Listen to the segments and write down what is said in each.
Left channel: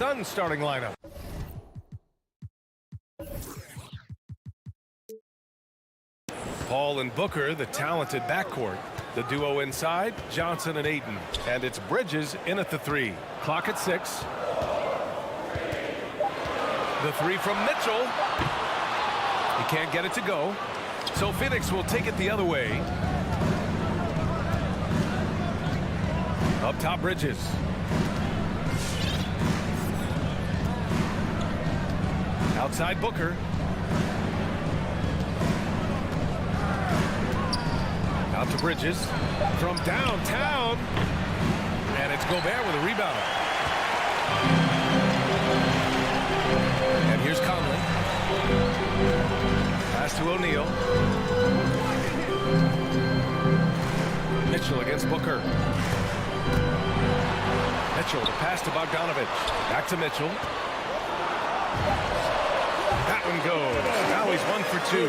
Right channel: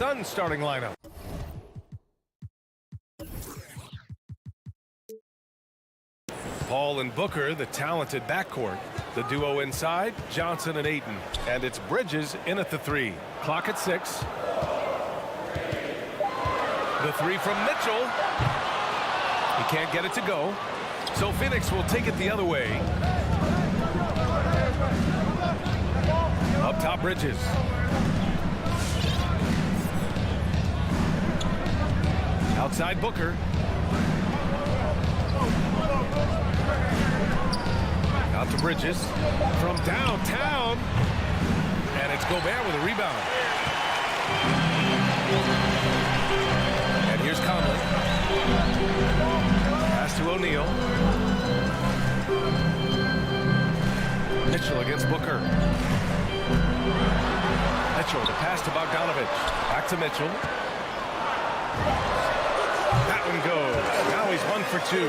Suns starting lineup. Paul and Booker, the talented backcourt. The duo inside, Johnson and Ayton. And it's Bridges in at the 3. Clock at 6. The 3 from Mitchell. He can't get it to go. So Phoenix will take it the other way. Up top, Bridges. Outside, Booker. Out to Bridges. From downtown. And it's Gobert with a rebound. And here's Conley. Pass to O'Neal. Mitchell against Booker. Mitchell, the pass to Bogdanovich. Back to Mitchell. That one goes. Now he's 1 for 2.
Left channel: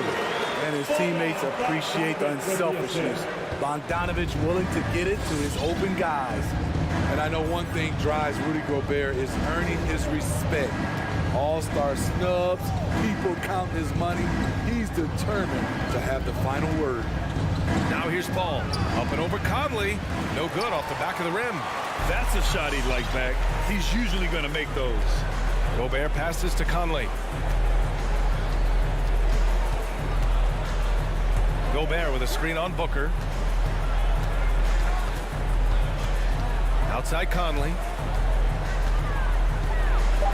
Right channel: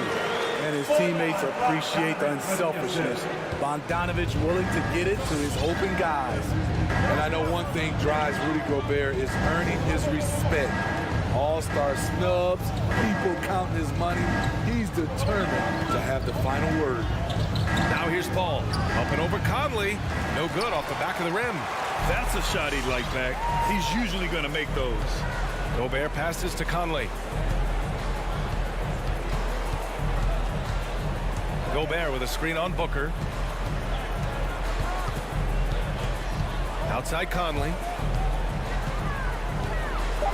And his teammates appreciate the unselfishness. Bogdanovich willing to get it to his open guys. And I know one thing drives Rudy Gobert is earning his respect. All-star snubs, people counting his money. He's determined to have the final word. Now here's Paul. Up and over Conley. No good off the back of the rim. That's a shot he'd like back. He's usually going to make those. Gobert passes to Conley. Gobert with a screen on Booker. Outside Conley.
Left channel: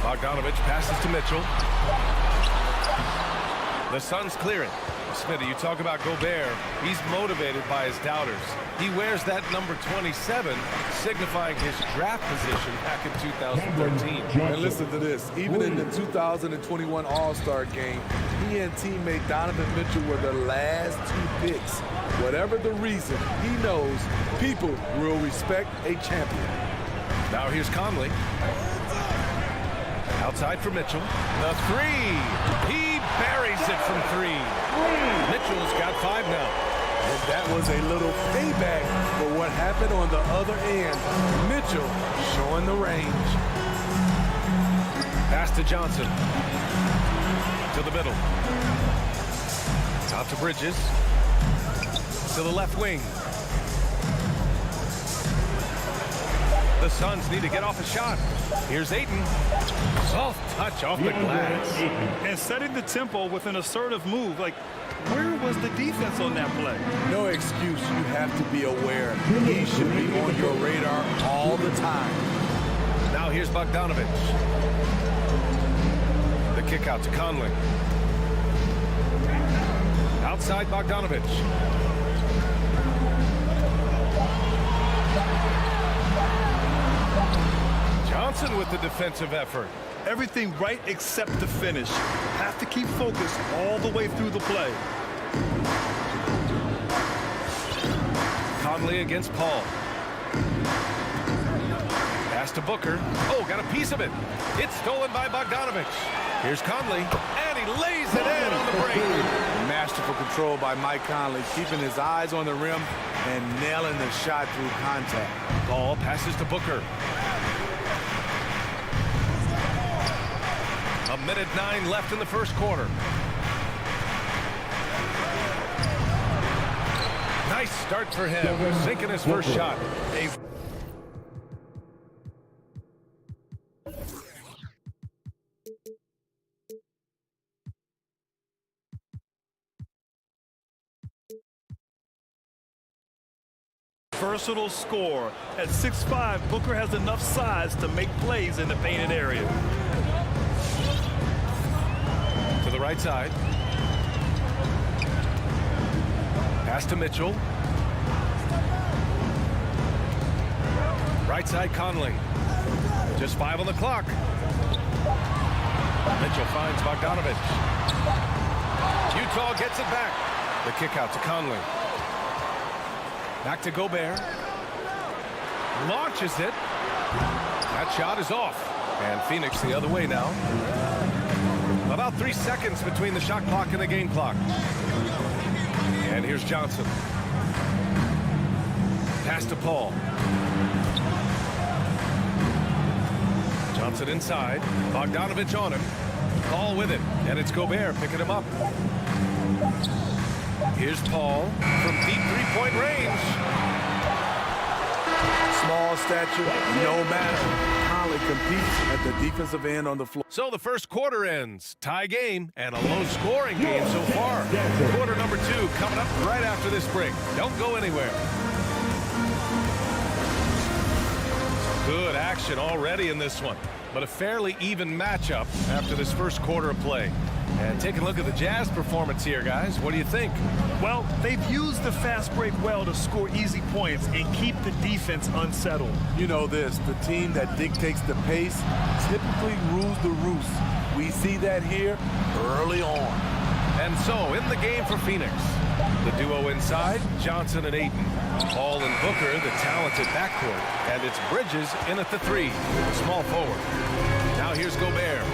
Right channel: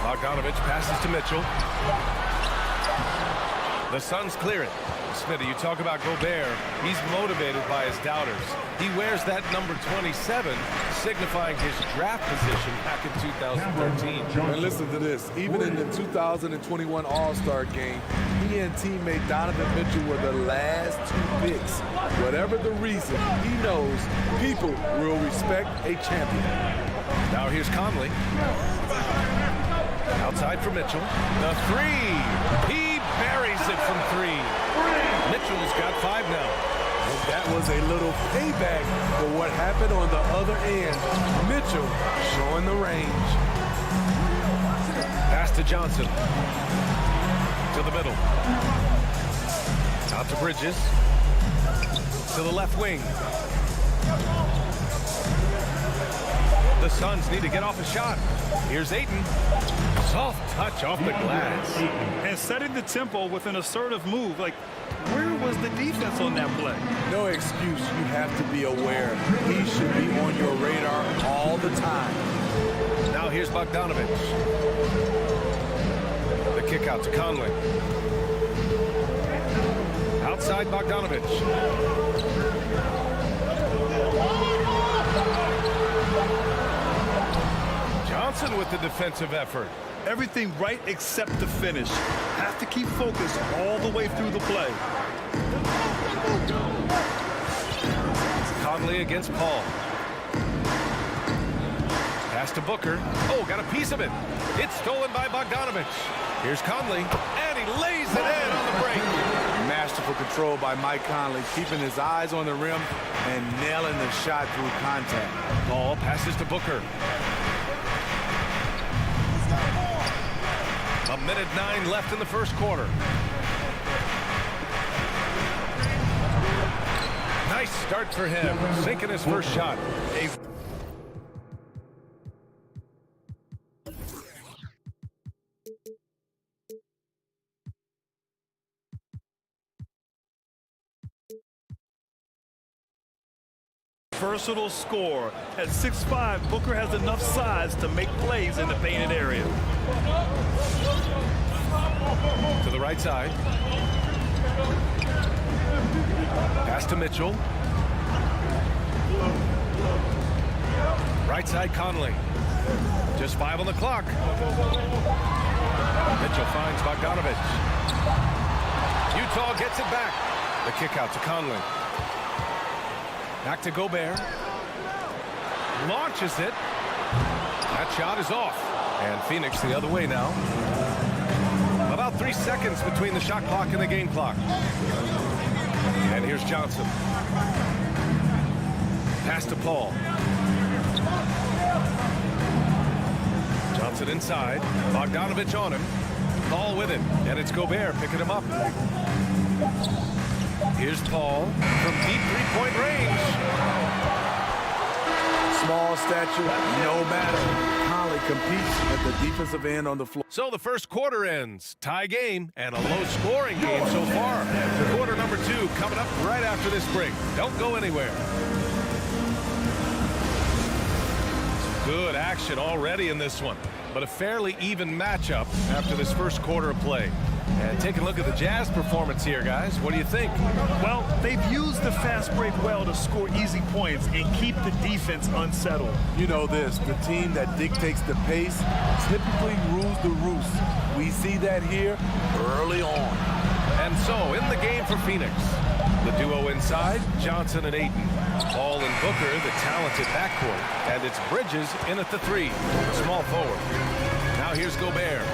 Bogdanovich passes to Mitchell. The Suns clear it. Smitty, you talk about Gobert. He's motivated by his doubters. He wears that number 27, signifying his draft position back in 2013. And listen to this. Even in the 2021 All-Star game, he and teammate Donovan Mitchell were the last 2 picks. Whatever the reason, he knows people will respect a champion. Now here's Conley. Outside for Mitchell. The 3. He buries it from 3. Mitchell's got 5 now. And that was a little payback for what happened on the other end. Mitchell showing the range. Pass to Johnson. To the middle. Out to Bridges. To the left wing. The Suns need to get off a shot. Here's Ayton. Soft touch off the glass. And setting the tempo with an assertive move. Like, where was the defense on that play? No excuse. You have to be aware. He should be on your radar all the time. Now here's Bogdanovich. The kick out to Conley. Outside Bogdanovich. Johnson with the defensive effort. Everything right except the finish. Have to keep focused all the way through the play. Conley against Paul. Pass to Booker. Oh, got a piece of it. It's stolen by Bogdanovich. Here's Conley, and he lays it in on the break. Masterful control by Mike Conley, keeping his eyes on the rim and nailing the shot through contact. Paul passes to Booker. 1:09 left in the first quarter. Nice start for him, sinking his first shot. Versatile score. At 6'5", Booker has enough size to make plays in the painted area. To the right side. Pass to Mitchell. Right side Conley. Just 5 on the clock. Mitchell finds Bogdanovich. Utah gets it back. The kick out to Conley. Back to Gobert. Launches it. That shot is off. And Phoenix the other way now. About 3 seconds between the shot clock and the game clock. And here's Johnson. Pass to Paul. Johnson inside. Bogdanovich on him. Paul with it. And it's Gobert picking him up. Here's Paul from deep three-point range. Small stature, no matter. Conley competes at the defensive end on the floor. So the first quarter ends. Tie game and a low-scoring game so far. Quarter number 2 coming up right after this break. Don't go anywhere. Good action already in this one, but a fairly even matchup after this first quarter of play. And take a look at the Jazz performance here, guys. What do you think? Well, they've used the fast break well to score easy points and keep the defense unsettled. You know this, the team that dictates the pace typically rules the roost. We see that here early on. And so, in the game for Phoenix, the duo inside, Johnson and Ayton. Paul and Booker, the talented backcourt. And it's Bridges in at the 3, small forward. Now here's Gobert.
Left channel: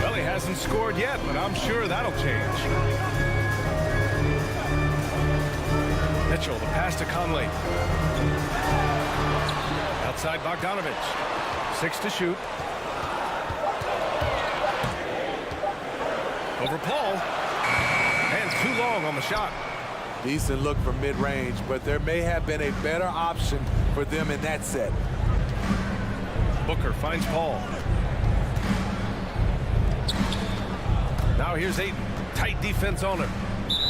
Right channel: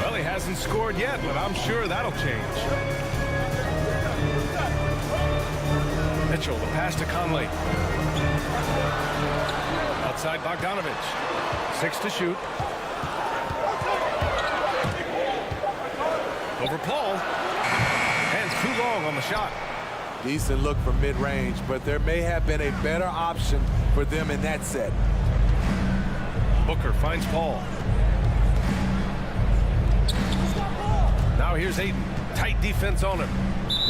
Well, he hasn't scored yet, but I'm sure that'll change. Mitchell, the pass to Conley. Outside Bogdanovich. 6 to shoot. Over Paul. Hands too long on the shot. Decent look from mid-range, but there may have been a better option for them in that set. Booker finds Paul. Now here's Ayton. Tight defense on him.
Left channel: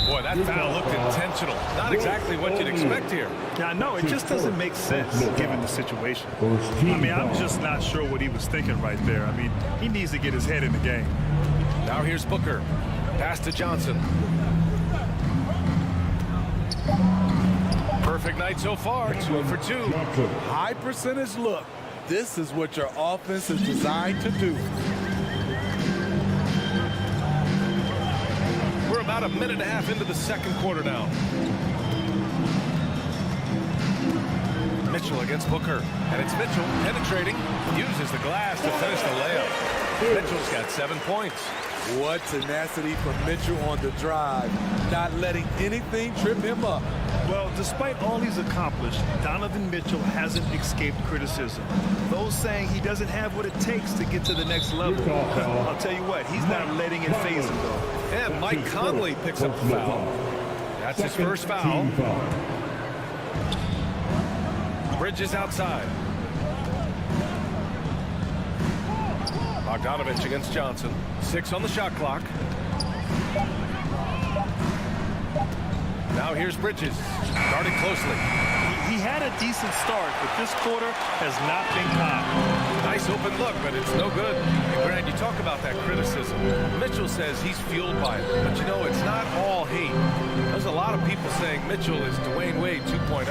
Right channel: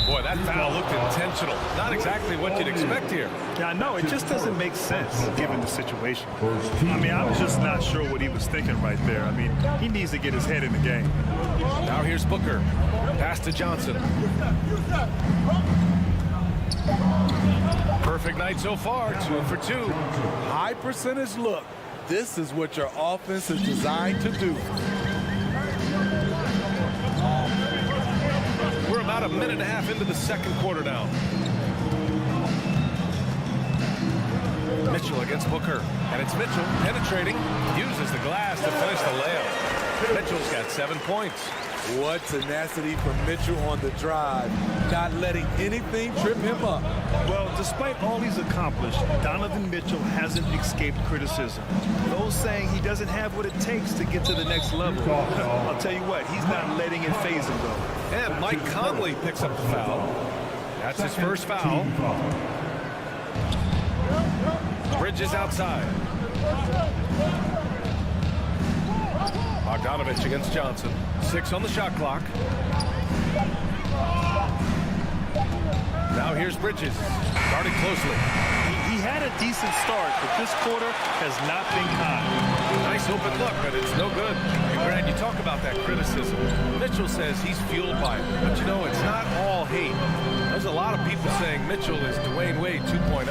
Boy, that foul looked intentional. Not exactly what you'd expect here. Yeah, no, it just doesn't make sense given the situation. I mean, I'm just not sure what he was thinking right there. I mean, he needs to get his head in the game. Now here's Booker. Pass to Johnson. Perfect night so far, 2 for 2. High percentage look. This is what your offense is designed to do. We're about a minute and a half into the second quarter now. Mitchell against Booker. And it's Mitchell penetrating. Uses the glass to finish the layup. Mitchell's got 7 points. What tenacity from Mitchell on the drive. Not letting anything trip him up. Well, despite all he's accomplished, Donovan Mitchell hasn't escaped criticism. Those saying he doesn't have what it takes to get to the next level. I'll tell you what, he's not letting it faze him, though. And Mike Conley picks up the foul. That's his first foul. Bridges outside. Bogdanovich against Johnson. 6 on the shot clock. Now here's Bridges. Guarded closely. He had a decent start, but this quarter has not been kind. Nice open look, but it's no good. And Grant, you talk about that criticism. Mitchell says he's fueled by it. But you know, it's not all hate. There's a lot of people saying Mitchell is Dwayne Wade 2.0.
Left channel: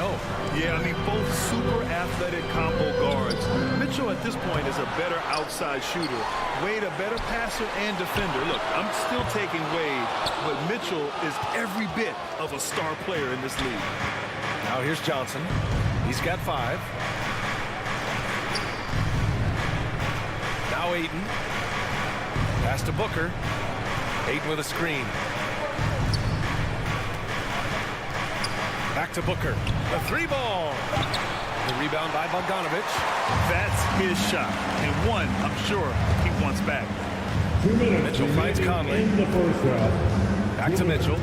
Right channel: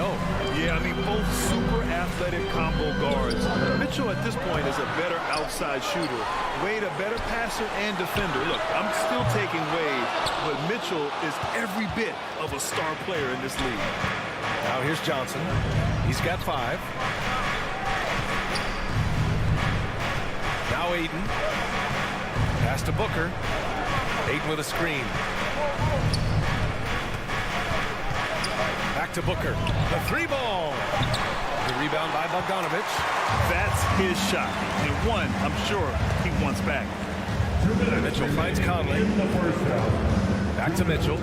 Yeah, I mean, both super athletic combo guards. Mitchell at this point is a better outside shooter. Wade a better passer and defender. Look, I'm still taking Wade, but Mitchell is every bit of a star player in this league. Now here's Johnson. He's got 5. Now Ayton. Pass to Booker. Ayton with a screen. Back to Booker. The 3 ball. The rebound by Bogdanovich. That's his shot. And one, I'm sure, he wants back. Mitchell finds Conley. Back to Mitchell.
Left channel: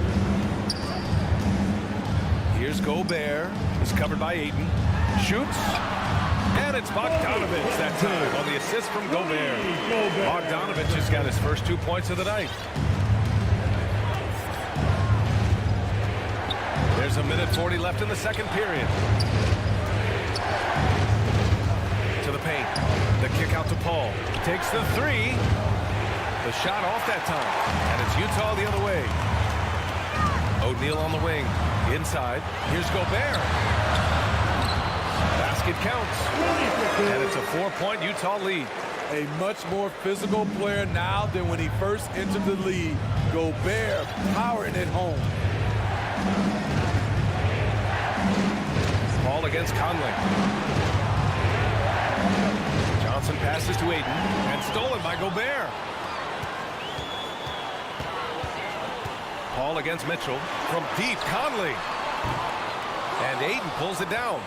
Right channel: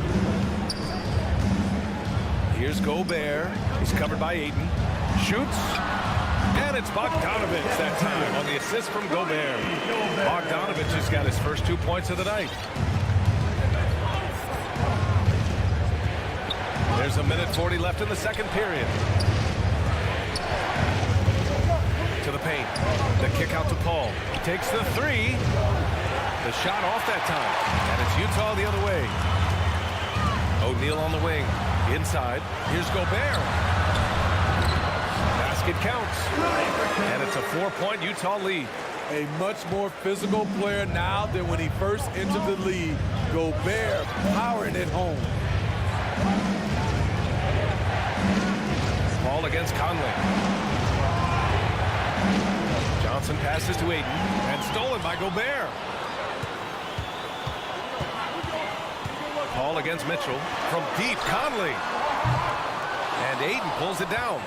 Here's Gobert. He's covered by Ayton. Shoots. And it's Bogdanovich that time on the assist from Gobert. Bogdanovich has got his first 2 points of the night. There's a minute 40 left in the second period. To the paint. The kick out to Paul. Takes the 3. The shot off that time. And it's Utah the other way. O'Neal on the wing. Inside. Here's Gobert. Basket counts. And it's a 4-point Utah lead. A much more physical player now than when he first entered the league. Gobert powering it home. Paul against Conley. Johnson passes to Ayton and stolen by Gobert. Paul against Mitchell from deep. Conley. And Ayton pulls it down.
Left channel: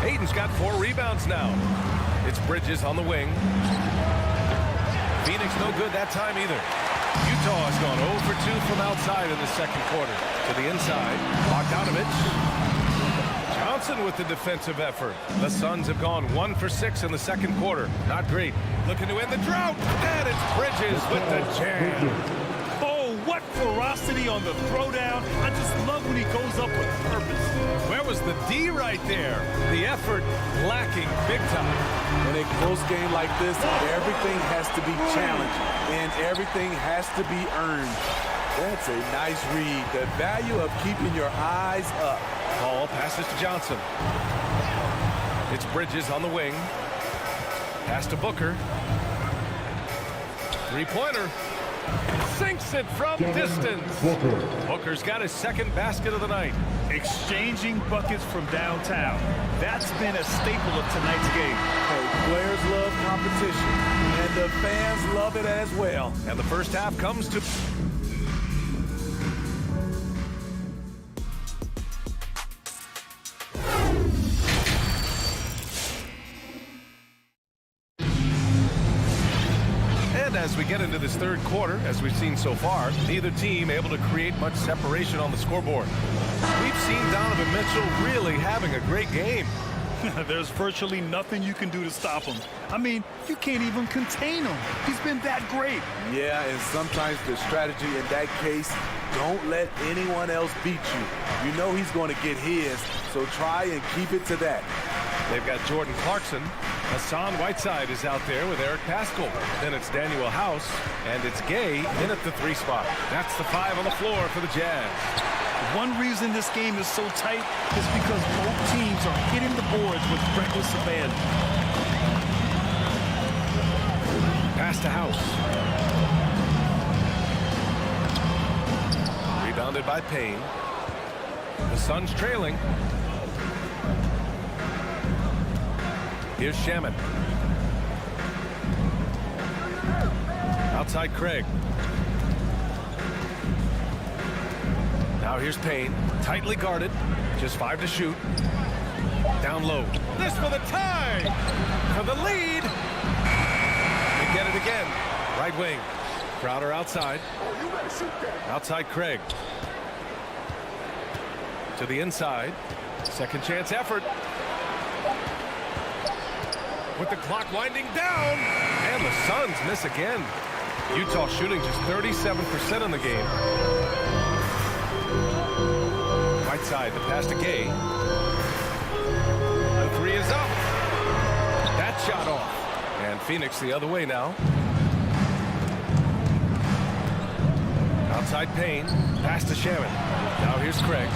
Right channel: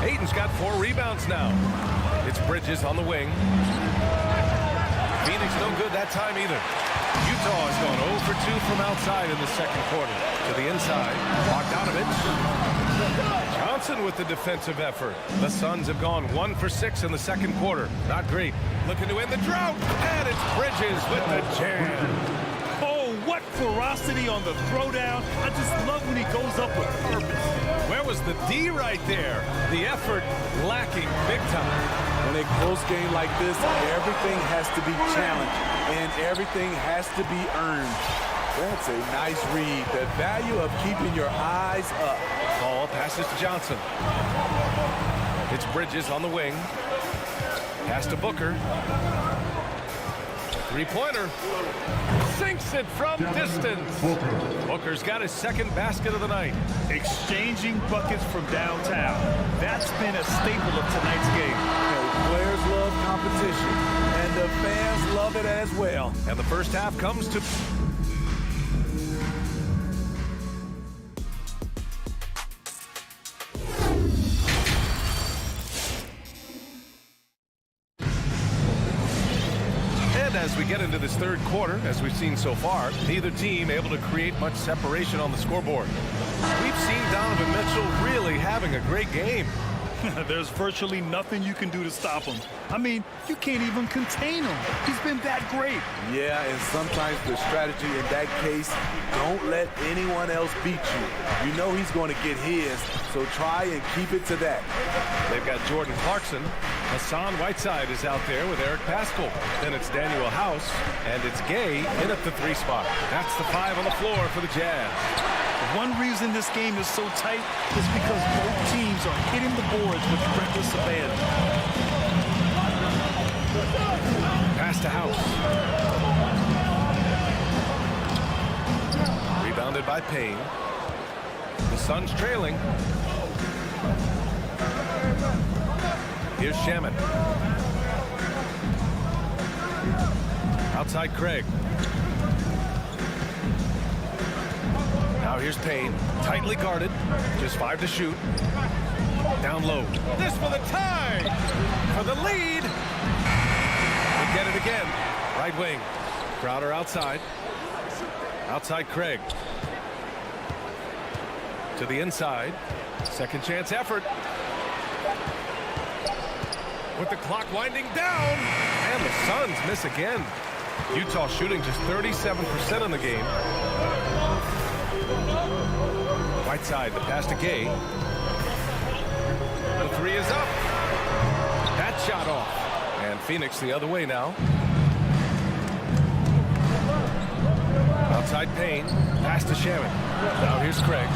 Ayton's got 4 rebounds now. It's Bridges on the wing. Phoenix no good that time either. Utah has gone 0 for 2 from outside in the second quarter. To the inside, Bogdanovich. Johnson with the defensive effort. The Suns have gone 1 for 6 in the second quarter. Not great. Looking to end the drought. And it's Bridges with the jam. Oh, what ferocity on the throwdown. I just love when he goes up with purpose. Where was the D right there? The effort lacking big time. In a close game like this, everything has to be challenged and everything has to be earned. That's a nice read. The value of keeping your eyes up. Ball passes to Johnson. It's Bridges on the wing. Pass to Booker. Three-pointer. Sinks it from distance. Booker's got his second basket of the night. Exchanging buckets from downtown. That's been a staple of tonight's game. Hey, players love competition, and the fans love it as well. And the first half comes to... As we get into this third quarter, as we've seen so far, neither team able to create much separation on the scoreboard. We've seen Donovan Mitchell really having a great game. There's virtually nothing you can do to stop him. I mean, you can't even contain him. He's been that great. Yeah, and sometimes the strategy in that case, don't let anyone else beat you. You know he's going to get his, so try and keep it to that. They've got Jordan Clarkson. Hassan Whiteside is out there with Eric Paschall. Then it's Daniel House, and it's Gay in at the 3 spot. That's the 5 on the floor for the Jazz. One reason this game is so tight is because both teams are hitting the boards with reckless abandon. Pass to House. Rebounded by Payne. The Suns trailing. Here's Shamet. Outside Craig. Now here's Payne. Tightly guarded. Just 5 to shoot. Down low. This for the tie. For the lead. They get it again. Right wing. Crowder outside. Outside Craig. To the inside. Second chance effort. With the clock winding down. And the Suns miss again. Utah shooting just 37% in the game. Whiteside, the pass to Gay. The 3 is up. That shot off. And Phoenix the other way now. Outside Payne. Pass to Shamet. Now here's Craig.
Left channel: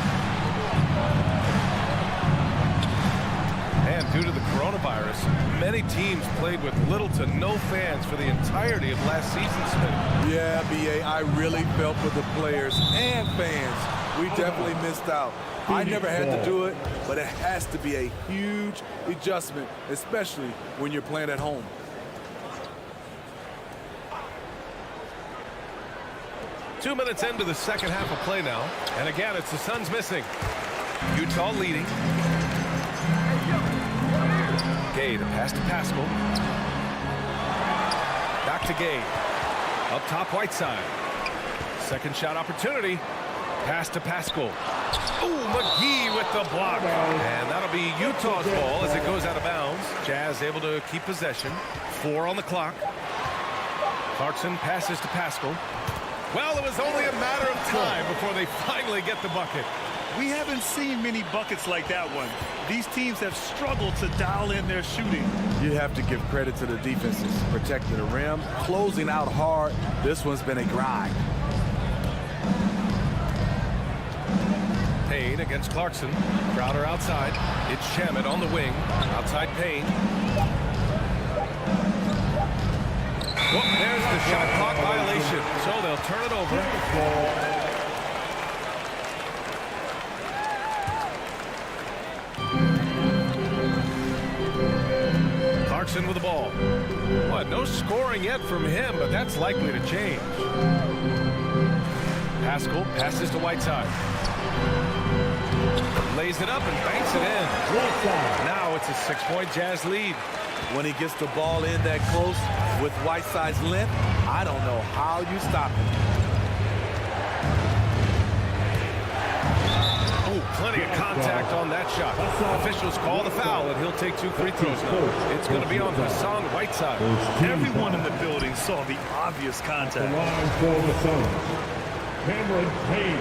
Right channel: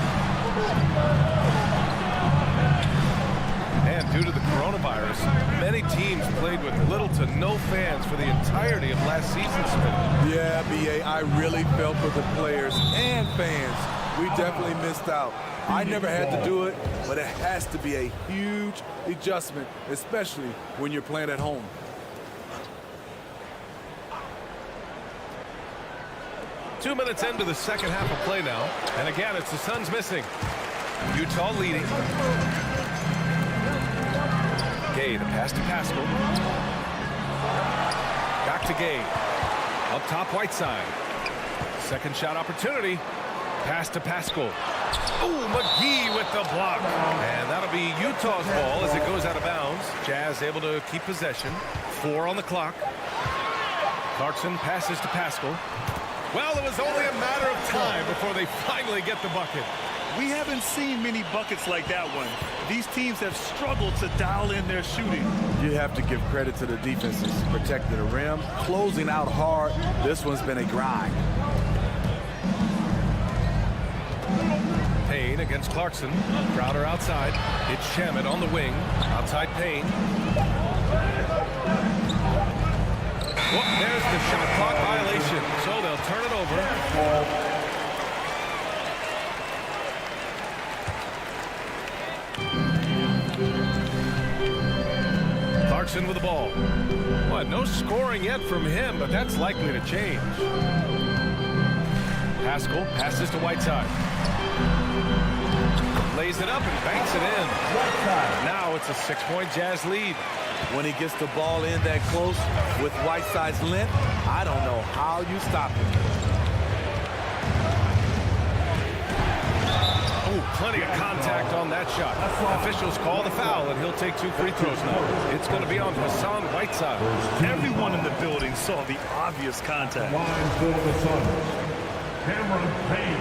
And due to the coronavirus, many teams played with little to no fans for the entirety of last season, Smith. Yeah, B.A., I really felt for the players and fans. We definitely missed out. I never had to do it, but it has to be a huge adjustment, especially when you're playing at home. Two minutes into the second half of play now. And again, it's the Suns missing. Utah leading. Gay, the pass to Paschall. Back to Gay. Up top, Whiteside. Second shot opportunity. Pass to Paschall. Oh, McGee with the block. And that'll be Utah's ball as it goes out of bounds. Jazz able to keep possession. 4 on the clock. Clarkson passes to Paschall. Well, it was only a matter of time before they finally get the bucket. We haven't seen many buckets like that one. These teams have struggled to dial in their shooting. You have to give credit to the defenses. Protecting the rim, closing out hard. This one's been a grind. Payne against Clarkson. Crowder outside. It's Shamet on the wing. Outside Payne. Well, there's the shot clock violation. So they'll turn it over. Clarkson with the ball. Well, no scoring yet from him, but that's likely to change. Paschall passes to Whiteside. Lays it up and banks it in. Now it's a 6-point Jazz lead. When he gets the ball in that close with Whiteside's length, I don't know how you stop him. Oh, plenty of contact on that shot. Officials call the foul, and he'll take 2 free throws now. It's going to be on Hassan Whiteside. Everyone in the building saw the obvious contact. The line for the Suns. Cameron Payne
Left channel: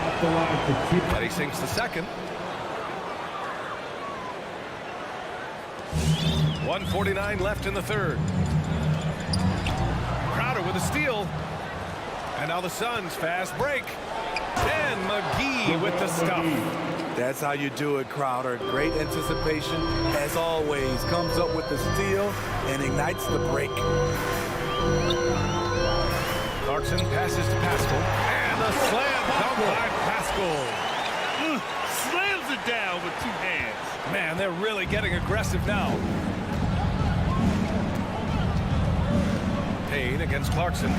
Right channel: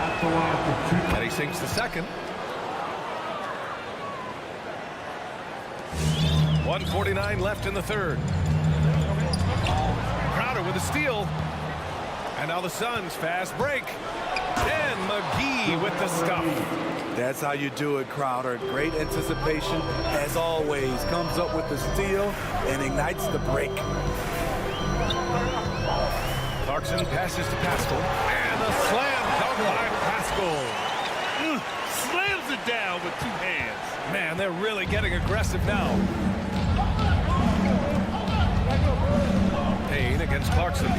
at the line for 2. And he sinks the second. 1:49 left in the third. Crowder with a steal. And now the Suns fast break. And McGee with the stuff. That's how you do it, Crowder. Great anticipation, as always. Comes up with the steal and ignites the break. Clarkson passes to Pascal. And a slam dunk by Pascal. Slams it down with 2 hands. Man, they're really getting aggressive now. Payne against Clarkson.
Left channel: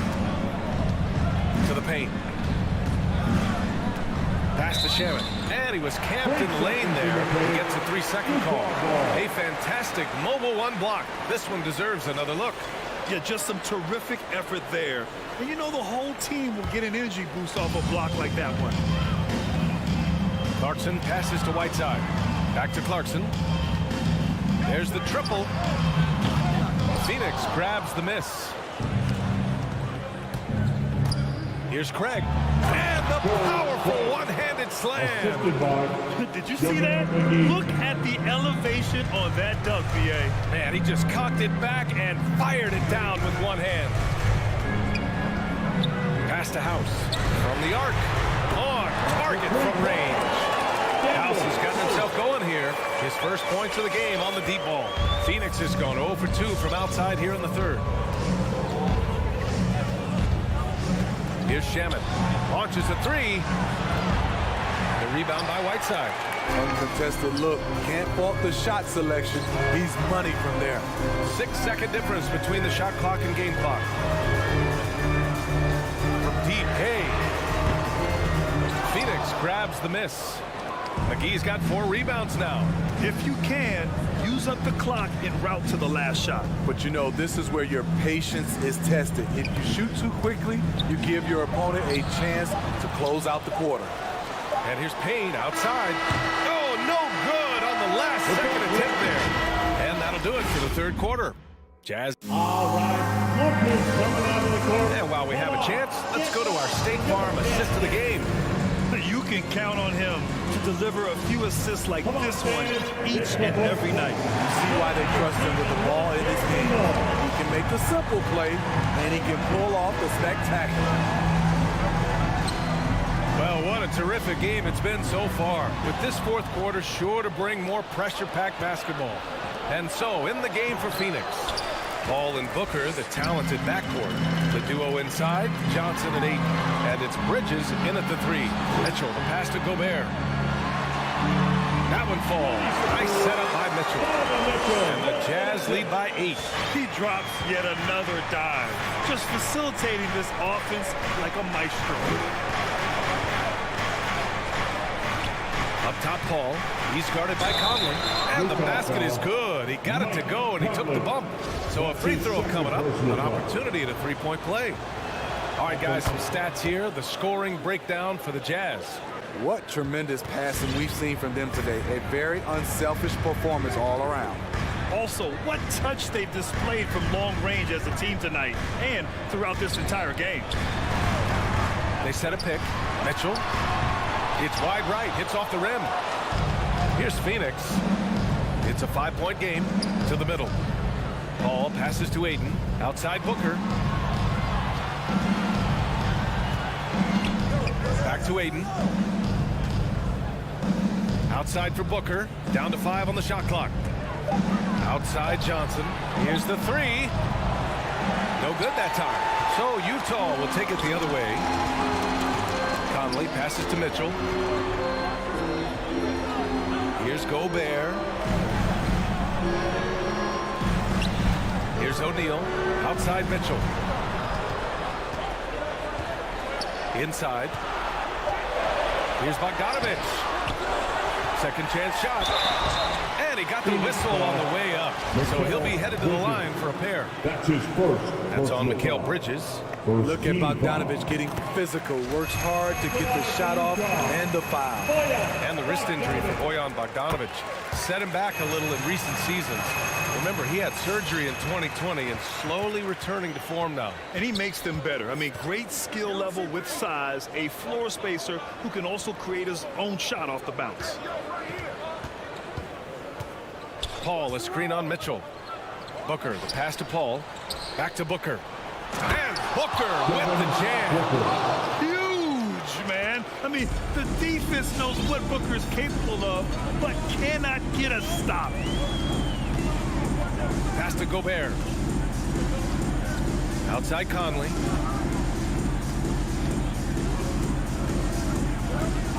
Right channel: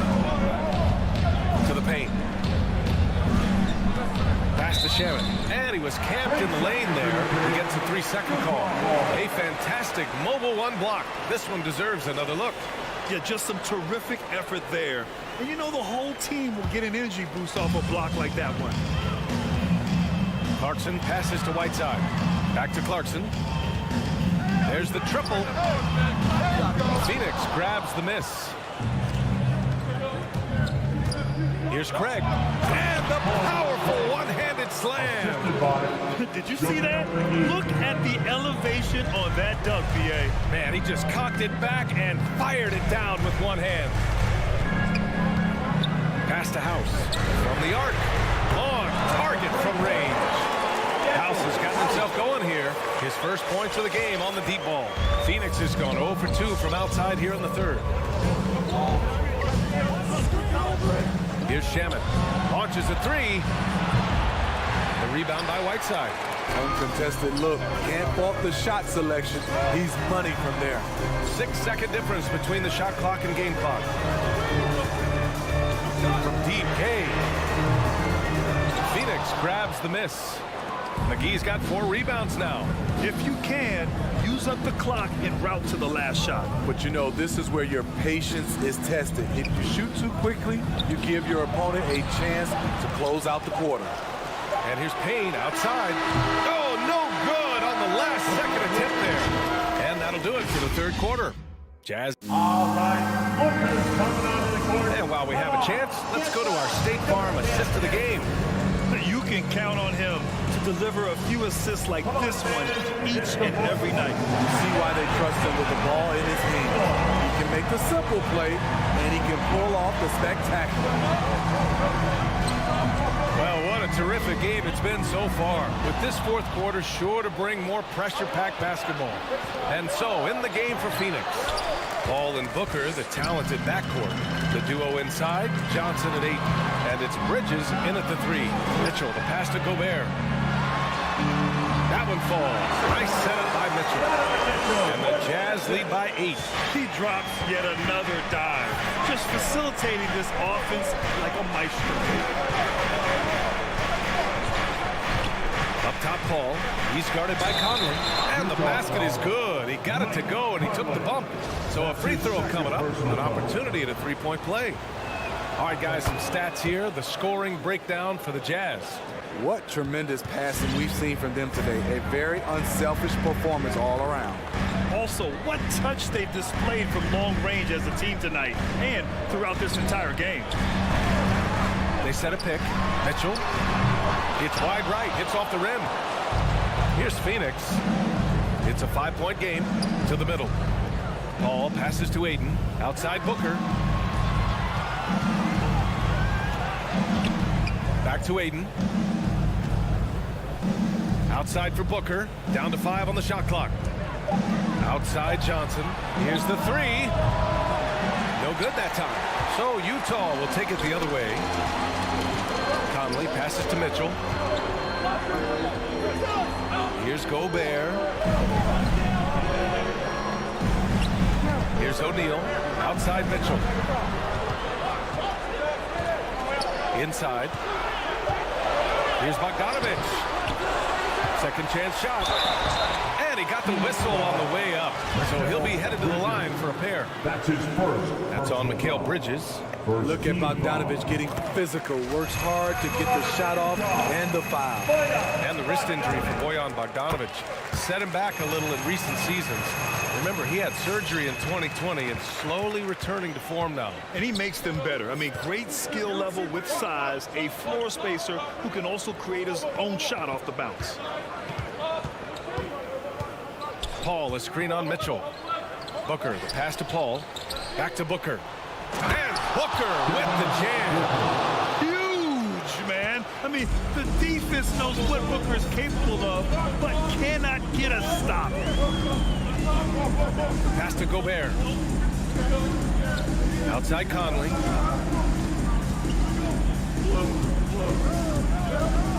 To the paint. Pass to Sherman. And he was camped in the lane there. He gets a 3-second call. A fantastic mobile 1 block. This one deserves another look. Yeah, just some terrific effort there. And you know the whole team will get an energy boost off a block like that one. Clarkson passes to Whiteside. Back to Clarkson. There's the triple. Phoenix grabs the miss. Here's Craig. And the powerful one-handed slam. Did you see that? Look at the elevation on that dunk, B.A. Man, he just cocked it back and fired it down with one hand. Pass to House. From the arc. On target from range. House has gotten himself going here. His first points of the game on the deep ball. Phoenix has gone 0 for 2 from outside here in the third. Here's Shaman. Launches a 3. The rebound by Whiteside. Uncontested look. Can't fault the shot selection. He's money from there. 6-second difference between the shot clock and game clock. From deep, Gay. Phoenix grabs the miss. McGee's got 4 rebounds now. If you can, use up the clock en route to the last shot. But you know, this is where your patience is tested. If you shoot too quickly, you give your opponent a chance to close out the quarter. And here's Payne outside. Oh, no good on the last second attempt there. And that'll do it for the third quarter. Jazz. All right, Lucas coming onto the court. And while we have a chance, let's go to our State Farm assist of the game. You can count on him to deliver a few assists like this one each and every night. You see why they trust him with the ball in his hand. He can make the simple play, and he can pull off the spectacular. Well, what a terrific game it's been so far. With this fourth quarter sure to bring more pressure-packed basketball. And so, in the game for Phoenix, Paul and Booker, the talented backcourt. The duo inside, Johnson and Ayton. And it's Bridges in at the 3. Mitchell, the pass to Gobert. That one falls. Nice setup by Mitchell. And the Jazz lead by 8. He drops yet another dive, just facilitating this offense like a maestro. Up top, Paul. He's guarded by Conley. And the basket is good. He got it to go, and he took the bump. So a free throw coming up. An opportunity at a 3-point play. All right, guys, some stats here. The scoring breakdown for the Jazz. What tremendous passing we've seen from them today. A very unselfish performance all around. Also, what touch they've displayed from long range as a team tonight and throughout this entire game. They set a pick. Mitchell. It's wide right. Hits off the rim. Here's Phoenix. It's a 5-point game to the middle. Paul passes to Ayton. Outside Booker. Back to Ayton. Outside for Booker. Down to 5 on the shot clock. Outside Johnson. Here's the 3. No good that time. So Utah will take it the other way. Conley passes to Mitchell. Here's Gobert. Here's O'Neal. Outside Mitchell. Inside. Here's Bogdanovich. Second chance shot. And he got the whistle on the way up. So he'll be headed to the line for a pair. That's his first. That's on Mikal Bridges. Look at Bogdanovich getting physical. Works hard to get the shot off and the foul. And the wrist injury for Bojan Bogdanovich set him back a little in recent seasons. Remember, he had surgery in 2020 and slowly returning to form now. And he makes them better. I mean, great skill level with size, a floor spacer who can also create his own shot off the bounce. Paul, a screen on Mitchell. Booker, the pass to Paul. Back to Booker. And Booker with the jam. Huge, man. I mean, the defense knows what Booker is capable of, but cannot get a stop. Pass to Gobert. Outside Conley.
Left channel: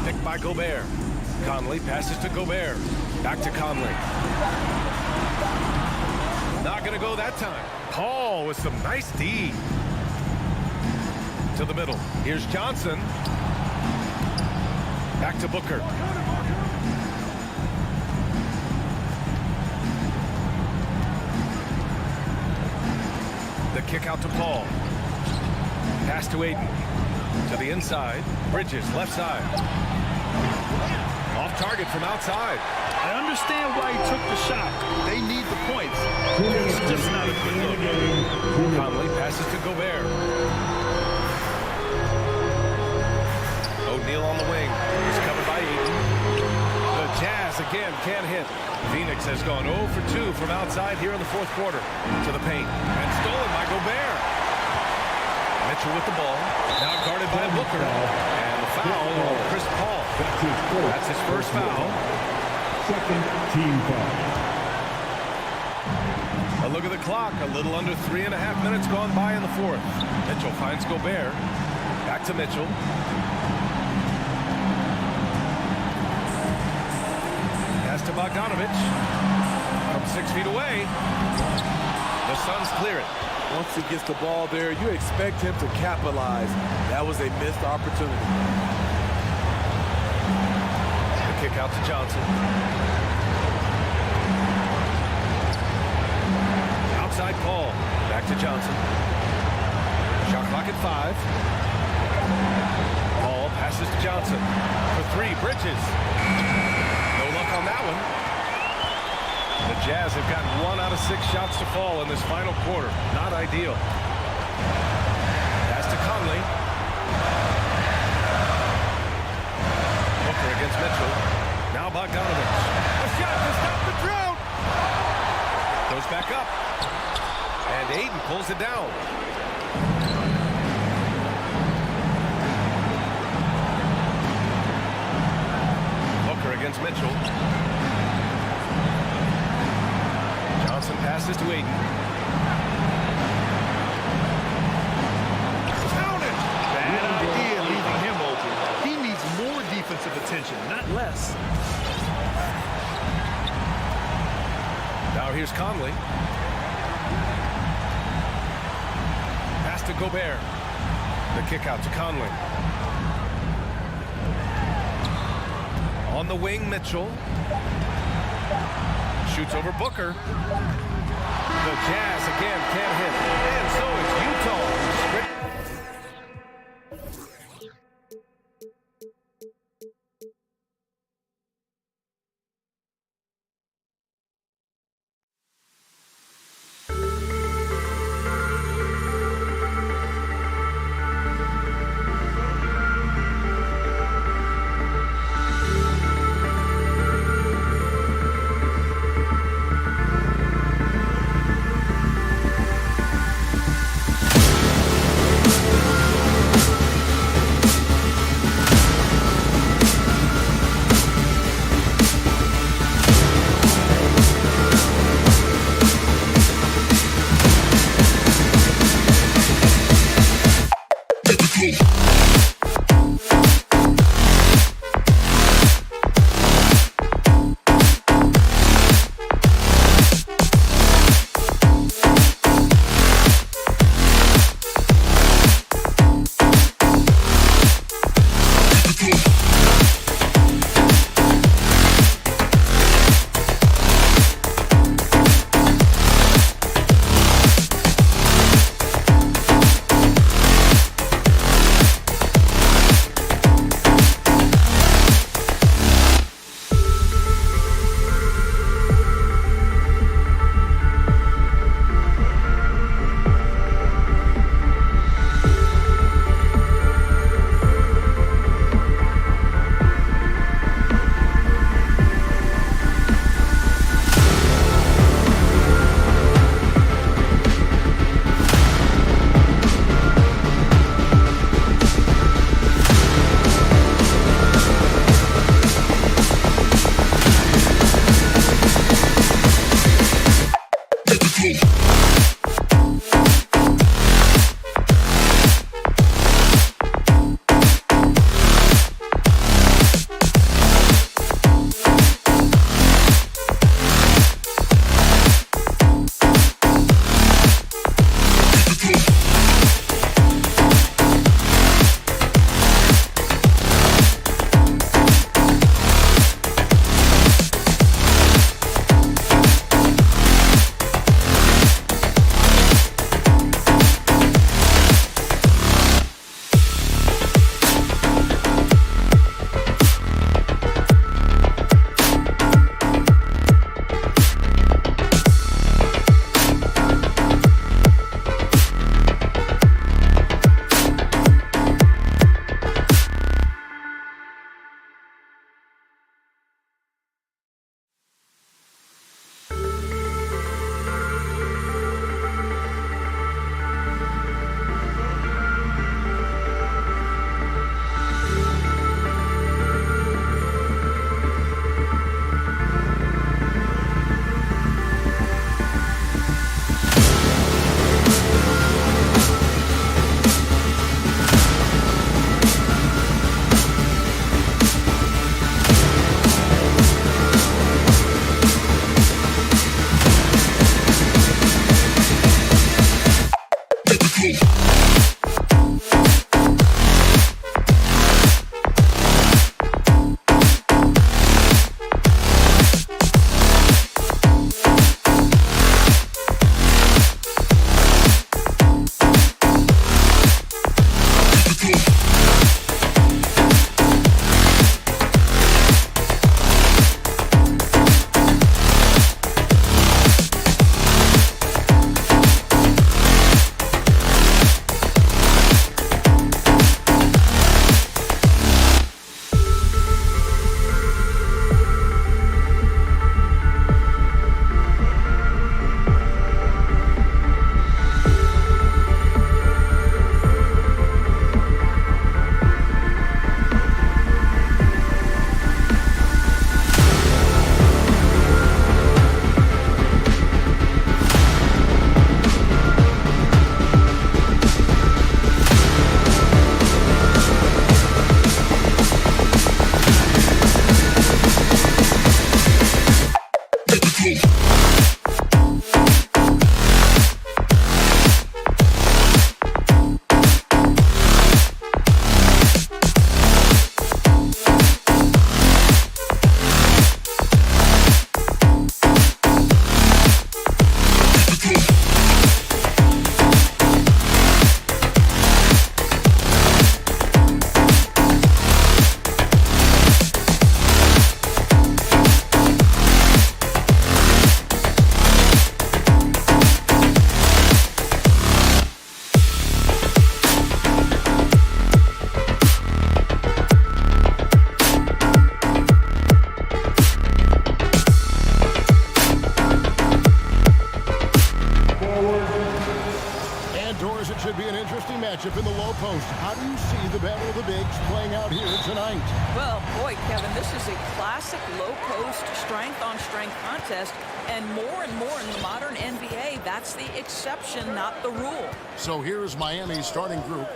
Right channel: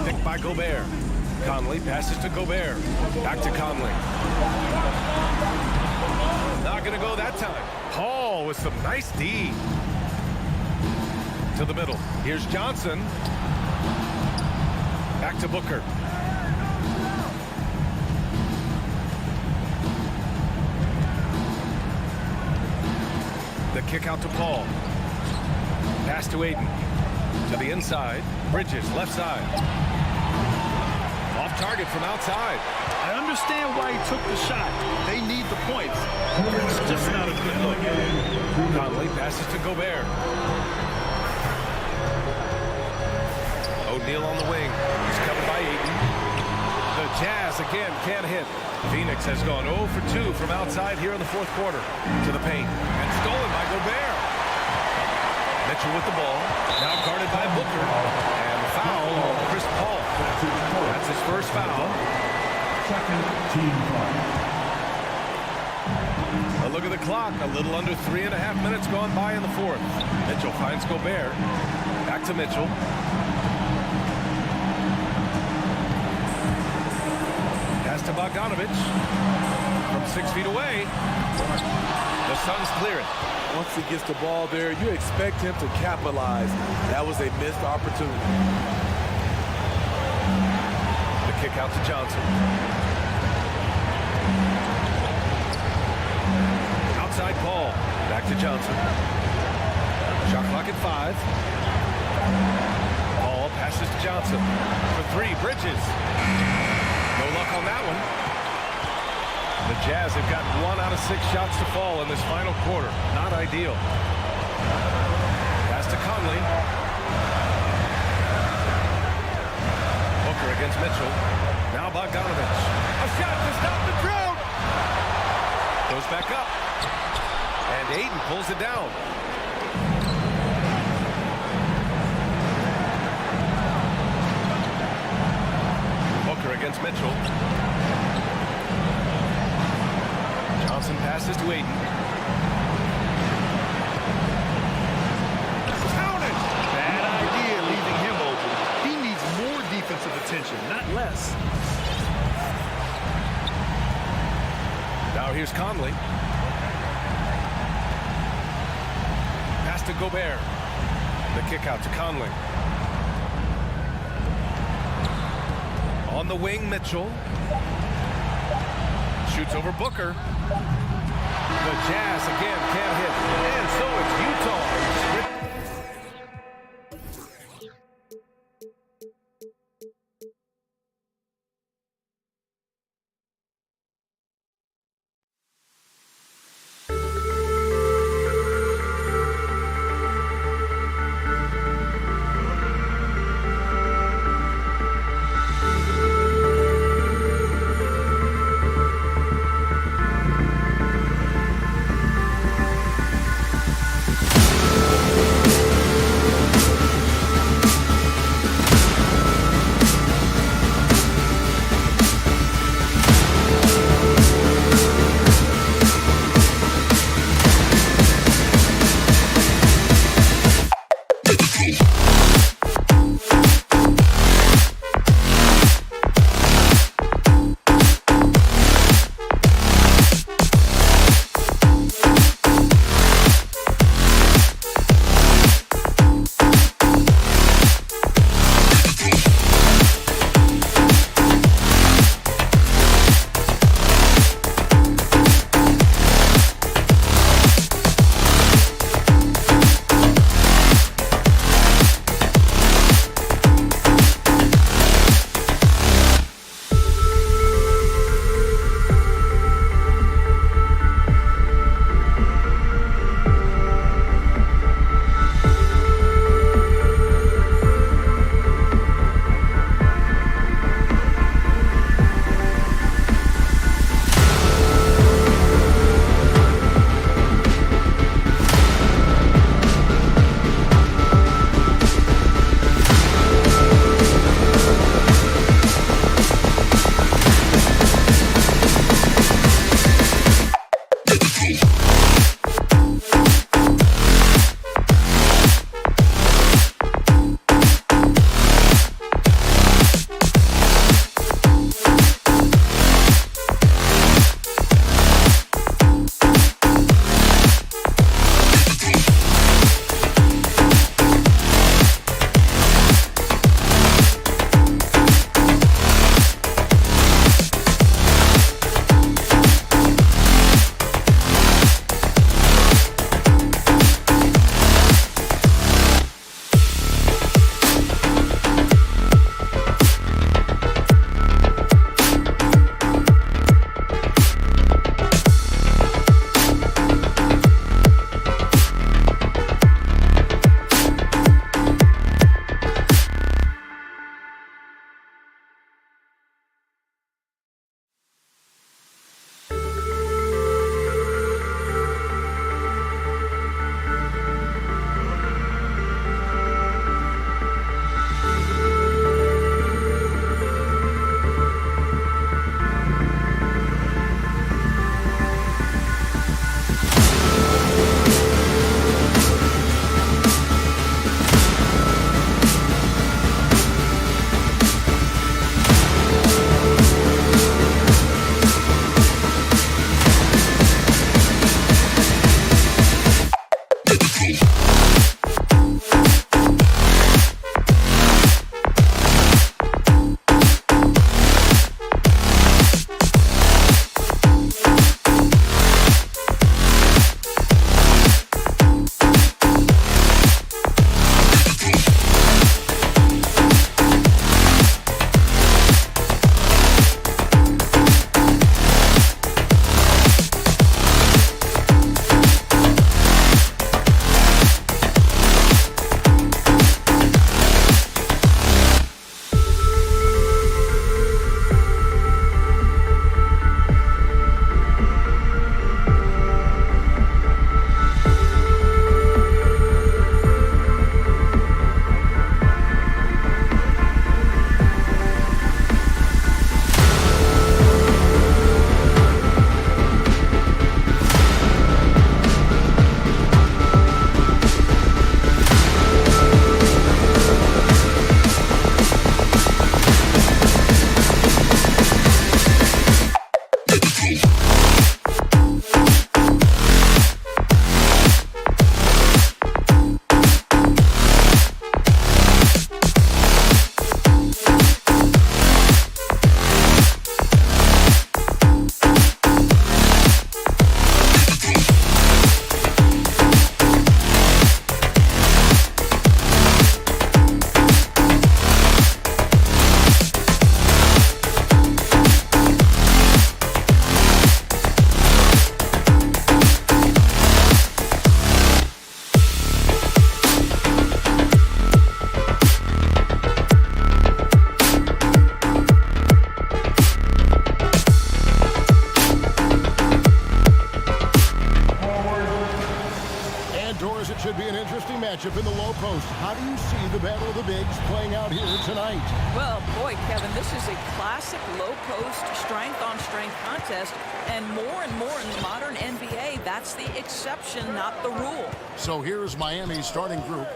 Picked by Gobert. Conley passes to Gobert. Back to Conley. Not going to go that time. Paul with some nice D. To the middle. Here's Johnson. Back to Booker. The kick out to Paul. Pass to Aiden. To the inside. Bridges, left side. Off target from outside. I understand why he took the shot. They need the points. It's just not a good look. Conley passes to Gobert. O'Neal on the wing. He's covered by Aiden. The Jazz again can't hit. Phoenix has gone 0 for 2 from outside here in the fourth quarter. To the paint. And stolen by Gobert. Mitchell with the ball. Now guarded by Booker. And the foul on Chris Paul. That's his first foul. Second team foul. A look at the clock. A little under 3.5 minutes gone by in the fourth. Mitchell finds Gobert. Back to Mitchell. Pass to Bogdanovich. From 6 feet away. The Suns clear it. Once he gets the ball there, you expect him to capitalize. That was a missed opportunity. The kick out to Johnson. Outside Paul. Back to Johnson. Shot clock at 5. Paul passes to Johnson. For 3, Bridges. No luck on that one. The Jazz have got 1 out of 6 shots to fall in this final quarter. Not ideal. Pass to Conley. Booker against Mitchell. Now Bogdanovich. A shot to stop the drought. Goes back up. And Aiden pulls it down. Booker against Mitchell. Johnson passes to Aiden. Count it! Bad idea leaving him open. He needs more defensive attention, not less. Now here's Conley. Pass to Gobert. The kick out to Conley. On the wing, Mitchell. Shoots over Booker. The Jazz again can't hit. And so it's Utah. It should be an interesting matchup in the low post. How do you see the battle of the bigs playing out here tonight? Well, boy, Kevin, this is a classic low post strength-on-strength contest, and more in the modern NBA, that's the exception, not the rule. So here's Miami's starting group.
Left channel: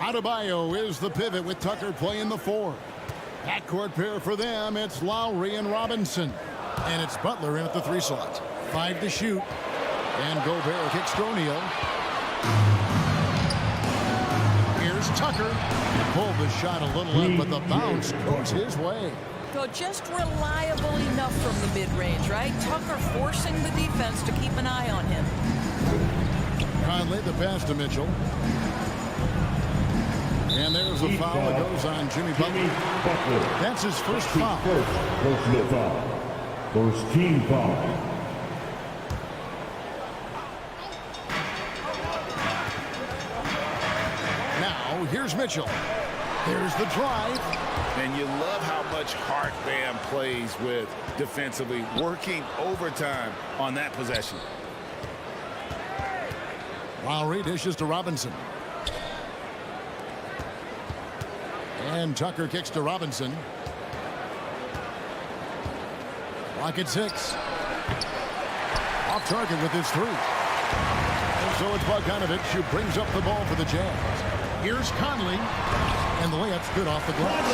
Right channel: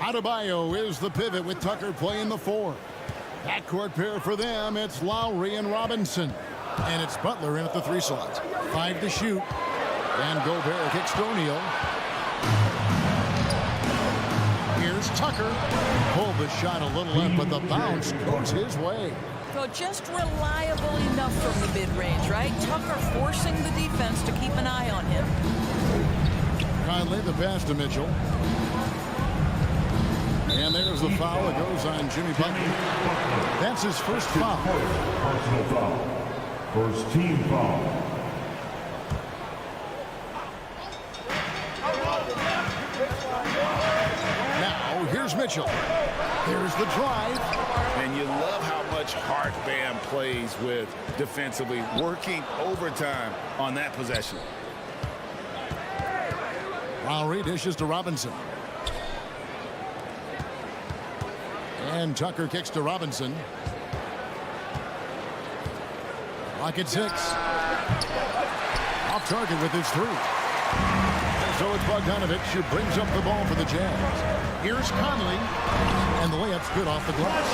Adebayo is the pivot with Tucker playing the 4. Backcourt pair for them, it's Lowry and Robinson. And it's Butler in at the 3 slot. 5 to shoot. And Gobert kicks to O'Neal. Here's Tucker. Pulled the shot a little left, but the bounce goes his way. So just reliable enough from the mid-range, right? Tucker forcing the defense to keep an eye on him. Conley, the pass to Mitchell. And there's the foul that goes on Jimmy Butler. That's his first foul. First personal foul. First team foul. Now, here's Mitchell. There's the drive. And you love how much heart Bam plays with defensively, working overtime on that possession. Lowry dishes to Robinson. And Tucker kicks to Robinson. Rocket 6. Off target with his 3. And so it's Bogdanovich who brings up the ball for the Jazz. Here's Conley. And the layup's good off the glass.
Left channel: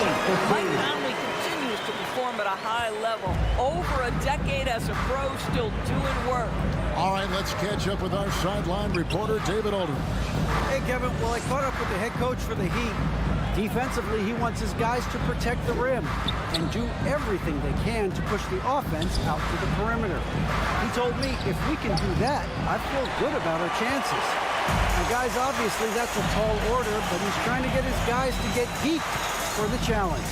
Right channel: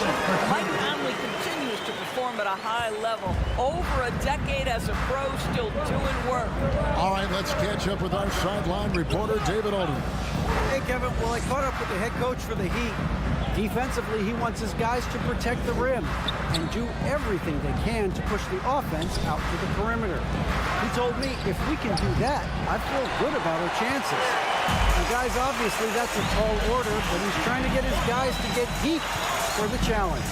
Mike Conley continues to perform at a high level. Over a decade as a pro, still doing work. All right, let's catch up with our sideline reporter, David Aldridge. Hey, Kevin. Well, I caught up with the head coach for the Heat. Defensively, he wants his guys to protect the rim and do everything they can to push the offense out to the perimeter. He told me if we can do that, I feel good about our chances. Now, guys, obviously that's a tall order, but he's trying to get his guys to get deep for the challenge.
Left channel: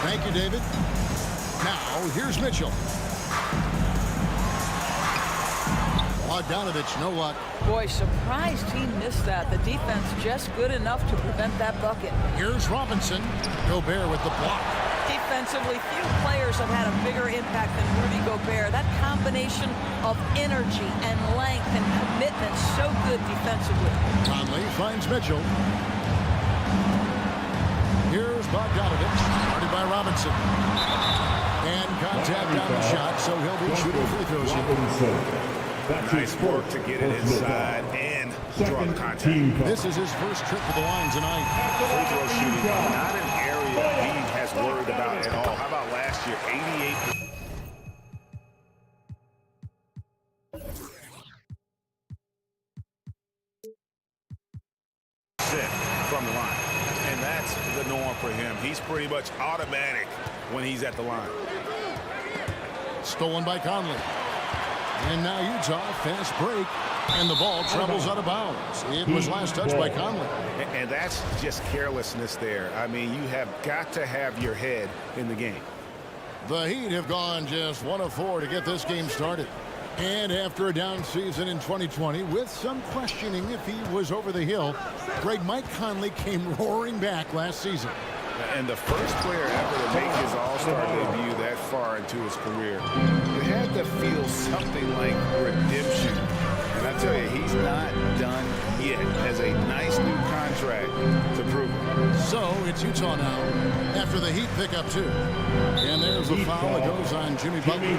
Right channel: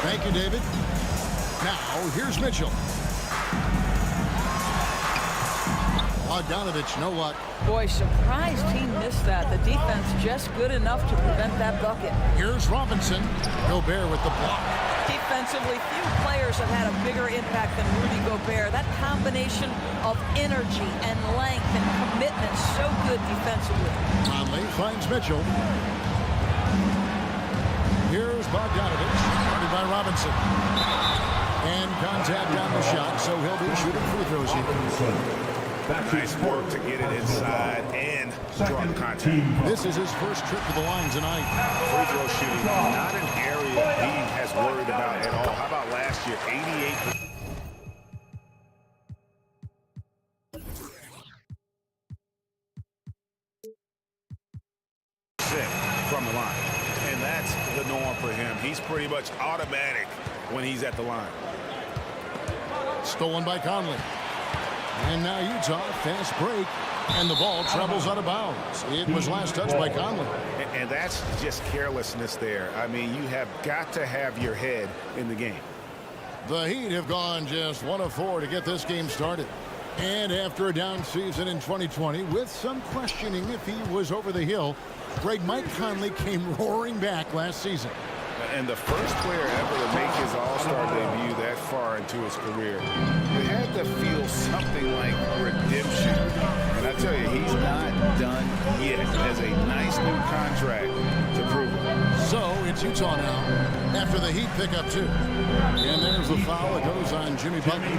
Thank you, David. Now, here's Mitchell. Bogdanovich, no luck. Boy, surprised he missed that. The defense just good enough to prevent that bucket. Here's Robinson. Gobert with the block. Defensively, few players have had a bigger impact than Rudy Gobert. That combination of energy and length and commitment, so good defensively. Conley finds Mitchell. Here's Bogdanovich, guarded by Robinson. And contact on the shot, so he'll be shooting free throws here. Nice work to get it inside and draw the contact. This is his first trip to the line tonight. Free throw shooting, not an area he has worried about at all. How about last year, 88%? from the line. And that's the norm for him. He's pretty much automatic when he's at the line. Stolen by Conley. And now Utah, fast break. And the ball travels out of bounds. It was last touched by Conley. And that's just carelessness there. I mean, you have got to have your head in the game. The Heat have gone just 1 of 4 to get this game started. And after a down season in 2020, with some questioning if he was over the hill, Mike Conley came roaring back last season. And the first player ever to make his all-star debut that far into his career, it had to feel something like redemption. And I tell you, he's not done yet. Has a nice new contract to prove it. So it's Utah now after the Heat pick up 2. And there's the foul that goes on Jimmy Butler.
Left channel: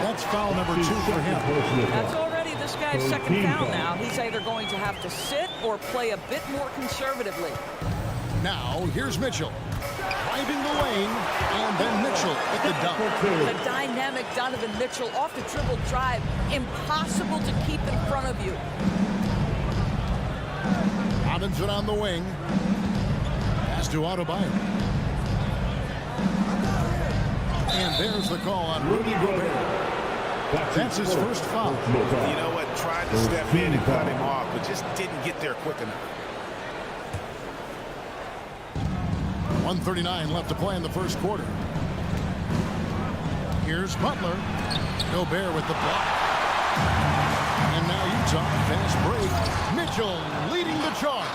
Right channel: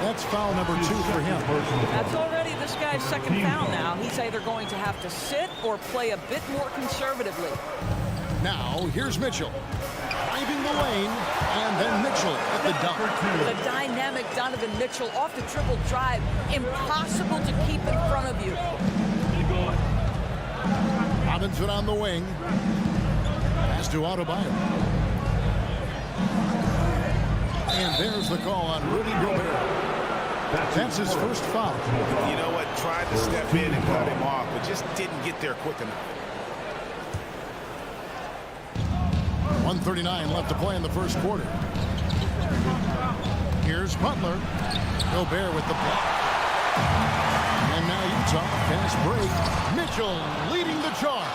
That's foul number 2 for him. That's already this guy's second foul now. He's either going to have to sit or play a bit more conservatively. Now, here's Mitchell. Driving the lane, and then Mitchell at the dunk. The dynamic Donovan Mitchell off the dribble drive. Impossible to keep in front of you. Robinson on the wing. Pass to Adebayo. And there's the call on Rudy Gobert. That's his first foul. You know what? Tried to step in and cut him off, but just didn't get there quick enough. 1:39 left to play in the first quarter. Here's Butler. Gobert with the block. And now Utah, fast break. Mitchell leading the charge.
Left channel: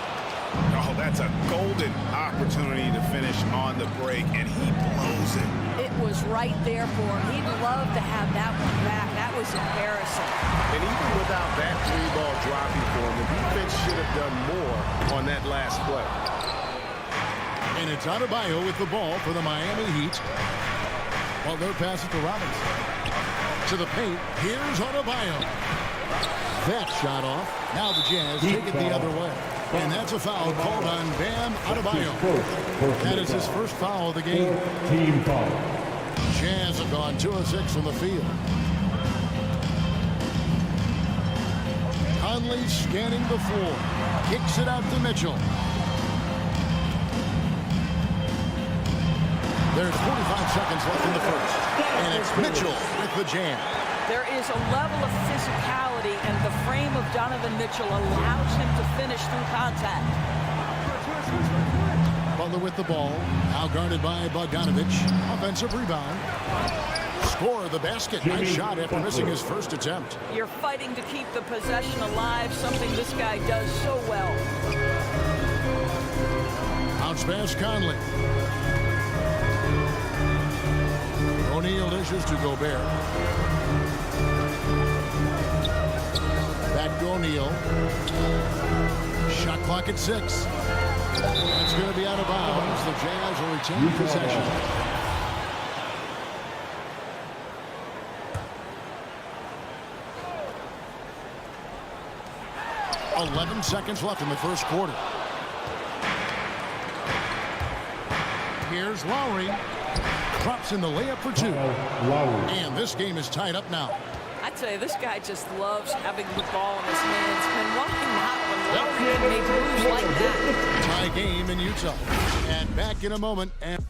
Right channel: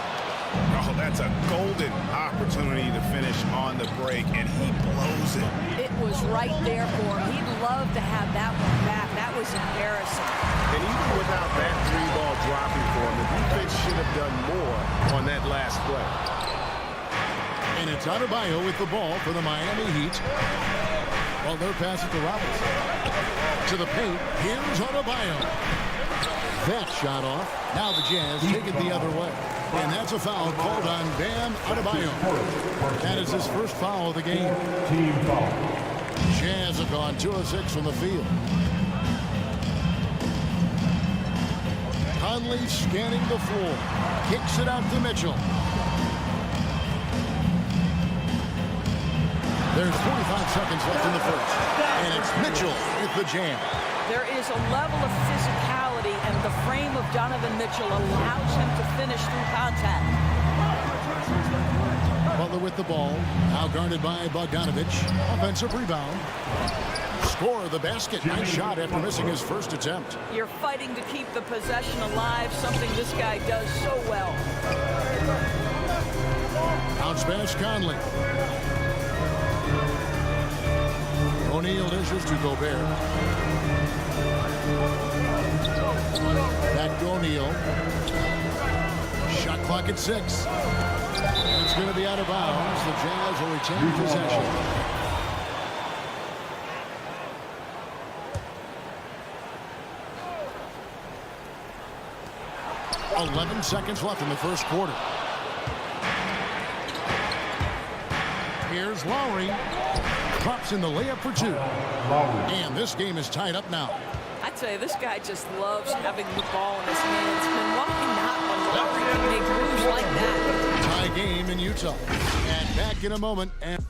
Oh, that's a golden opportunity to finish on the break, and he blows it. It was right there for him. He'd love to have that one back. That was embarrassing. And even without that 3-ball dropping for him, the defense should have done more on that last play. And it's Adebayo with the ball for the Miami Heat. Butler passes to Robinson. To the paint. Here's Adebayo. That shot off. Now the Jazz take it the other way. And that's a foul called on Bam Adebayo. That is his first foul of the game. Team foul. Jazz have gone 2 of 6 from the field. Conley scanning the floor. Kicks it out to Mitchell. There's 45 seconds left in the first. And it's Mitchell with the jam. There is a level of physicality, and the frame of Donovan Mitchell allows him to finish through contact. Butler with the ball. Now guarded by Bogdanovich. Offensive rebound. Score the basket. Nice shot after missing his first attempt. You're fighting to keep the possession alive, something this guy does so well. Bounce pass Conley. O'Neal dishes to Gobert. Back to O'Neal. Shot clock at 6. It's going to be out of bounds. The Jazz will retain possession. .11 seconds left in the first quarter. Here's Lowry. Drops in the layup for 2. And this game is tied up now. I tell you, this guy just loves having the ball in his hands. And why not when Lowry can make moves like that? Tie game in Utah. And back in a moment. And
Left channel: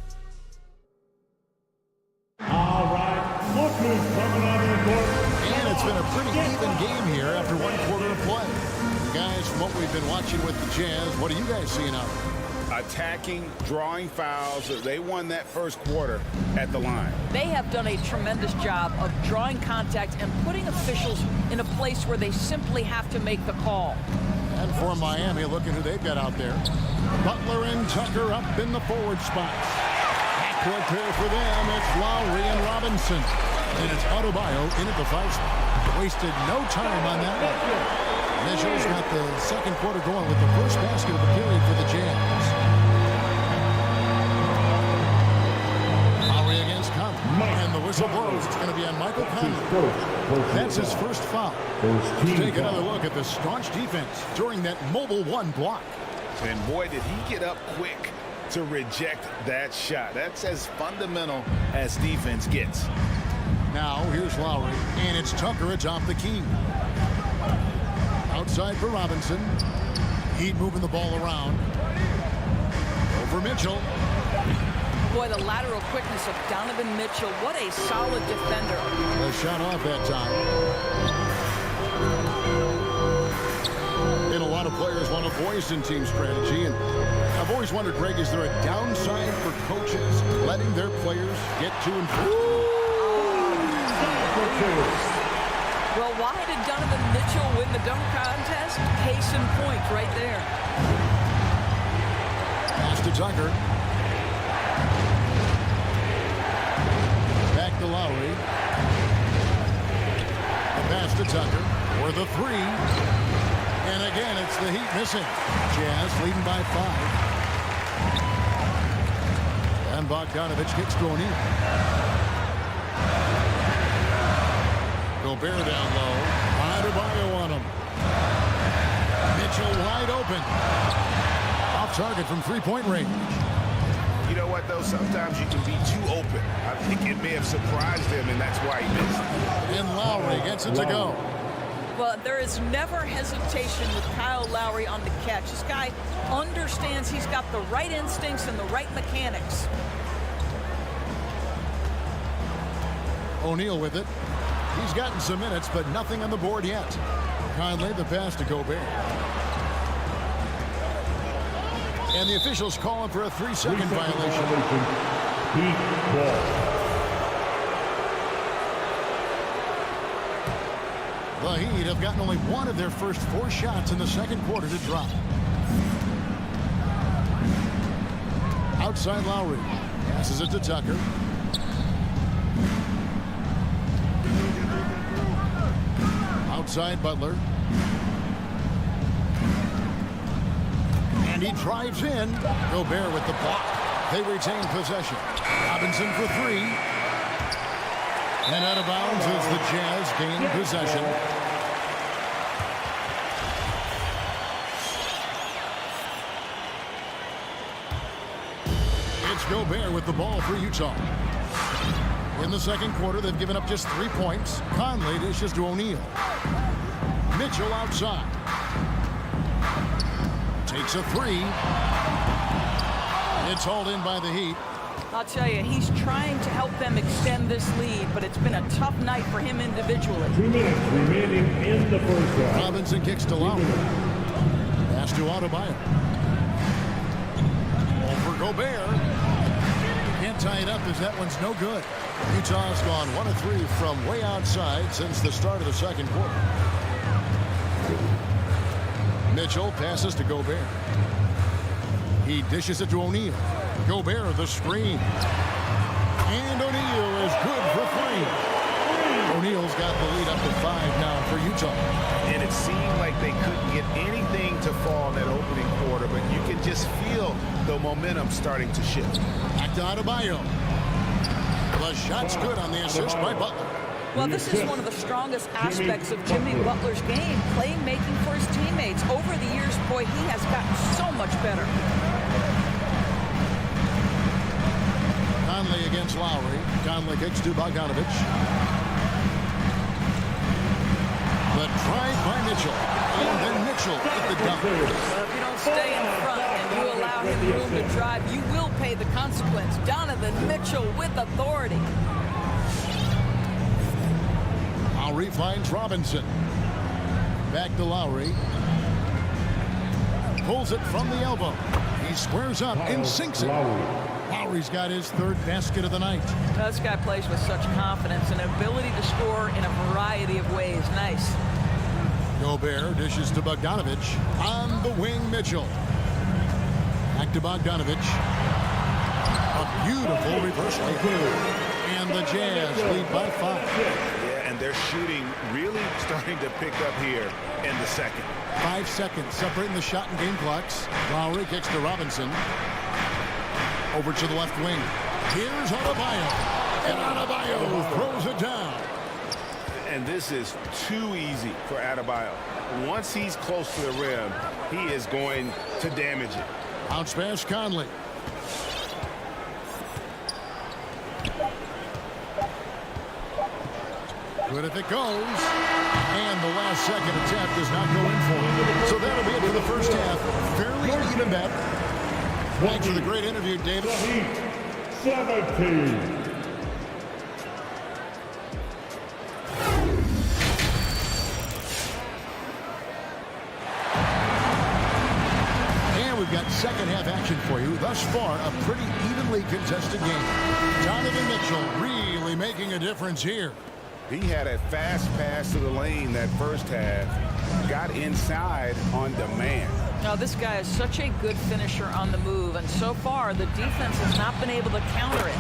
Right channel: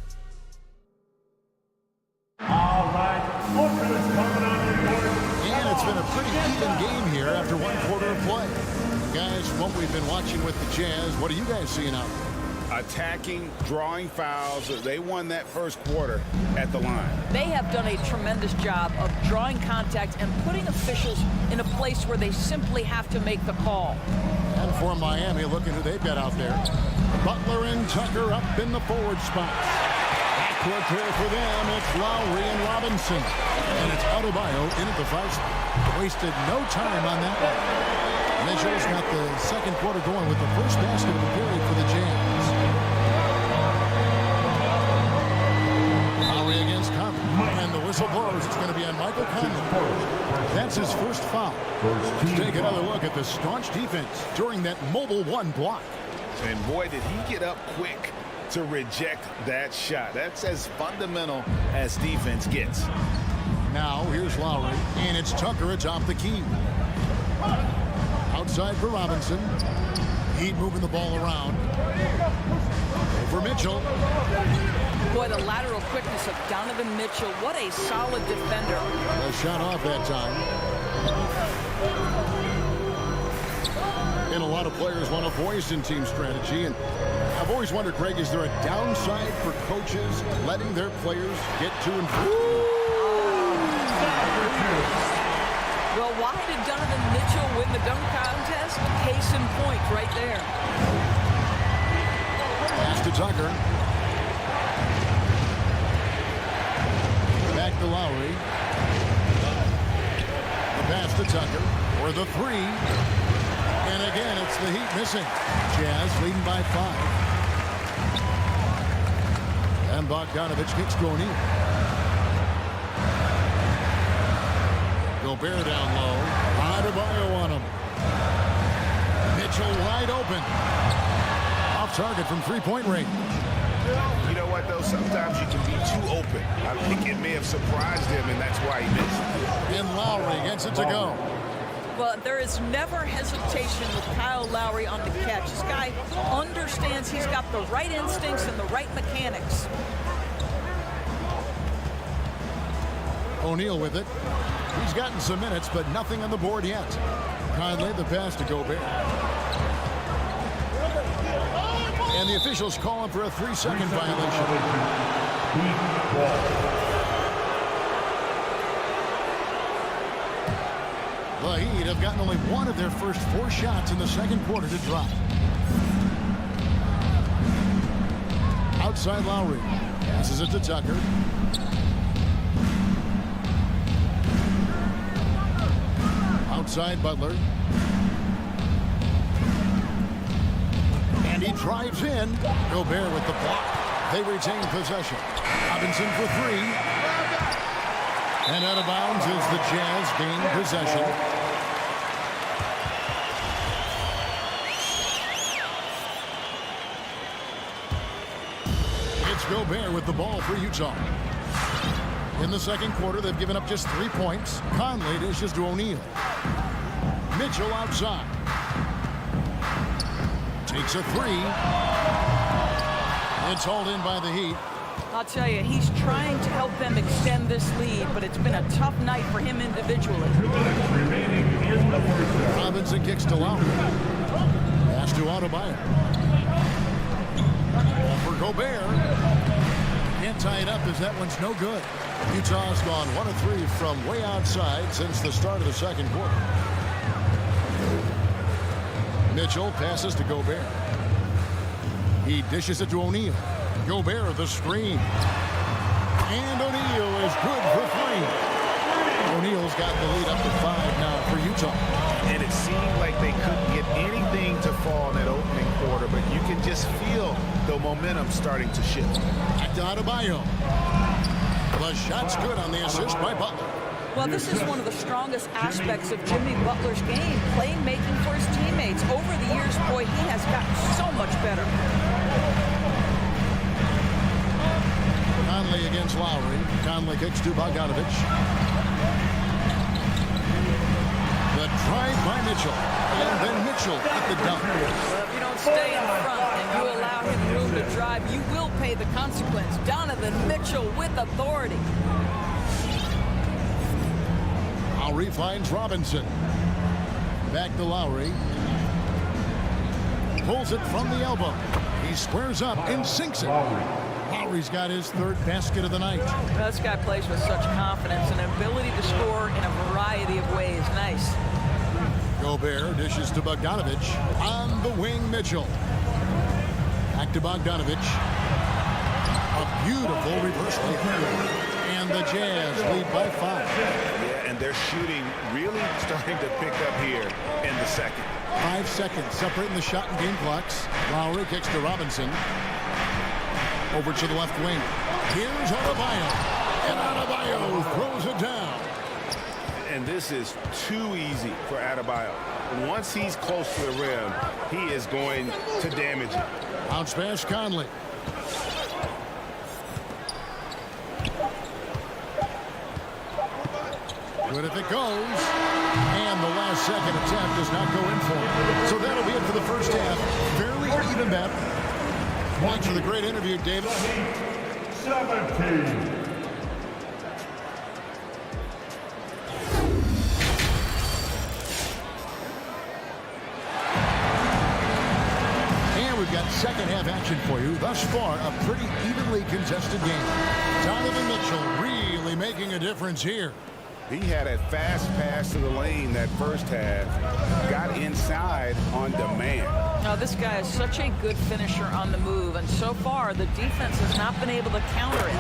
All right, look who's coming onto the court. And it's been a pretty even game here after 1 quarter of play. And guys, from what we've been watching with the Jazz, what are you guys seeing out there? Attacking, drawing fouls. They won that first quarter at the line. They have done a tremendous job of drawing contact and putting officials in a place where they simply have to make the call. And for Miami, look at who they've got out there. Butler and Tucker up in the forward spots. Backcourt pair for them. It's Lowry and Robinson. And it's Adebayo in at the 5 spot. Wasted no time on that one. Mitchell's got the second quarter going with the first basket of the period for the Jazz. Lowry against Conley. And the whistle blows. It's going to be on Michael Conley. That's his first foul. Let's take another look at the staunch defense during that mobile 1 block. And boy, did he get up quick to reject that shot. That's as fundamental as defense gets. Now here's Lowry. And it's Tucker atop the key. Outside for Robinson. Heat moving the ball around. Over Mitchell. Boy, the lateral quickness of Donovan Mitchell. What a solid defender. The shot off that time. And a lot of players want a voice in team strategy. And I've always wondered, Greg, is there a downside for coaches letting their players get to and from? Well, why did Donovan Mitchell win the dunk contest? Case in point right there. Pass to Tucker. Back to Lowry. The pass to Tucker for the three. And again, it's the Heat missing. Jazz leading by 5. And Bogdanovich kicks to O'Neal. Gobert down low. Adebayo on him. Mitchell wide open. Off target from three-point range. You know what, though? Sometimes you can be too open. I think it may have surprised him, and that's why he missed. And Lowry gets it to go. Well, there is never hesitation with Kyle Lowry on the catch. This guy understands he's got the right instincts and the right mechanics. O'Neal with it. He's gotten some minutes, but nothing on the board yet. Conley, the pass to Gobert. And the officials calling for a 3-second violation. Heat ball. The Heat have gotten only one of their first 4 shots in the second quarter to drop. Outside Lowry. Passes it to Tucker. Outside Butler. And he drives in. Gobert with the block. They retain possession. Robinson for 3. And out of bounds as the Jazz gain possession. It's Gobert with the ball for Utah. In the second quarter, they've given up just 3 points. Conley dishes to O'Neal. Mitchell outside. Takes a 3. It's hauled in by the Heat. I'll tell you, he's trying to help them extend this lead, but it's been a tough night for him individually. 2 minutes remaining in the first half. Robinson kicks to Lowry. Pass to Adebayo. Over Gobert. Can't tie it up as that one's no good. Utah's gone 1 of 3 from way outside since the start of the second quarter. Mitchell passes to Gobert. He dishes it to O'Neal. Gobert the screen. And O'Neal is good for 3. O'Neal's got the lead up to 5 now for Utah. And it seemed like they couldn't get anything to fall in that opening quarter, but you can just feel the momentum starting to shift. Back to Adebayo. The shot's good on the assist by Butler. Well, this is one of the strongest aspects of Jimmy Butler's game, playmaking for his teammates. Over the years, boy, he has gotten so much better. Conley against Lowry. Conley kicks to Bogdanovich. The drive by Mitchell. And then Mitchell at the dunk. Well, if you don't stay in front and you allow him room to drive, you will pay the consequence. Donovan Mitchell with authority. Lowry finds Robinson. Back to Lowry. Pulls it from the elbow. He squares up and sinks it. Lowry's got his 3rd basket of the night. Well, this guy plays with such confidence and ability to score in a variety of ways. Nice. Gobert dishes to Bogdanovich. On the wing, Mitchell. Back to Bogdanovich. A beautiful reverse layup. And the Jazz lead by 5. Yeah, and their shooting really starting to pick up here in the second. 5 seconds separating the shot and game clocks. Lowry kicks to Robinson. Over to the left wing. Here's Adebayo. And Adebayo throws it down. And this is too easy for Adebayo. Once he's close to the rim, he is going to damage it. Bounce pass Conley. Good if it goes. And the last second attempt does not go in for him. So that'll be it for the first half. Fairly even bet. Thanks for the great interview, David. 17. And we've got second half action for you. Thus far, a pretty evenly contested game. Donovan Mitchell really making a difference here. He had a fast pass to the lane that first half. Got inside on demand. Now, this guy is such a good finisher on the move, and so far the defense has not been able to counter it.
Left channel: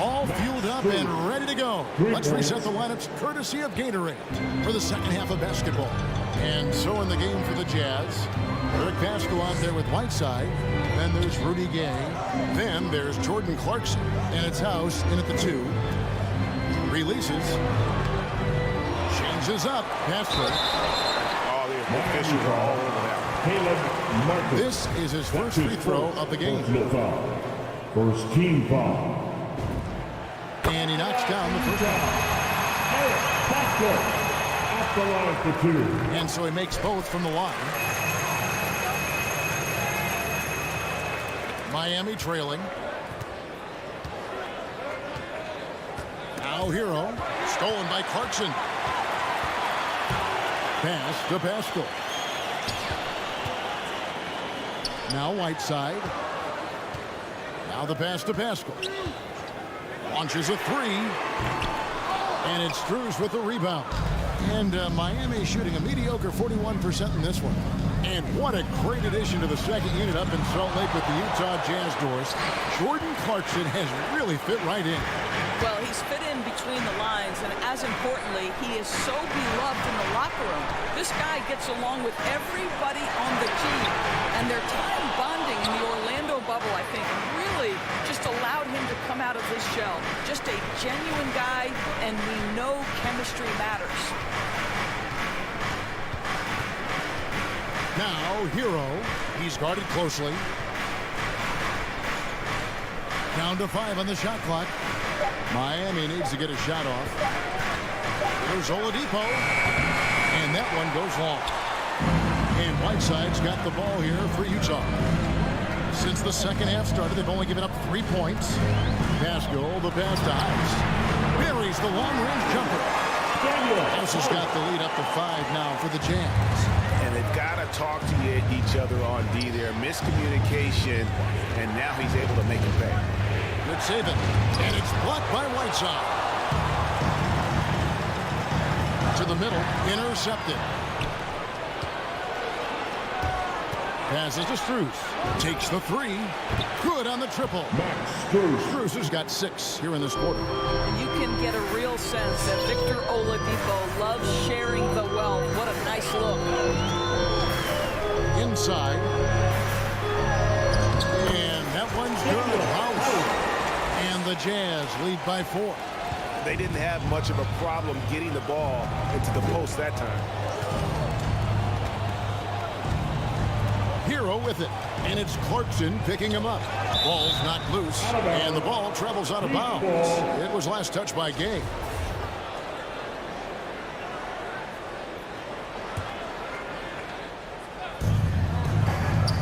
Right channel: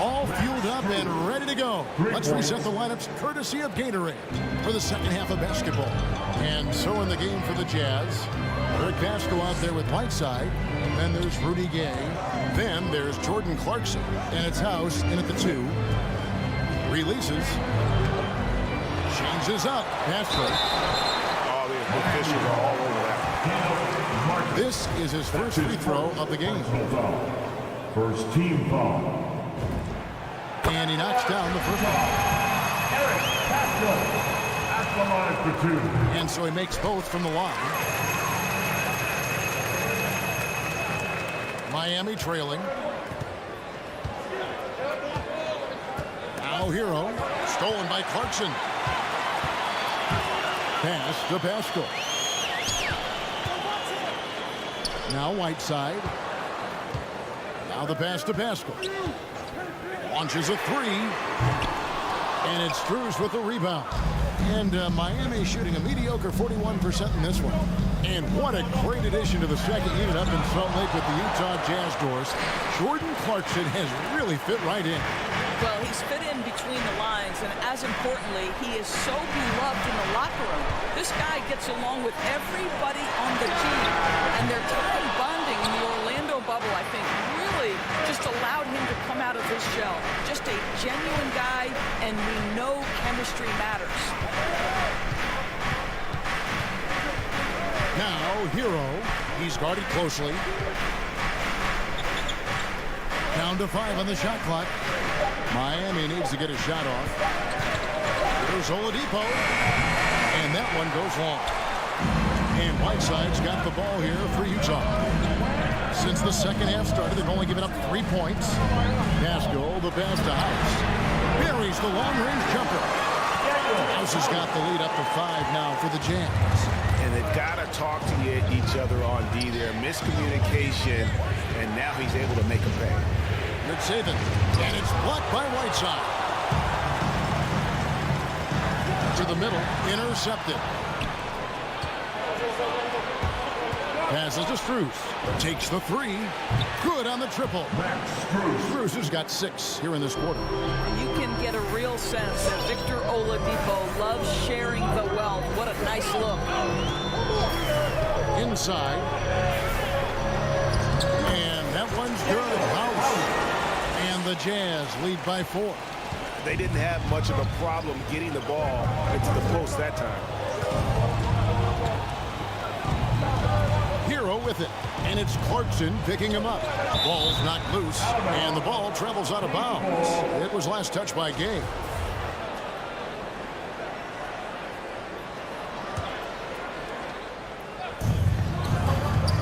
All fueled up and ready to go. Let's reset the lineups courtesy of Gatorade for the second half of basketball. And so in the game for the Jazz, Eric Pascal out there with Whiteside. Then there's Rudy Gay. Then there's Jordan Clarkson. And it's House in at the 2. Releases. Changes up. Pascal. Oh, the officials are all over that. This is his first free throw of the game. First team foul. And he knocks down the first one. Eric Pascal at the line for 2. And so he makes both from the line. Miami trailing. Now Hero. Stolen by Clarkson. Pass to Pascal. Now Whiteside. Now the pass to Pascal. Launches a 3. And it's Strus with the rebound. And Miami shooting a mediocre 41% in this one. And what a great addition to the second unit up in Salt Lake with the Utah Jazz doors. Jordan Clarkson has really fit right in. Well, he's fit in between the lines, and as importantly, he is so beloved in the locker room. This guy gets along with everybody on the team, and their time bonding in the Orlando bubble, I think, really just allowed him to come out of his shell. Just a genuine guy, and we know chemistry matters. Now, Hero. He's guarded closely. Down to 5 on the shot clock. Miami needs to get a shot off. Here's Oladipo. And that one goes long. And Whiteside's got the ball here for Utah. Since the second half started, they've only given up 3 points. Pascal, the pass to House. Buries the long-range jumper. House has got the lead up to 5 now for the Jazz. And they've got to talk to each other on D there. Miscommunication, and now he's able to make a pay. Good saving. And it's blocked by Whiteside. To the middle. Intercepted. Passes to Strus. Takes the 3. Good on the triple. Strus has got 6 here in this quarter. And you can get a real sense that Victor Oladipo loves sharing the wealth. What a nice look. Inside. And that one's good. House. And the Jazz lead by 4. They didn't have much of a problem getting the ball into the post that time. Hero with it. And it's Clarkson picking him up. Ball's knocked loose. And the ball travels out of bounds. It was last touched by Gay.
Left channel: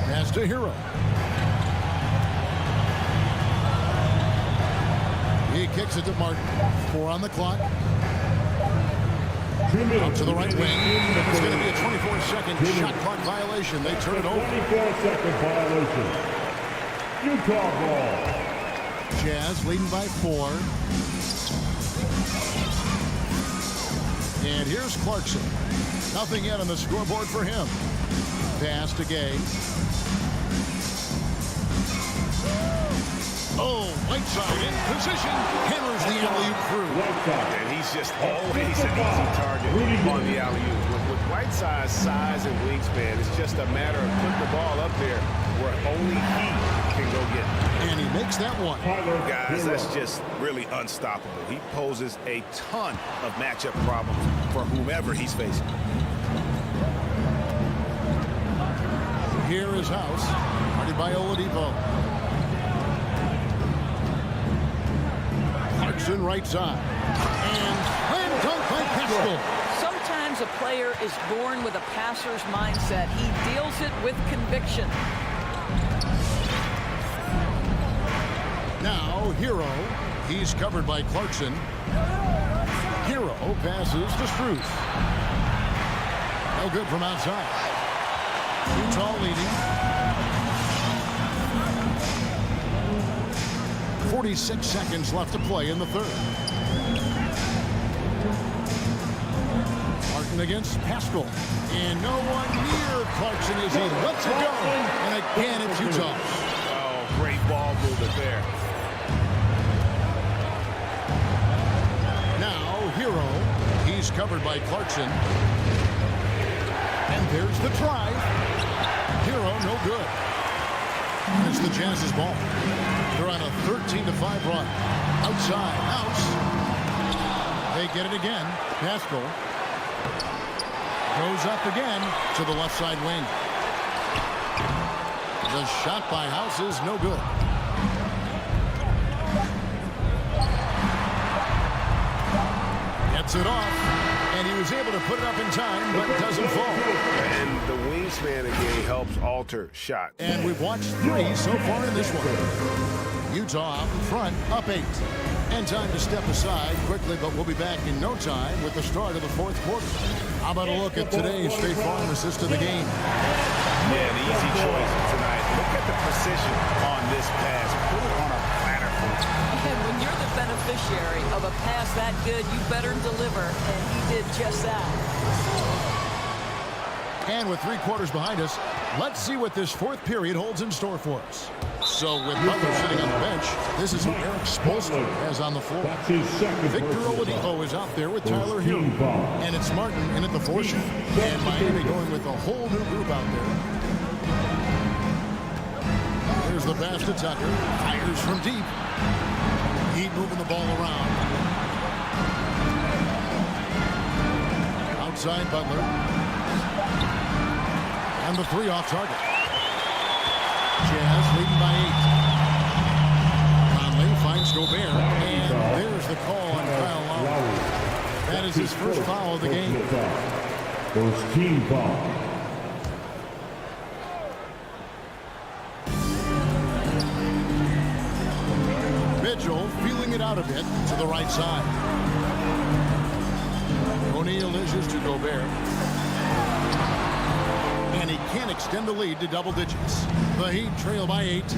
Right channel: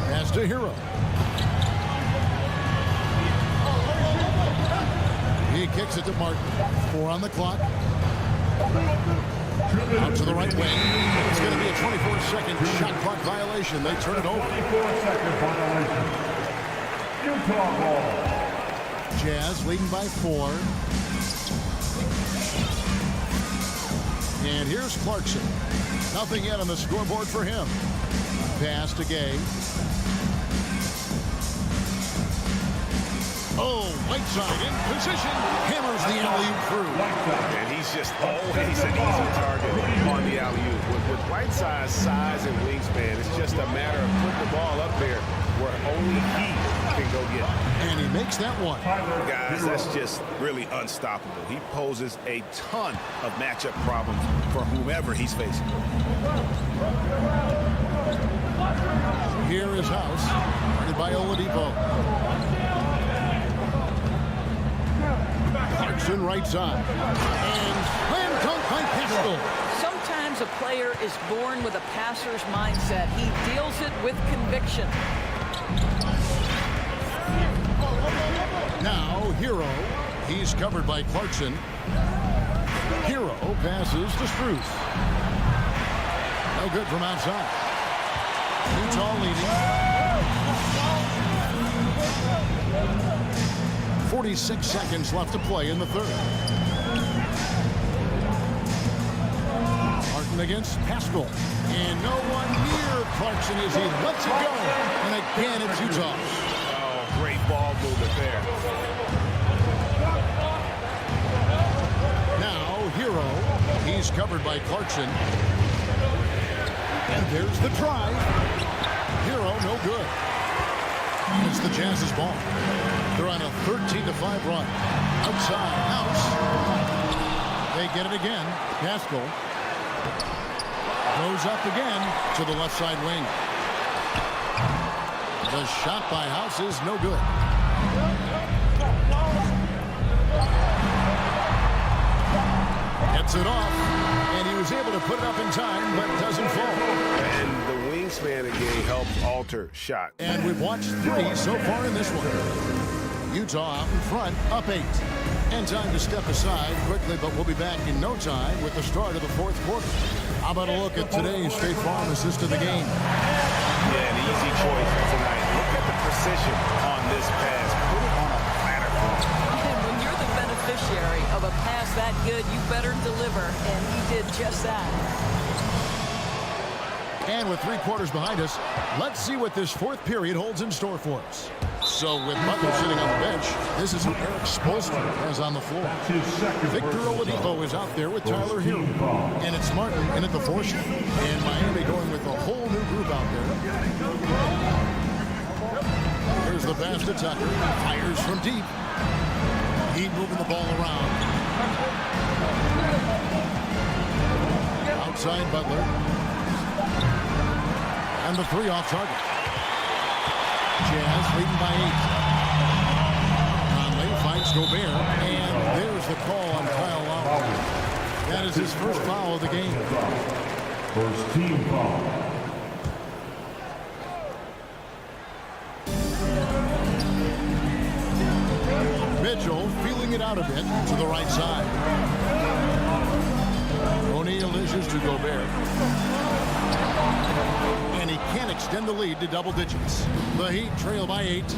Pass to Hero. He kicks it to Martin. 4 on the clock. Out to the right wing. It's going to be a 24-second shot clock violation. They turn it over. 24-second violation. Utah ball. Jazz leading by 4. And here's Clarkson. Nothing yet on the scoreboard for him. Pass to Gay. Oh, Whiteside in position. Hammers the alley-oop through. And he's just always an easy target on the alley-oop. With Whiteside's size and wingspan, it's just a matter of putting the ball up there where only he can go get it. And he makes that one. Guys, that's just really unstoppable. He poses a ton of matchup problems for whomever he's facing. Here is House, guarded by Oladipo. Clarkson right side. And slam dunk by Pascal. Sometimes a player is born with a passer's mindset. He deals it with conviction. Now, Hero. He's covered by Clarkson. Hero passes to Struce. No good from outside. Utah leading. 46 seconds left to play in the third. Martin against Pascal. And no one near Clarkson as he lets it go. And again, it's Utah. Oh, great ball movement there. Now, Hero. He's covered by Clarkson. And there's the try. Hero, no good. It's the Jazz's ball. They're on a 13-5 run. Outside, House. They get it again. Pascal goes up again to the left side wing. The shot by House is no good. Gets it off, and he was able to put it up in time, but doesn't fall. And the wingspan again helps alter shot. And we've watched 3 so far in this one. Utah out in front, up 8. And time to step aside quickly, but we'll be back in no time with the start of the fourth quarter. How about a look at today's State Farm assist of the game? Yeah, an easy choice tonight. Look at the precision on this pass. Put it on a platter for him. And when you're the beneficiary of a pass that good, you better deliver, and he did just that. And with 3 quarters behind us, let's see what this fourth period holds in store for us. So with Butler sitting on the bench, this is who Eric Spoelstra has on the floor. That's his second Victor Oladipo is out there with Tyler Hero. And it's Martin in at the 4 shot. And Miami going with a whole new group out there. Here's the pass to Tucker. Fires from deep. Heat moving the ball around. Outside Butler. And the 3 off target. Jazz leading by 8. Conley finds Gobert, and there's the call on Kyle Lowry. That is his first foul of the game. First team foul. Mitchell feeling it out a bit to the right side. O'Neal dishes to Gobert. And he can't extend the lead to double digits. The Heat trail by 8.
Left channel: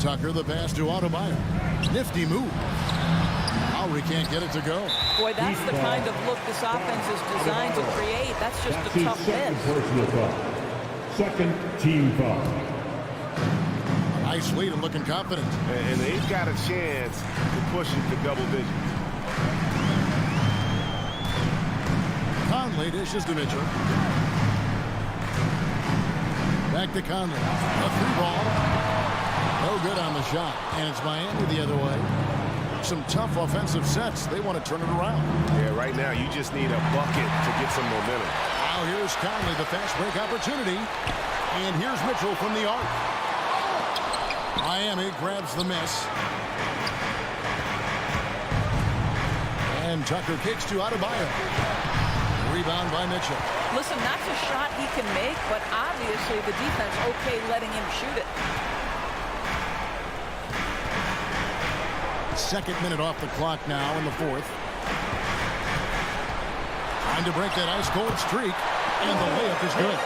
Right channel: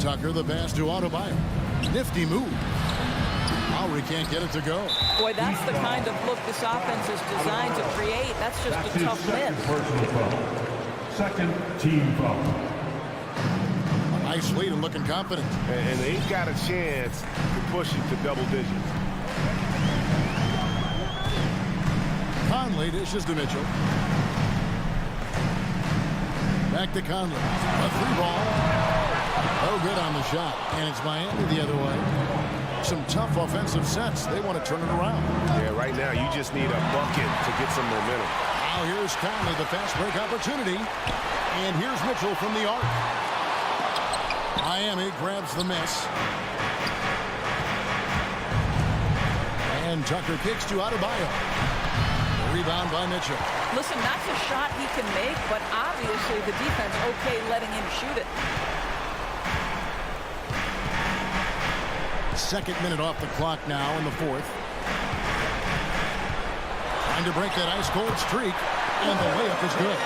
Tucker the pass to Adebayo. Nifty move. Lowry can't get it to go. Boy, that's the kind of look this offense is designed to create. That's just a tough miss. Personal foul. Second team foul. A nice lead and looking confident. And they've got a chance to push it to double digits. Conley dishes to Mitchell. Back to Conley. A 3-ball. No good on the shot. And it's Miami the other way. Some tough offensive sets. They want to turn it around. Yeah, right now you just need a bucket to get some momentum. Now here's Conley, the fast break opportunity. And here's Mitchell from the arc. Miami grabs the miss. And Tucker kicks to Adebayo. Rebound by Mitchell. Listen, that's a shot he can make, but obviously the defense okay letting him shoot it. Second minute off the clock now in the fourth. Trying to break that ice-cold streak, and the layup is good.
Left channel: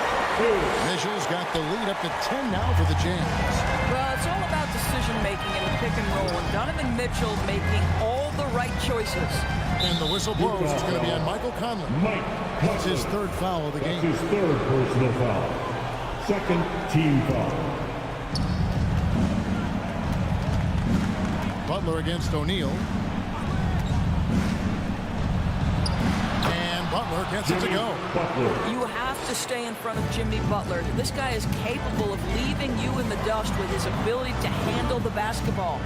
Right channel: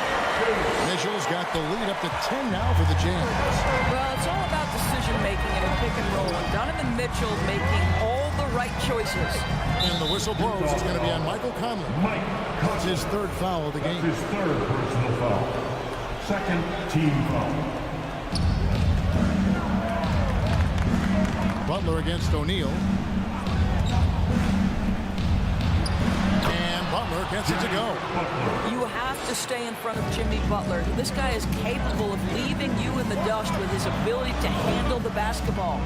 Mitchell's got the lead up to 10 now for the Jazz. Well, it's all about decision-making in a pick and roll, and Donovan Mitchell making all the right choices. And the whistle blows. It's going to be on Michael Conley. That's his 3rd foul of the game. That's his 3rd personal foul. Second team foul. Butler against O'Neal. And Butler gets it to go. You have to stay in front of Jimmy Butler. This guy is capable of leaving you in the dust with his ability to handle the basketball.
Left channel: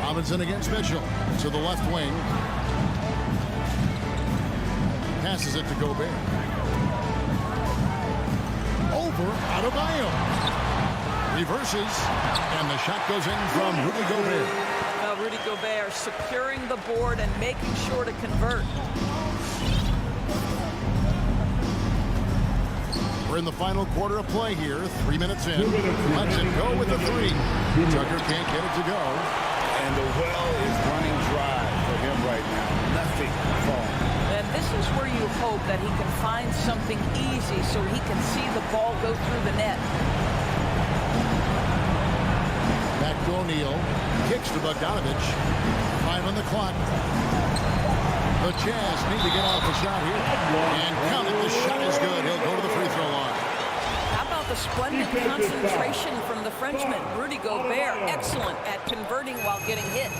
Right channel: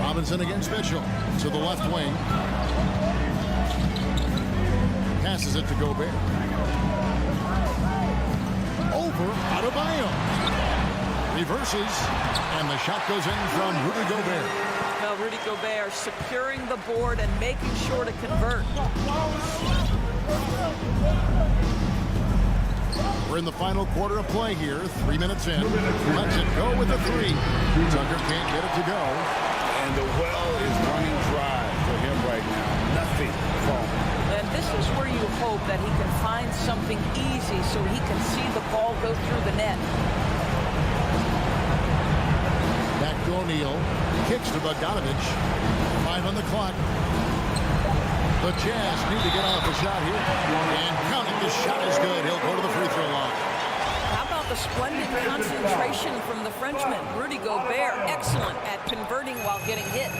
Robinson against Mitchell to the left wing. Passes it to Gobert. Over Adebayo. Reverses, and the shot goes in from Rudy Gobert. Well, Rudy Gobert securing the board and making sure to convert. We're in the final quarter of play here. 3 minutes in. Let's it go with the three. Tucker can't get it to go. And the well is running dry for him right now. Nothing falling. And this is where you hope that he can find something easy so he can see the ball go through the net. Back to O'Neal. Kicks to Bogdanovich. 5 on the clock. The Jazz need to get off a shot here. And count it. The shot is good. He'll go to the free throw line. How about the splendid concentration from the Frenchman? Rudy Gobert, excellent at converting while getting hit.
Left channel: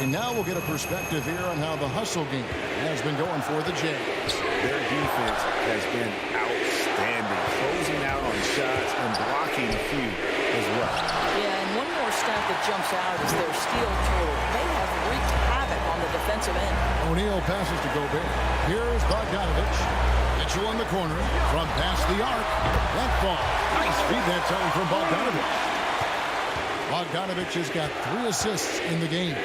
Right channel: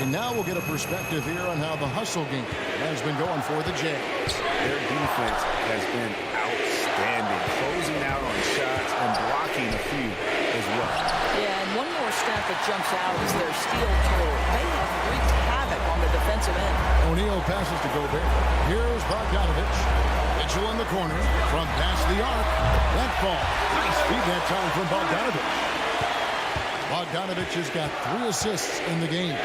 And now we'll get a perspective here on how the hustle game has been going for the Jazz. Their defense has been outstanding, closing out on shots and blocking a few as well. Yeah, and one more stat that jumps out is their steal total. They have wreaked havoc on the defensive end. O'Neal passes to Gobert. Here's Bogdanovich. Mitchell in the corner from past the arc. That ball. Nice feed that time from Bogdanovich. Bogdanovich has got 3 assists in the game.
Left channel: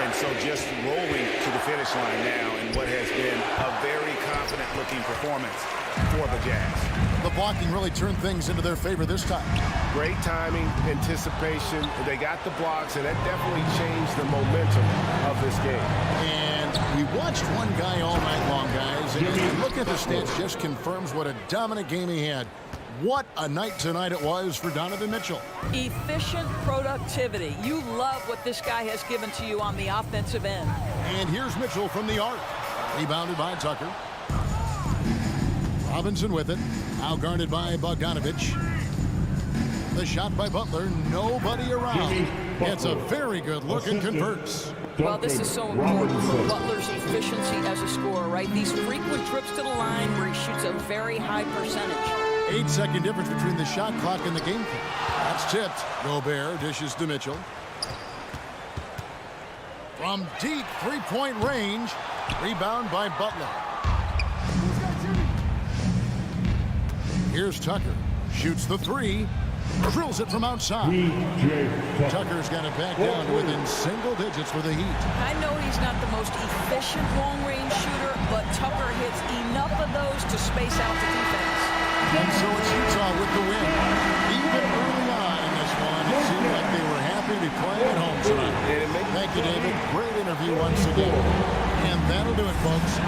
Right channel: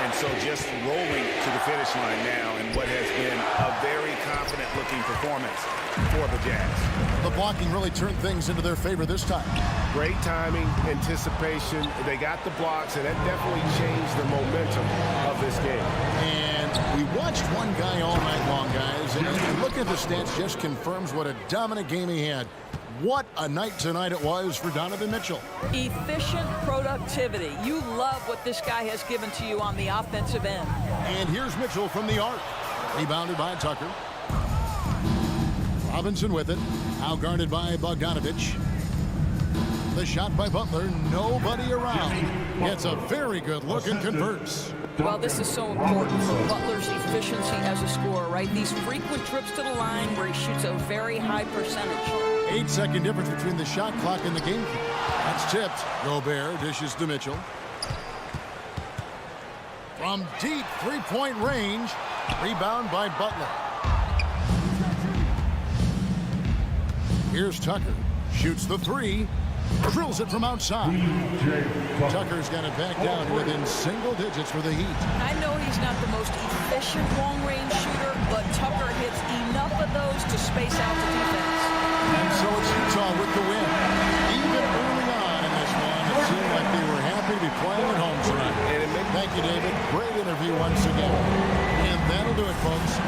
And so just rolling to the finish line now in what has been a very confident-looking performance for the Jazz. The blocking really turned things into their favor this time. Great timing, anticipation. They got the blocks, and that definitely changed the momentum of this game. And we watched one guy all night long, guys. And look at the stats, just confirms what a dominant game he had. What a night tonight it was for Donovan Mitchell. Efficient productivity. You love what this guy has given to you on the offensive end. And here's Mitchell from the arc. Rebounded by Tucker. Robinson with it. Now guarded by Bogdanovich. The shot by Butler. Nobody around. Gets a very good look and converts. Well, this is so important for Butler's efficiency as a scorer, right? These frequent trips to the line where he shoots a very high percentage. 8-second difference between the shot clock and the game clock. That's tipped. Gobert dishes to Mitchell. From deep three-point range. Rebound by Butler. Here's Tucker. Shoots the three. Drills it from outside. Tucker's got it back down to within single digits for the Heat. I know he's not the most efficient long-range shooter, but Tucker hits enough of those to space out the defense. And so it's Utah with the win. Even early on in this one, it seemed like they were happy to be playing at home tonight. Thank you, David. Great interview once again. And that'll do it, folks.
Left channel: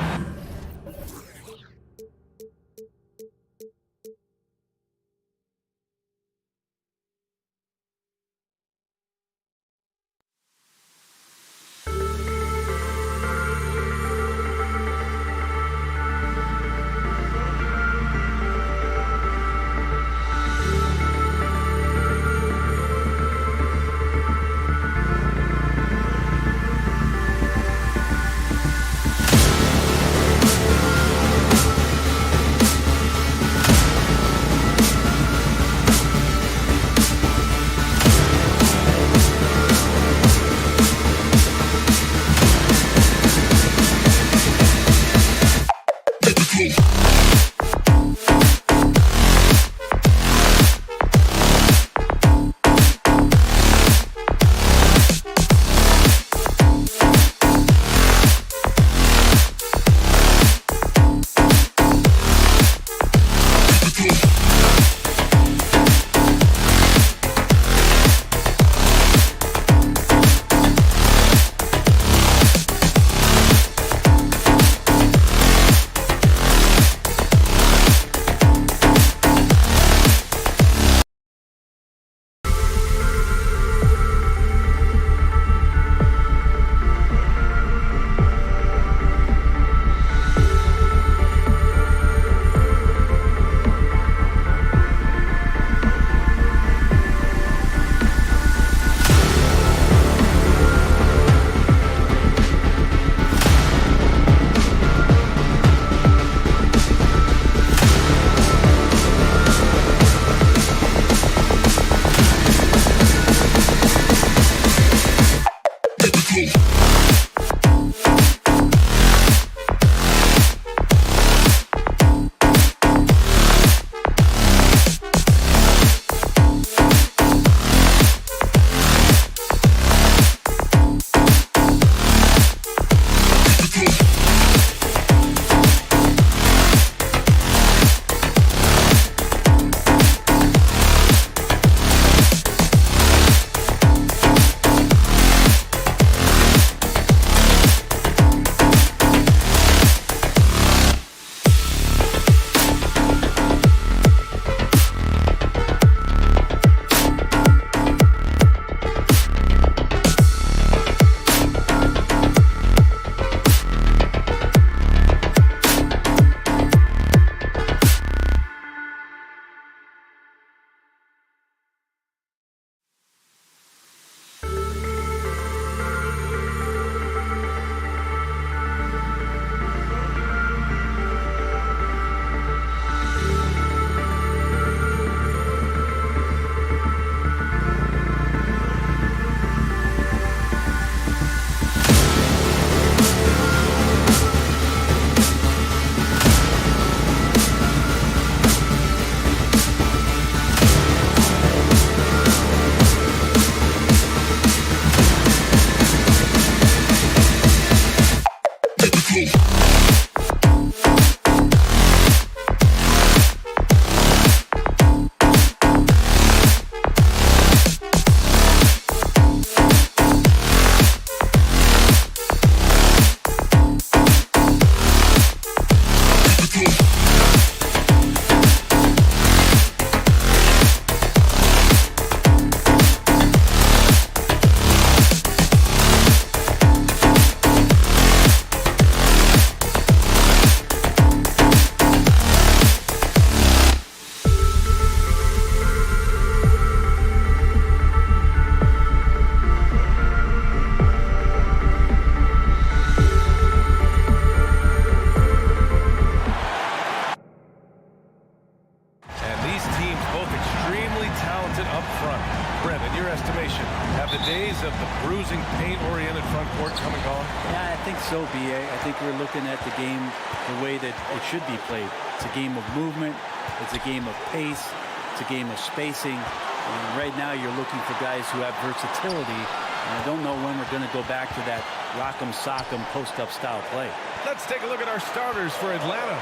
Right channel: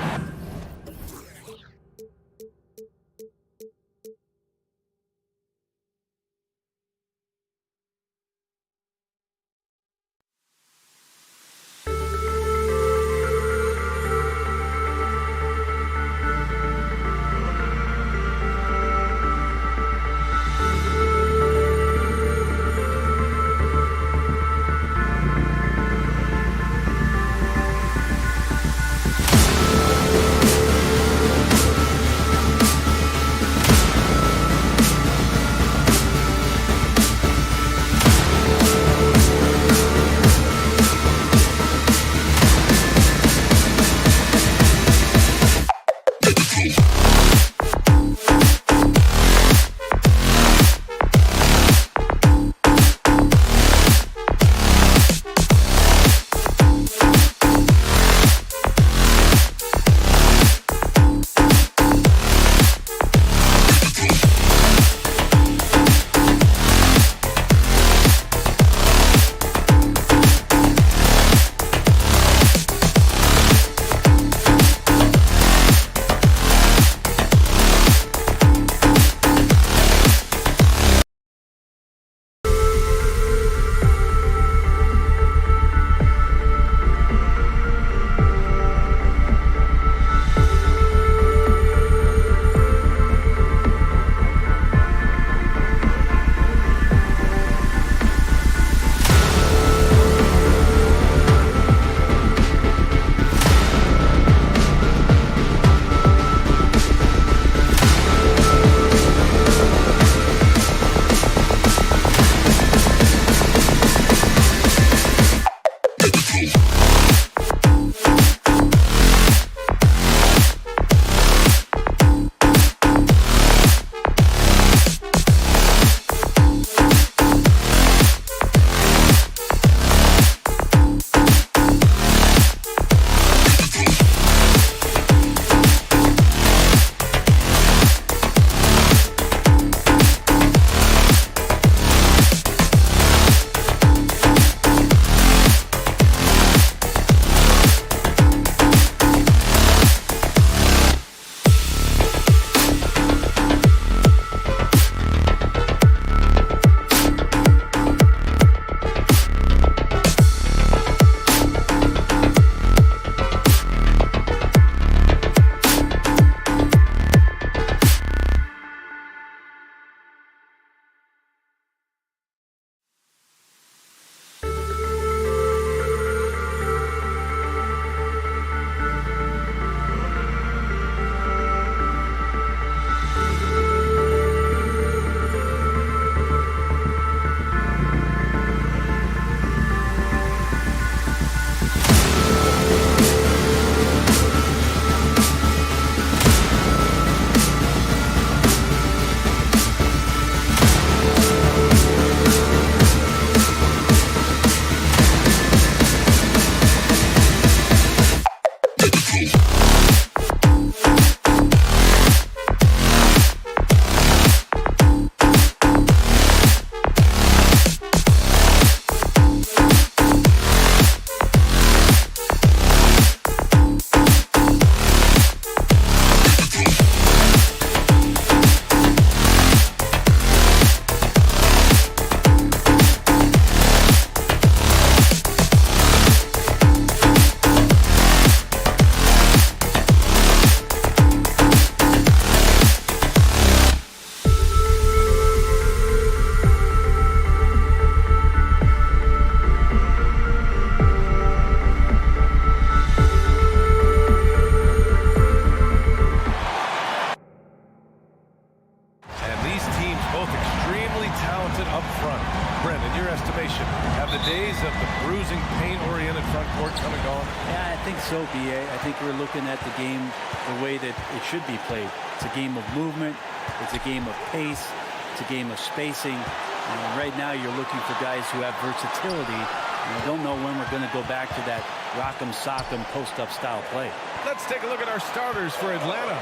teams both extremely talented up front. Brent, in your estimation, have the days of the bruising, paint-oriented front court come and gone? Yeah, I think so, B.A. I think we're looking at the game the way that it should be played. It's a game of movement. It's a game of pace. It's a game of spacing. And right now you're looking for guys who have versatility. And I don't know when we're going to go back to that rock'em sock'em post-up style play. Let's take a look at our starters for Atlanta.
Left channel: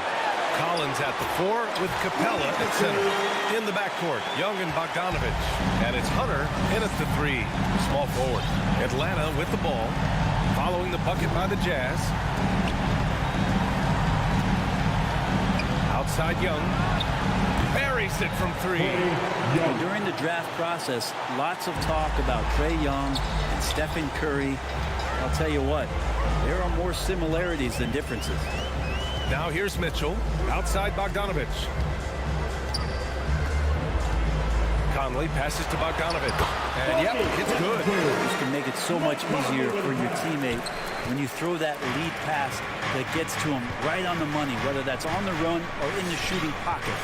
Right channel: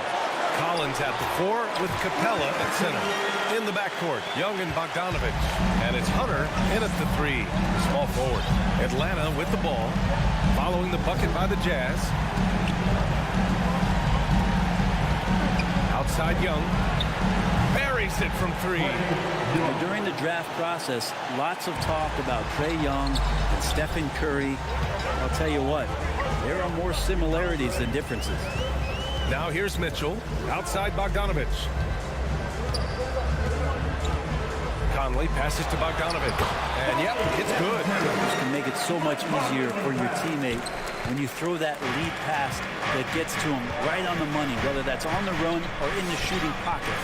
Collins at the 4 with Capella at center. In the backcourt, Young and Bogdanovich. And it's Hunter in at the 3, the small forward. Atlanta with the ball, following the bucket by the Jazz. Outside Young. Buries it from 3. During the draft process, lots of talk about Trae Young and Stephen Curry. I'll tell you what, there are more similarities than differences. Now here's Mitchell, outside Bogdanovich. Conley passes to Bogdanovich. And yep, it's good. This can make it so much easier for your teammate when you throw that lead pass that gets to him right on the money, whether that's on the run or in the shooting pocket.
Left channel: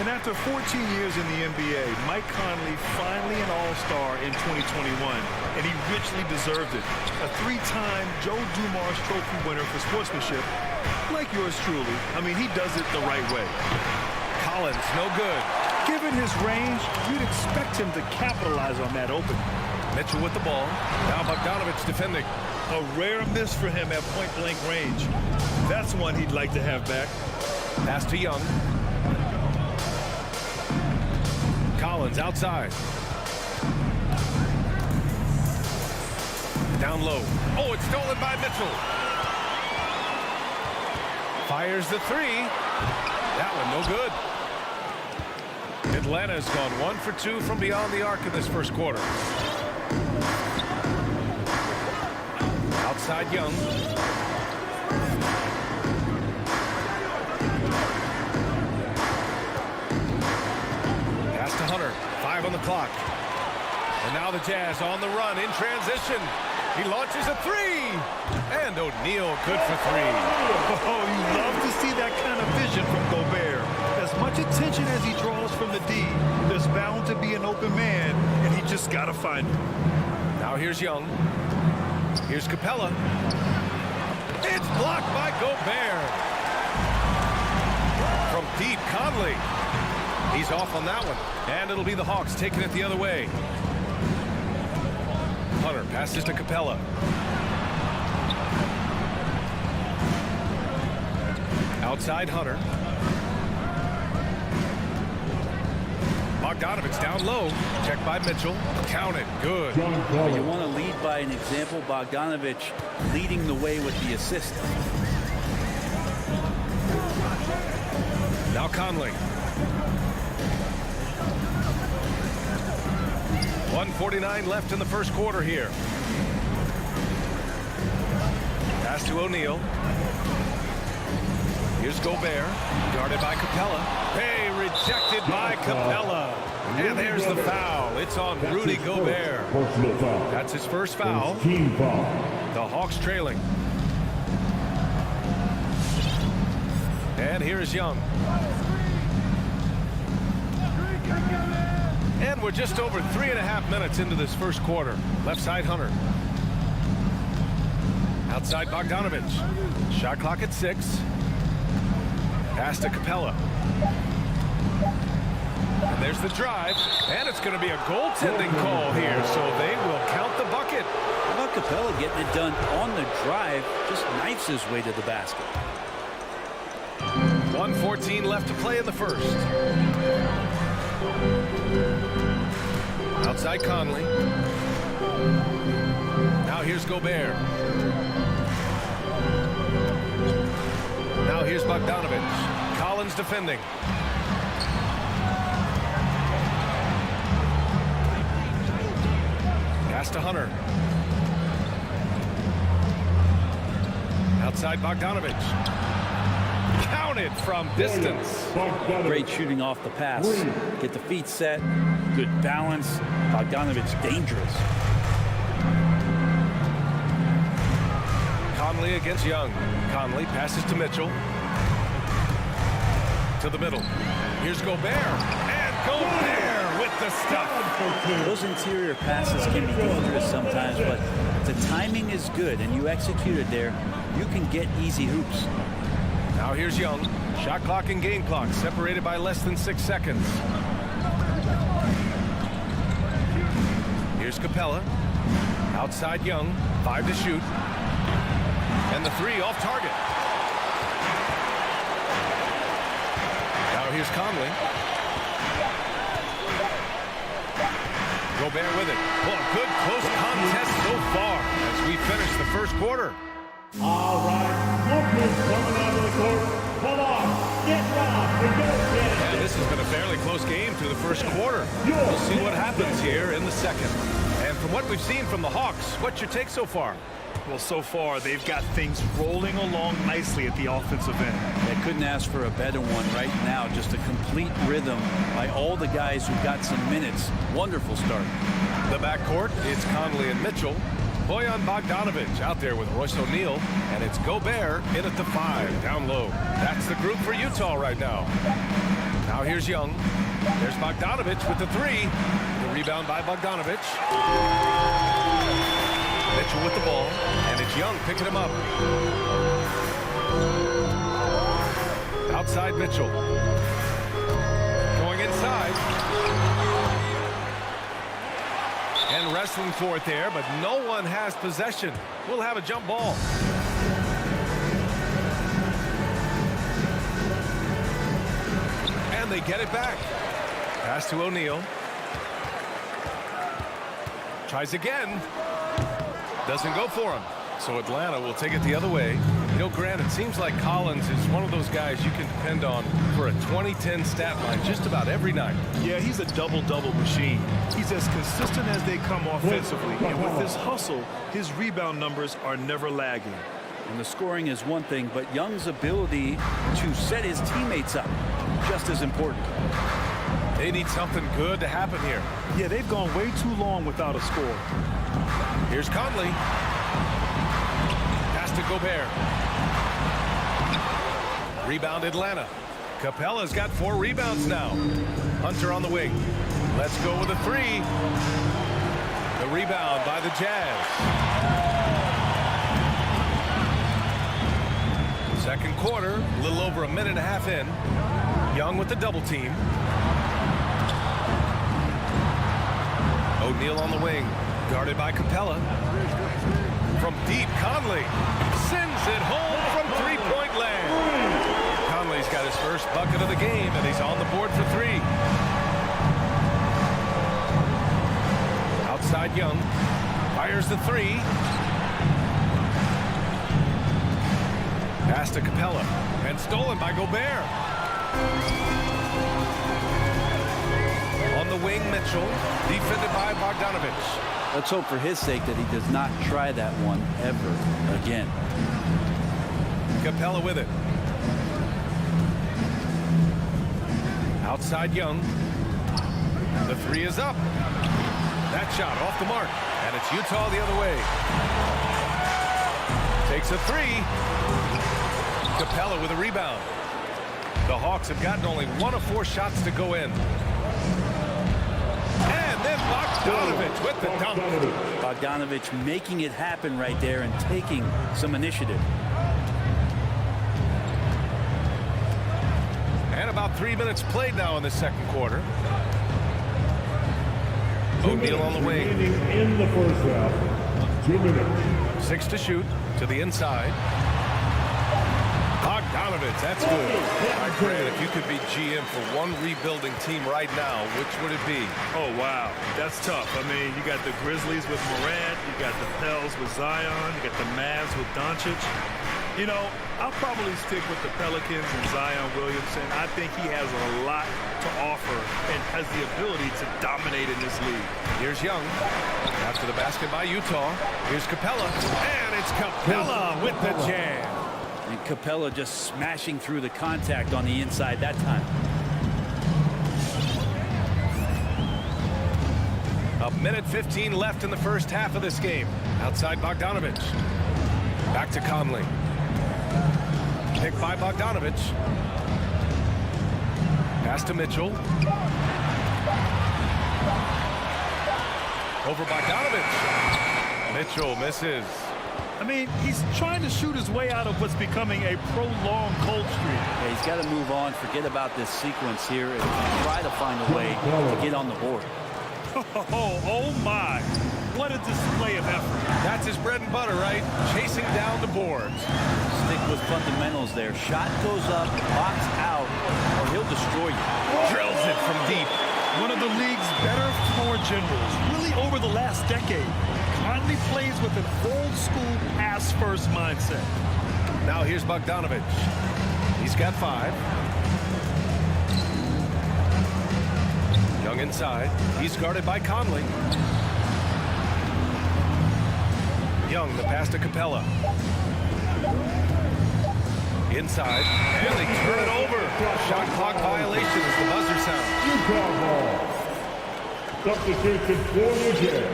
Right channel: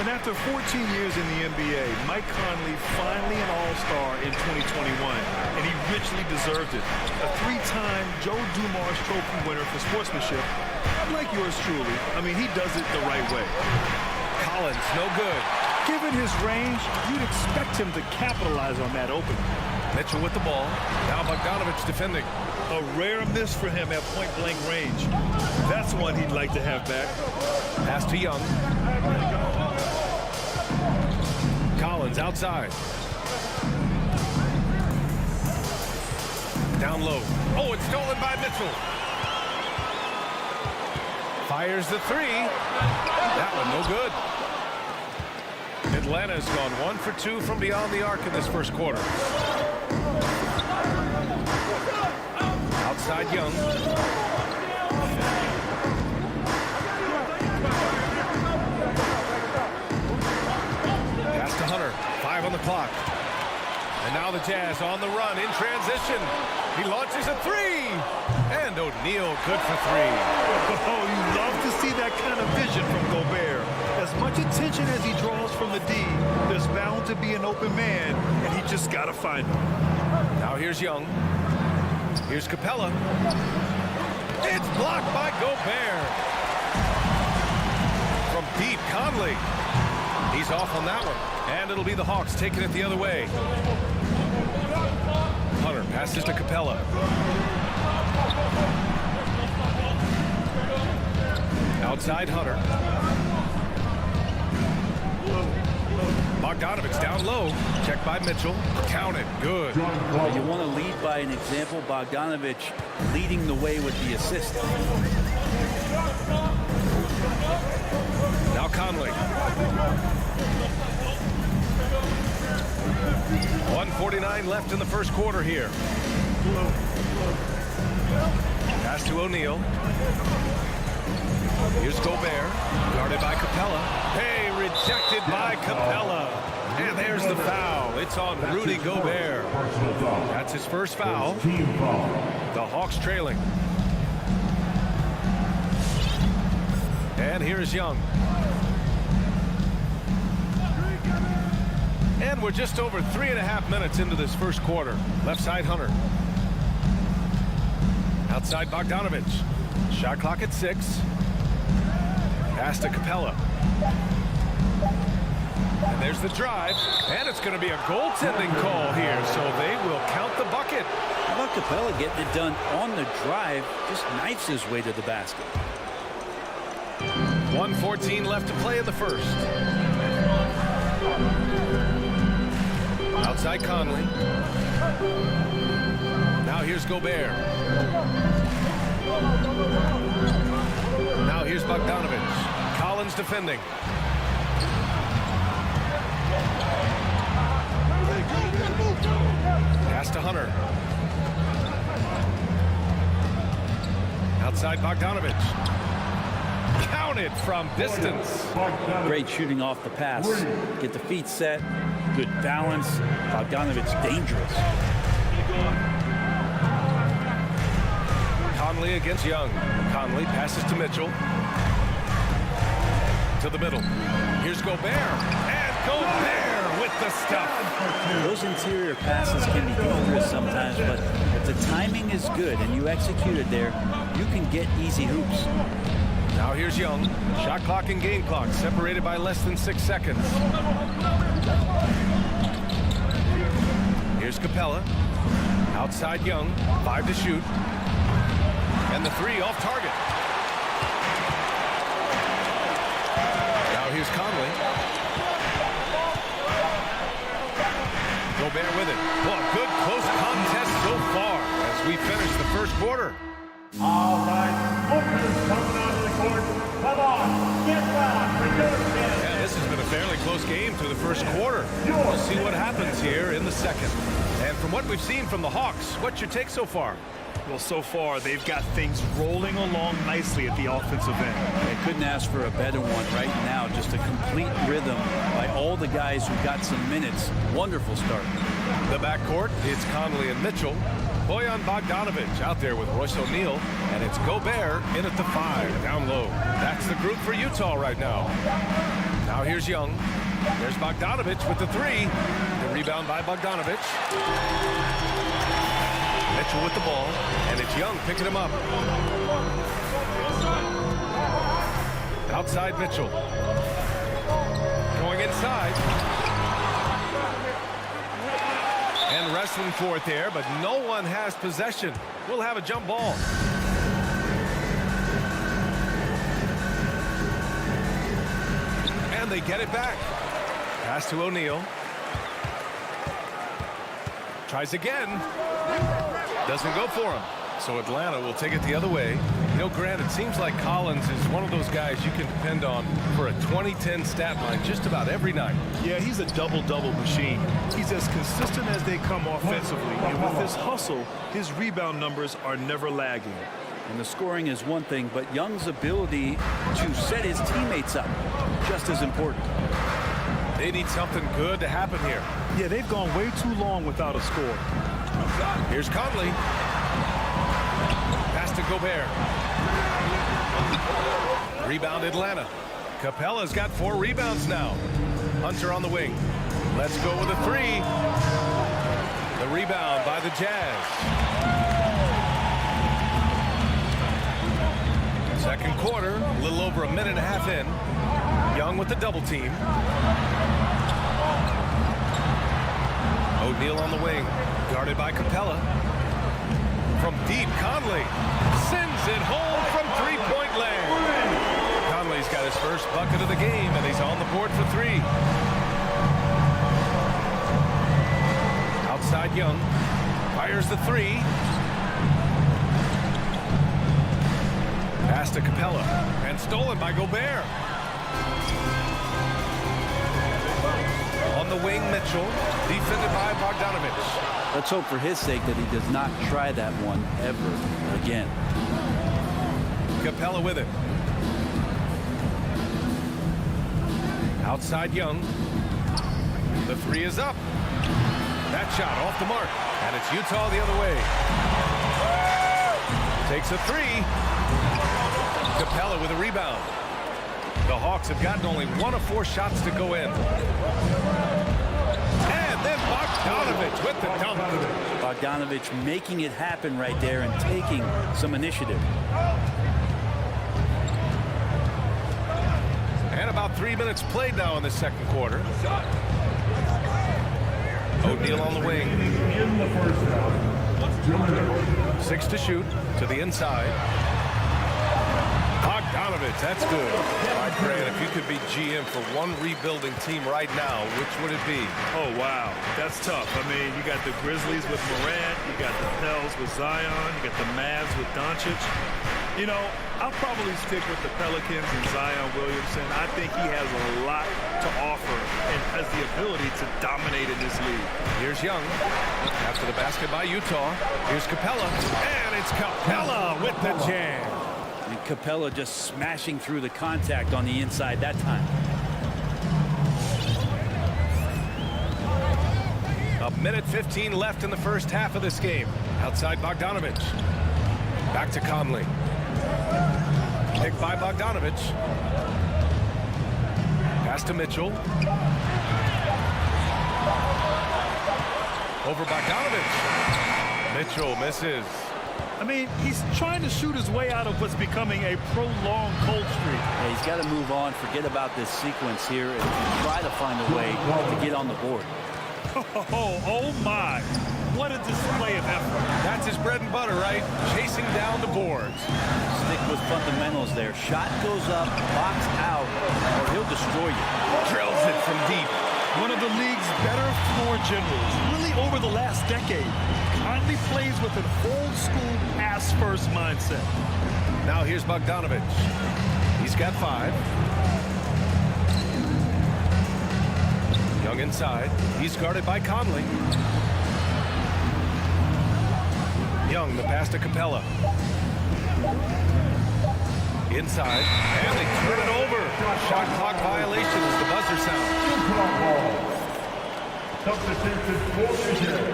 And after 14 years in the NBA, Mike Conley finally an all-star in 2021, and he richly deserved it. A 3-time Joe Dumars Trophy winner for sportsmanship, like yours truly. I mean, he does it the right way. Collins, no good. Given his range, you'd expect him to capitalize on that opening. Mitchell with the ball. Now Bogdanovich defending. A rare miss for him at point-blank range. That's one he'd like to have back. Pass to Young. Collins outside. Down low. Oh, it's stolen by Mitchell. Fires the 3. That one no good. Atlanta has gone 1 for 2 from beyond the arc in this first quarter. Outside Young. Pass to Hunter. 5 on the clock. And now the Jazz on the run in transition. He launches a 3. And O'Neal good for 3. Oh, you love to see that kind of vision from Gobert. As much attention as he draws from the D, there's bound to be an open man, and he just got to find him. Now here's Young. Here's Capella. It's blocked by Gobert. From deep, Conley. He's off on that one. And it'll be the Hawks taking it the other way. Hunter passes to Capella. Outside Hunter. Bogdanovich down low. Checked by Mitchell. Counted. Good. You want to lead by an example. Bogdanovich leading the way with the assist. Now Conley. 1:49 left in the first quarter here. Pass to O'Neal. Here's Gobert, guarded by Capella. Hey, rejected by Capella. And there's the foul. It's on Rudy Gobert. That's his first foul. Team foul. The Hawks trailing. And here's Young. And we're just over 3.5 minutes into this first quarter. Left side Hunter. Outside Bogdanovich. Shot clock at 6. Pass to Capella. And there's the drive. And it's going to be a goaltending call here, so they will count the bucket. How about Capella getting it done on the drive? Just knifes his way to the basket. 1:14 left to play in the first. Outside Conley. Now here's Gobert. Now here's Bogdanovich. Collins defending. Pass to Hunter. Outside Bogdanovich. Counted from distance. Great shooting off the pass. Get the feet set. Good balance. Bogdanovich dangerous. Conley against Young. Conley passes to Mitchell. To the middle. Here's Gobert. And Gobert with the stuff. Those interior passes can be dangerous sometimes, but if the timing is good and you execute it there, you can get easy hoops. Now here's Young. Shot clock and game clock separated by less than 6 seconds. Here's Capella. Outside Young. 5 to shoot. And the 3 off target. Now here's Conley. Gobert with it. Well, a good close contest so far as we finish the first quarter. All right, lookers coming onto the court. Come on, get round. Yeah, this has been a fairly close game through the first quarter. We'll see what happens here in the second. And from what we've seen from the Hawks, what's your take so far? Well, so far, they've got things rolling along nicely at the offensive end. They couldn't ask for a better one right now. Just a complete rhythm by all the guys who got some minutes. Wonderful start. The backcourt, it's Conley and Mitchell. Bojan Bogdanovic out there with Royce O'Neal, and it's Gobert in at the 5, down low. That's the group for Utah right now. Now here's Young. There's Bogdanovic with the 3. The rebound by Bogdanovic. Mitchell with the ball, and it's Young picking him up. Outside Mitchell. Going inside. And wrestling for it there, but no one has possession. We'll have a jump ball. And they get it back. Pass to O'Neal. Tries again. Doesn't go for him. So Atlanta will take it the other way. You know, Grant, it seems like Collins is one of those guys you can depend on for a 2010 stat line just about every night. Yeah, he's a double-double machine. He's as consistent as they come offensively, and with his hustle, his rebound numbers are never lagging. And the scoring is one thing, but Young's ability to set his teammates up, just as important. They need something good to happen here. Yeah, they've gone way too long without a score. Here's Conley. Pass to Gobert. Rebound Atlanta. Capella's got 4 rebounds now. Hunter on the wing. Let's go with a 3. The rebound by the Jazz. Second quarter, a little over a minute and a half in. Young with the double team. O'Neal on the wing. Guarded by Capella. From deep, Conley sends it home from three-point land. Conley's got his first bucket of the game, and he's on the board for 3. Outside Young. Fires the 3. Pass to Capella. And stolen by Gobert. On the wing, Mitchell. Defended by Bogdanovic. Let's hope for his sake that he does not try that one ever again. Capella with it. Outside Young. The 3 is up. That shot off the mark. And it's Utah the other way. Takes a 3. Capella with a rebound. The Hawks have gotten only 1 of 4 shots to go in. And then Bogdanovic with the dunk. Bogdanovic making it happen right there and taking some initiative. And about 3 minutes played now in the second quarter. O'Neal on the wing. In the first half, 2 minutes. 6 to shoot to the inside. Bogdanovic, that's good. All right, Grant, if you could be GM for one rebuilding team right now, which would it be? Oh, wow. That's tough. I mean, you got the Grizzlies with Morant. You got the Pels with Zion. You got the Mavs with Doncic. You know, I'll probably stick with the Pelicans and Zion Williamson. I think he has a lot to offer and has the ability to dominate in this league. Here's Young. After the basket by Utah. Here's Capella. And it's Capella with the jam. And Capella just smashing through the contact on the inside that time. A minute 15 left in the first half of this game. Outside Bogdanovic. Back to Conley. Picked by Bogdanovic. Pass to Mitchell. Over Bogdanovich. Mitchell misses. I mean, he's trying to shoot his way out of what's becoming a prolonged cold streak. Yeah, he's got to move on, forget about this sequence here, and try to find a way to get on the board. Oh my. What a display of effort. That's his bread and butter, right? Chasing down the boards. Stick with fundamentals there. Shot goes up, box out, or he'll destroy you. Drills it from deep. One of the league's better floor generals, really over the last decade. Conley plays with an old-school pass-first mindset. Now here's Bogdanovich. He's got 5. Young inside. He's guarded by Conley. Young, the pass to Capella. Inside, and they turn it over. Shot clock violation as the buzzer sounds. Utah ball. Substitution for Michigan.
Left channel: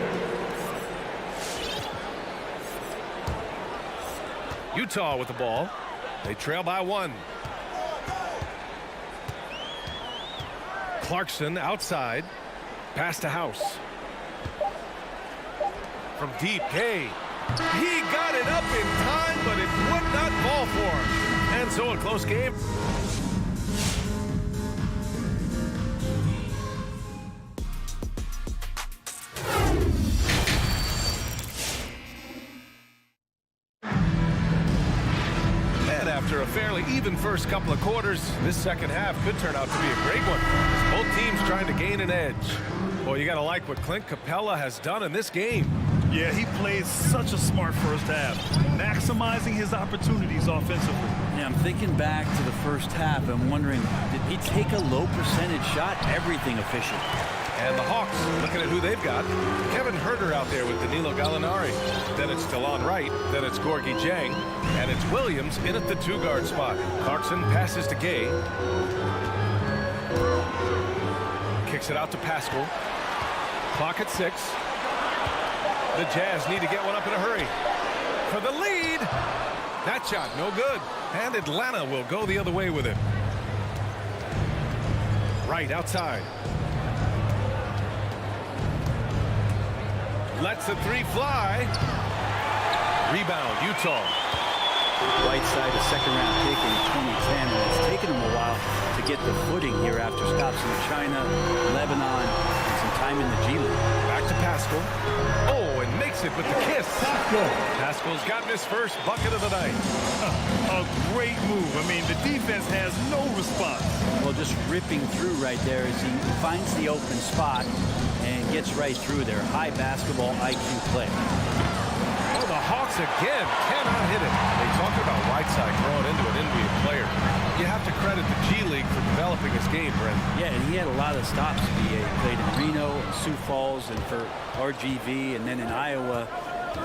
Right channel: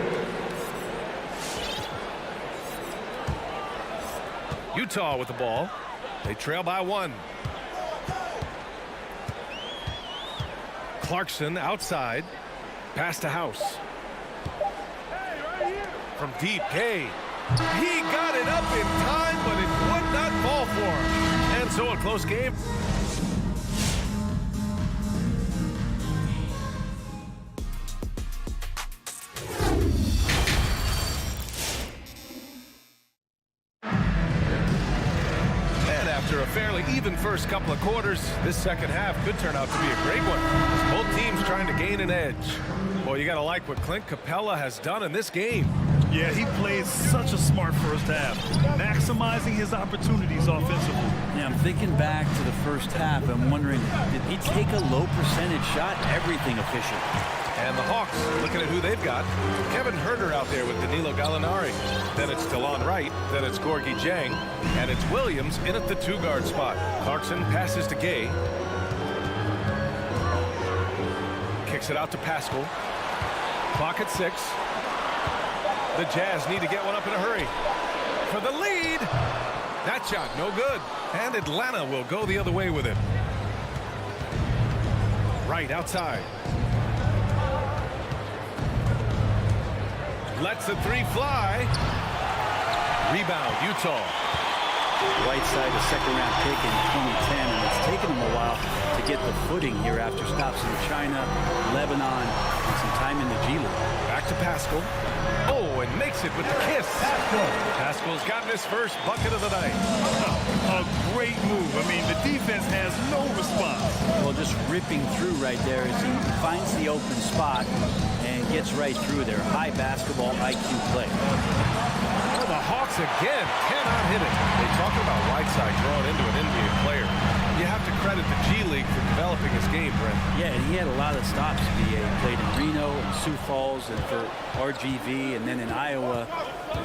Utah with the ball. They trail by 1. Clarkson outside. Pass to House. From deep, Gay. He got it up in time, but it would not fall for him. And so a close game. And after a fairly even first couple of quarters, this second half could turn out to be a great one, as both teams trying to gain an edge. Boy, you got to like what Clint Capella has done in this game. Yeah, he plays such a smart first half, maximizing his opportunities offensively. Yeah, I'm thinking back to the first half. I'm wondering, did he take a low percentage shot? Everything efficient. And the Hawks, looking at who they've got. Kevin Huerter out there with Danilo Gallinari. Then it's Delon Wright. Then it's Gorgui Dieng. And it's Williams in at the 2-guard spot. Clarkson passes to Gay. Kicks it out to Pascal. Clock at 6. The Jazz need to get one up in a hurry. For the lead. That shot, no good. And Atlanta will go the other way with it. Right outside. Lets the 3 fly. Rebound, Utah. Whiteside, a second-round pick in 2010, and it's taken him a while to get the footing here after stops in China, Lebanon, and some time in the G League. Back to Pascal. Oh, and makes it with the kiss. Pascal's gotten his first bucket of the night. A great move. I mean, the defense has no response. Well, just ripping through right there as he finds the open spot and gets right through there. High basketball IQ play. Oh, the Hawks again cannot hit it. They talk about Whiteside growing into an NBA player. You have to credit the G League for developing his game, Brent. Yeah, and he had a lot of stops. He played in Reno and Sioux Falls and for RGV and then in Iowa.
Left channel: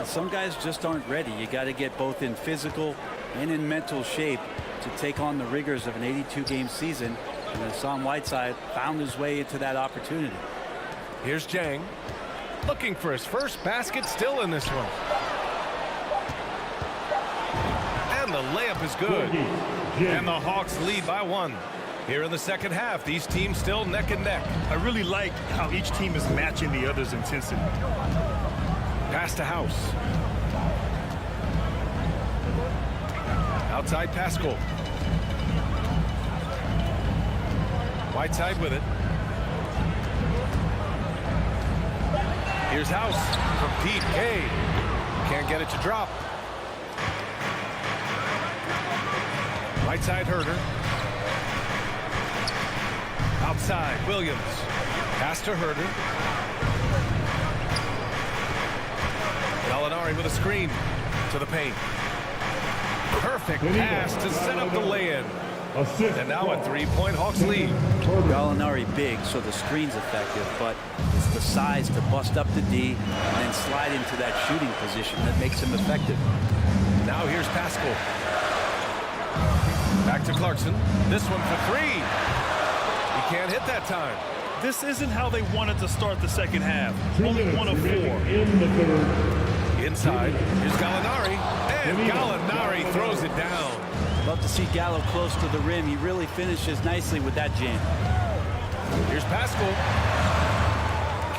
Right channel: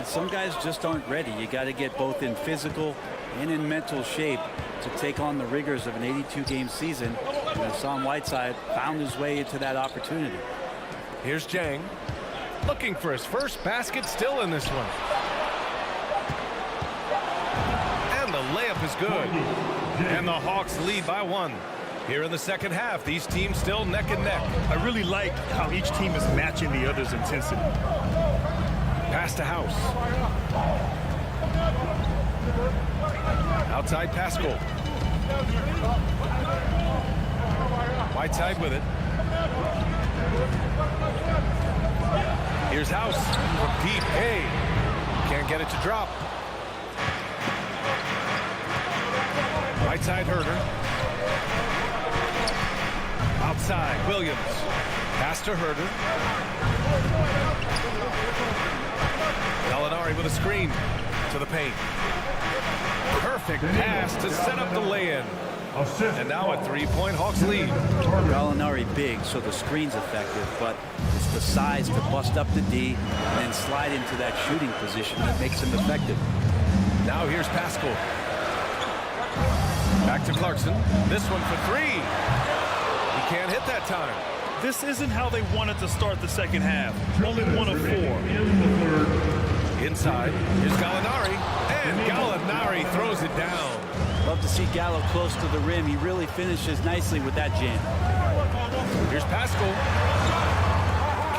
Some guys just aren't ready. You got to get both in physical and in mental shape to take on the rigors of an 82-game season. And Hassan Whiteside found his way into that opportunity. Here's Dieng, looking for his first basket, still in this one. And the layup is good. And the Hawks lead by 1. Here in the second half, these teams still neck and neck. I really like how each team is matching the other's intensity. Pass to House. Outside Pascal. Whiteside with it. Here's House from deep. Hey, can't get it to drop. Whiteside Huerter. Outside Williams. Pass to Huerter. Gallinari with a screen to the paint. Perfect pass to set up the lay-in. And now a 3-point Hawks lead. Gallinari big, so the screen's effective, but it's the size to bust up the D and then slide into that shooting position that makes him effective. Now here's Pascal. Back to Clarkson. This one for 3. He can't hit that time. This isn't how they wanted to start the second half. Only 1 of 4. In the third. Inside, here's Gallinari. And Gallinari throws it down. Love to see Gallo close to the rim. He really finishes nicely with that jam. Here's Pascal.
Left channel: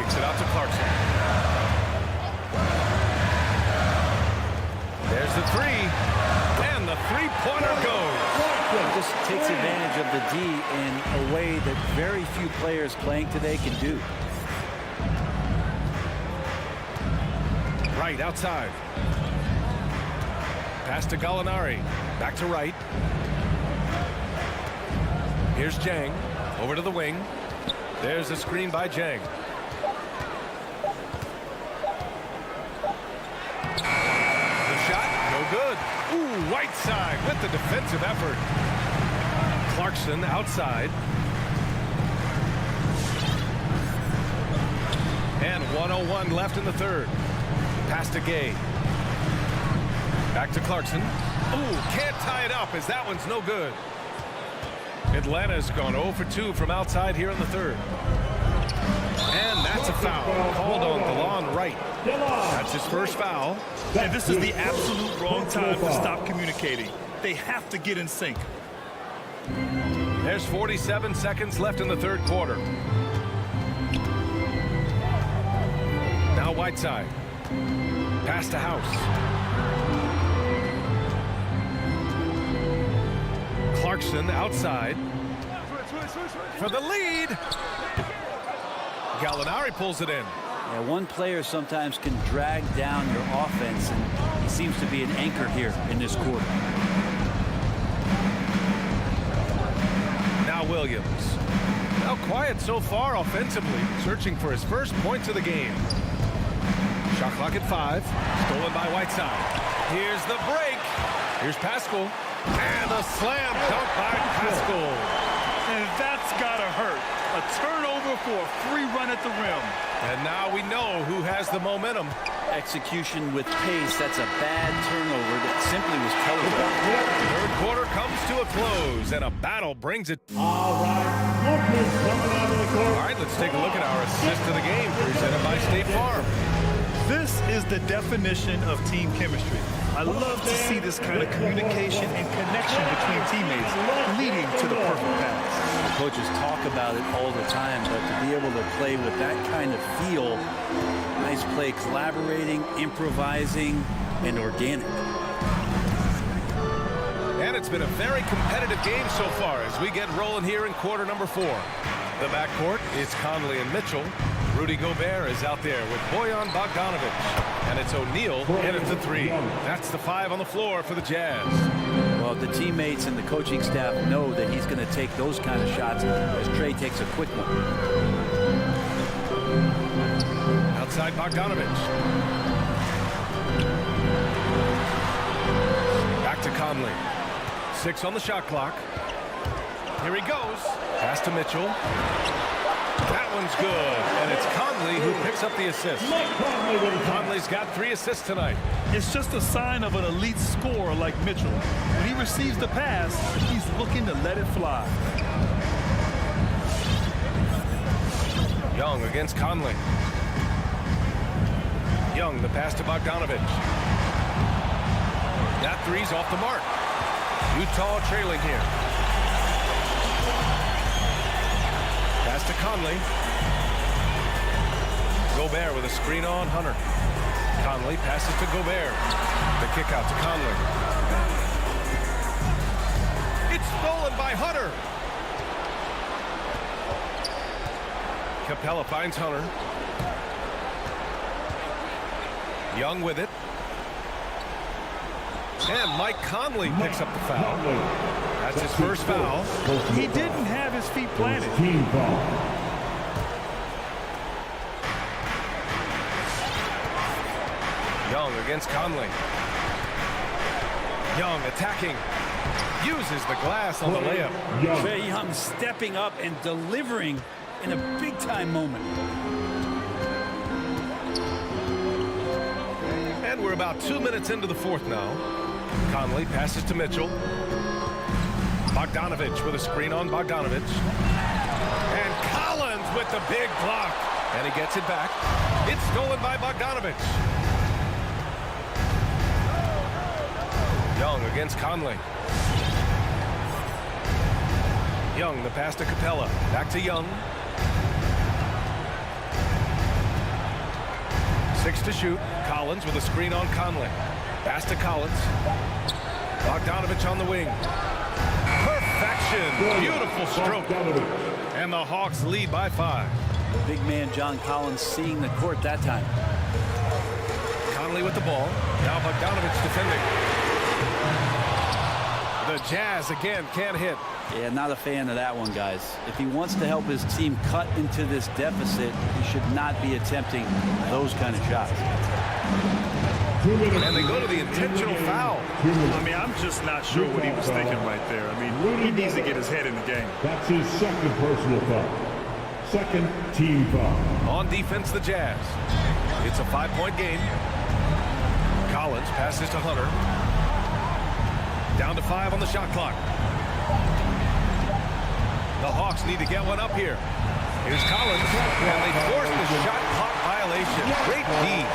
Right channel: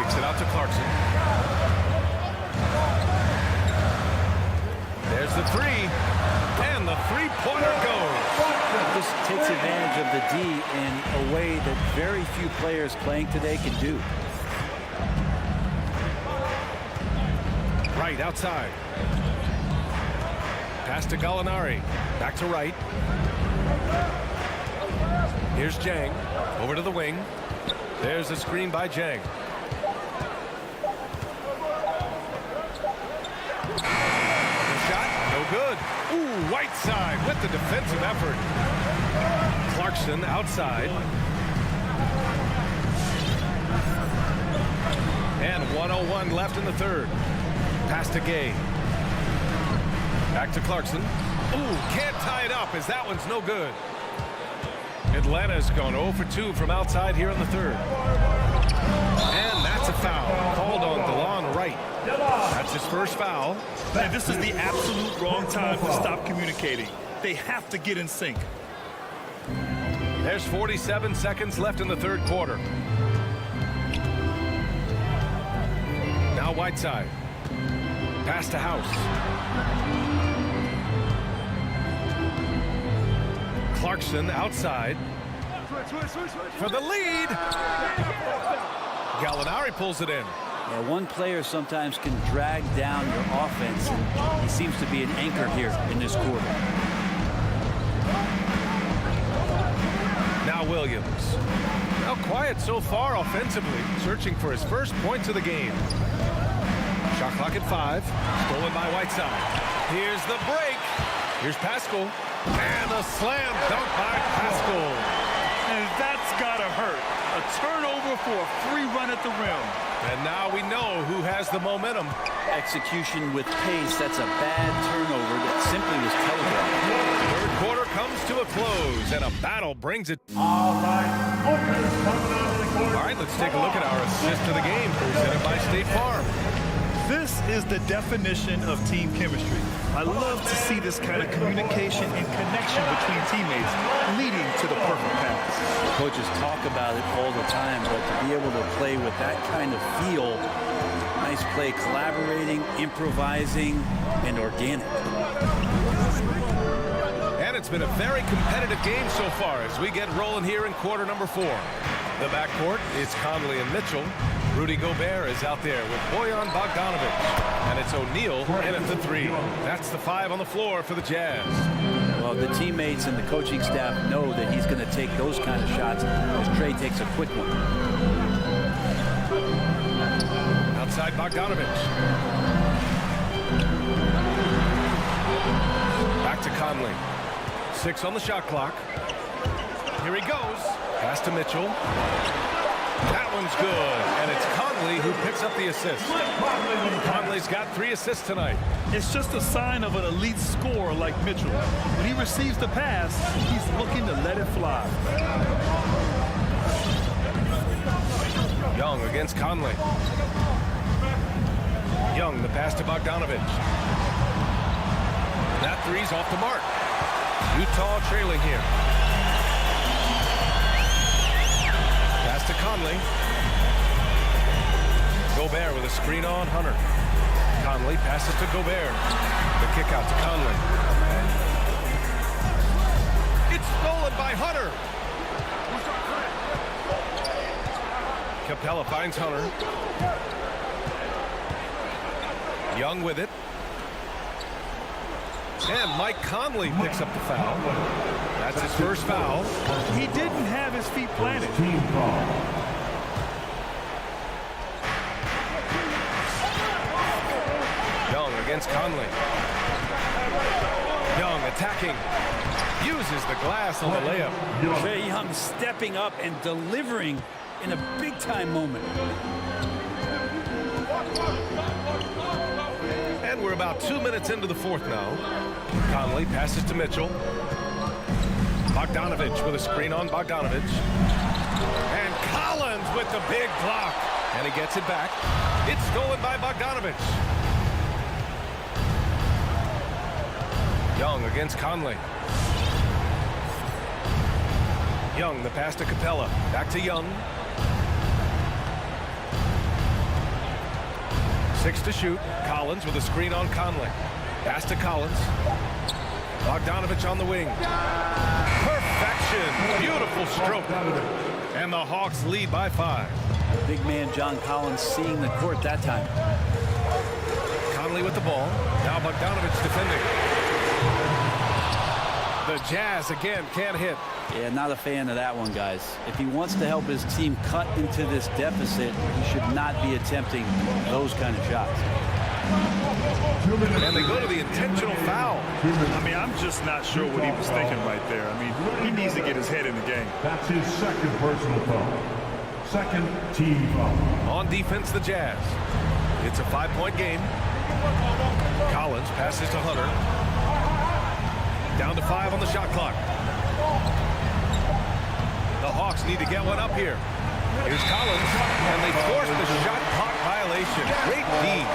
Kicks it out to Clarkson. There's the three. And the three-pointer goes. He just takes advantage of the D in a way that very few players playing today can do. Right outside. Pass to Gallinari. Back to right. Here's Jang. Over to the wing. There's a screen by Jang. The shot, no good. Ooh, Whiteside with the defensive effort. Clarkson outside. And 1:01 left in the third. Pass to Gay. Back to Clarkson. Ooh, can't tie it up as that one's no good. Atlanta's gone 0 for 2 from outside here in the third. And that's a foul called on DeLon Wright. That's his first foul. And this is the absolute wrong time to stop communicating. They have to get in sync. There's 47 seconds left in the third quarter. Now Whiteside. Pass to House. Clarkson outside. For the lead. Gallinari pulls it in. Yeah, one player sometimes can drag down your offense, and he seems to be an anchor here in this quarter. Now Williams. Now quiet so far offensively, searching for his first points of the game. Shot clock at 5. Stolen by Whiteside. Here's the break. Here's Pascal. And a slam dunk by Pascal. And that's gotta hurt. A turnover for a free run at the rim. And now we know who has the momentum. Execution with pace. That's a bad turnover that simply was telegraphed. Third quarter comes to a close, and a battle brings it. All right, Booker's coming out of the court. All right, let's take a look at our assist of the game, presented by State Farm. This is the definition of team chemistry. I love to see this kind of communication and connection between teammates leading to the perfect pass. The coaches talk about it all the time, but to be able to play with that kind of feel, nice play, collaborating, improvising, and organic. And it's been a very competitive game so far as we get rolling here in quarter number 4. The backcourt is Conley and Mitchell. Rudy Gobert is out there with Bojan Bogdanovic. And it's O'Neal in at the 3. That's the 5 on the floor for the Jazz. Well, the teammates and the coaching staff know that he's going to take those kind of shots as Trey takes a quick one. Outside Bogdanovic. Back to Conley. 6 on the shot clock. Here he goes. Pass to Mitchell. That one's good. And it's Conley who picks up the assist. Conley's got 3 assists tonight. It's just a sign of an elite scorer like Mitchell. When he receives the pass, he's looking to let it fly. Young against Conley. Young, the pass to Bogdanovic. That 3's off the mark. Utah trailing here. Pass to Conley. Gobert with a screen on Hunter. Conley passes to Gobert. The kick out to Conley. It's stolen by Hunter. Capella finds Hunter. Young with it. And Mike Conley picks up the foul. That's his first foul. He didn't have his feet planted. Team foul. Young against Conley. Young attacking. Uses the glass on the layup. Trae Young stepping up and delivering in a big-time moment. And we're about 2 minutes into the fourth now. Conley passes to Mitchell. Bogdanovic with a screen on Bogdanovic. And Collins with the big block. And he gets it back. It's stolen by Bogdanovic. Young against Conley. Young, the pass to Capella. Back to Young. 6 to shoot. Collins with a screen on Conley. Pass to Collins. Bogdanovich on the wing. Perfection. Beautiful stroke. And the Hawks lead by 5. Big man John Collins seeing the court that time. Conley with the ball. Now Bogdanovich defending. The Jazz again can't hit. Yeah, not a fan of that one, guys. If he wants to help his team cut into this deficit, he should not be attempting those kind of shots. And they go to the intentional foul. I mean, I'm just not sure what he was thinking right there. I mean, he needs to get his head in the game. That's his second personal foul. Second team foul. On defense, the Jazz. It's a 5-point game. Collins passes to Hunter. Down to 5 on the shot clock. The Hawks need to get one up here. Here's Collins, and they force the shot clock violation. Great D.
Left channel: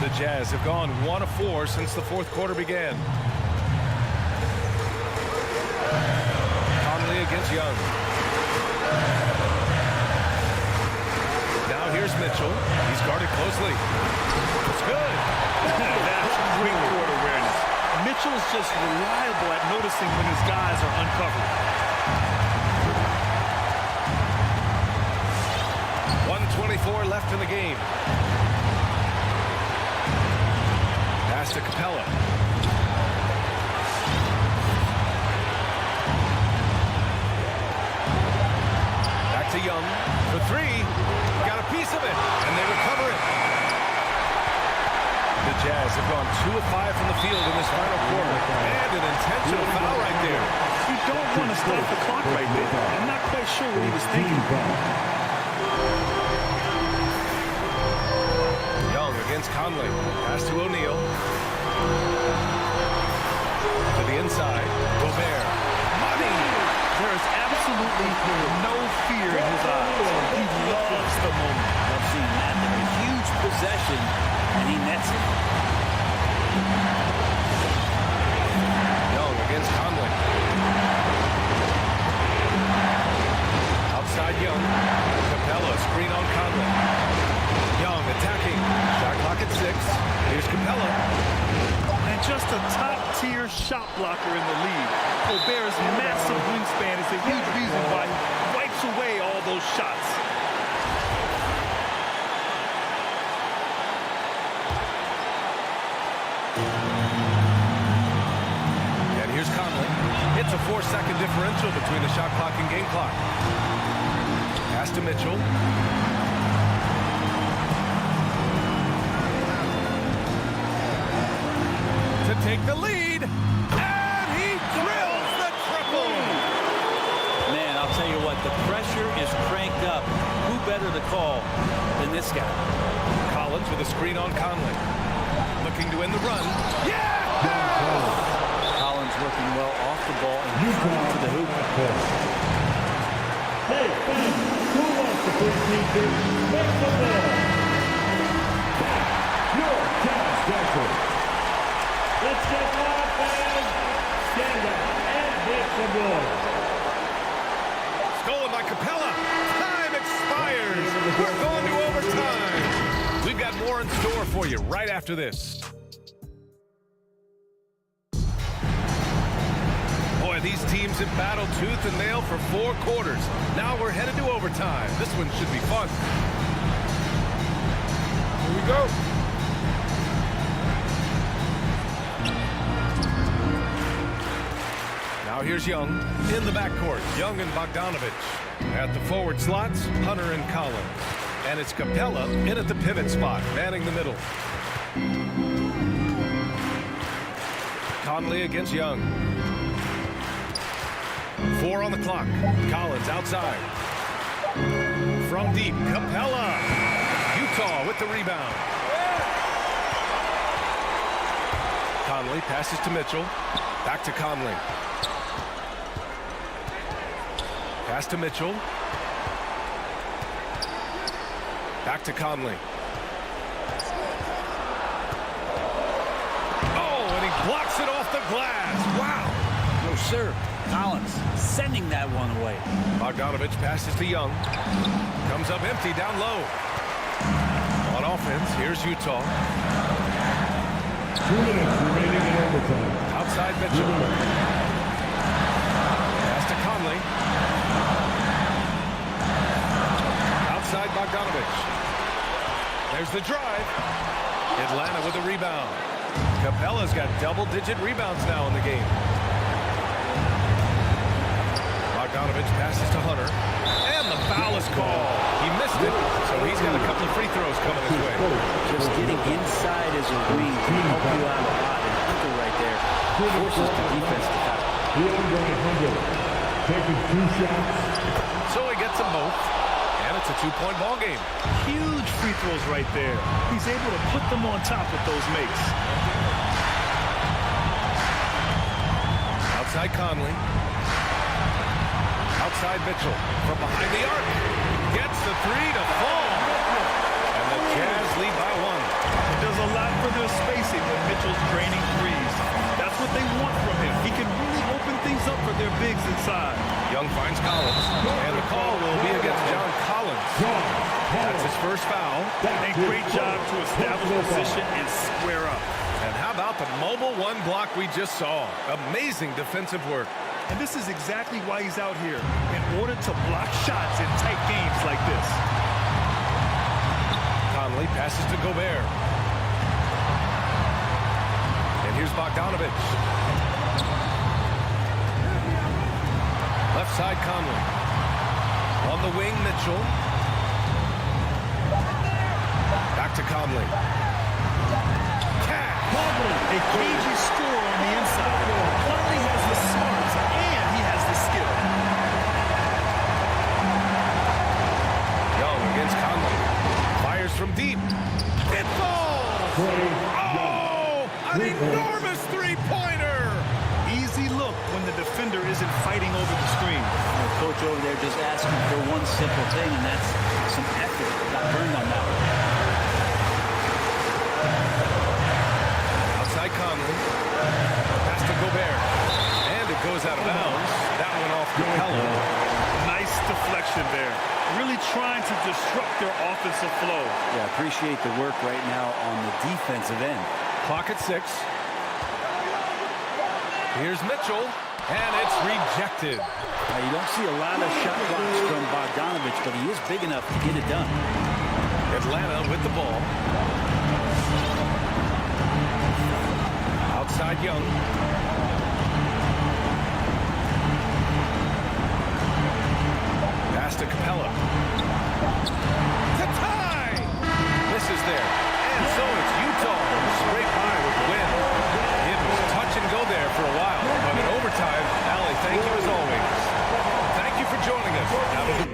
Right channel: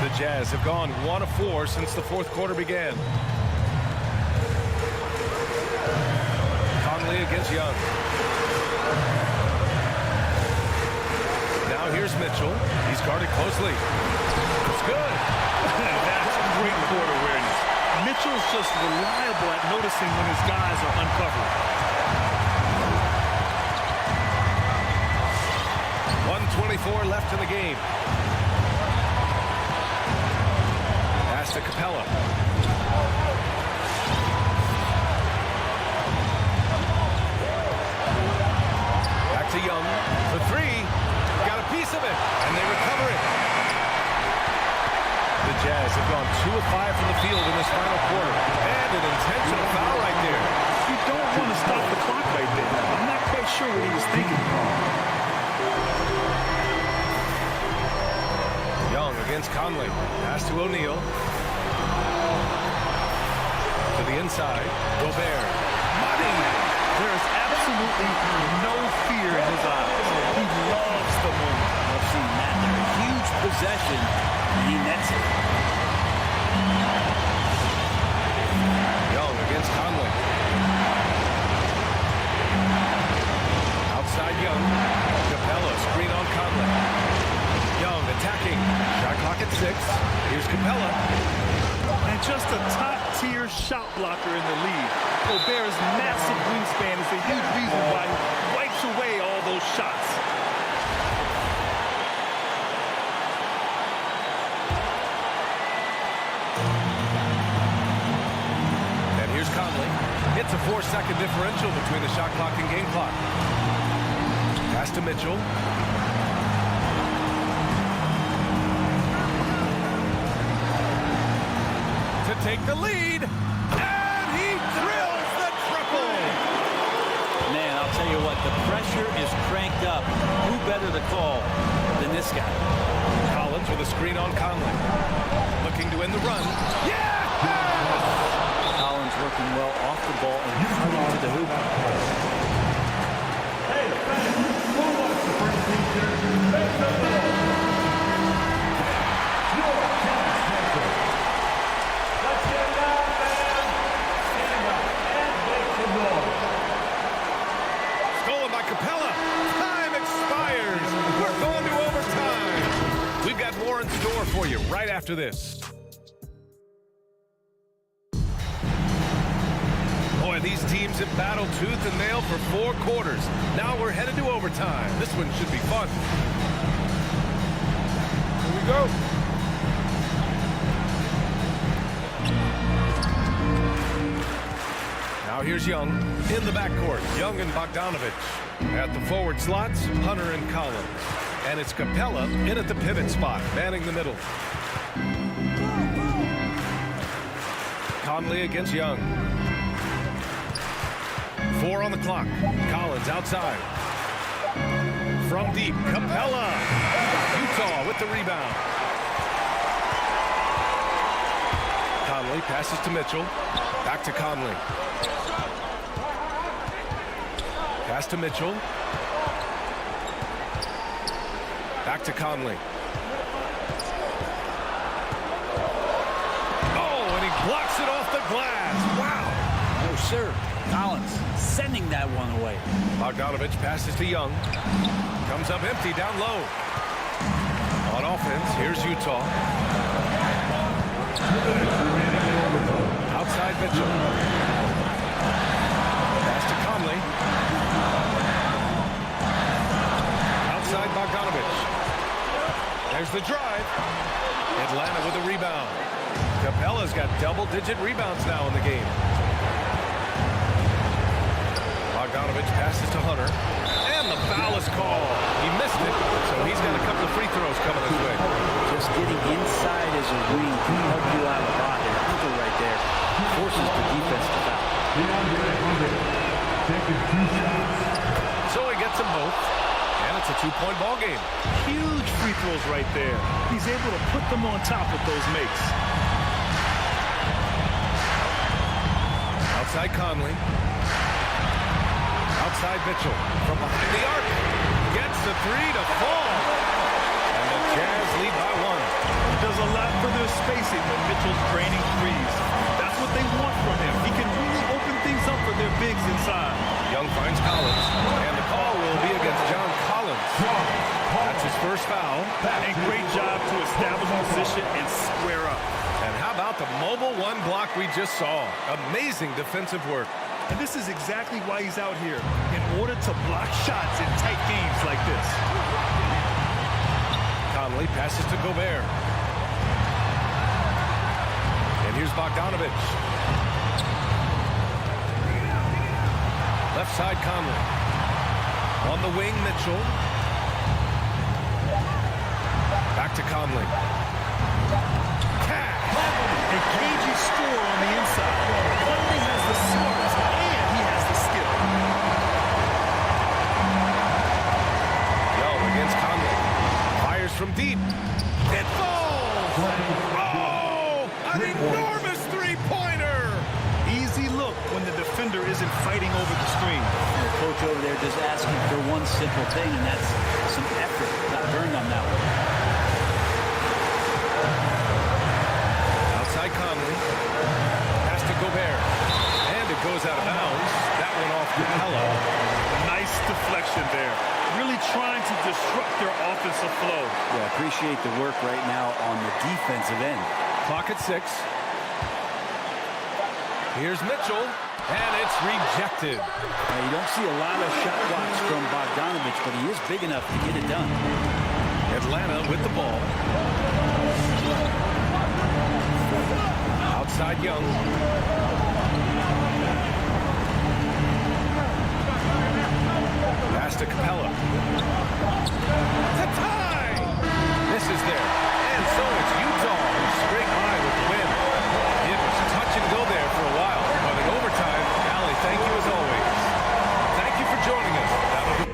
The Jazz have gone 1 of 4 since the fourth quarter began. Conley against Young. Now here's Mitchell. He's guarded closely. It's good. That's great court awareness. Mitchell's just reliable at noticing when his guys are uncovered. 1:24 left in the game. Pass to Capella. Back to Young for 3. Got a piece of it, and they recover it. The Jazz have gone 2 of 5 from the field in this final quarter. And an intentional foul right there. You don't want to stop the clock right there. I'm not quite sure what he was thinking. Young against Conley. Pass to O'Neal. To the inside. Gobert. Money! There is absolutely no fear in his eyes. He loves the moment. Love seeing that there. A huge possession, and he nets it. Young against Conley. Outside Young. Capella, screen on Conley. Young attacking. Shot clock at 6. Here's Capella. And just a top-tier shot blocker in the league. Gobert's massive wingspan is a huge reason why he wipes away all those shots. And here's Conley. It's a 4-second differential between the shot clock and game clock. Pass to Mitchell. To take the lead, and he drills the triple. Man, I'll tell you what, the pressure is cranked up. Who better to call than this guy? Collins with a screen on Conley. Looking to end the run. Yeah! Collins working well off the ball and cutting to the hoop. Hey, fans, who wants the first teacher? Make some noise. Your Chad Jackson. Let's get loud, fans. Stand up and make some noise. Stolen by Capella. Time expires. We're going to overtime. We've got more in store for you right after this. Boy, these teams have battled tooth and nail for 4 quarters. Now we're headed to overtime. This one should be fun. Here we go. Now here's Young in the backcourt. Young and Bogdanovich. At the forward slots, Hunter and Collins. And it's Capella in at the pivot spot, manning the middle. Conley against Young. 4 on the clock. Collins outside. From deep, Capella. Utah with the rebound. Conley passes to Mitchell. Back to Conley. Pass to Mitchell. Back to Conley. Oh, and he blocks it off the glass. Wow. No, sir. Collins sending that one away. Bogdanovich passes to Young. Comes up empty down low. On offense, here's Utah. 2 minutes remaining in overtime. Outside Mitchell. Pass to Conley. Outside Bogdanovich. There's the drive. Atlanta with a rebound. Capella's got double-digit rebounds now in the game. Bogdanovich passes to Hunter. And the foul is called. He missed it, so he's got a couple of free throws coming his way. Just getting inside as a wing can help you out a lot. And Hunter right there forces the defense to foul. DeAndre Hunter taking 2 shots. So he gets them both. And it's a 2-point ball game. Huge free throws right there. He's able to put them on top with those makes. Outside Conley. Outside Mitchell. From behind the arc. Gets the 3 to fall. And the Jazz lead by 1. He does a lot for their spacing when Mitchell's draining threes. That's what they want from him. He can really open things up for their bigs inside. Young finds Collins. And the call will be against John Collins. That's his first foul. And great job to establish position and square up. And how about the mobile 1 block we just saw? Amazing defensive work. And this is exactly why he's out here, in order to block shots in tight games like this. Conley passes to Gobert. And here's Bogdanovich. Left side Conley. On the wing, Mitchell. Back to Conley. Cash! A cagey score on the inside. Conley has the smarts and he has the skill. Young against Conley. Fires from deep. It falls! Oh! An enormous three-pointer! Easy look when the defender isn't fighting over the screen. The coach over there just asking for one simple thing, and that's some effort. Not burned on that one. Outside Conley. Pass to Gobert. And it goes out of bounds. That one off Capella. Nice deflection there. Really trying to disrupt their offensive flow. Yeah, appreciate the work right now on the defensive end. Clock at 6. Here's Mitchell. And it's rejected. Now, you don't see a lot of shot blocks from Bogdanovich, but he is big enough to get it done. Atlanta with the ball. Outside Young. Pass to Capella. To tie! Misses there. And so it's Utah who scraped by with the win. It was touch and go there for a while, but in overtime, Allie, thank you as always. Thank you for joining us. That'll do.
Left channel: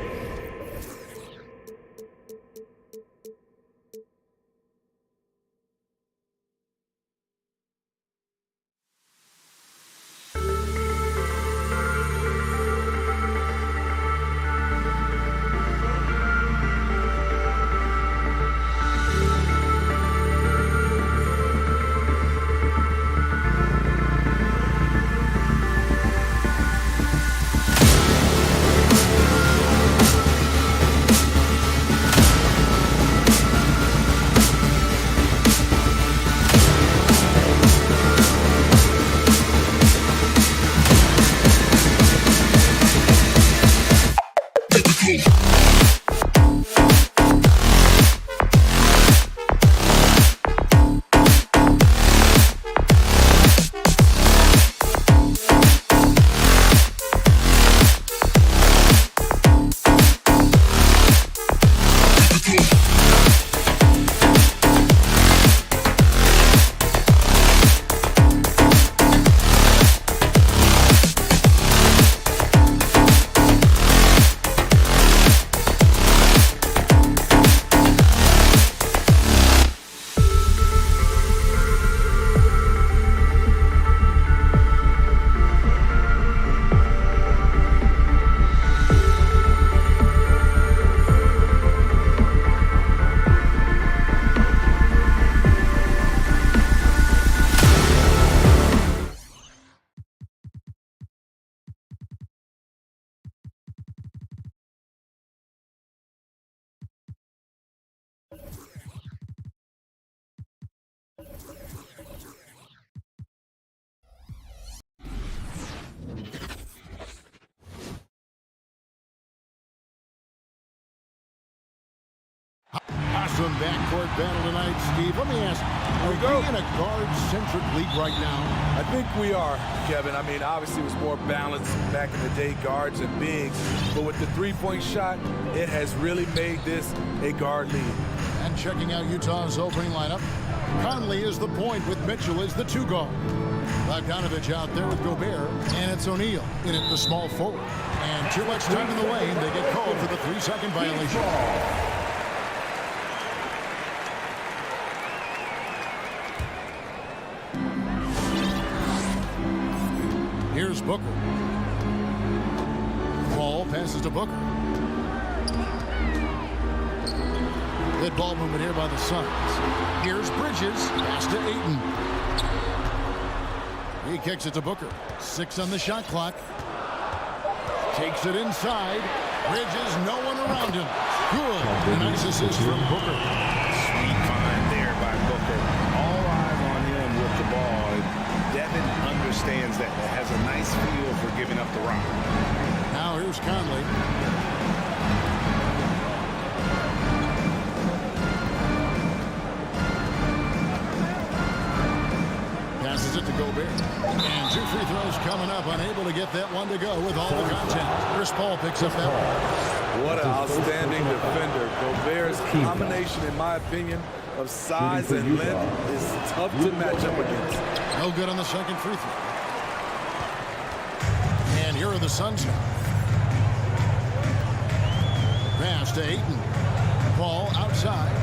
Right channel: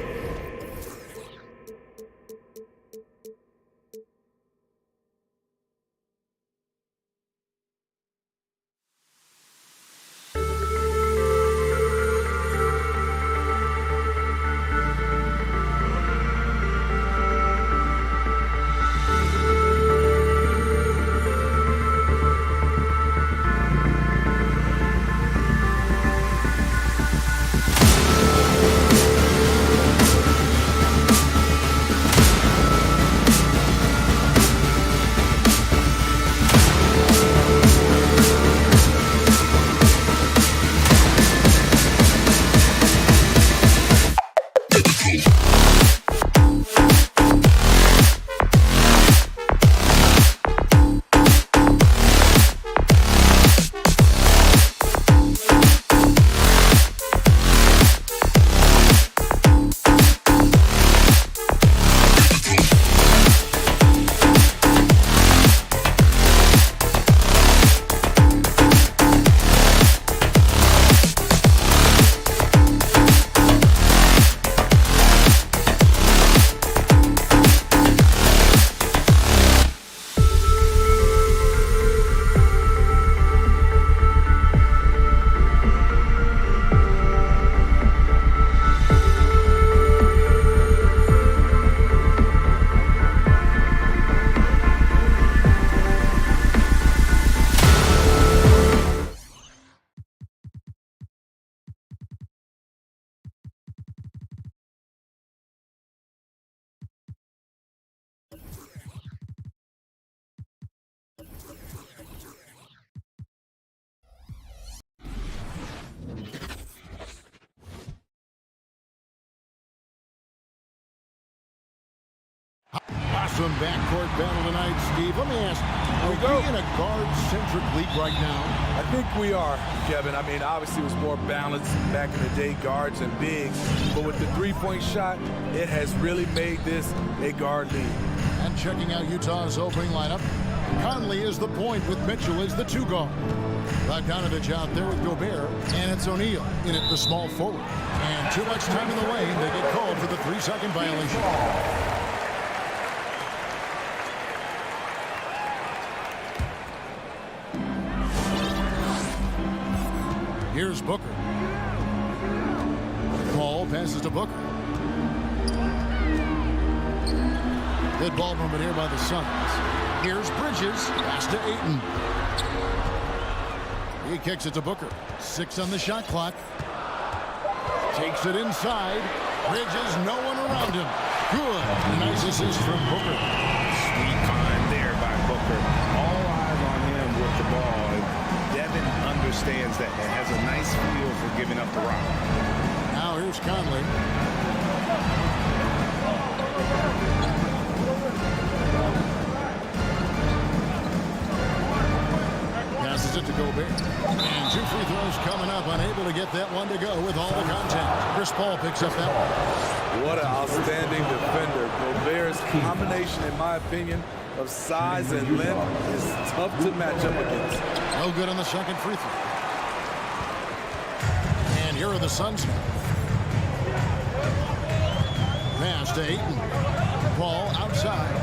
Some backcourt battle tonight, Steve. Let me ask, are we in a guard-centric league right now? I think we are, Kevin. I mean, obviously it was more balanced back in the day, guards and bigs. But with the three-point shot, it has really made this a guard league. And checking out Utah's opening lineup, Conley is the point with Mitchell as the two guard. Bogdanovich out there with Gobert, and it's O'Neal in at the small forward. And too much time in the lane, they get called for the 3-second violation. Here's Booker. Paul passes to Booker. Good ball movement here by the Suns. Here's Bridges. Pass to Ayton. He kicks it to Booker. 6 on the shot clock. Takes it inside. Bridges, no one around him. Good. A nice assist from Booker. Sweet find there by Booker. All eyes on him with the ball. And Devin understands that. That has a nice feel for giving up the rock. Now here's Conley. Passes it to Gobert. And 2 free throws coming up. Unable to get that one to go with all the contact. Chris Paul picks up that one. What an outstanding defender. Gobert's combination, in my opinion, of size and length is tough to match up against. No good on the second free throw. And here are the Suns now. Pass to Ayton. Paul outside.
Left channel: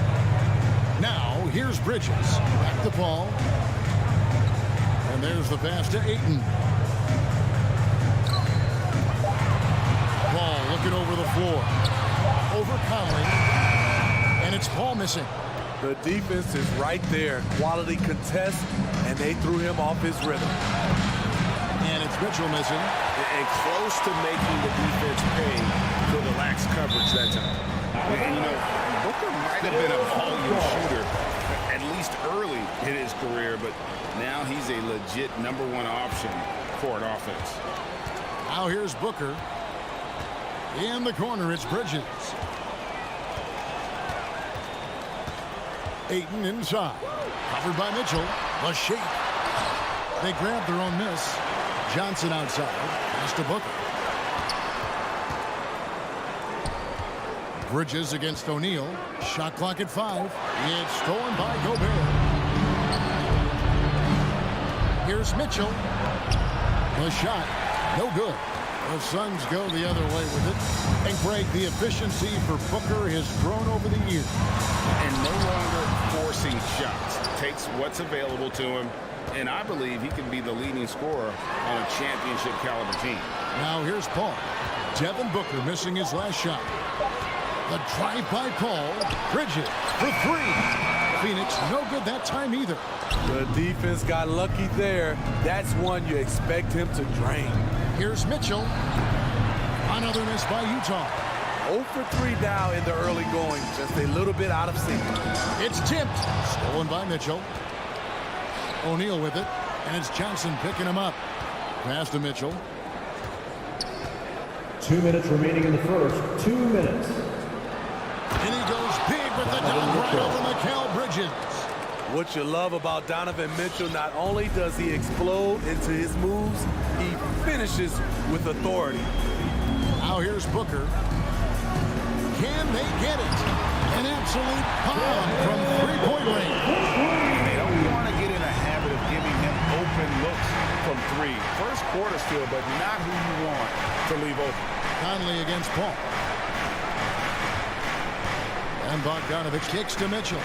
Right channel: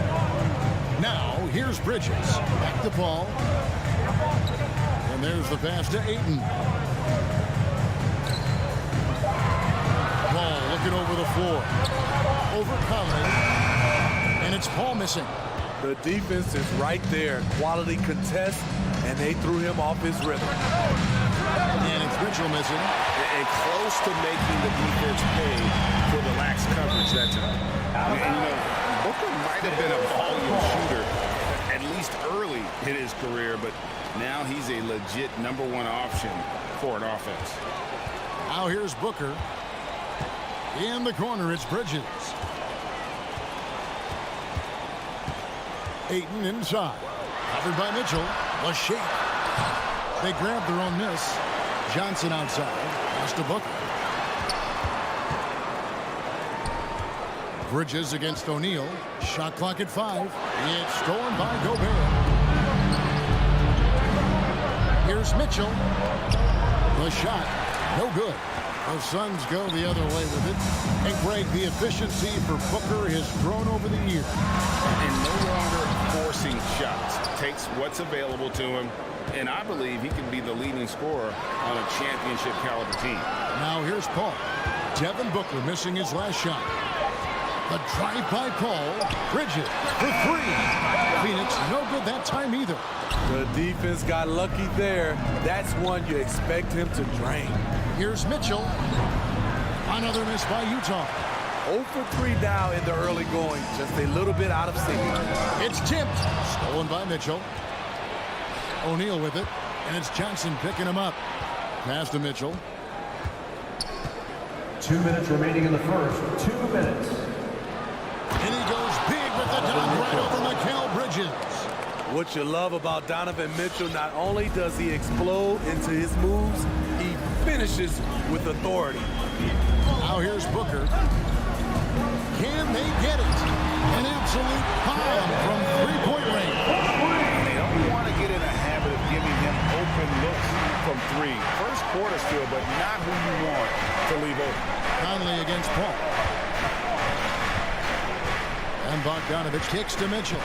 Now here's Bridges. Back to Paul. And there's the pass to Ayton. Paul looking over the floor. Over Conley. And it's Paul missing. The defense is right there. Quality contest, and they threw him off his rhythm. And it's Mitchell missing. And close to making the defense pay for the lax coverage that time. And, you know, Booker might have been a volume shooter, at least early in his career, but now he's a legit #1 option for an offense. Now here's Booker. In the corner, it's Bridges. Ayton inside. Covered by Mitchell. The shake. They grab their own miss. Johnson outside. Pass to Booker. Bridges against O'Neal. Shot clock at 5. It's stolen by Gobert. Here's Mitchell. The shot. No good. The Suns go the other way with it. And Greg, the efficiency for Booker has grown over the years. And no longer forcing shots. Takes what's available to him. And I believe he can be the leading scorer on a championship caliber team. Now here's Paul. Devin Booker missing his last shot. The drive by Paul. Bridges for 3. Phoenix no good that time either. The defense got lucky there. That's one you expect him to drain. Here's Mitchell. Another miss by Utah. 0 for 3 now in the early going. Just a little bit out of sync. It's tipped. Stolen by Mitchell. O'Neal with it. And it's Johnson picking him up. Pass to Mitchell. 2 minutes remaining in the first. 2 minutes. And he goes big with the dunk right over Mikal Bridges. What you love about Donovan Mitchell, not only does he explode into his moves, he finishes with authority. Now here's Booker. Can they get it? An absolute bomb from three-point range. And they don't want to get in a habit of giving him open looks from 3. First quarter still, but not who you want to leave open. Conley against Paul. And Bogdanovich kicks to Mitchell.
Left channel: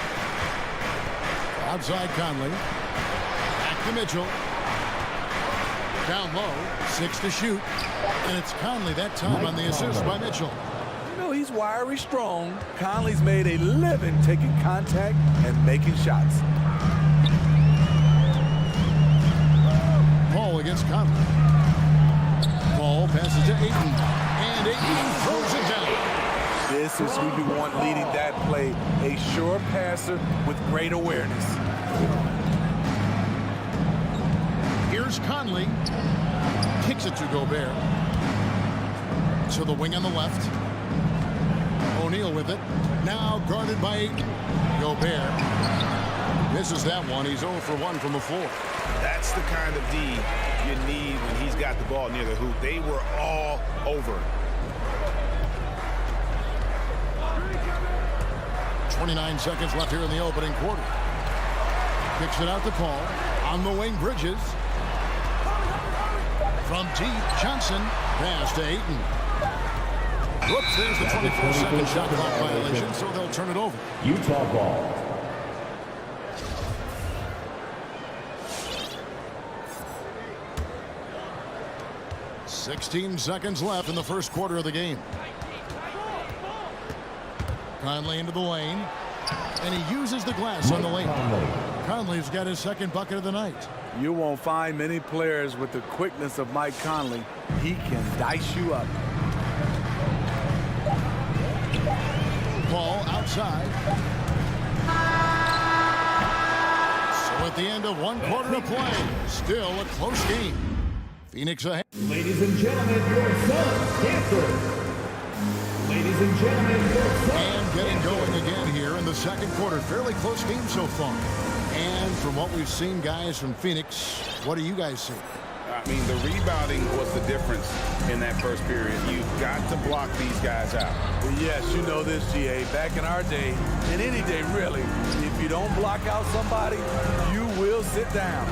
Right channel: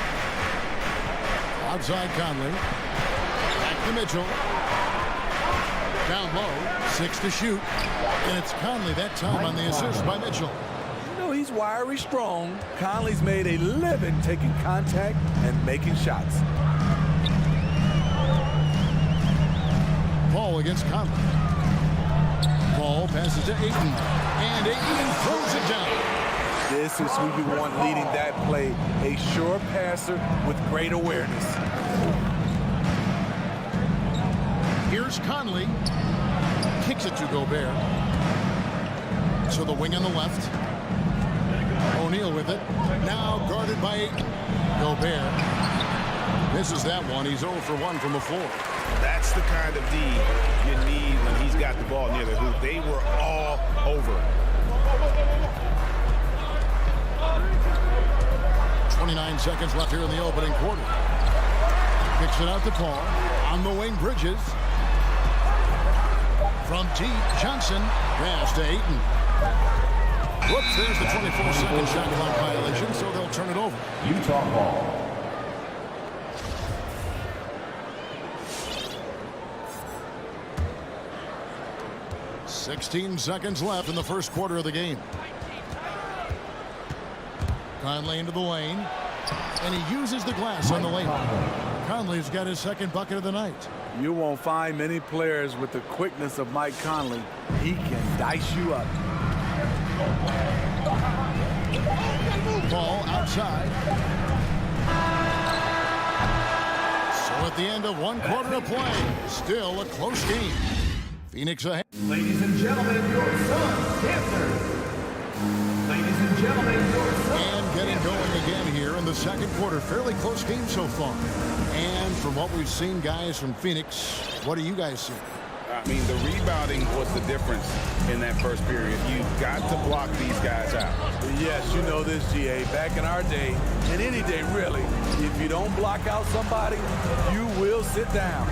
Outside Conley. Back to Mitchell. Down low. 6 to shoot. And it's Conley that time on the assist by Mitchell. You know, he's wiry strong. Conley's made a living taking contact and making shots. Paul against Conley. Paul passes to Ayton. And Ayton throws it down. This is who you want leading that play. A sure passer with great awareness. Here's Conley. Kicks it to Gobert. To the wing on the left. O'Neal with it. Now guarded by Ayton. Gobert misses that one. He's 0 for 1 from the floor. That's the kind of D you need when he's got the ball near the hoop. They were all over him. 29 seconds left here in the opening quarter. Kicks it out to Paul. On the wing, Bridges. From deep, Johnson. Pass to Ayton. Whoops, there's the 24-second shot clock violation, so they'll turn it over. Utah ball. $16 seconds left in the first quarter of the game. Conley into the lane, and he uses the glass on the lane. Conley's got his second bucket of the night. You won't find many players with the quickness of Mike Conley. He can dice you up. Ball outside. So at the end of one quarter of play, still a close game. Phoenix ahead. Ladies and gentlemen, your Suns Panthers. Ladies and gentlemen, your Suns. And getting going again here in the second quarter. Fairly close game so far. And from what we've seen, guys, from Phoenix, what do you guys see? I mean, the rebounding was the difference in that first period. You've got to block these guys out. Yes, you know this, GA. Back in our day, and any day really, if you don't block out somebody, you will sit down.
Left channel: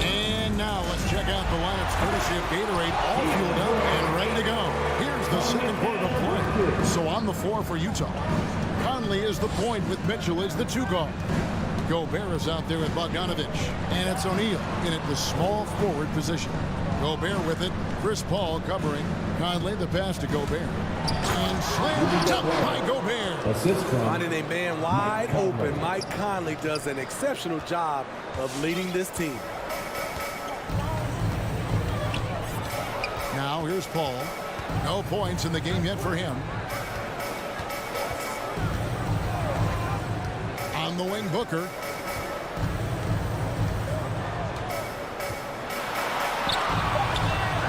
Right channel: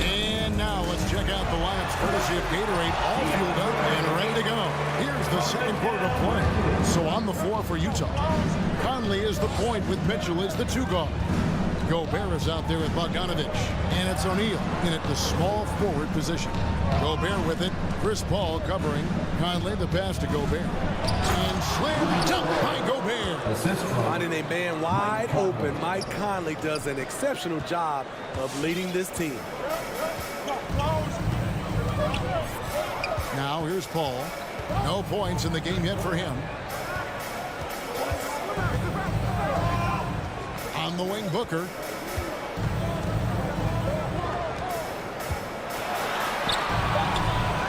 And now let's check out the lineups courtesy of Gatorade, all fueled up and ready to go. Here's the second quarter of play. So on the floor for Utah, Conley is the point with Mitchell as the two guard. Gobert is out there with Bogdanovich, and it's O'Neal in at the small forward position. Gobert with it, Chris Paul covering. Conley the pass to Gobert. And slam dunk by Gobert. Assist from Finding a man wide open, Mike Conley does an exceptional job of leading this team. Now here's Paul. No points in the game yet for him. On the wing, Booker.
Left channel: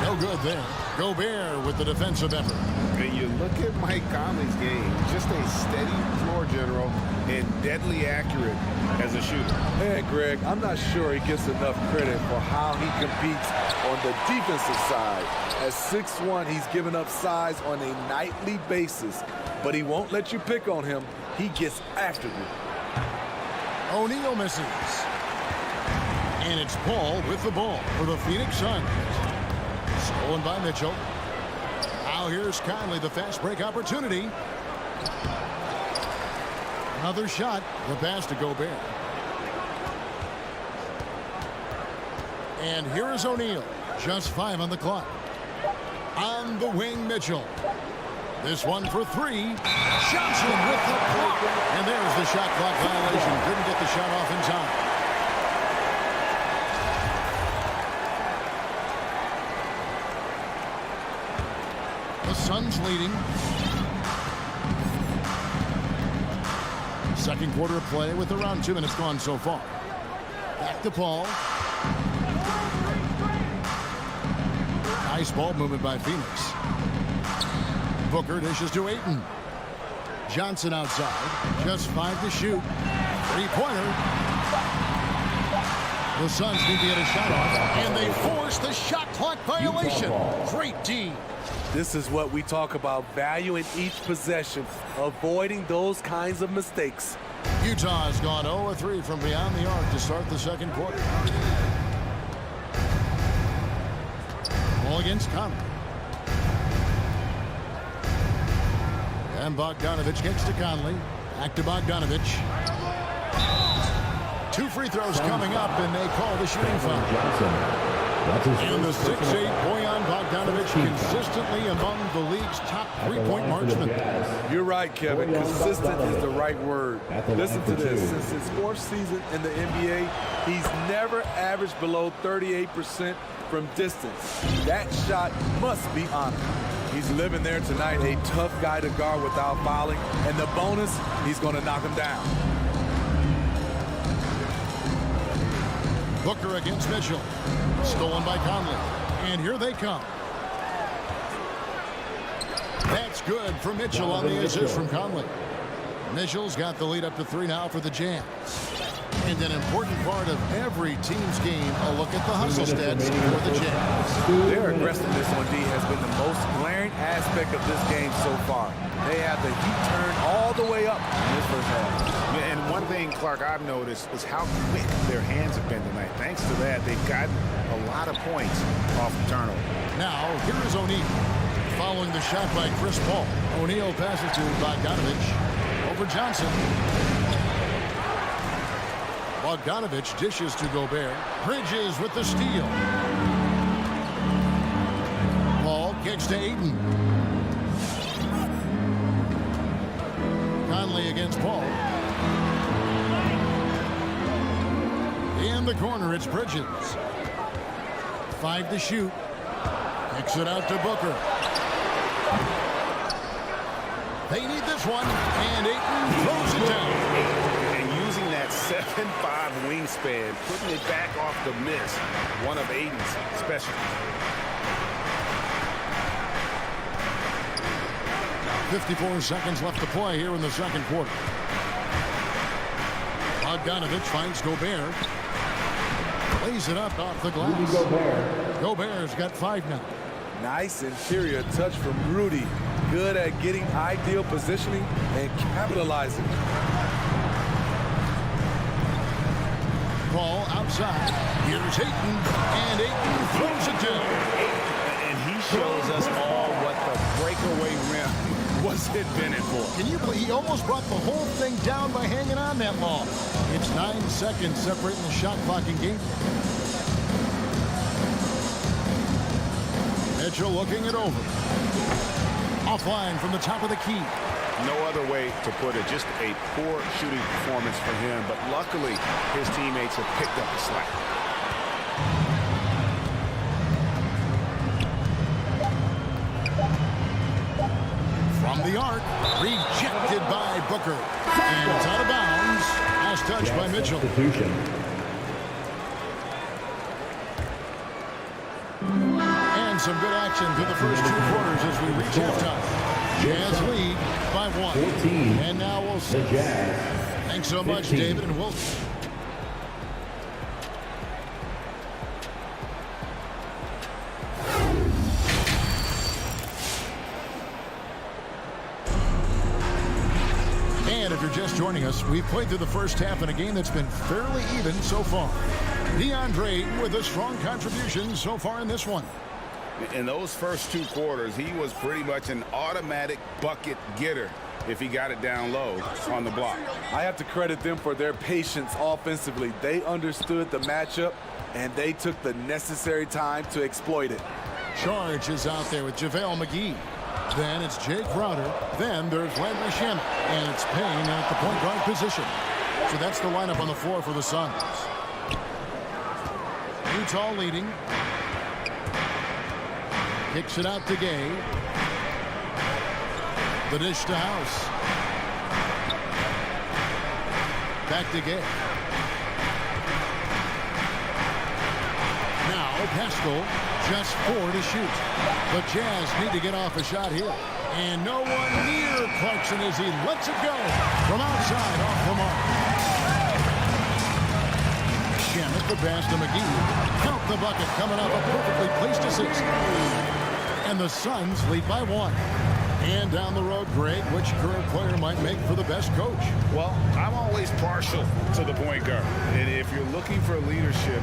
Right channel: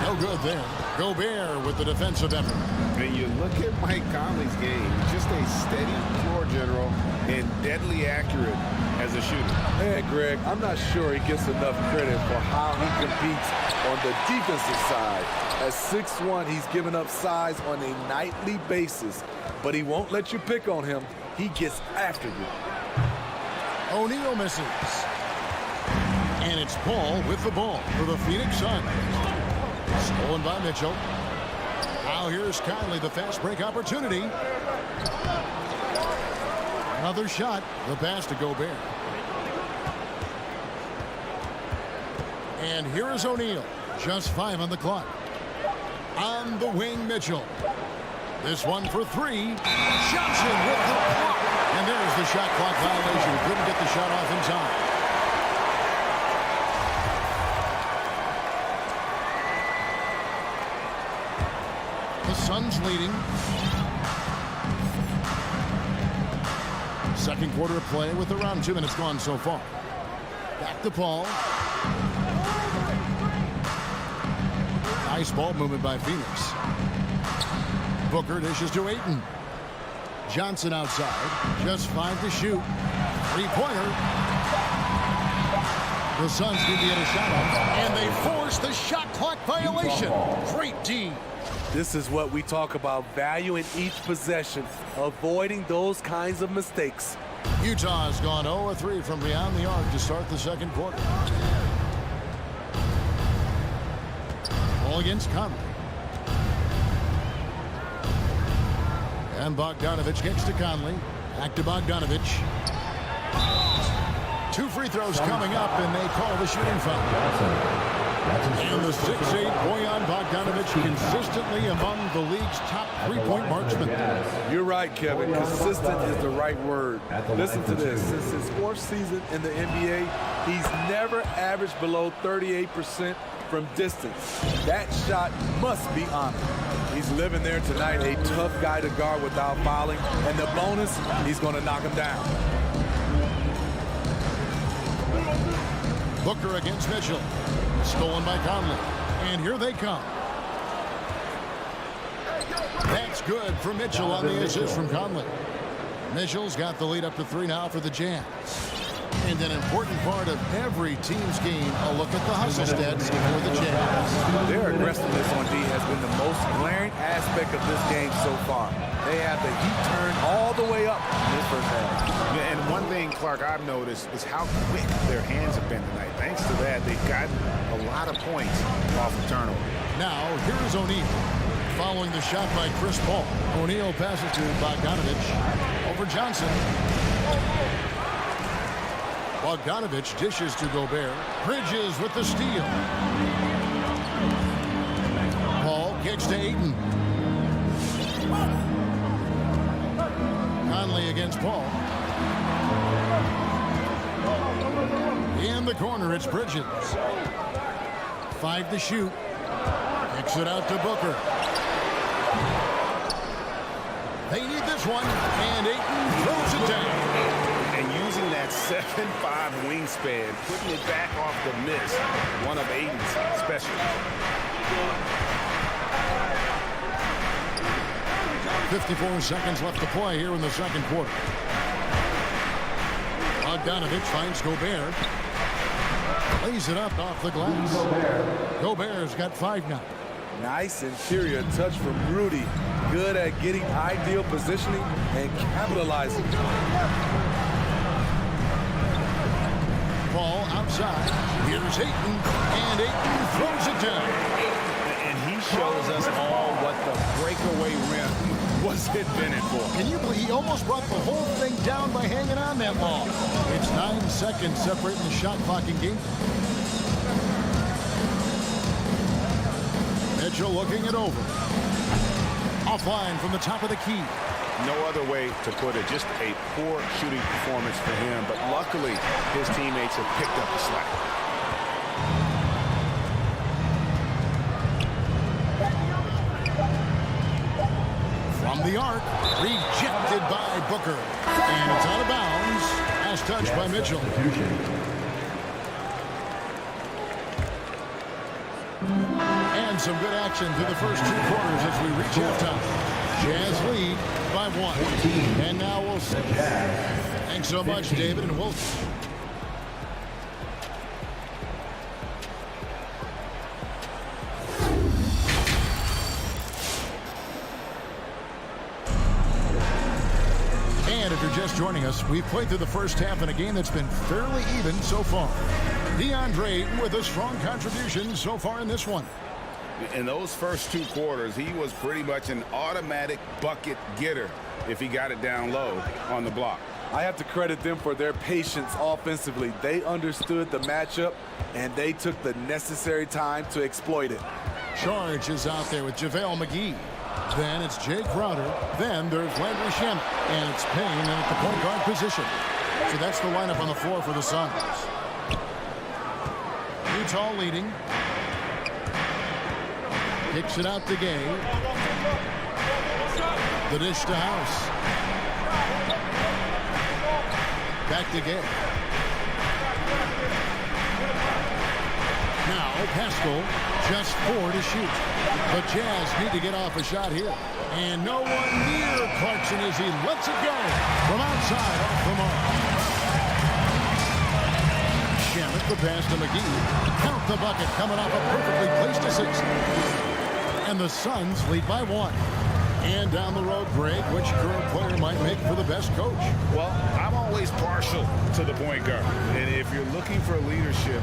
No good there. Gobert with the defensive effort. And you look at Mike Conley's game, just a steady floor general and deadly accurate as a shooter. Hey, Greg, I'm not sure he gets enough credit for how he competes on the defensive side. At 6'1", he's given up size on a nightly basis, but he won't let you pick on him. He gets after you. O'Neal misses. And it's Paul with the ball for the Phoenix Suns. Stolen by Mitchell. Now here's Conley, the fast break opportunity. Another shot. The pass to Gobert. And here is O'Neal. Just 5 on the clock. On the wing, Mitchell. This one for 3. Johnson with the block. And there's the shot clock violation. Couldn't get the shot off in time. The Suns leading. Second quarter of play with around 2 minutes gone so far. Back to Paul. Nice ball movement by Phoenix. Booker dishes to Ayton. Johnson outside. Just 5 to shoot. 3-pointer. The Suns need to get a shot off, and they force the shot clock violation. Great D. This is what we talk about, valuing each possession, avoiding those kinds of mistakes. Utah has gone 0-3 from beyond the arc to start the second quarter. Ball against Conley. And Bogdanovich kicks to Conley. Back to Bogdanovich. 2 free throws coming up, and they call the shooting foul. And the 6'8" Bojan Bogdanovich consistently among the league's top 3-point marksmen. You're right, Kevin. Consistent is the right word. Listen to this. Since his 4th season in the NBA, he's never averaged below 38% from distance. That shot must be honored. He's living there tonight, a tough guy to guard without fouling. And the bonus, he's going to knock him down. Booker against Mitchell. Stolen by Conley. And here they come. That's good for Mitchell on the assist from Conley. Mitchell's got the lead up to 3 now for the Jazz. And an important part of every team's game, a look at the hustle stats for the Jazz. Their aggressiveness on D has been the most glaring aspect of this game so far. They have the heat turned all the way up in this first half. Yeah, and one thing, Clark, I've noticed is how quick their hands have been tonight. Thanks to that, they've gotten a lot of points off of turnover. Now, here is O'Neal. Following the shot by Chris Paul. O'Neal passes to Bogdanovich over Johnson. Bogdanovich dishes to Gobert. Bridges with the steal. Paul kicks to Ayton. Conley against Paul. In the corner, it's Bridges. 5 to shoot. Kicks it out to Booker. They need this one, and Ayton throws it down. And using that 7'5" wingspan, putting it back off the miss, one of Ayton's special. 54 seconds left to play here in the second quarter. Bogdanovich finds Gobert. Lays it up off the glass. Gobert's got 5 now. Nice interior touch from Rudy. Good at getting ideal positioning and capitalizing. Paul outside. Here's Ayton, and Ayton throws it down. And he shows us all what the breakaway rim was invented for. Can you believe he almost brought the whole thing down by hanging on that long? It's 9 seconds separating the shot clock and game. Mitchell looking it over. Offline from the top of the key. No other way to put it. Just a poor shooting performance for him. But luckily, his teammates have picked up the slack. From the arc, rejected by Booker. And it's out of bounds. Last touch by Mitchell. And some good action through the first 2 quarters as we reach halftime. Jazz lead by 1. And now we'll see. Thanks so much, David, and we'll... And if you're just joining us, we've played through the first half in a game that's been fairly even so far. DeAndre with a strong contribution so far in this one. In those first 2 quarters, he was pretty much an automatic bucket getter if he got it down low on the block. I have to credit them for their patience offensively. They understood the matchup, and they took the necessary time to exploit it. Charge is out there with JaVale McGee. Then it's Jay Crowder. Then there's Landry Shamet. And it's Payne at the point guard position. So that's the lineup on the floor for the Suns. Utah leading. Kicks it out to Gay. The dish to House. Back to Gay. Now Pascal, just 4 to shoot. But Jazz need to get off a shot here. And no one near Clarkson as he lets it go from outside off the mark. Shamet the pass to McGee. Count the bucket coming off a perfectly placed assist. And the Suns lead by 1. And down the road, Greg, which current player might make for the best coach? Well, I'm always partial to the point guard. And if you're looking for leadership,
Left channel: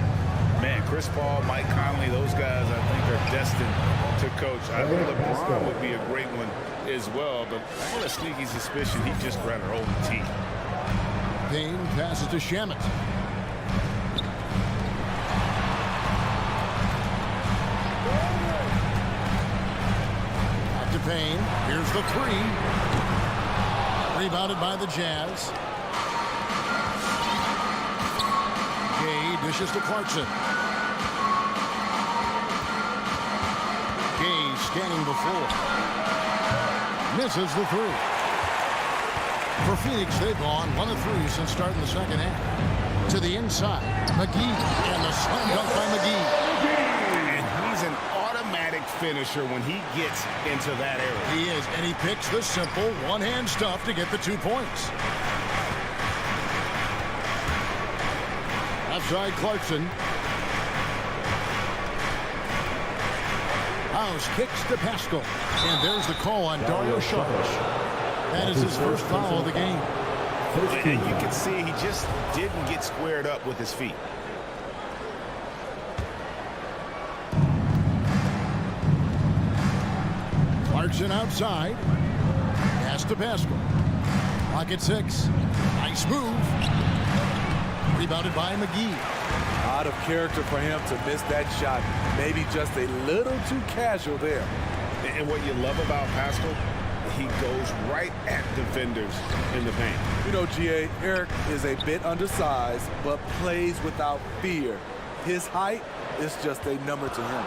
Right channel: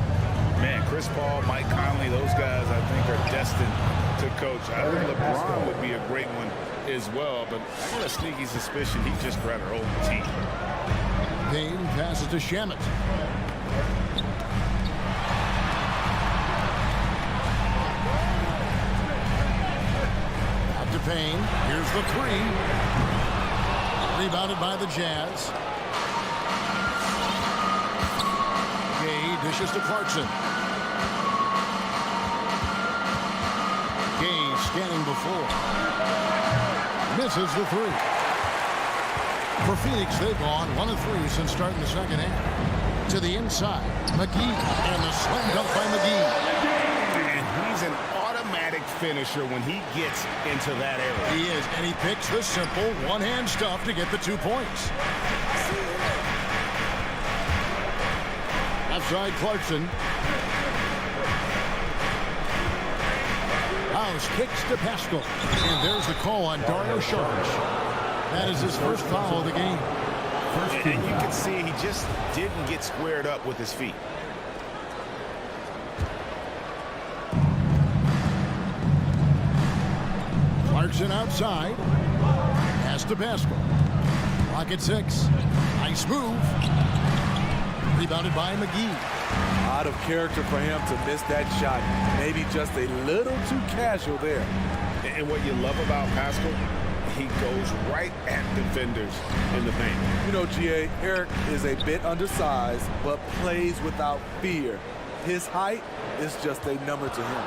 man, Chris Paul, Mike Conley, those guys I think are destined to coach. I think LeBron would be a great one as well, but I got a sneaky suspicion he'd just rather own the team. Payne passes to Shamet. Out to Payne. Here's the 3. Rebounded by the Jazz. Gay dishes to Clarkson. Gay scanning before. Misses the 3. For Phoenix, they've gone 1 of 3 since starting the second half. To the inside, McGee, and the slam dunk by McGee. And he's an automatic automatic finisher when he gets into that area. He is, and he picks the simple one-hand stuff to get the 2 points. Left side, Clarkson. House kicks to Pascal. And there's the call on Dario Saric. That is his first foul of the game. And you can see he just didn't get squared up with his feet. Clarkson outside. Pass to Pascal. Clock at 6. Nice move. Rebounded by McGee. Out of character for him to miss that shot. Maybe just a little too casual there. And what you love about Pascal, he goes right at defenders in the paint. You know, GA, Eric is a bit undersized, but plays without fear. His height is just a number to him.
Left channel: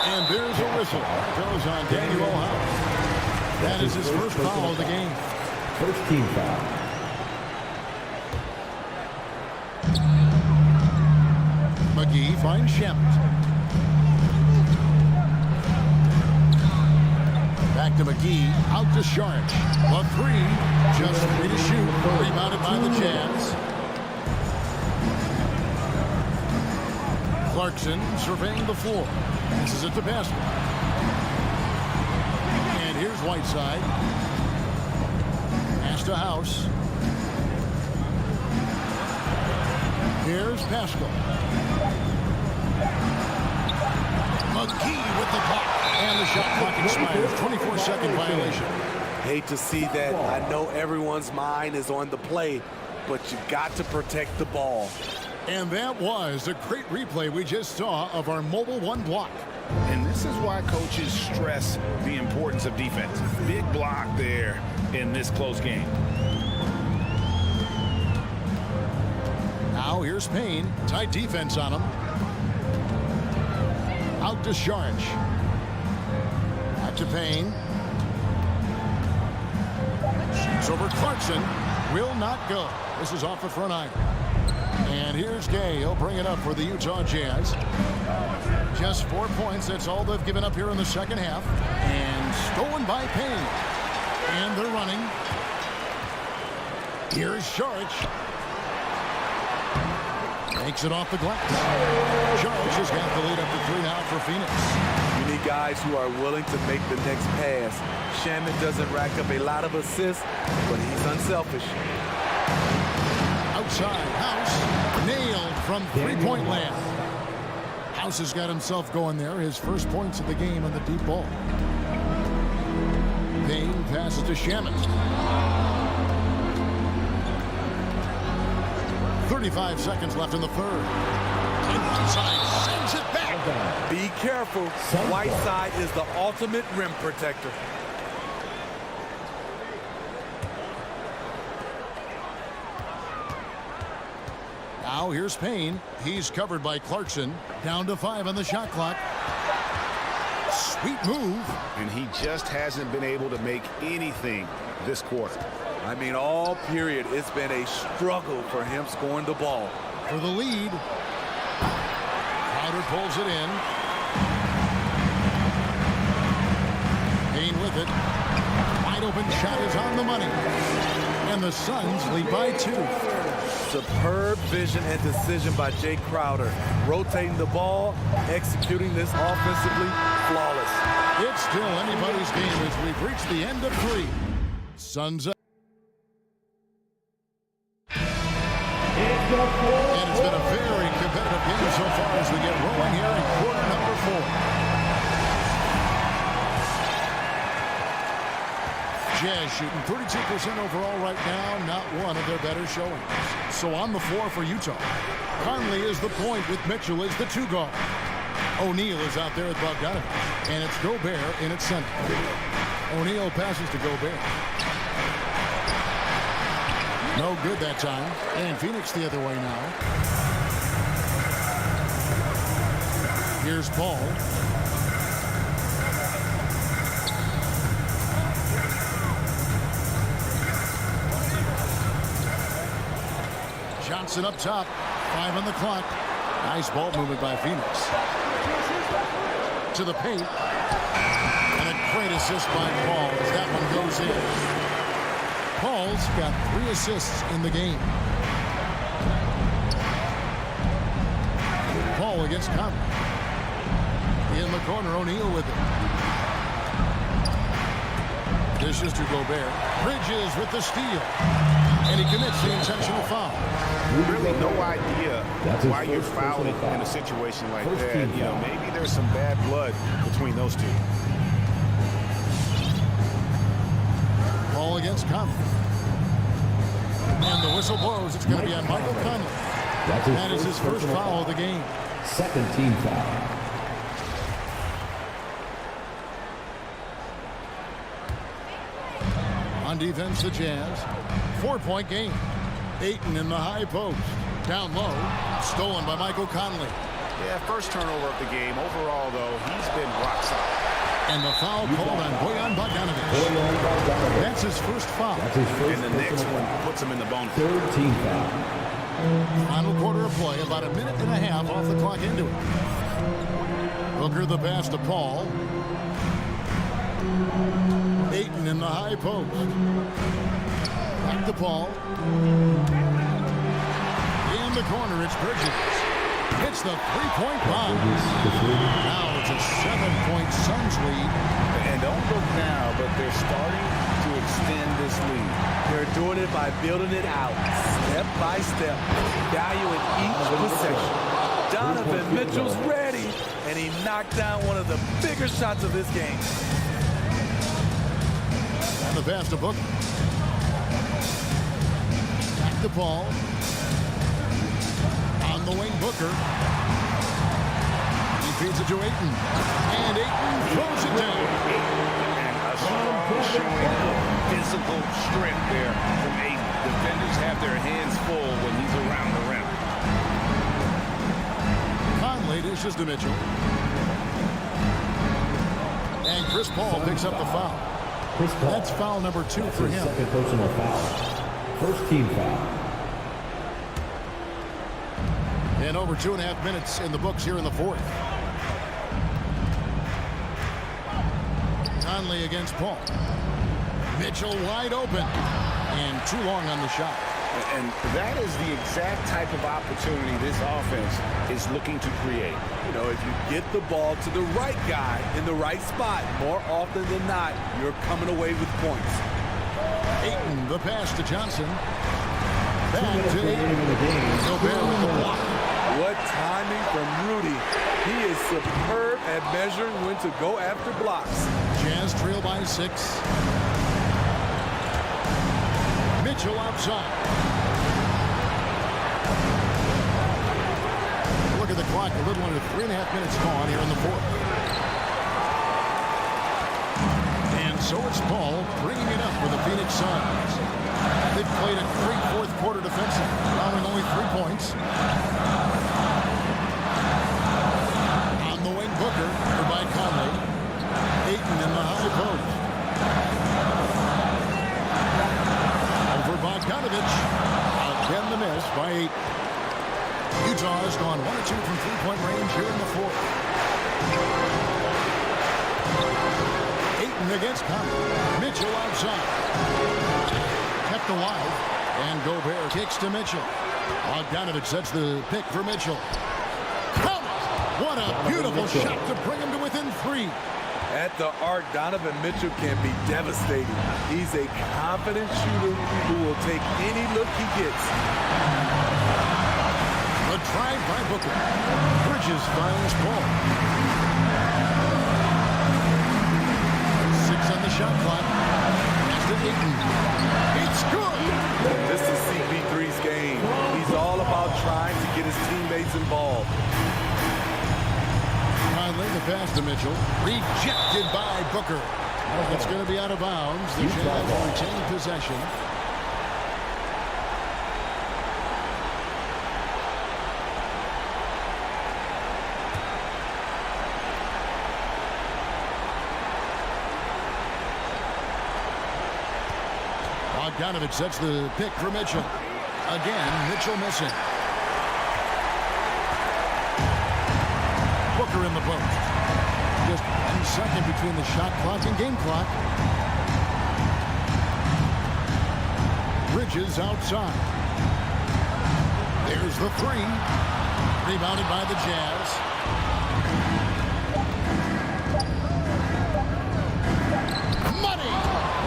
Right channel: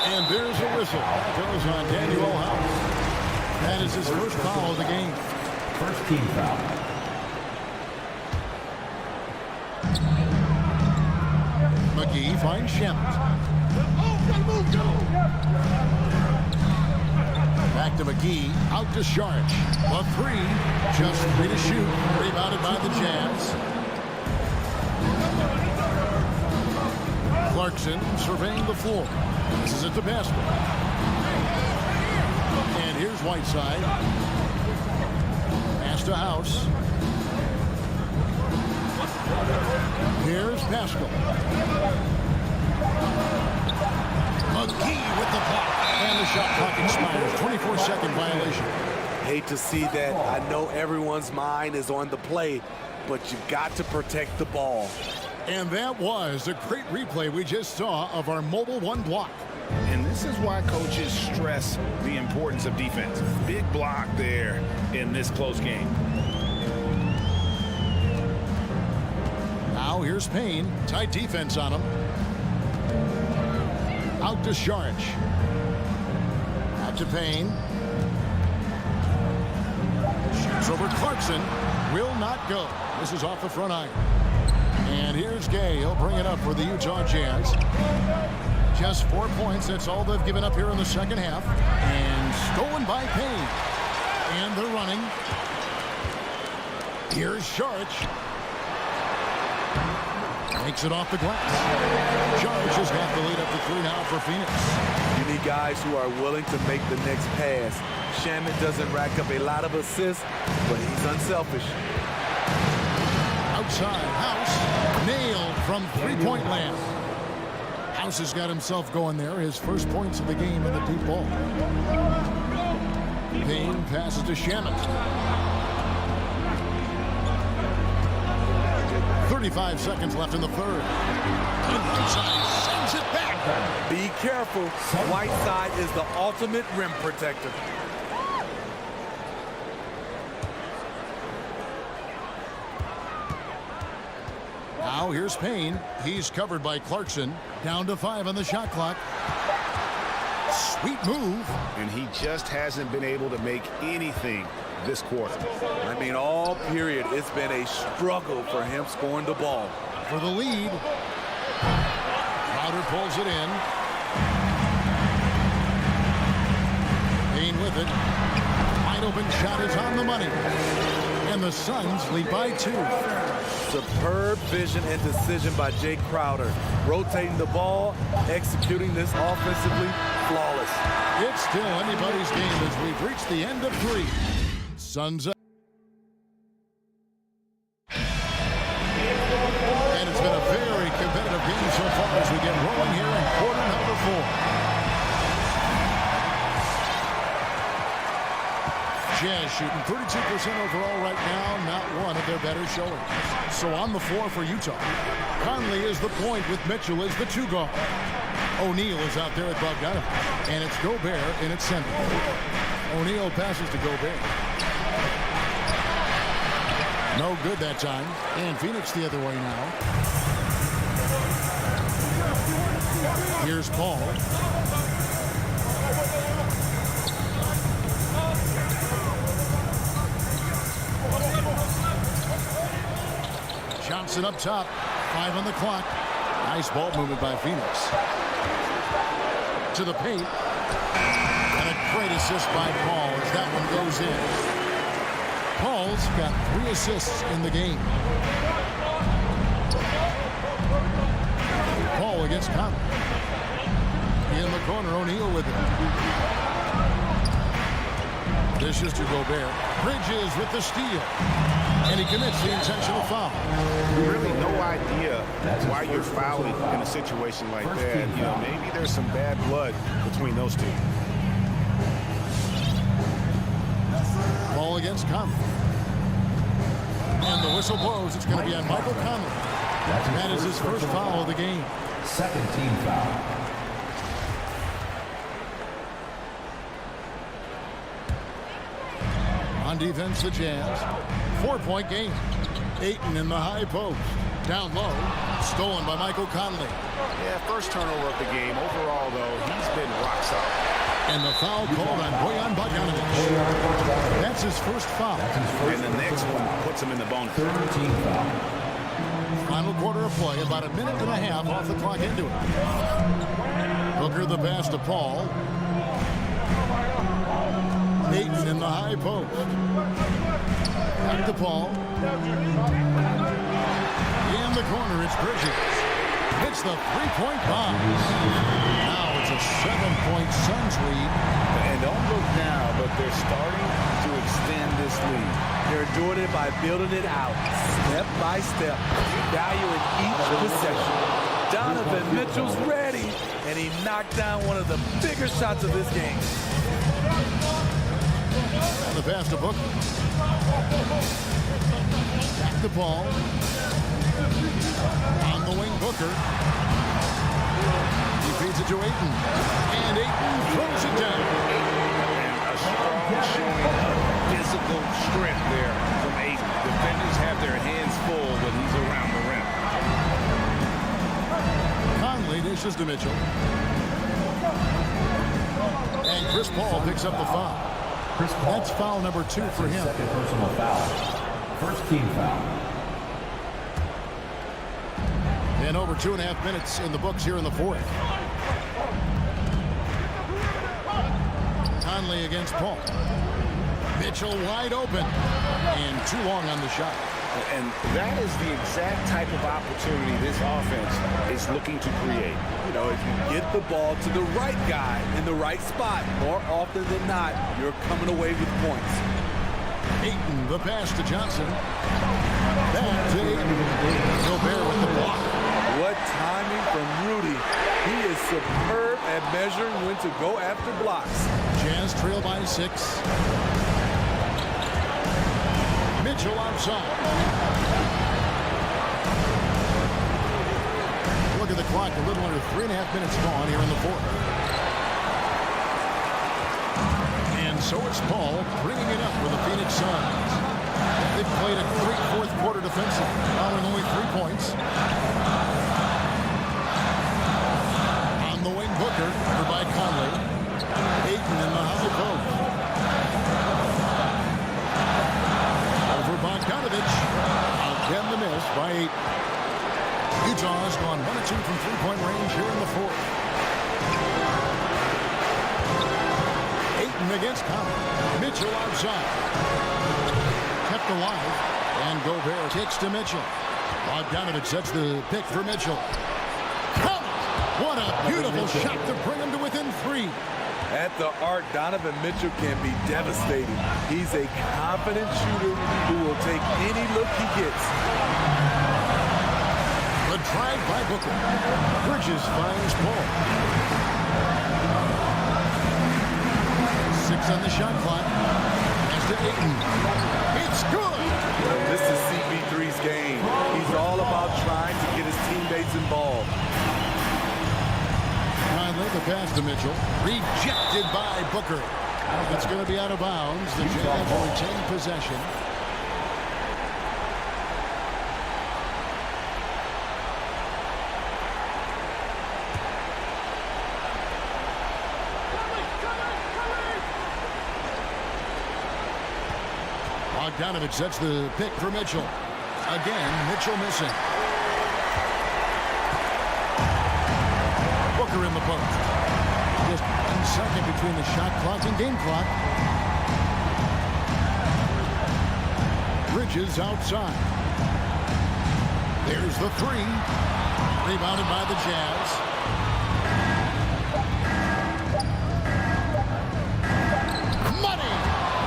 And there's a whistle. Goes on Daniel House. That is his first foul of the game. First team foul. McGee finds Shamet. Back to McGee. Out to Saric. The 3. Just 3 to shoot. Rebounded by the Jazz. Clarkson surveying the floor. This is it to Pascal. And here's Whiteside. Pass to House. Here's Pascal. McGee with the block. And the shot clock expires. 24-second violation. Hate to see that. I know everyone's mind is on the play, but you got to protect the ball. And that was a great replay we just saw of our Mobile One block. And this is why coaches stress the importance of defense. Big block there in this close game. Now here's Payne. Tight defense on him. Out to Saric. Back to Payne. Shoots over Clarkson. Will not go. This is off the front iron. And here's Gay. He'll bring it up for the Utah Jazz. Just 4 points. That's all they've given up here in the second half. And stolen by Payne. And they're running. Here's Saric. Makes it off the glass. Saric has got the lead up to 3 now for Phoenix. You need guys who are willing to make the next pass. Shamet doesn't rack up a lot of assists, but he's unselfish. Outside, House nailed from 3-point land. House has got himself going there. His first points of the game in the deep ball. Payne passes to Shamet. 35 seconds left in the third. And Whiteside sends it back. Be careful. Whiteside is the ultimate rim protector. Now here's Payne. He's covered by Clarkson. Down to 5 on the shot clock. Sweet move. And he just hasn't been able to make anything this quarter. I mean, all period, it's been a struggle for him scoring the ball. For the lead. Crowder pulls it in. Payne with it. Wide open shot is on the money. And the Suns lead by 2. Superb vision and decision by Jay Crowder. Rotating the ball, executing this offensively, flawless. It's still anybody's game as we've reached the end of 3. Suns up. And it's been a very competitive game so far as we get rolling here in quarter number 4. Jazz shooting 32% overall right now, not one of their better showings. So on the floor for Utah, Conley is the point with Mitchell as the 2 guard. O'Neal is out there with Bogdanovic, and it's Gobert in its center. O'Neal passes to Gobert. No good that time, and Phoenix the other way now. Here's Paul. Johnson up top. 5 on the clock. Nice ball movement by Phoenix. to the paint. And a great assist by Paul as that one goes in. Paul's got 3 assists in the game. Paul against Conley. In the corner, O'Neal with it. Dishes to Gobert. Bridges with the steal. And he commits the intentional foul. Really no idea why you're fouling in a situation like that. You know, maybe there's some bad blood between those two. Paul against Conley. And the whistle blows. It's going to be on Michael Conley. That is his first foul of the game. Second team foul. On defense, the Jazz. 4-point game. Ayton in the high post. Down low. Stolen by Michael Conley. Yeah, first turnover of the game. Overall, though, he's been rock solid. And the foul called on Bojan Bogdanovic. That's his first foul. And the next one puts him in the bonus. Third team foul. Final quarter of play. About a minute and a half off the clock into it. Booker the pass to Paul. Ayton in the high post. Back to Paul. In the corner, it's Bridges. Hits the three-point bomb. Now it's a 7-point Suns lead. And don't look now, but they're starting to extend this lead. They're doing it by building it out, step by step, valuing each possession. Donovan Mitchell's ready, and he knocked down one of the bigger shots of this game. And the pass to Booker. Back to Paul. On the wing, Booker. He feeds it to Ayton. And Ayton throws it down. And a strong showing of physical strength there from Ayton. Defenders have their hands full when he's around the rim. Conley dishes to Mitchell. And Chris Paul picks up the foul. Chris Paul. That's foul number 2 for him. Second personal foul. First team foul. And over 2.5 minutes in the books here in the fourth. Conley against Paul. Mitchell wide open. And too long on the shot. And that is the exact type of opportunity this offense is looking to create. You know, if you get the ball to the right guy in the right spot, more often than not, you're coming away with points. Ayton, the pass to Johnson. Back to Ayton. Gobert with the block. What timing from Rudy. He is superb at measuring when to go after blocks. Jazz trail by 6. Mitchell outside. Look at the clock. A little under 3.5 minutes gone here in the fourth. And so it's Paul bringing it up for the Phoenix Suns. They've played a great fourth quarter defensive, allowing only 3 points. On the wing, Booker, covered by Conley. Ayton in the high post. Over Bogdanovic. Again the miss by 8. Utah has gone 1 of 2 from 3-point range here in the fourth. Ayton against Conley. Mitchell outside. Kept alive. And Gobert kicks to Mitchell. Bogdanovic sets the pick for Mitchell. Count it! What a beautiful shot to bring him to within 3. At the arc, Donovan Mitchell can be devastating. He's a confident shooter who will take any look he gets. The drive by Booker. Bridges finds Paul. 6 on the shot clock. Pass to Ayton. It's good! And this is CP3's game. He's all about trying to get his teammates involved. Conley, the pass to Mitchell. Rejected by Booker. It's going to be out of bounds. The Jazz will retain possession. Bogdanovic sets the pick for Mitchell. Again, Mitchell missing. Booker in the post. second between the shot clock and game clock. Bridges outside. There's the three. Rebounded by the Jazz. Money!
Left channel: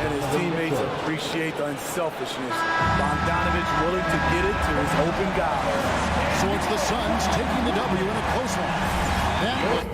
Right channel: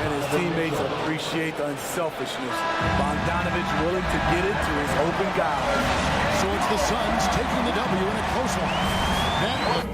And his teammates appreciate the unselfishness. Bogdanovich willing to get it to his open guy. So it's the Suns taking the W in a close one. That was...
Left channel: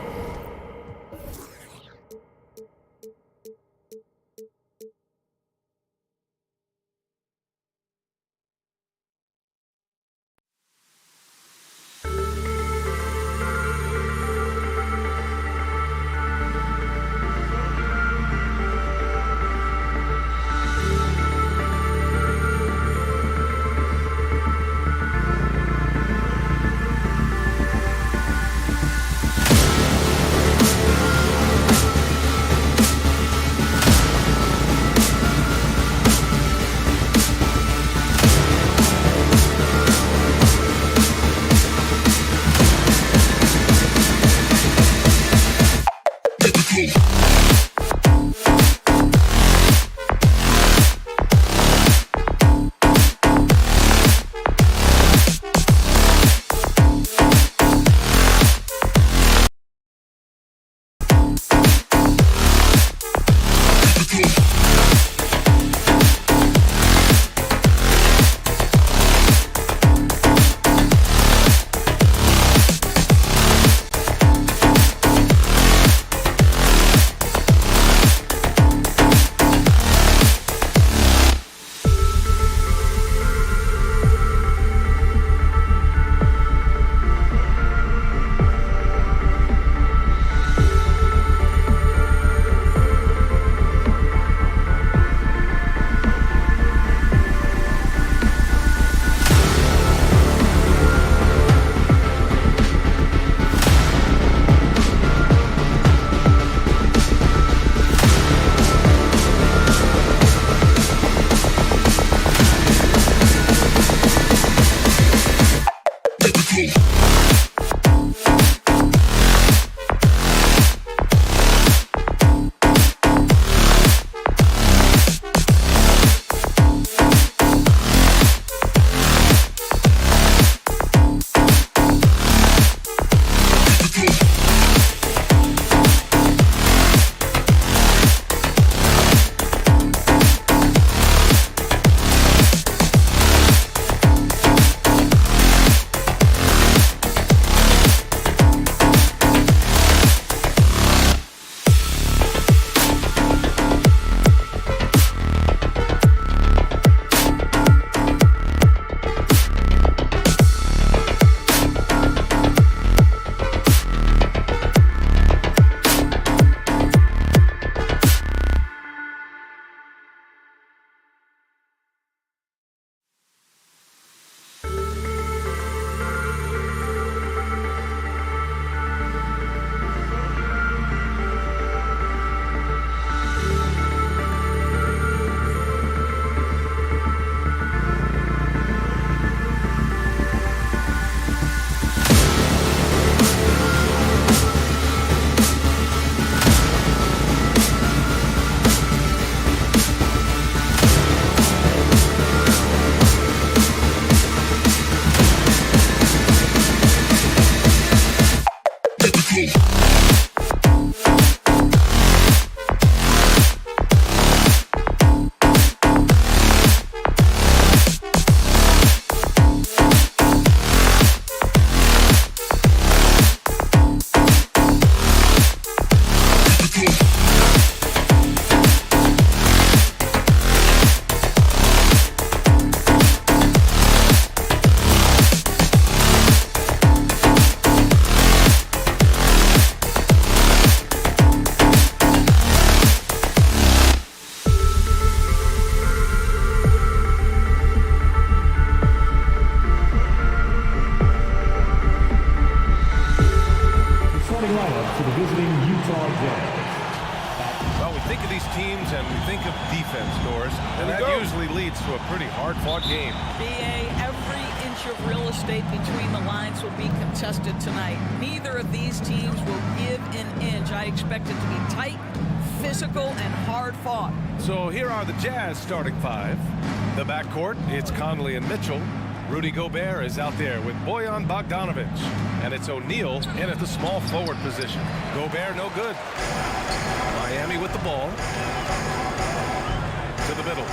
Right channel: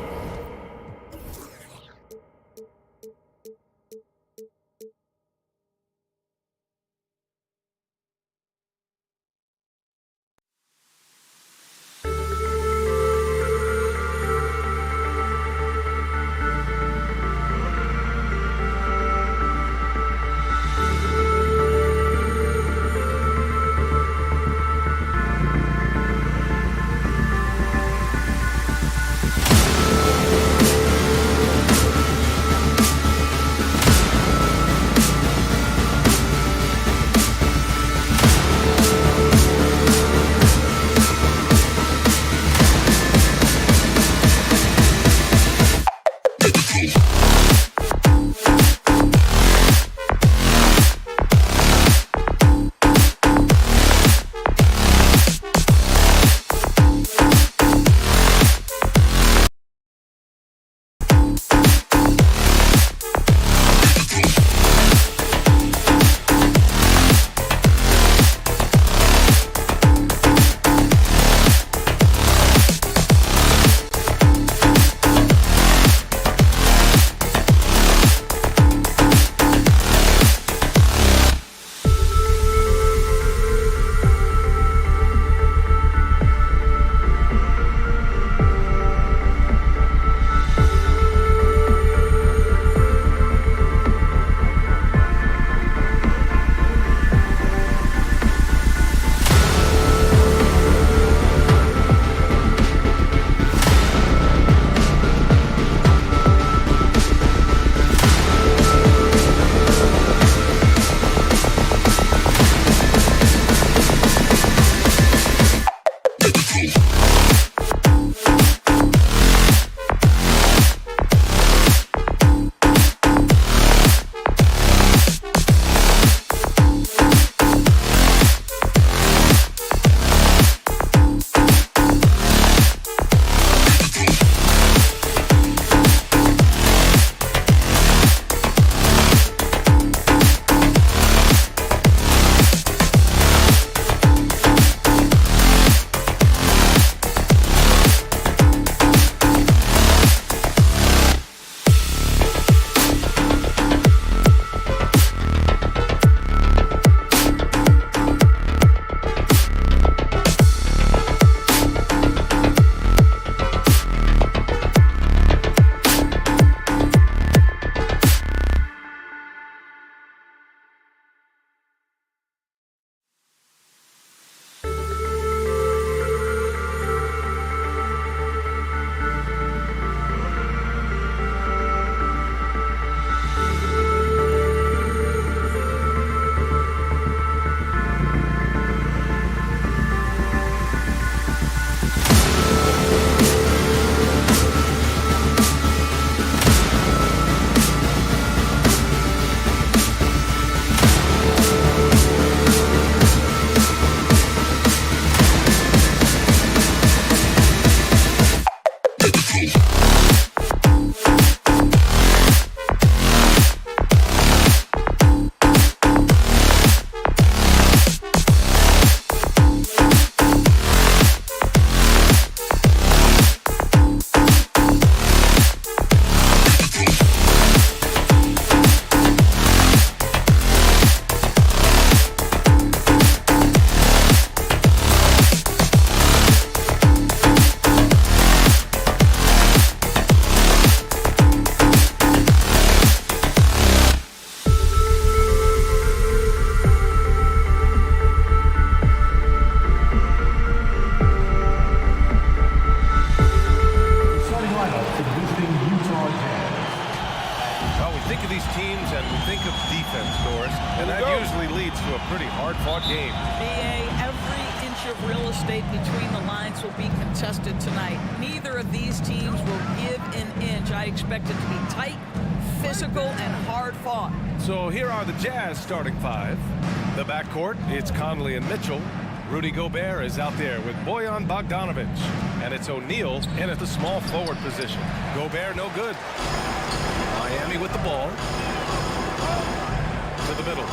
Utah Jazz. At Well, we think of these teams and we think of defense, Doris, and that usually leads to a pretty hard-fought game. BA, every inch of real estate between the lines will be contested tonight. Neither of these teams will give an inch. I expect it to be tight, physical, and hard-fought. So here are the Jazz starting five. The backcourt, it's Conley and Mitchell. Rudy Gobert is out there with Bojan Bogdanovic. And it's O'Neal in at the small forward position. Gobert no good. Miami with the ball. To the middle.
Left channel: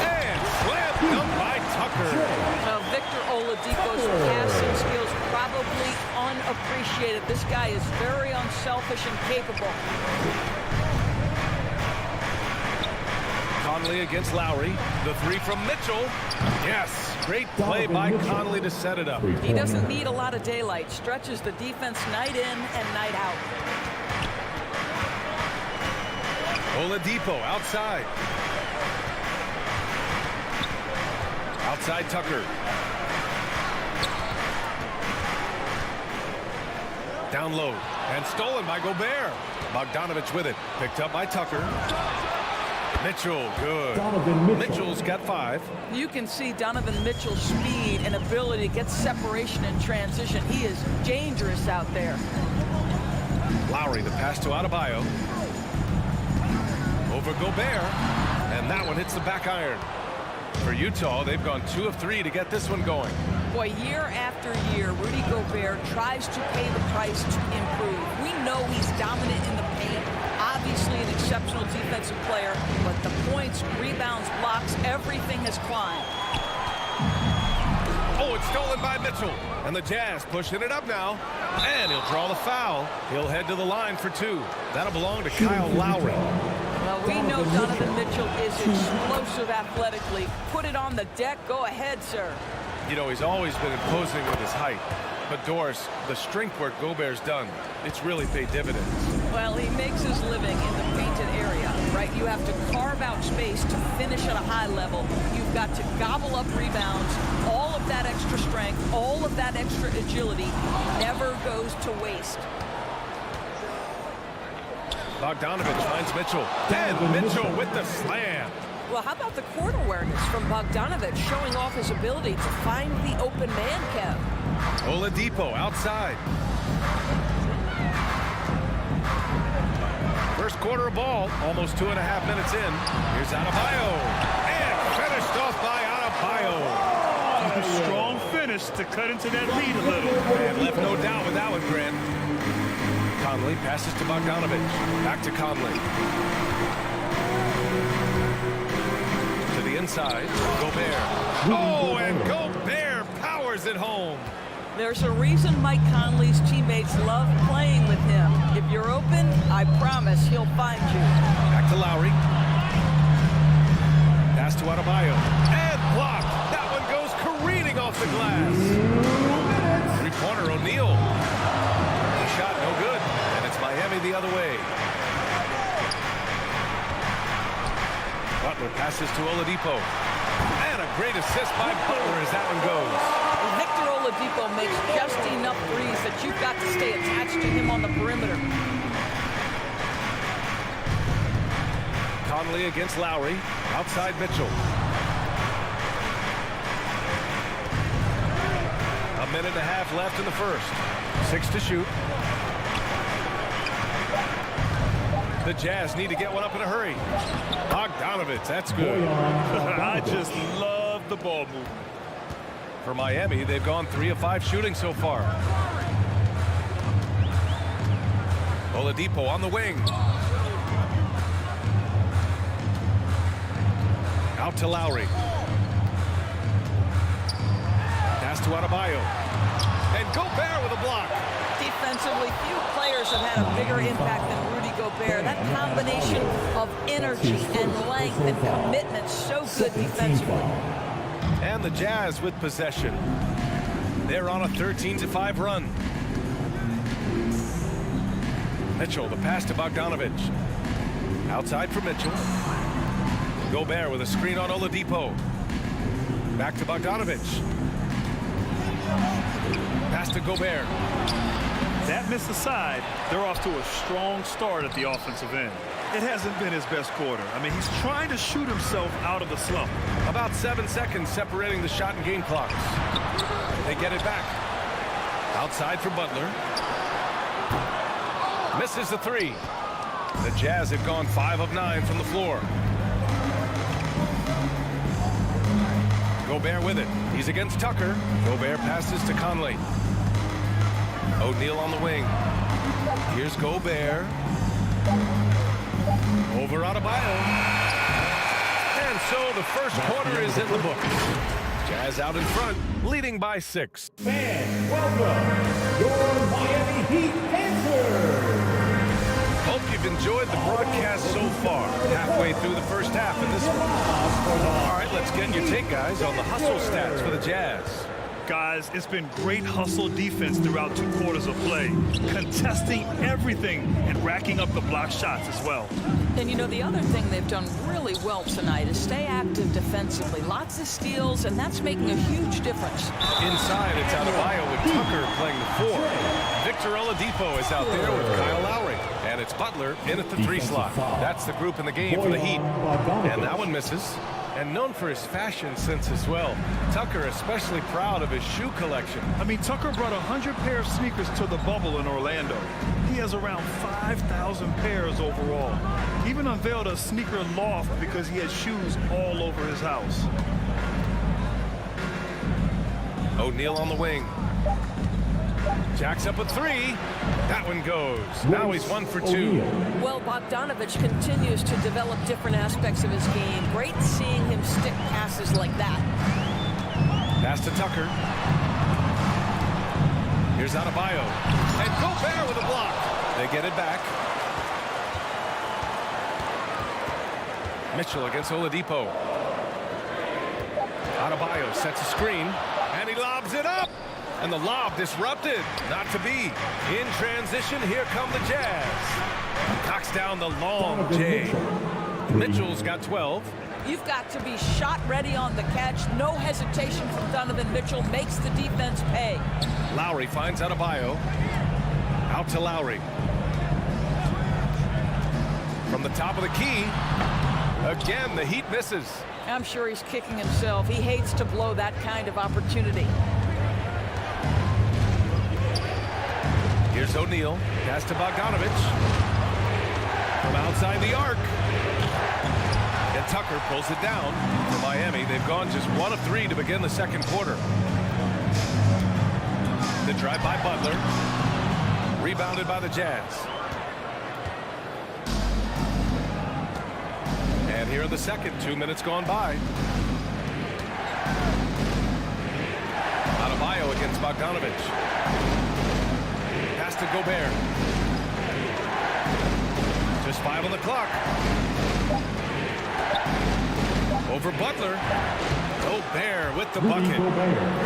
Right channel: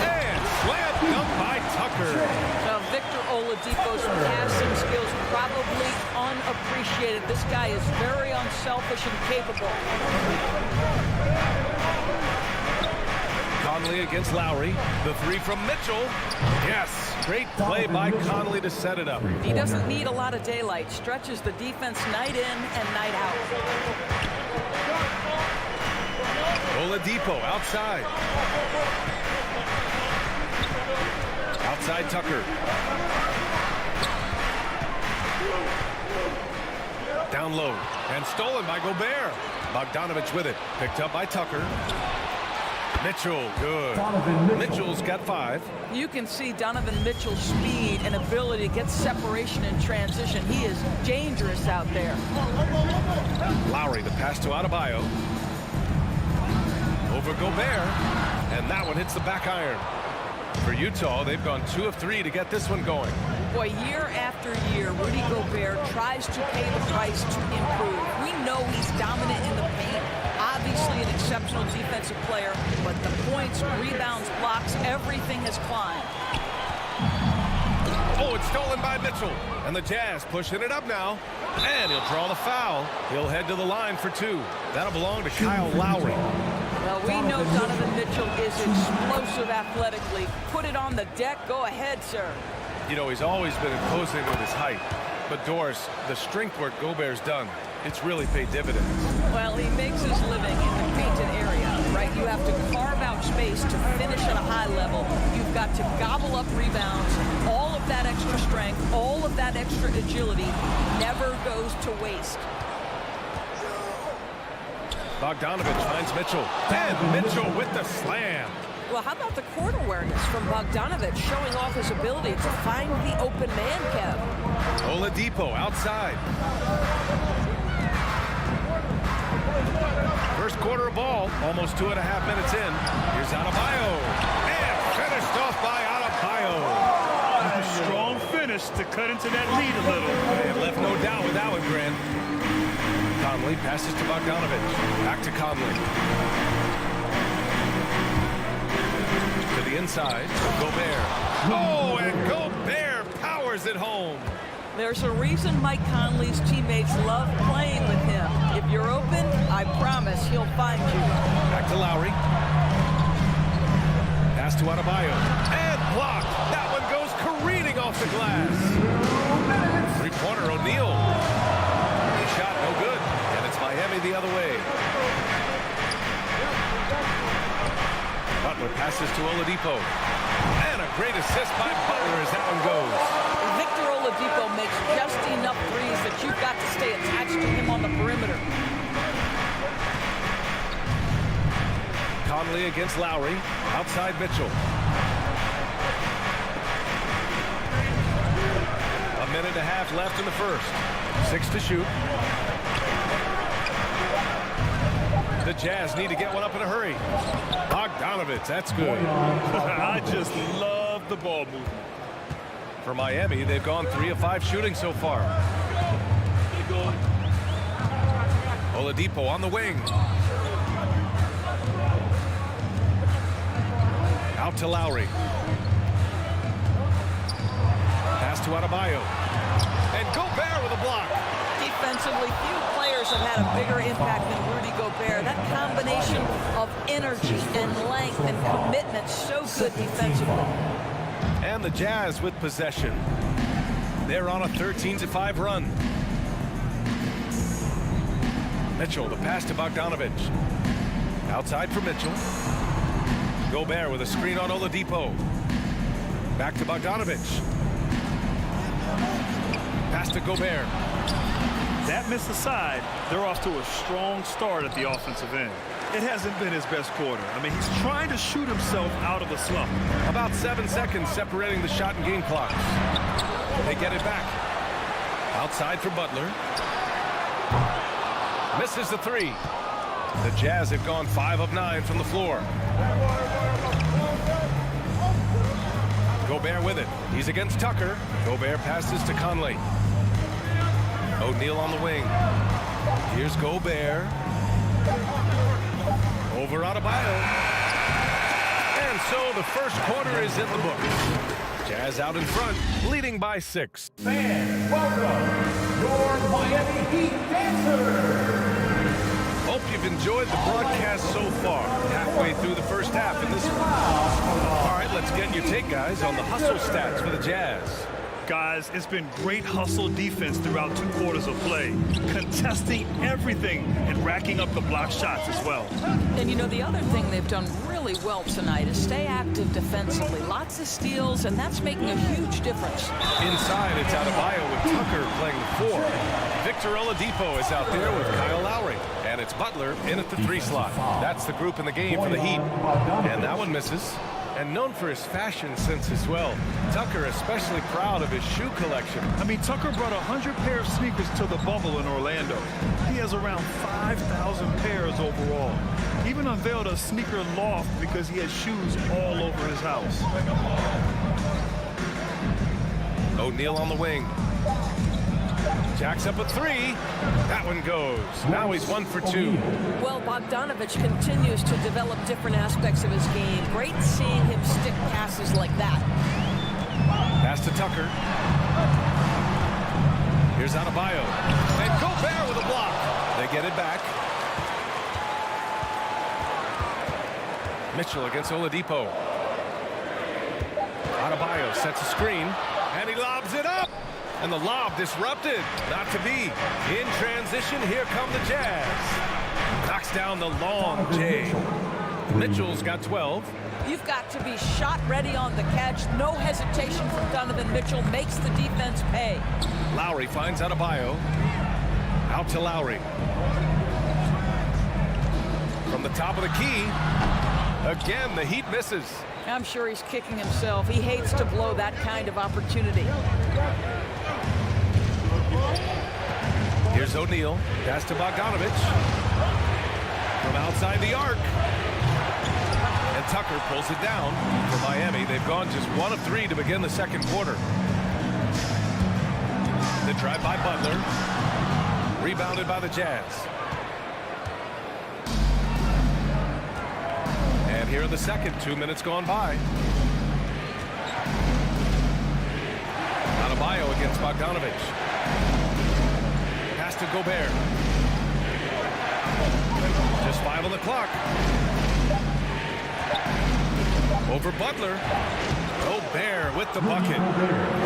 And slam dunk by Tucker. Now, Victor Oladipo's passing skills probably unappreciated. This guy is very unselfish and capable. Conley against Lowry. The three from Mitchell. Yes. Great play by Conley to set it up. He doesn't need a lot of daylight. Stretches the defense night in and night out. Oladipo outside. Outside Tucker. Down low. And stolen by Gobert. Bogdanovic with it. Picked up by Tucker. Mitchell, good. Mitchell's got 5. You can see Donovan Mitchell's speed and ability to get separation in transition. He is dangerous out there. Lowry, the pass to Adebayo. Over Gobert. And that one hits the back iron. For Utah, they've gone 2 of 3 to get this one going. Boy, year after year, Rudy Gobert tries to pay the price to improve. We know he's dominant in the paint, obviously an exceptional defensive player, but the points, rebounds, blocks, everything has climbed. Oh, it's stolen by Mitchell. And the Jazz pushing it up now. And he'll draw the foul. He'll head to the line for 2. That'll belong to Kyle Lowry. Well, we know Donovan Mitchell is explosive athletically. Put it on the deck. Go ahead, sir. You know, he's always been imposing with his height. But, Doris, the strength work Gobert's done, it's really paid dividends. Well, he makes his living in the painted area, right? You have to carve out space to finish at a high level. You've got to gobble up rebounds. All of that extra strength, all of that extra agility never goes to waste. Bogdanovic finds Mitchell. And Mitchell with the slam. Well, how about the court awareness from Bogdanovic showing off his ability to find the open man, Kev? Oladipo outside. First quarter of ball, almost 2.5 minutes in. Here's Adebayo. And finished off by Adebayo. Strong finish to cut into that lead a little. And left no doubt with that one, Grant. Conley passes to Bogdanovic. Back to Conley. To the inside. Gobert. Oh, and Gobert powers it home. There's a reason Mike Conley's teammates love playing with him. If you're open, I promise he'll find you. Back to Lowry. Pass to Adebayo. And blocked. That one goes careening off the glass. 3-pointer O'Neal. Shot no good. And it's Miami the other way. Butler passes to Oladipo. And a great assist by Butler as that one goes. Victor Oladipo makes just enough threes that you've got to stay attached to him on the perimeter. Conley against Lowry. Outside Mitchell. A minute and a half left in the first. 6 to shoot. The Jazz need to get one up in a hurry. Bogdanovic, that's good. I just love the ball movement. For Miami, they've gone 3 of 5 shooting so far. Oladipo on the wing. Out to Lowry. Pass to Adebayo. And Gobert with a block. Defensively, few players have had a bigger impact than Rudy Gobert. That combination of energy and length and commitment, so good defensively. And the Jazz with possession. They're on a 13-5 run. Mitchell, the pass to Bogdanovic. Outside for Mitchell. Gobert with a screen on Oladipo. Back to Bogdanovic. Pass to Gobert. that miss aside, they're off to a strong start at the offensive end. It hasn't been his best quarter. I mean, he's trying to shoot himself out of the slump. About 7 seconds separating the shot and game clocks. They get it back. Outside for Butler. Misses the three. The Jazz have gone 5 of 9 from the floor. Gobert with it. He's against Tucker. Gobert passes to Conley. O'Neal on the wing. Here's Gobert. Over Adebayo. And so the first quarter is in the books. Jazz out in front, leading by 6. Fans, welcome your Miami Heat dancers. Hope you've enjoyed the broadcast so far. Halfway through the first half in this one. All right, let's get your take, guys, on the hustle stats for the Jazz. Guys, it's been great hustle defense throughout 2 quarters of play, contesting everything and racking up the block shots as well. And you know, the other thing they've done really well tonight is stay active defensively. Lots of steals, and that's making a huge difference. Inside, it's Adebayo with Tucker playing the 4. Victor Oladipo is out there with Kyle Lowry. And it's Butler in at the 3 slot. That's the group in the game for the Heat. And that one misses. And known for his fashion sense as well. Tucker especially proud of his shoe collection. I mean, Tucker brought 100 pair of sneakers to the bubble in Orlando. He has around 5,000 pairs overall. He even unveiled a sneaker loft because he has shoes all over his house. O'Neal on the wing. Jacks up a 3. That one goes. Now he's 1 for 2. Well, Bogdanovich continues to develop different aspects of his game. Great seeing him stick passes like that. Pass to Tucker. Here's Adebayo. And Gobert with a block. They get it back. Mitchell against Oladipo. Adebayo sets a screen. And he lobs it up. And the lob disrupted. Not to be. In transition, here come the Jazz. Knocks down the long J. Mitchell's got 12. You've got to be shot ready on the catch. No hesitation from Donovan Mitchell. Makes the defense pay. Lowry finds Adebayo. Out to Lowry. From the top of the key. Again, the Heat misses. I'm sure he's kicking himself. He hates to blow that kind of opportunity. Here's O'Neal. Pass to Bogdanovich. From outside the arc. And Tucker pulls it down for Miami. They've gone just 1 of 3 to begin the second quarter. The drive by Butler. Rebounded by the Jazz. And here in the second, 2 minutes gone by. Adebayo against Bogdanovich. Pass to Gobert. Just 5 on the clock. Over Butler. Gobert with the bucket.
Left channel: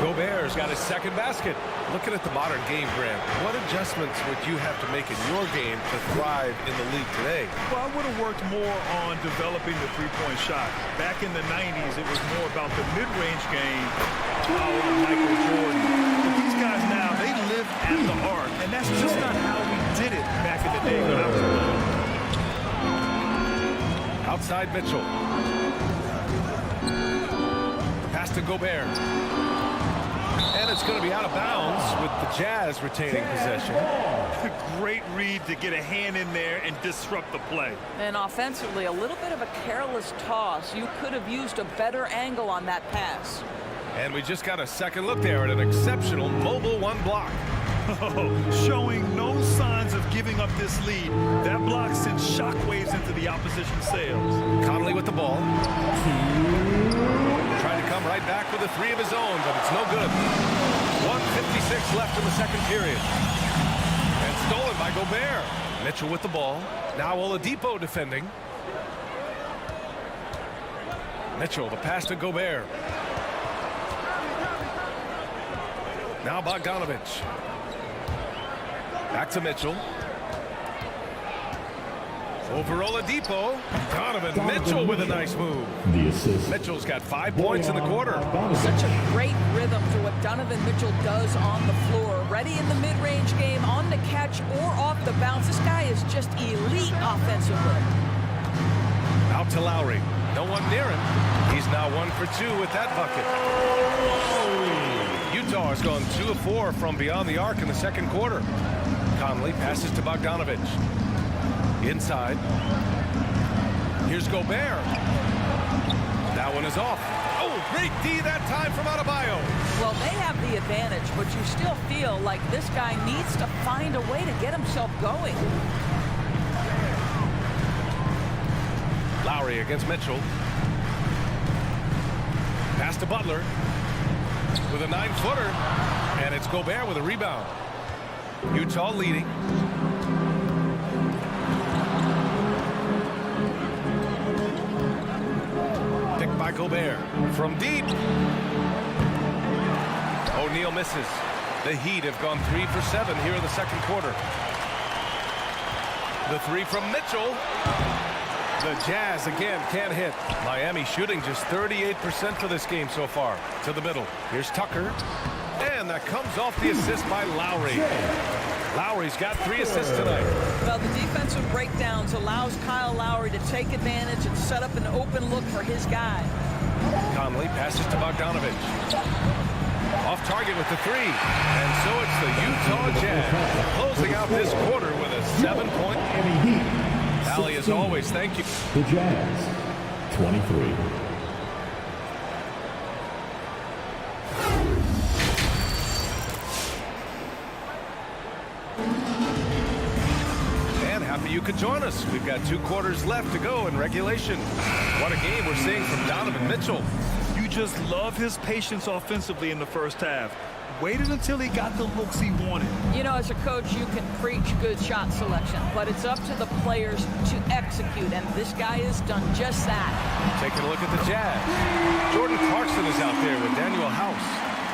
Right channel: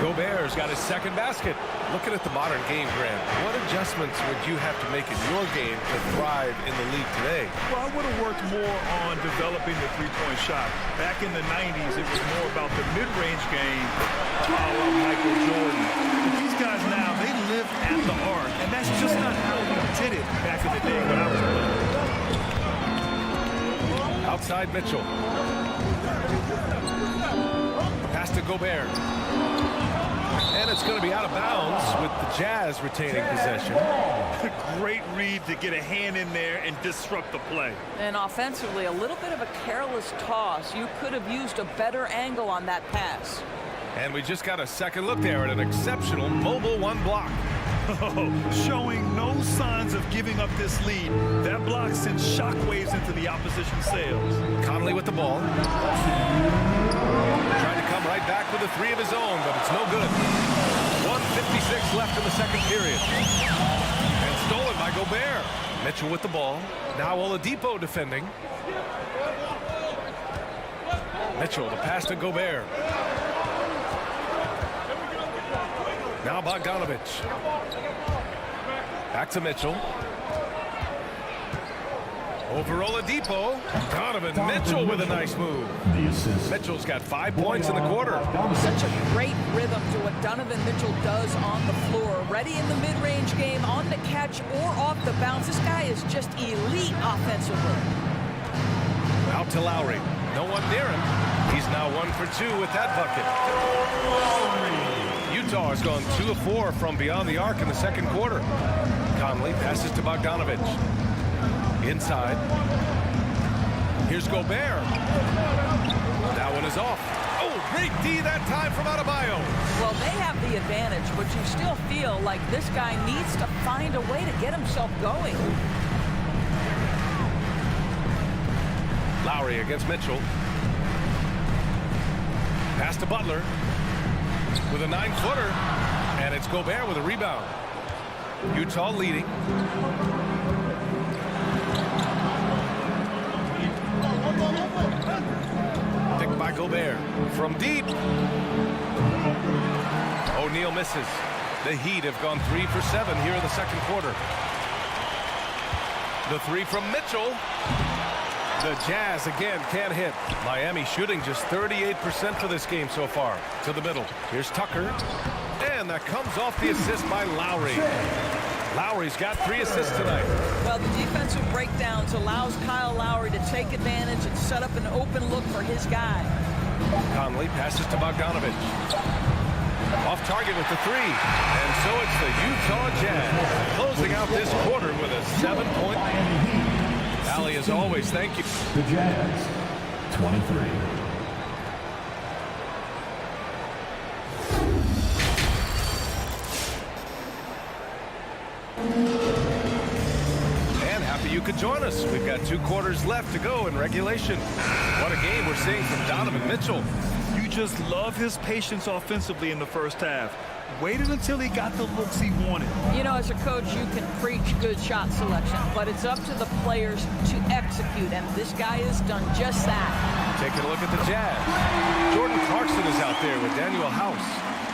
Gobert's got his second basket. Looking at the modern game, Grant, what adjustments would you have to make in your game to thrive in the league today? Well, I would have worked more on developing the three-point shot. Back in the 90s, it was more about the mid-range game, a la Michael Jordan. But these guys now, they live at the arc, and that's just not how we did it back in the day when I was playing. Outside Mitchell. Pass to Gobert. And it's going to be out of bounds with the Jazz retaining possession. Great read to get a hand in there and disrupt the play. And offensively, a little bit of a careless toss. You could have used a better angle on that pass. And we just got a second look there at an exceptional mobile 1 block. Showing no signs of giving up this lead. That block sends shockwaves into the opposition sails. Conley with the ball. Trying to come right back with a 3 of his own, but it's no good. 1:56 left in the second period. And stolen by Gobert. Mitchell with the ball. Now Oladipo defending. Mitchell, the pass to Gobert. Now Bogdanovich. Back to Mitchell. Over Oladipo. Donovan Mitchell with a nice move. The assist. Mitchell's got 5 points in the quarter. Such a great rhythm to what Donovan Mitchell does on the floor. Ready in the mid-range game, on the catch or off the bounce. This guy is just elite offensively. Out to Lowry. No one near him. He's now 1 for 2 with that bucket. Utah has gone 2 of 4 from beyond the arc in the second quarter. Conley passes to Bogdanovich. Inside. Here's Gobert. That one is off. Oh, great D that time from Adebayo. Well, they have the advantage, but you still feel like this guy needs to find a way to get himself going. Lowry against Mitchell. Pass to Butler with a 9-footer, and it's Gobert with a rebound. Utah leading. Picked by Gobert from deep. O'Neal misses. The Heat have gone 3 for 7 here in the second quarter. The 3 from Mitchell. The Jazz again can't hit. Miami shooting just 38% for this game so far. To the middle. Here's Tucker. And that comes off the assist by Lowry. Lowry's got 3 assists tonight. Well, the defensive breakdowns allows Kyle Lowry to take advantage and set up an open look for his guy. Conley passes to Bogdanovich. Off target with the 3. And so it's the Utah Jazz closing out this quarter with a 7-point. Allie, as always, thank you. The Jazz, 23. And happy you could join us. We've got 2 quarters left to go in regulation. What a game we're seeing from Donovan Mitchell. You just love his patience offensively in the first half. Waited until he got the looks he wanted. You know, as a coach, you can preach good shot selection, but it's up to the players to execute, and this guy has done just that. Taking a look at the Jazz. Jordan Clarkson is out there with Daniel House.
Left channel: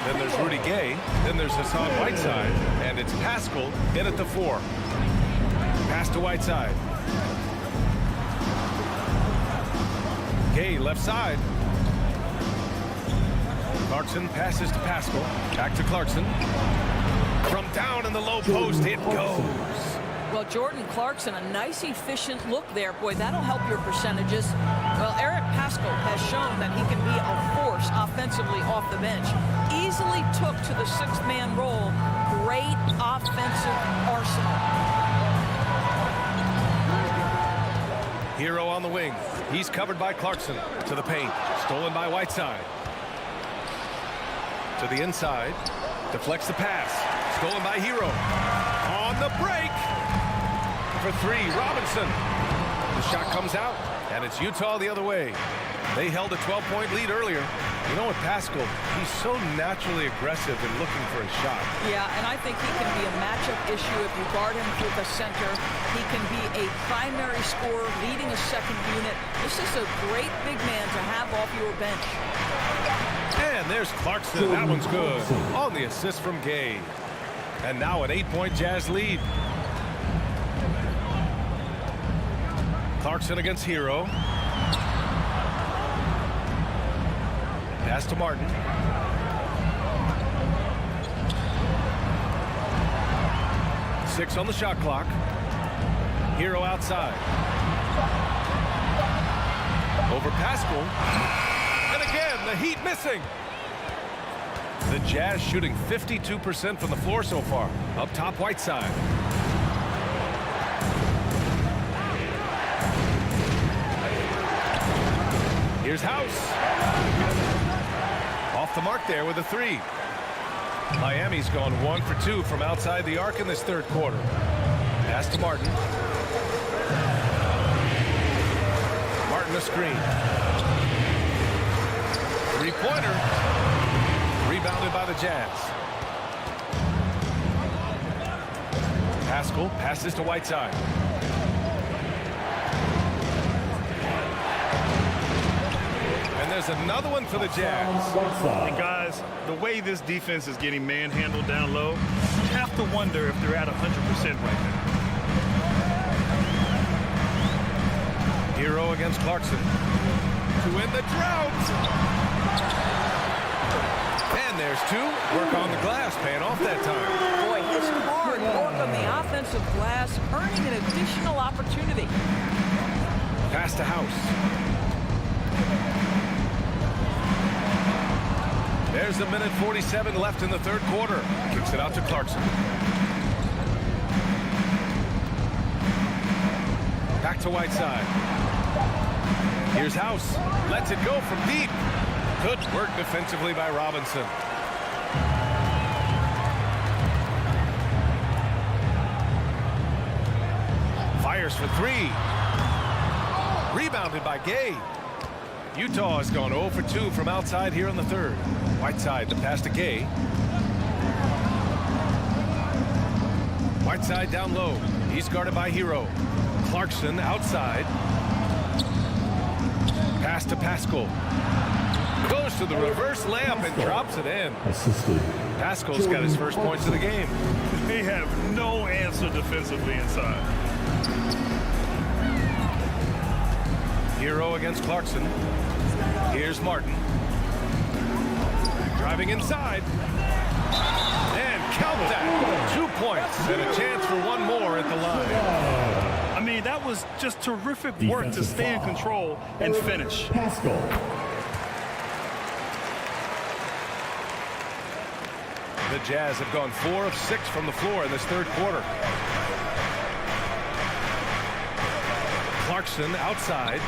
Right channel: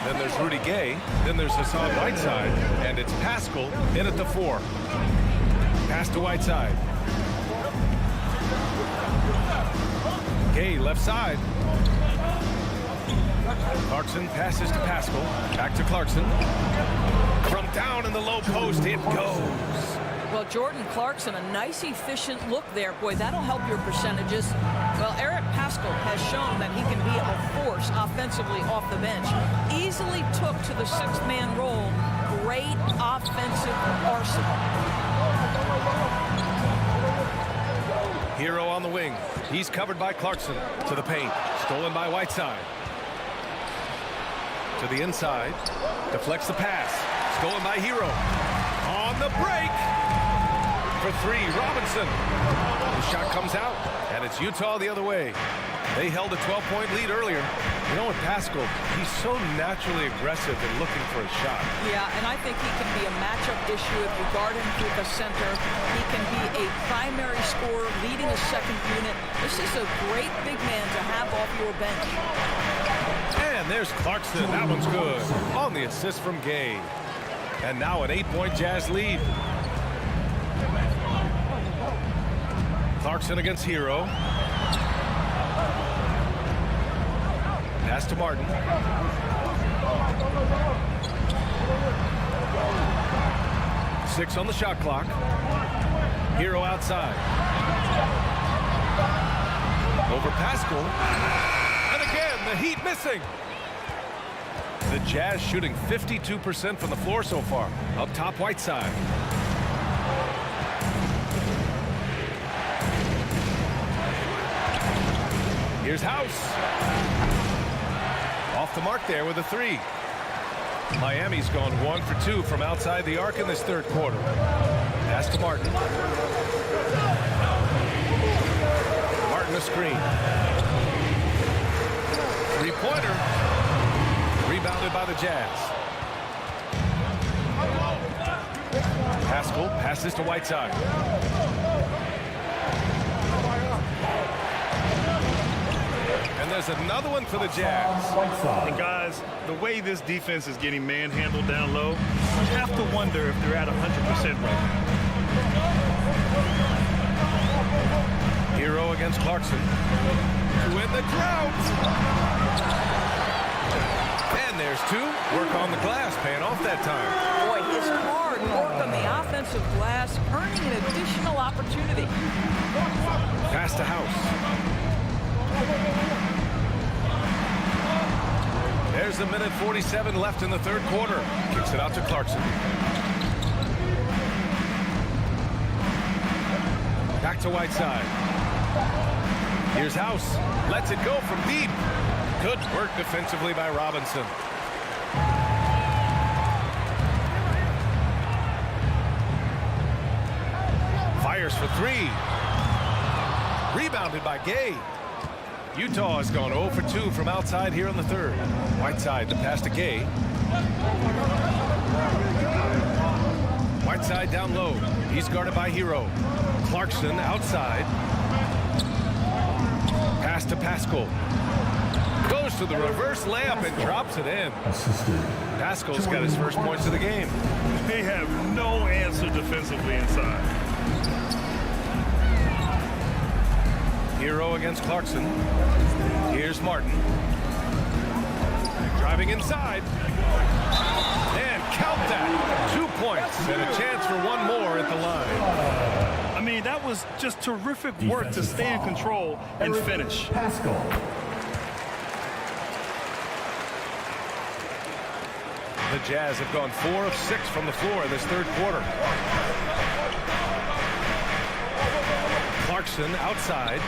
Then there's Rudy Gay. Then there's Hassan Whiteside. And it's Pascal in at the 4. Pass to Whiteside. Gay left side. Clarkson passes to Pascal. Back to Clarkson. From down in the low post, it goes. Well, Jordan Clarkson, a nice, efficient look there. Boy, that'll help your percentages. Well, Eric Pascal has shown that he can be a force offensively off the bench. Easily took to the 6th-man role. Great offensive arsenal. Hero on the wing. He's covered by Clarkson. To the paint. Stolen by Whiteside. To the inside. Deflects the pass. Stolen by Hero. On the break. For 3, Robinson. The shot comes out, and it's Utah the other way. They held a 12-point lead earlier. You know what, Pascal, he's so naturally aggressive and looking for a shot. Yeah, and I think he can be a matchup issue if you guard him through the center. He can be a primary scorer, leading a second unit. This is a great big man to have off your bench. And there's Clarkson. That one's good. On the assist from Gay. And now an 8-point Jazz lead. Clarkson against Hero. Pass to Martin. Six on the shot clock. Hero outside. Over Pascal. And again, the Heat missing. The Jazz shooting 52% from the floor so far. Up top, Whiteside. Here's House. Off the mark there with a 3. Miami's gone 1 for 2 from outside the arc in this third quarter. Pass to Martin. Martin a screen. 3-pointer. Rebounded by the Jazz. Pascal passes to Whiteside. And there's another one for the Jazz. And guys, the way this defense is getting manhandled down low, you have to wonder if they're at 100% right now. Hero against Clarkson. To win the drought. And there's two. Work on the glass, paying off that time. Boy, his hard work on the offensive glass, earning an additional opportunity. Pass to House. There's a minute 47 left in the third quarter. Kicks it out to Clarkson. Back to Whiteside. Here's House. Lets it go from deep. Good work defensively by Robinson. Fires for three. Rebounded by Gay. Utah has gone 0 for 2 from outside here in the third. Whiteside, the pass to Gay. Whiteside down low. He's guarded by Hero. Clarkson outside. Pass to Pascal. Goes to the reverse layup and drops it in. Pascal's got his first points of the game. They have no answer defensively inside. Hero against Clarkson. Here's Martin. Driving inside. And count that. 2 points and a chance for one more at the line. I mean, that was just terrific work to stay in control and finish. Pascal. The Jazz have gone 4 of 6 from the floor in this third quarter. Clarkson outside.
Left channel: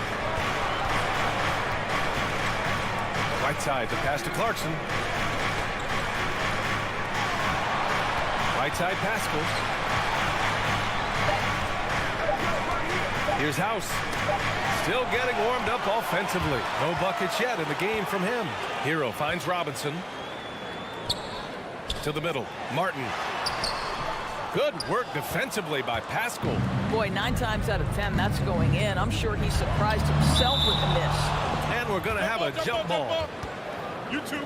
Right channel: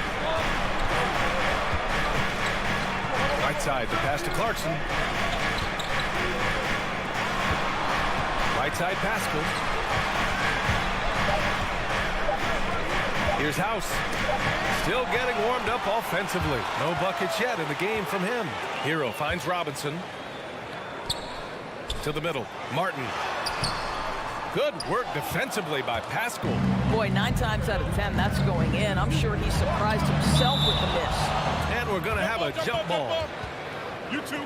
Whiteside, the pass to Clarkson. Right side, Pascal. Here's House. Still getting warmed up offensively. No buckets yet in the game from him. Hero finds Robinson. To the middle. Martin. Good work defensively by Pascal. Boy, 9 times out of 10, that's going in. I'm sure he surprised himself with the miss. And we're going to have a jump ball. You too.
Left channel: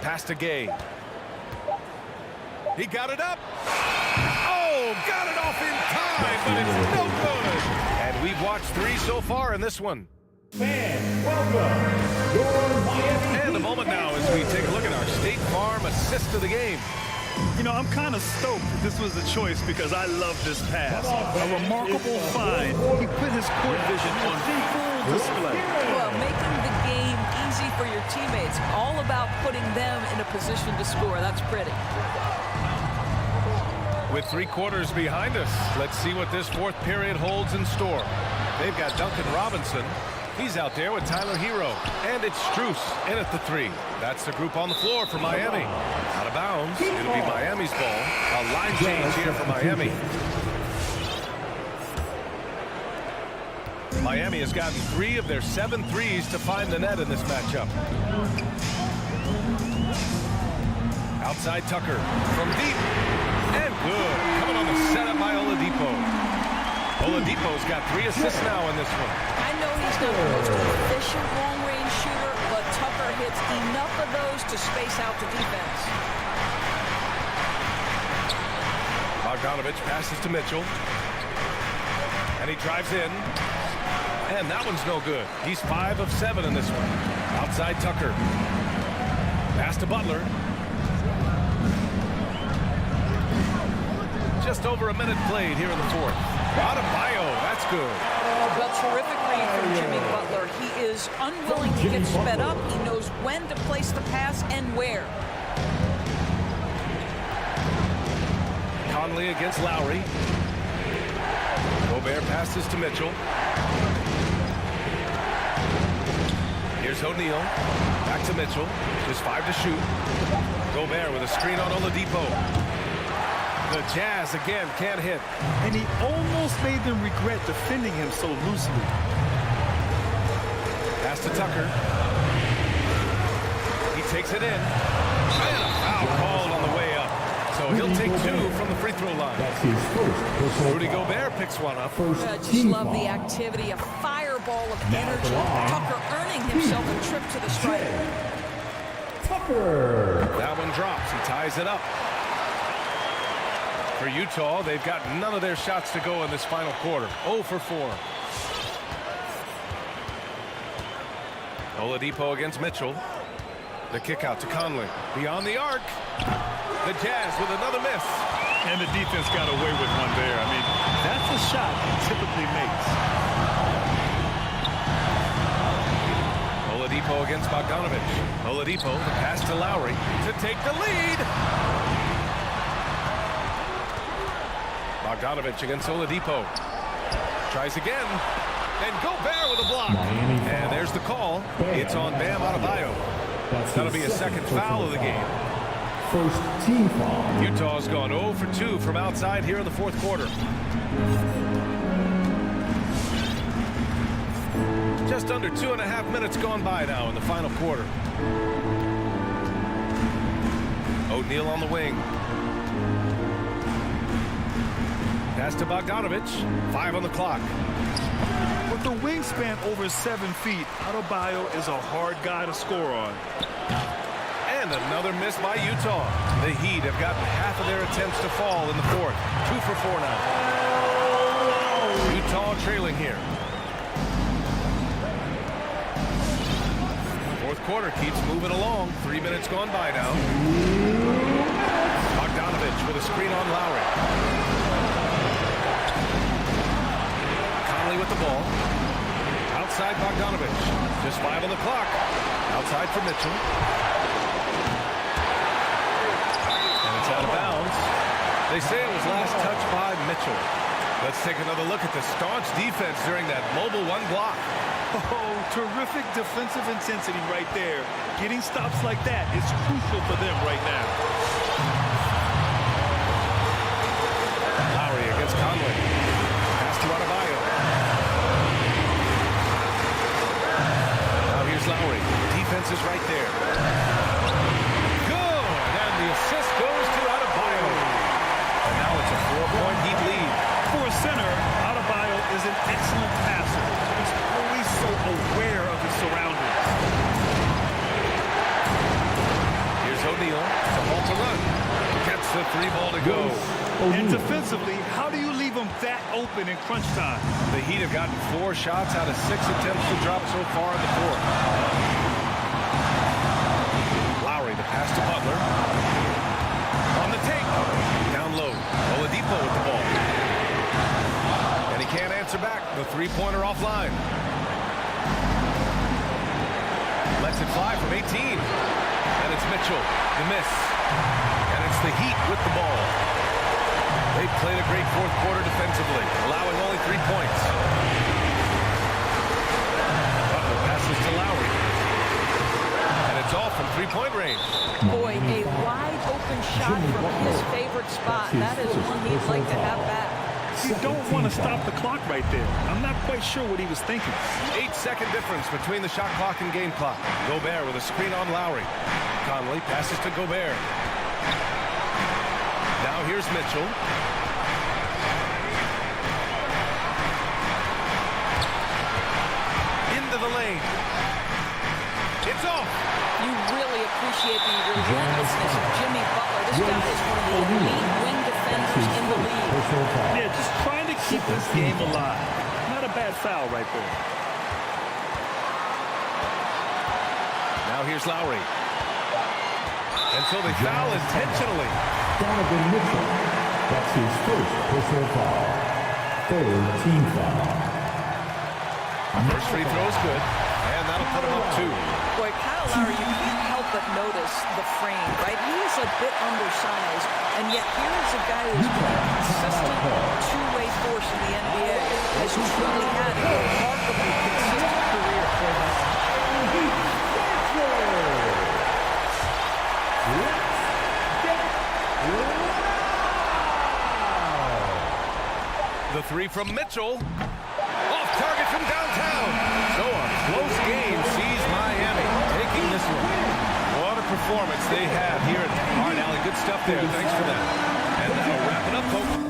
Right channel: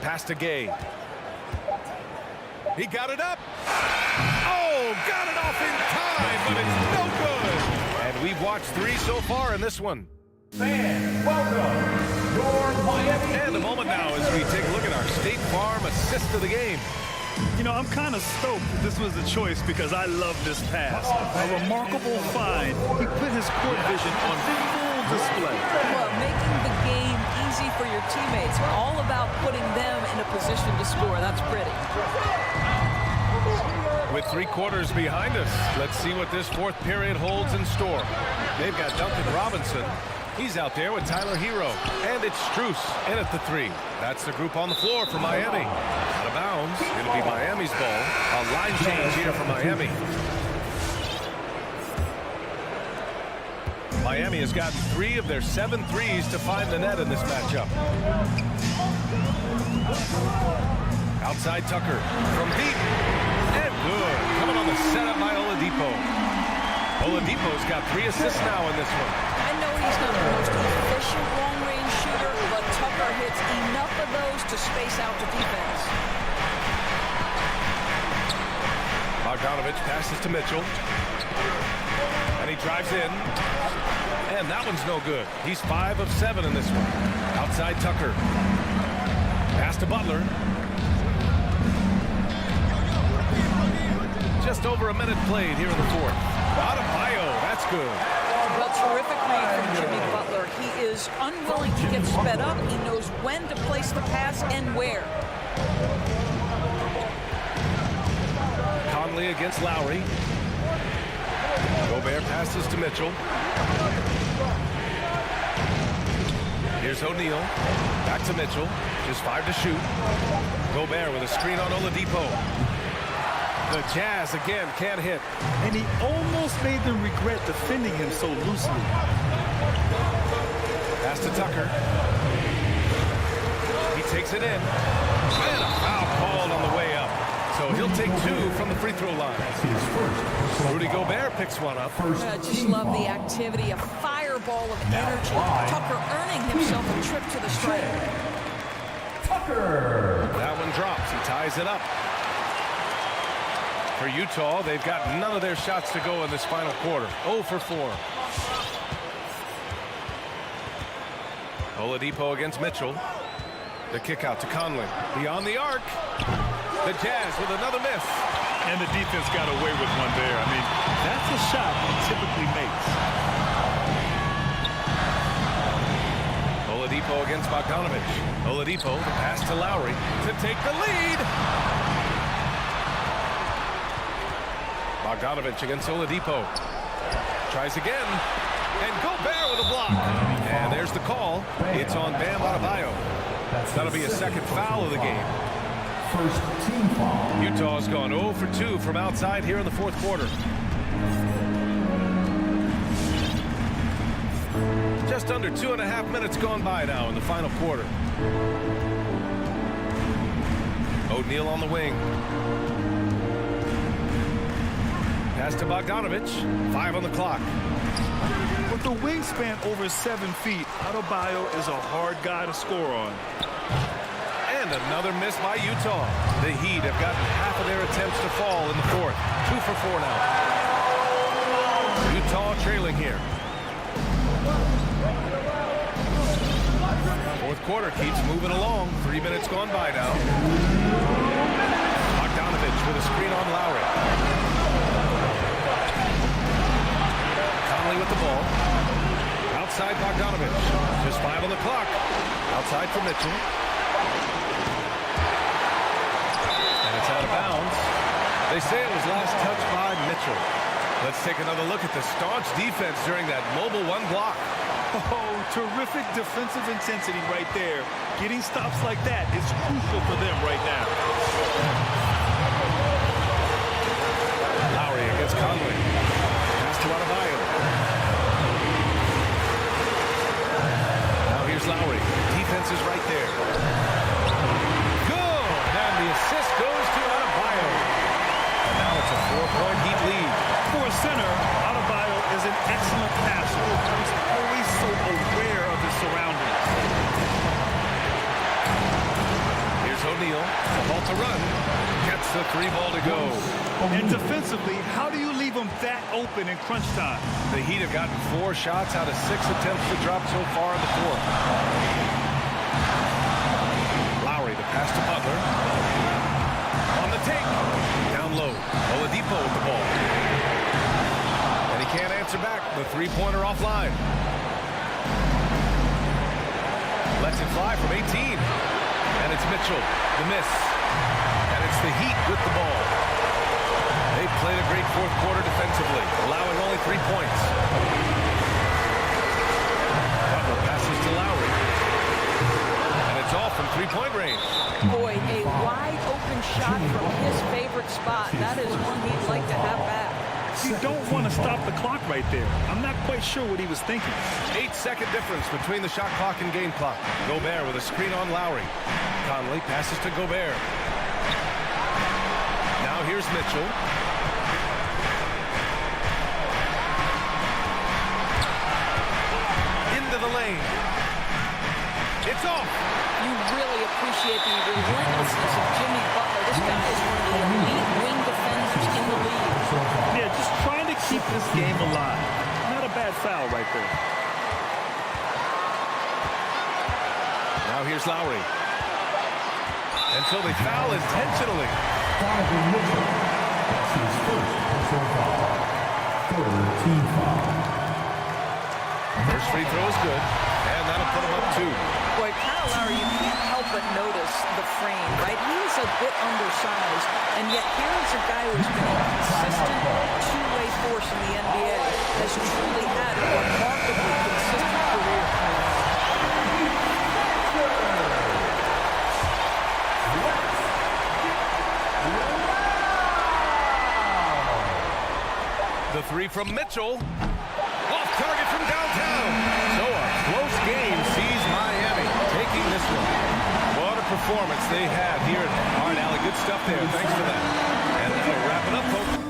Pass to Gay. He got it up. Oh, got it off in time, but it's no good. And we've watched 3 so far in this one. Fans, welcome your Miami. And a moment now as we take a look at our State Farm assist of the game. You know, I'm kind of stoked that this was a choice because I love this pass. A remarkable find. He put his court vision on full display. Well, making the game easy for your teammates. All about putting them in a position to score. That's pretty. With 3 quarters behind us, let's see what this fourth period holds in store. They've got Duncan Robinson. He's out there with Tyler Hero. And it's Strus in at the 3. That's the group on the floor for Miami. Out of bounds. It'll be Miami's ball. A line change here for Miami. Miami has gotten 3 of their 7 threes to find the net in this matchup. Outside Tucker from deep. And good. Coming on the setup by Oladipo. Oladipo's got 3 assists now in this one. I know he's not the most efficient long-range shooter, but Tucker hits enough of those to space out the defense. Bogdanovich passes to Mitchell. And he drives in. And that one's no good. He's 5 of 7 in this one. Outside Tucker. Pass to Butler. Just over a minute played here in the fourth. Adebayo, that's good. Well, terrific read from Jimmy Butler. He is unwilling to get sped up. He knows when to place the pass and where. Conley against Lowry. Gobert passes to Mitchell. Here's O'Neal. Back to Mitchell. Just 5 to shoot. Gobert with a screen on Oladipo. The Jazz again can't hit. And he almost made them regret defending him so loosely. Pass to Tucker. He takes it in. And a foul called on the way up. So he'll take 2 from the free throw line. Rudy Gobert picks one up. I just love the activity, a fireball of energy. Tucker earning himself a trip to the stripe. Tucker. That one drops. He ties it up. For Utah, they've got none of their shots to go in this final quarter. 0 for 4. Oladipo against Mitchell. The kick out to Conley. Beyond the arc. The Jazz with another miss. And the defense got away with one there. I mean, that's a shot he typically makes. Oladipo against Bogdanovich. Oladipo, the pass to Lowry to take the lead. Bogdanovich against Oladipo. Tries again. And Gobert with a block. And there's the call. It's on Bam Adebayo. That'll be a second foul of the game. First team foul. Utah's gone 0 for 2 from outside here in the fourth quarter. Just under 2.5 minutes gone by now in the final quarter. O'Neal on the wing. Pass to Bogdanovich. 5 on the clock. With the wingspan over 7 feet, Adebayo is a hard guy to score on. And another miss by Utah. The Heat have gotten half of their attempts to fall in the fourth. 2 for 4 now. Utah trailing here. Fourth quarter keeps moving along. 3 minutes gone by now. Bogdanovich with a screen on Lowry. Conley with the ball. Outside Bogdanovich. Just 5 on the clock. Outside for Mitchell. And it's out of bounds. They say it was last touched by Mitchell. Let's take another look at the staunch defense during that mobile 1 block. Oh, terrific defensive intensity right there. Getting stops like that is crucial for them right now. Lowry against Conley. Pass to Adebayo. Now here's Lowry. Defense is right there. Good, and the assist goes to Adebayo. And now it's a 4-point Heat lead. For a center, Adebayo is an excellent passer. He's always so aware of his surroundings. Here's O'Neal to halt the run. Gets the 3 ball to go. And defensively, how do you leave him that open in crunch time? The Heat have gotten 4 shots out of 6 attempts to drop so far in the fourth. Lowry, the pass to Butler. On the take. Down low. Oladipo with the ball. And he can't answer back. The 3-pointer offline. Lets it fly from 18. And it's Mitchell, the miss. And it's the Heat with the ball. They've played a great fourth quarter defensively, allowing only 3 points. Butler passes to Lowry. And it's all from 3-point range. Boy, a wide open shot from his favorite spot. That is one he'd like to have back. You don't want to stop the clock right there. I'm not quite sure what he was thinking. 8-second difference between the shot clock and game clock. Gobert with a screen on Lowry. Conley passes to Gobert. Now here's Mitchell. Into the lane. It's off. You really appreciate the relentlessness of Jimmy Butler. This guy is one of the elite wing defenders in the league. Yeah, just trying to keep this game alive. Not a bad foul right there. Now here's Lowry. Until they foul intentionally. Donovan Mitchell. That's his first personal foul. Third team foul. First free throw is good. And that'll put him up 2. Boy, Kyle Lowry, you can't help but notice the frame, right? He is a bit undersized, and yet here is a guy who's been a consistent two-way force in the NBA, has truly had a remarkably consistent career. The 3 from Mitchell. Off target from downtown. So a close game sees Miami taking this one. What a performance they have here at Hard Alley. Good stuff there. Thanks for that. And that'll wrap it up, folks.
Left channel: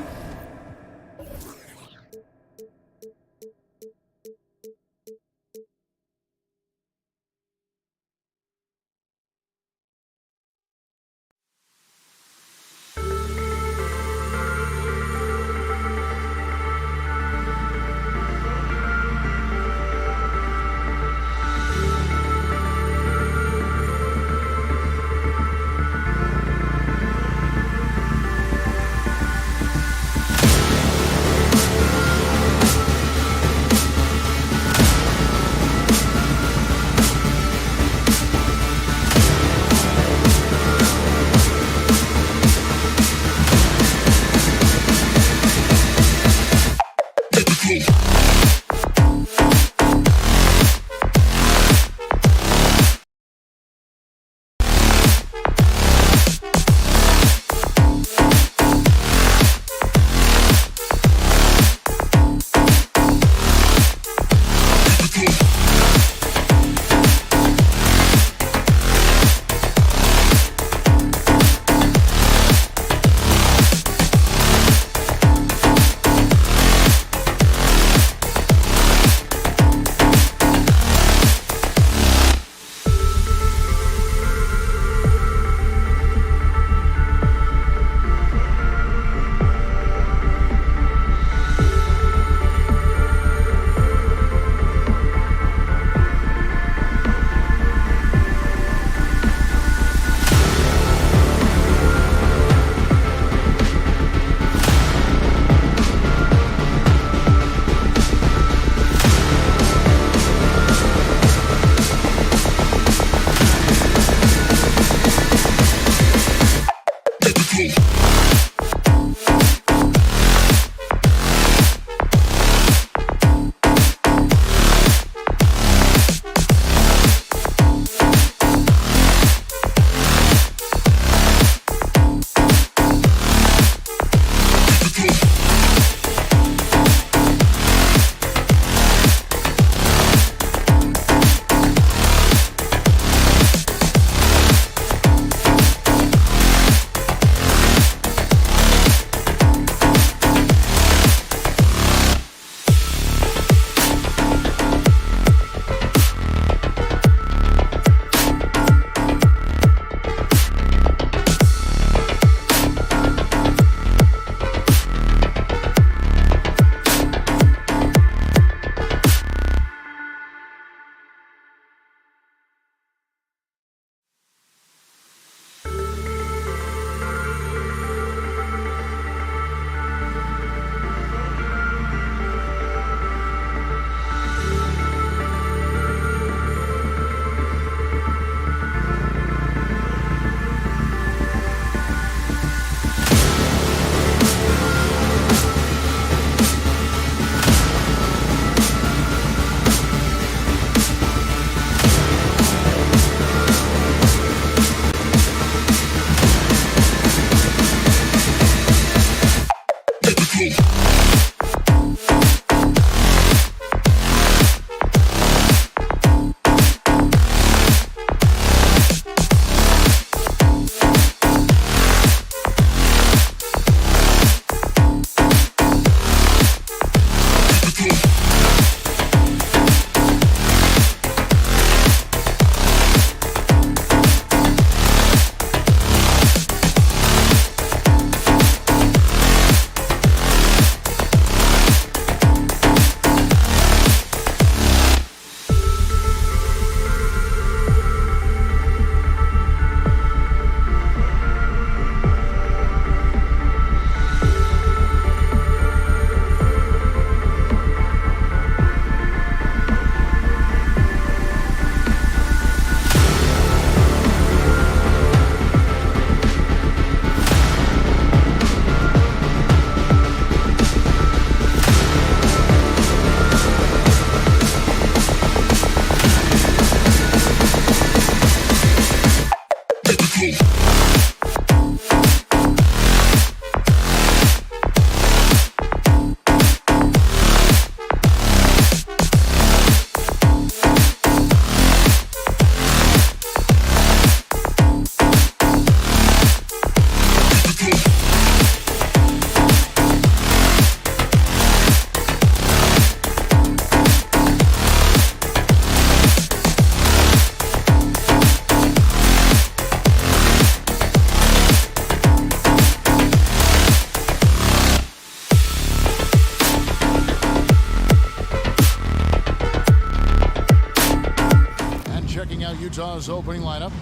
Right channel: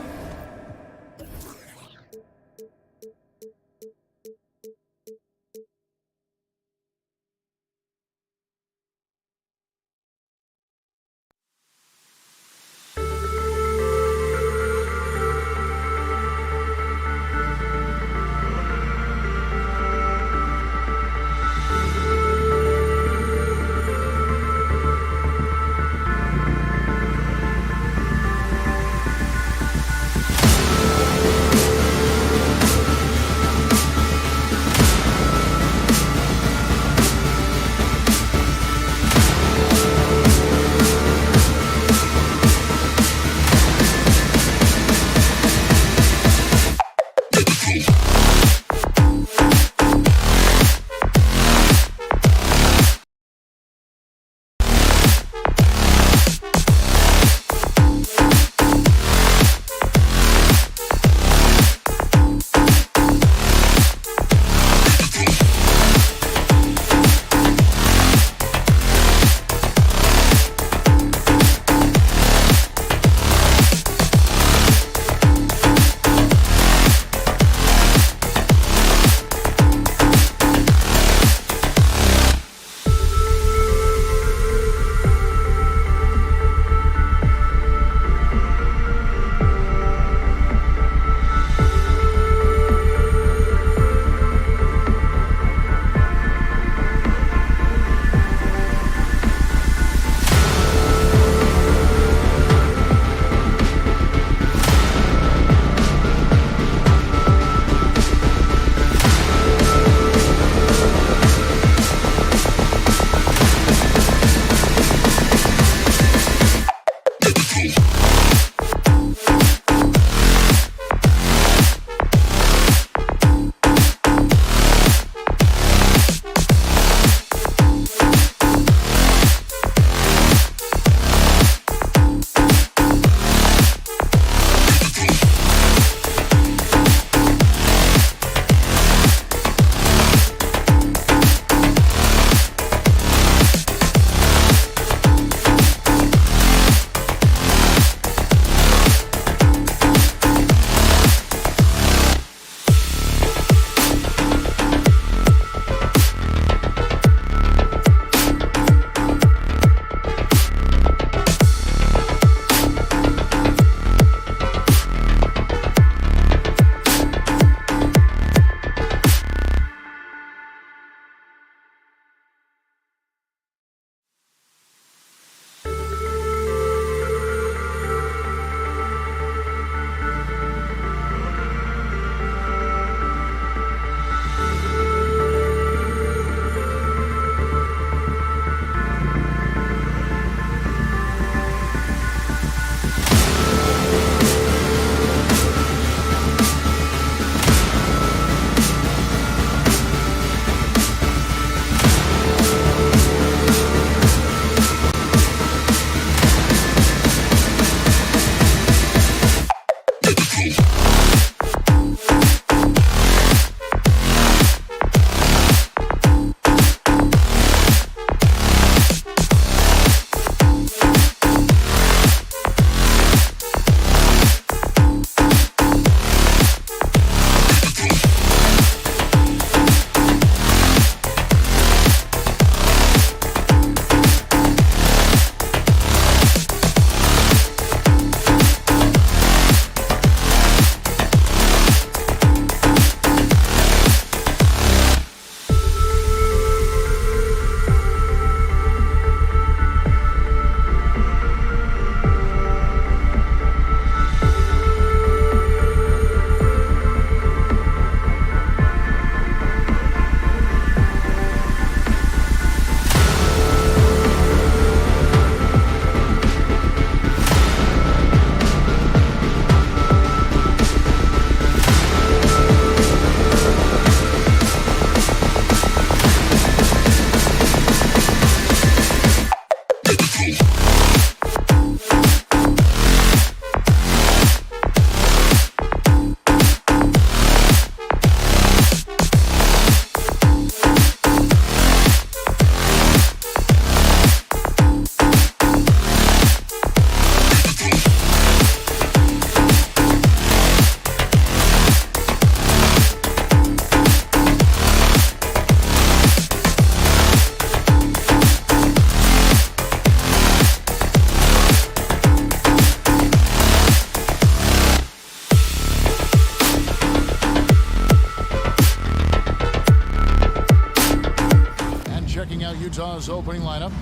Utah's opening lineup.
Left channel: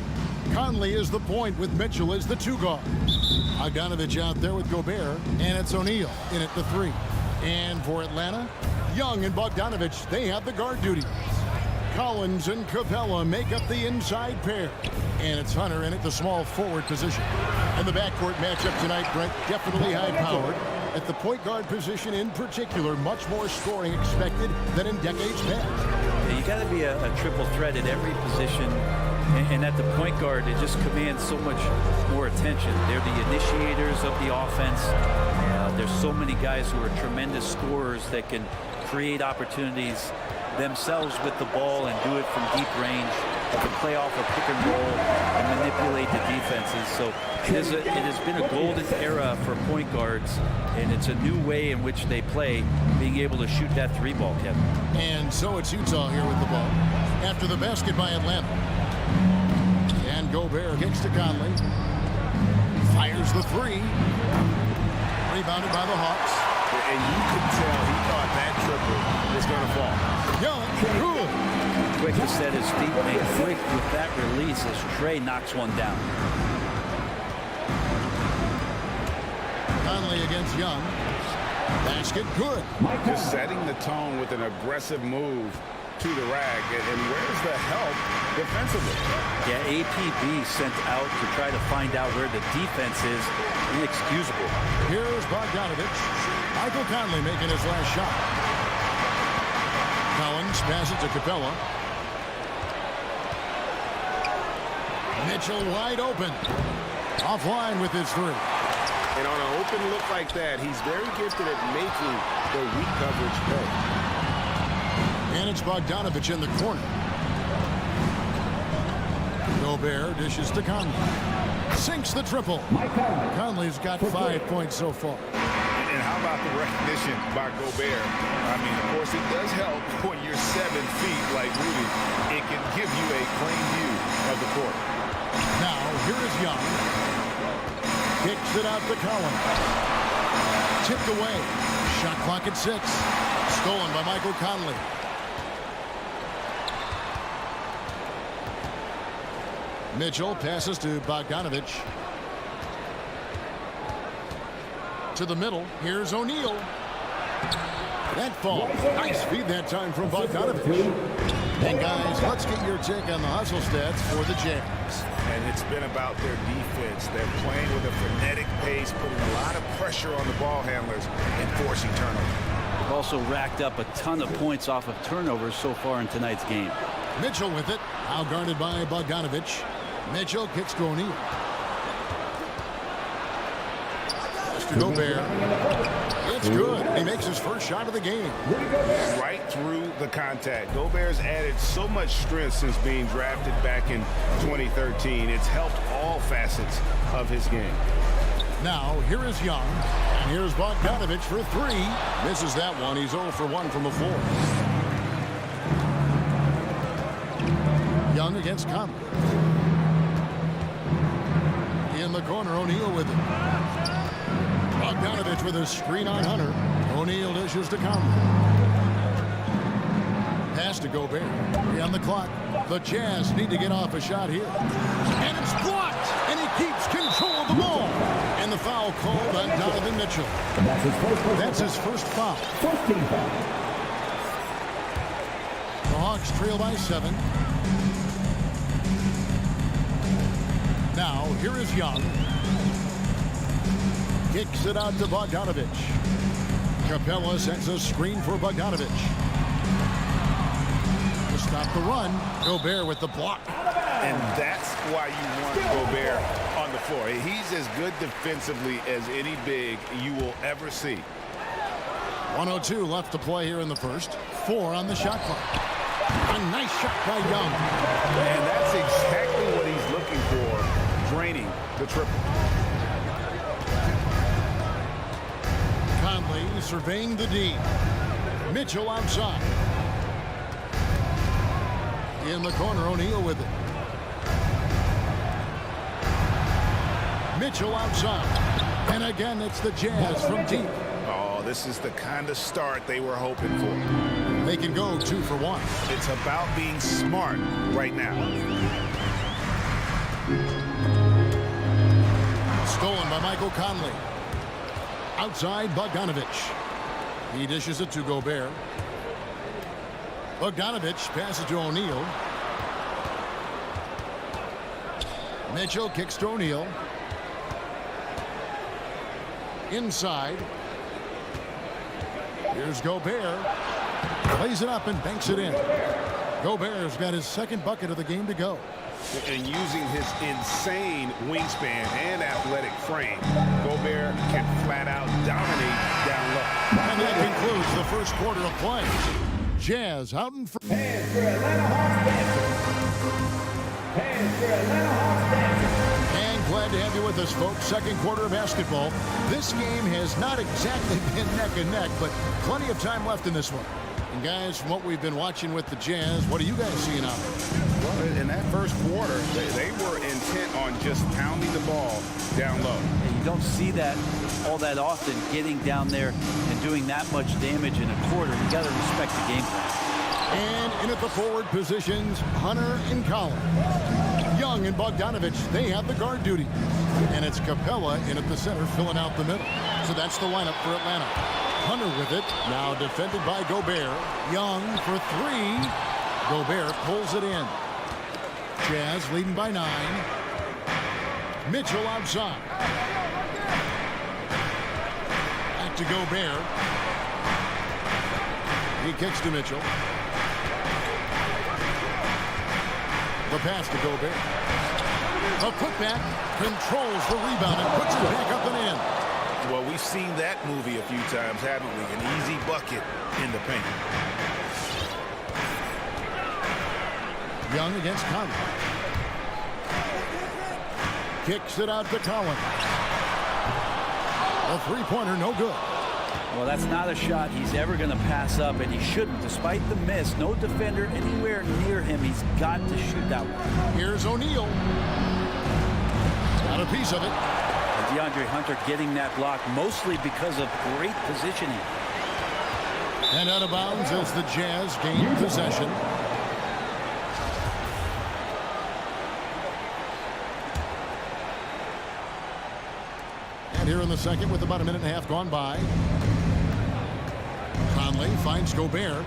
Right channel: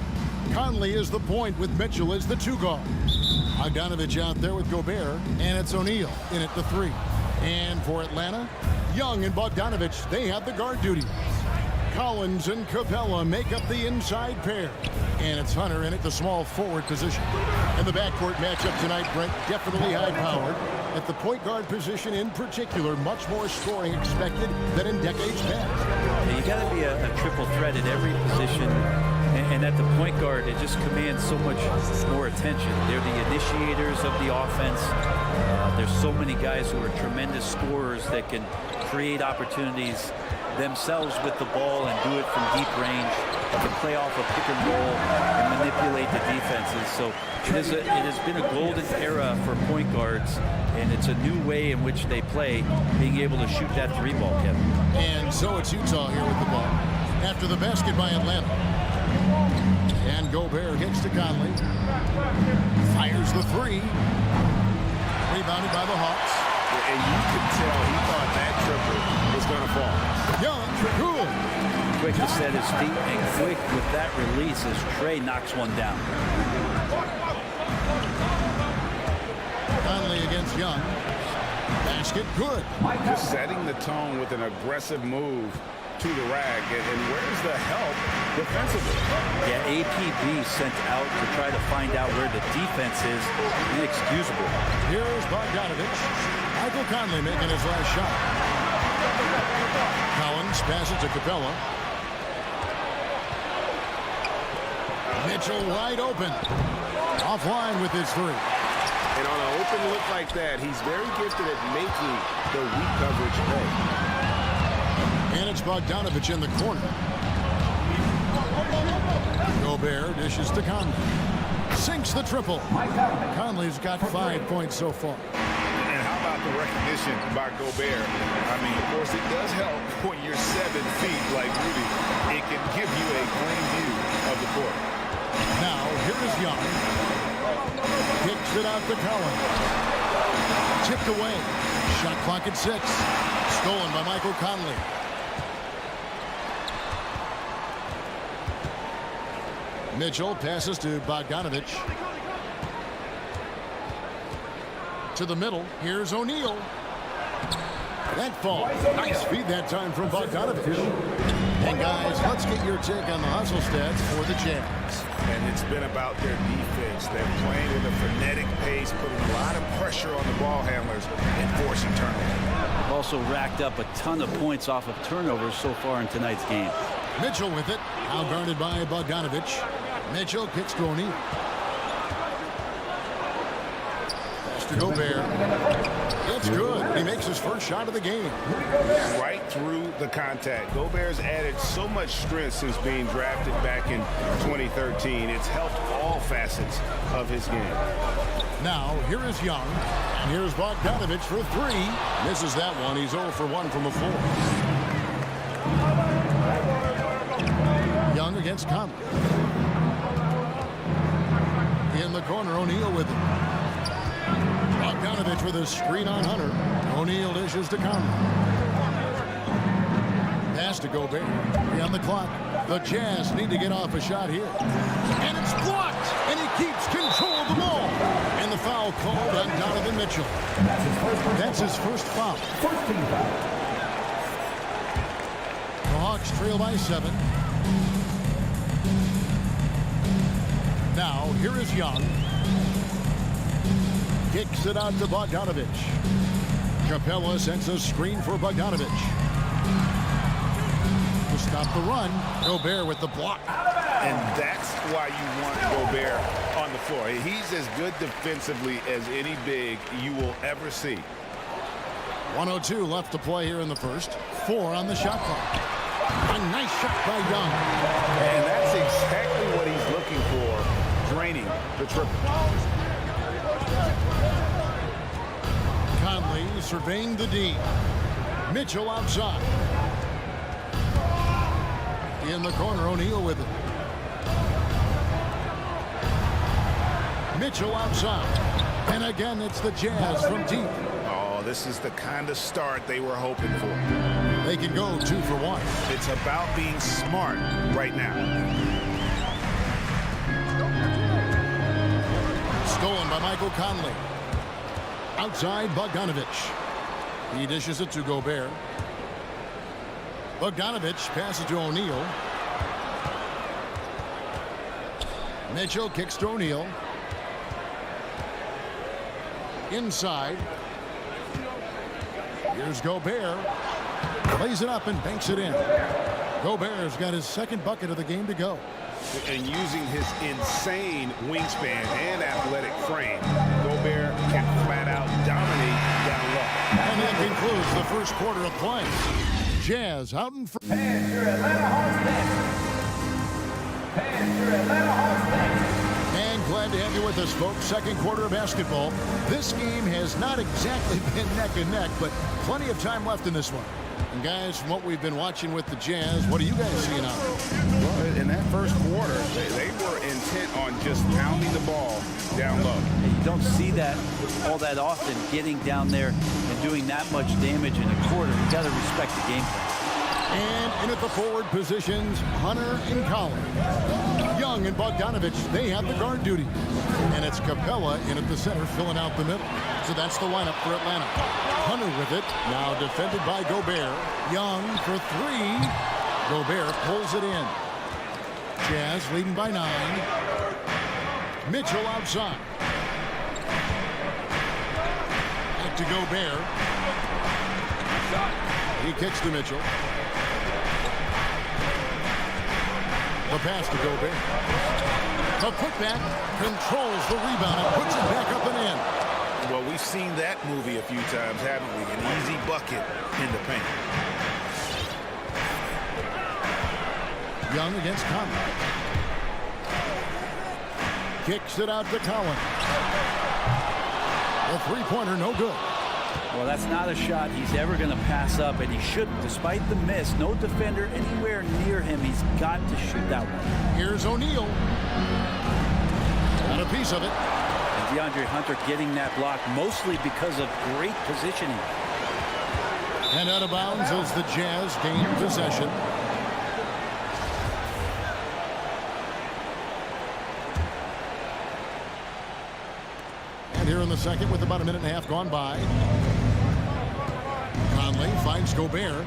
Conley is the point with Mitchell as the 2 guard. Bogdanovich out there with Gobert, and it's O'Neal in at the 3. And for Atlanta, Young and Bogdanovich, they have the guard duty. Collins and Capella make up the inside pair. And it's Hunter in at the small forward position. And the backcourt matchup tonight, Brent, definitely high-powered. At the point guard position in particular, much more scoring expected than in decades past. Yeah, you got to be a triple threat at every position. And at the point guard, it just commands so much more attention. They're the initiators of the offense. There's so many guys who are tremendous scorers that can create opportunities themselves with the ball and do it from deep range. They can play off a pick and roll and manipulate the defenses. So it has been a golden era for point guards, and it's a new way in which they play, being able to shoot that 3-ball, Kevin. And so it's Utah here with the ball. After the basket by Atlanta. And Gobert kicks to Conley. Fires the 3. Rebounded by the Hawks. And you could tell he thought that triple was going to fall. Young, good. Quick to set his feet and quick with that release as Trey knocks one down. Conley against Young. Basket, good. Just setting the tone with an aggressive move to the rack. And where's the help defensively? Yeah, APB sent out to try to find out where the defense is. Inexcusable. Here's Bogdanovich. Michael Conley making his last shot. Collins passes to Capella. Mitchell wide open. Offline with his 3. And on an open look like that, he's very gifted at making the weak coverage pay. And it's Bogdanovich in the corner. Gobert dishes to Conley. Sinks the triple. Conley's got 5 points so far. And how about the recognition by Gobert? I mean, of course, it does help when you're 7 feet like Rudy. It can give you a clean view of the court. Now, here is Young. Kicks it out to Collins. Tipped away. Shot clock at 6. Stolen by Michael Conley. Mitchell passes to Bogdanovich. To the middle. Here's O'Neal. That fall. Nice feed that time from Bogdanovich. And guys, let's get your take on the hustle stats for the Jazz. And it's been about their defense. They're playing with a frenetic pace, putting a lot of pressure on the ball handlers and forcing turnovers. They've also racked up a ton of points off of turnovers so far in tonight's game. Mitchell with it. Now guarded by Bogdanovich. Mitchell kicks to O'Neal. Pass to Gobert. It's good. He makes his first shot of the game. Right through the contact. Gobert's added so much strength since being drafted back in 2013. It's helped all facets of his game. Now, here is Young. And here's Bogdanovich for 3. Misses that one. He's 0 for 1 from the floor. Young against Conley. In the corner, O'Neal with it. Bogdanovich with a screen on Hunter. O'Neal dishes to Conley. Pass to Gobert. 3 on the clock. The Jazz need to get off a shot here. And it's blocked. And he keeps control of the ball. And the foul called on Donovan Mitchell. That's his first foul. First team foul. The Hawks trail by 7. Now, here is Young. Kicks it out to Bogdanovich. Capella sends a screen for Bogdanovich. To stop the run, Gobert with the block. And that's why you want Gobert on the floor. He's as good defensively as any big you will ever see. 1:02 left to play here in the first. 4 on the shot clock. A nice shot by Young. And that's exactly what he's looking for, draining the triple. Conley surveying the D. Mitchell outside. In the corner, O'Neal with it. Mitchell outside. And again, it's the Jazz from deep. Oh, this is the kind of start they were hoping for. They can go 2 for 1. It's about being smart right now. Stolen by Michael Conley. Outside, Bogdanovich. He dishes it to Gobert. Bogdanovich passes to O'Neal. Mitchell kicks to O'Neal. Inside. Here's Gobert. Plays it up and banks it in. Gobert's got his second bucket of the game to go. And using his insane wingspan and athletic frame, Gobert can flat out dominate down low. And that concludes the first quarter of play. Jazz out in front. And your Atlanta Hawks dancers. And your Atlanta Hawks dancers. And glad to have you with us, folks. Second quarter of basketball. This game has not exactly been neck and neck, but plenty of time left in this one. And guys, from what we've been watching with the Jazz, what are you guys seeing out there? Well, in that first quarter, they were intent on just pounding the ball down low. And you don't see that all that often, getting down there and doing that much damage in a quarter. You got to respect the game plan. And in at the forward positions, Hunter and Conley. Young and Bogdanovich, they have the guard duty. And it's Capella in at the center, filling out the middle. So that's the lineup for Atlanta. Hunter with it, now defended by Gobert. Young for three. Gobert pulls it in. Jazz leading by 9. Mitchell outside. Back to Gobert. He kicks to Mitchell. The pass to Gobert. The putback controls the rebound and puts it back up and in. Well, we've seen that movie a few times, haven't we? An easy bucket in the paint. Young against Conley. Kicks it out to Collins. A three-pointer, no good. Well, that's not a shot he's ever going to pass up, and he shouldn't. Despite the miss, no defender anywhere near him. He's got to shoot that one. Here's O'Neal. Got a piece of it. And DeAndre Hunter getting that block mostly because of great positioning. And out of bounds as the Jazz gain possession. And here in the second with about a minute and a half gone by. Conley finds Gobert.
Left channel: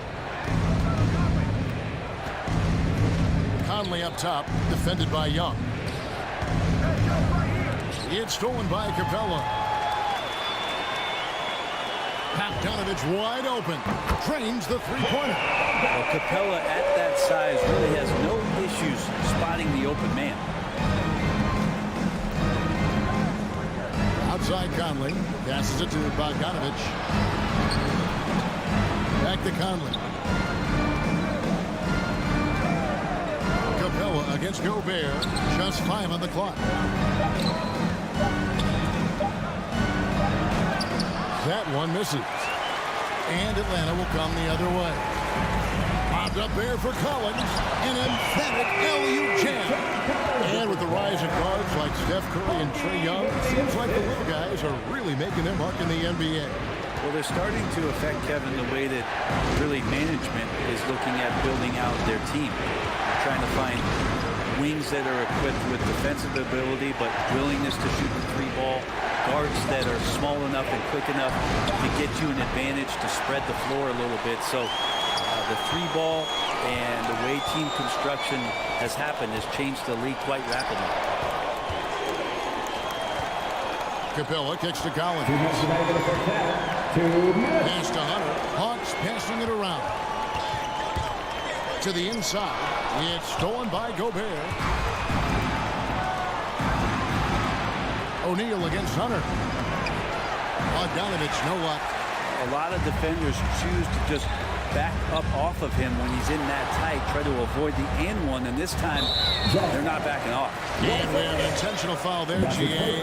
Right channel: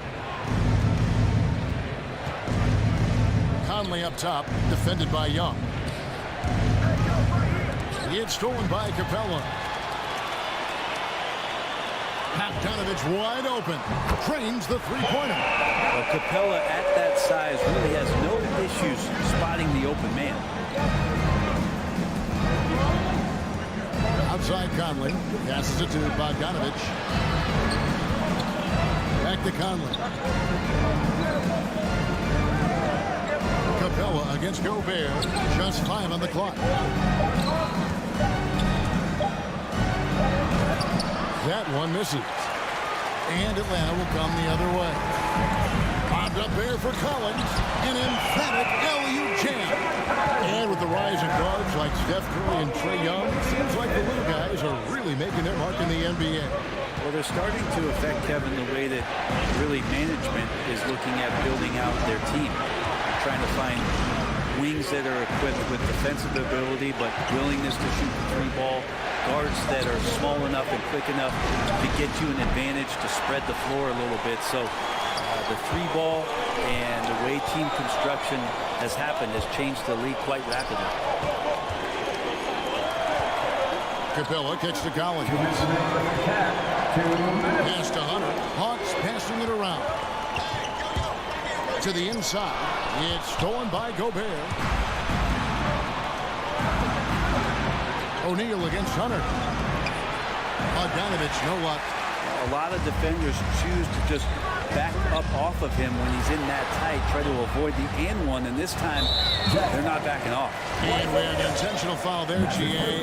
Conley up top, defended by Young. It's stolen by Capella. Bogdanovich wide open. Trains the three-pointer. Well, Capella at that size really has no issues spotting the open man. Outside Conley. Passes it to Bogdanovich. Back to Conley. Capella against Gobert. Just 5 on the clock. That one misses. And Atlanta will come the other way. Bobbed up there for Collins. An emphatic alley-oop jam. And with the rise of guards like Steph Curry and Trae Young, it seems like the little guys are really making their mark in the NBA. Well, they're starting to affect, Kevin, the way that really management is looking at building out their team. They're trying to find wings that are equipped with defensive ability but willingness to shoot the three ball. Guards that are small enough and quick enough to get you an advantage to spread the floor a little bit. So the three ball and the way team construction has happened has changed the league quite rapidly. Capella kicks to Collins. Pass to Hunter. Hawks passing it around. To the inside. It's stolen by Gobert. O'Neal against Hunter. Bogdanovich, no luck. A lot of defenders choose to just back up off of him when he's in that tight, try to avoid the and one, and this time they're not backing off. And we have an intentional foul there, GA.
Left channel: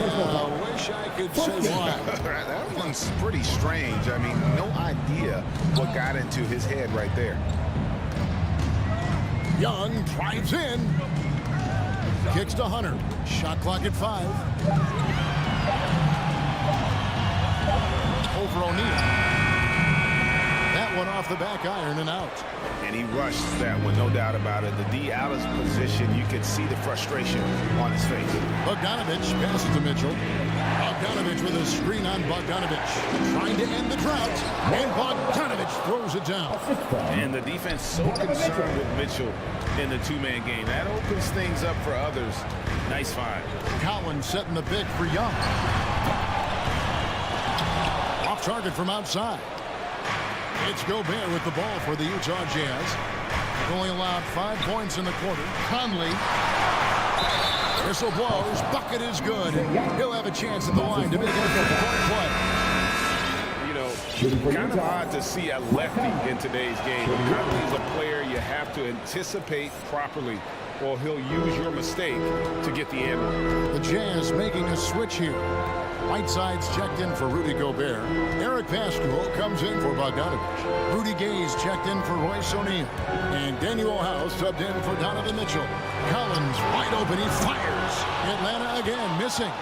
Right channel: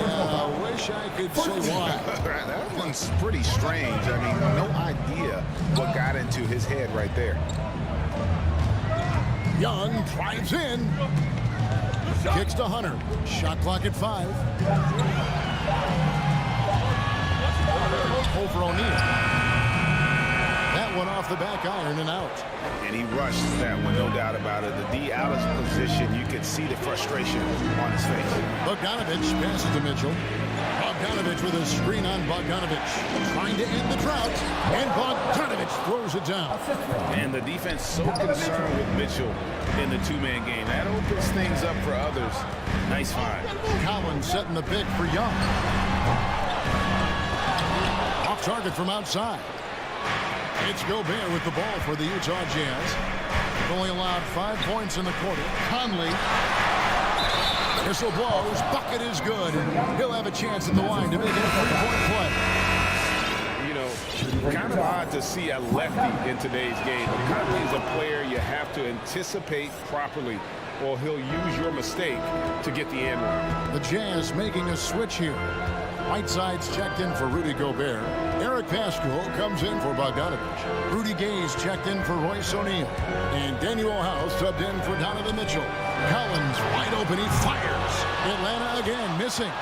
Wish I could say why. That one's pretty strange. I mean, no idea what got into his head right there. Young drives in. Kicks to Hunter. Shot clock at 5. Over O'Neal. That one off the back iron and out. And he rushed that one, no doubt about it. The D out of position, you could see the frustration on his face. Bogdanovich passes to Mitchell. Bogdanovich with a screen on Bogdanovich. Trying to end the drought. And Bogdanovich throws it down. And the defense so concerned with Mitchell in the two-man game. That opens things up for others. Nice find. Collins setting the pick for Young. Off target from outside. It's Gobert with the ball for the Utah Jazz. They've only allowed 5 points in the quarter. Conley. Whistle blows. Bucket is good. And he'll have a chance at the line to make it a 3-point play. You know, kind of odd to see a lefty in today's game. But Conley is a player you have to anticipate properly, or he'll use your mistake to get the and one. The Jazz making a switch here. Whiteside's checked in for Rudy Gobert. Eric Paschal comes in for Bogdanovich. Rudy Gay's checked in for Royce O'Neal. And Daniel House subbed in for Donovan Mitchell. Collins wide open. He fires. Atlanta again missing.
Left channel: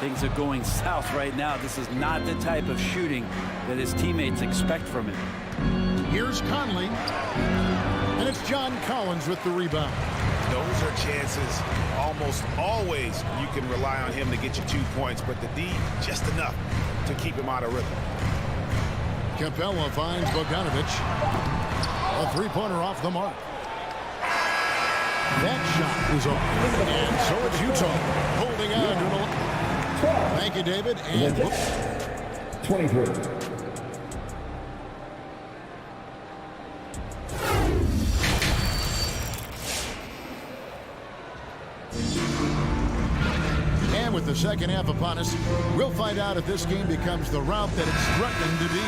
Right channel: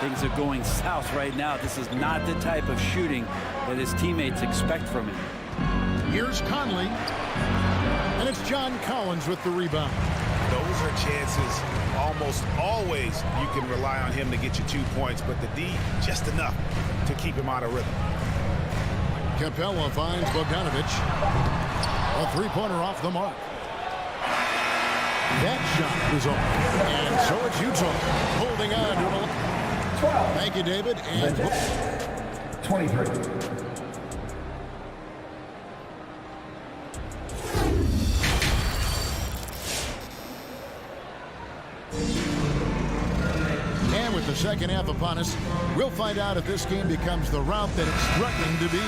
Things are going south right now. This is not the type of shooting that his teammates expect from him. Here's Conley. And it's John Collins with the rebound. Those are chances almost always you can rely on him to get you 2 points, but the D just enough to keep him out of rhythm. Capella finds Bogdanovich. A three-pointer off the mark. That shot is off. And so it's Utah holding on to an 12. Thank you, David. And 23. And with the second half upon us, we'll find out if this game becomes the route that it's threatening to be.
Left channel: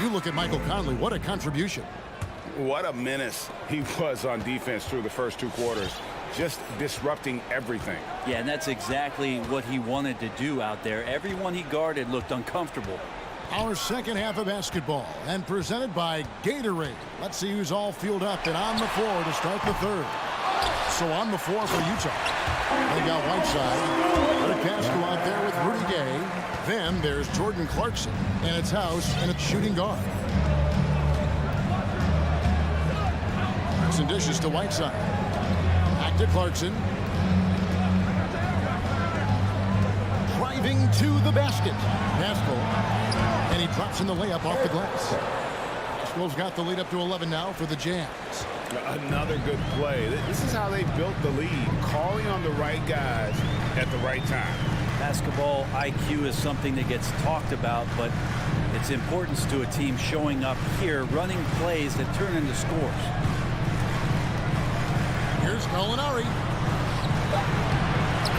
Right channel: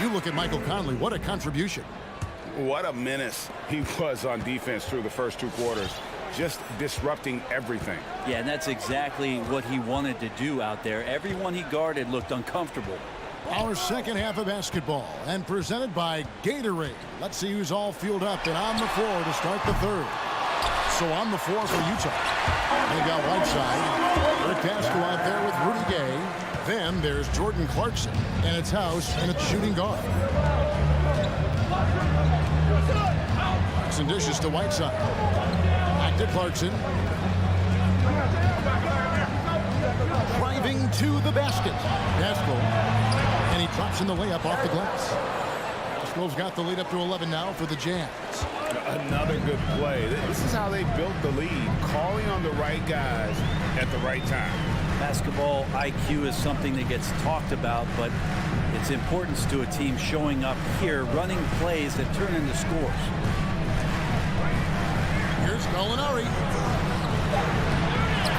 You look at Michael Conley, what a contribution. What a menace he was on defense through the first 2 quarters. Just disrupting everything. Yeah, and that's exactly what he wanted to do out there. Everyone he guarded looked uncomfortable. Our second half of basketball, and presented by Gatorade. Let's see who's all fueled up and on the floor to start the third. So on the floor for Utah. They got Whiteside. Eric Paschal out there with Rudy Gay. Then there's Jordan Clarkson, and it's House, and it's shooting guard. Clarkson dishes to Whiteside. Back to Clarkson. Driving to the basket. Paschal. And he drops in the layup off the glass. Paschal's got the lead up to 11 now for the Jazz. Another good play. This is how they built the lead. Calling on the right guys at the right time. Basketball IQ is something that gets talked about, but its importance to a team showing up here, running plays that turn into scores. Here's Gallinari.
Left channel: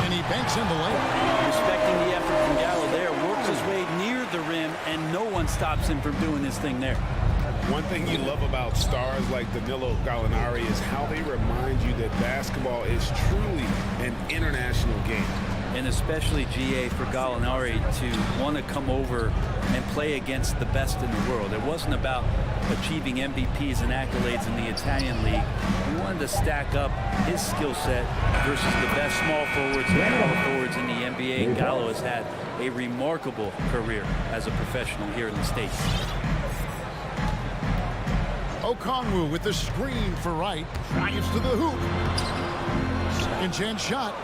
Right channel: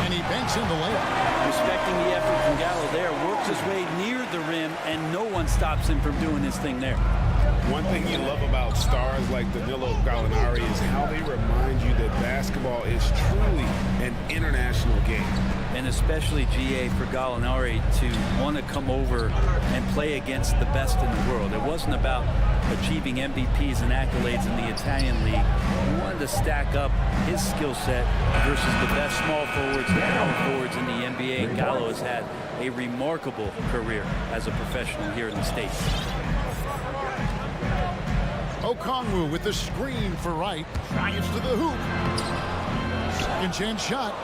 And he banks in the layup. Respecting the effort from Gallo there, works his way near the rim, and no one stops him from doing his thing there. One thing you love about stars like Danilo Gallinari is how they remind you that basketball is truly an international game. And especially, GA, for Gallinari to want to come over and play against the best in the world. It wasn't about achieving MVPs and accolades in the Italian league. He wanted to stack up his skill set versus the best small forwards and power forwards in the NBA. And Gallo has had a remarkable career as a professional here in the States. Okongwu with the screen for Wright. Drives to the hoop. Second chance shot.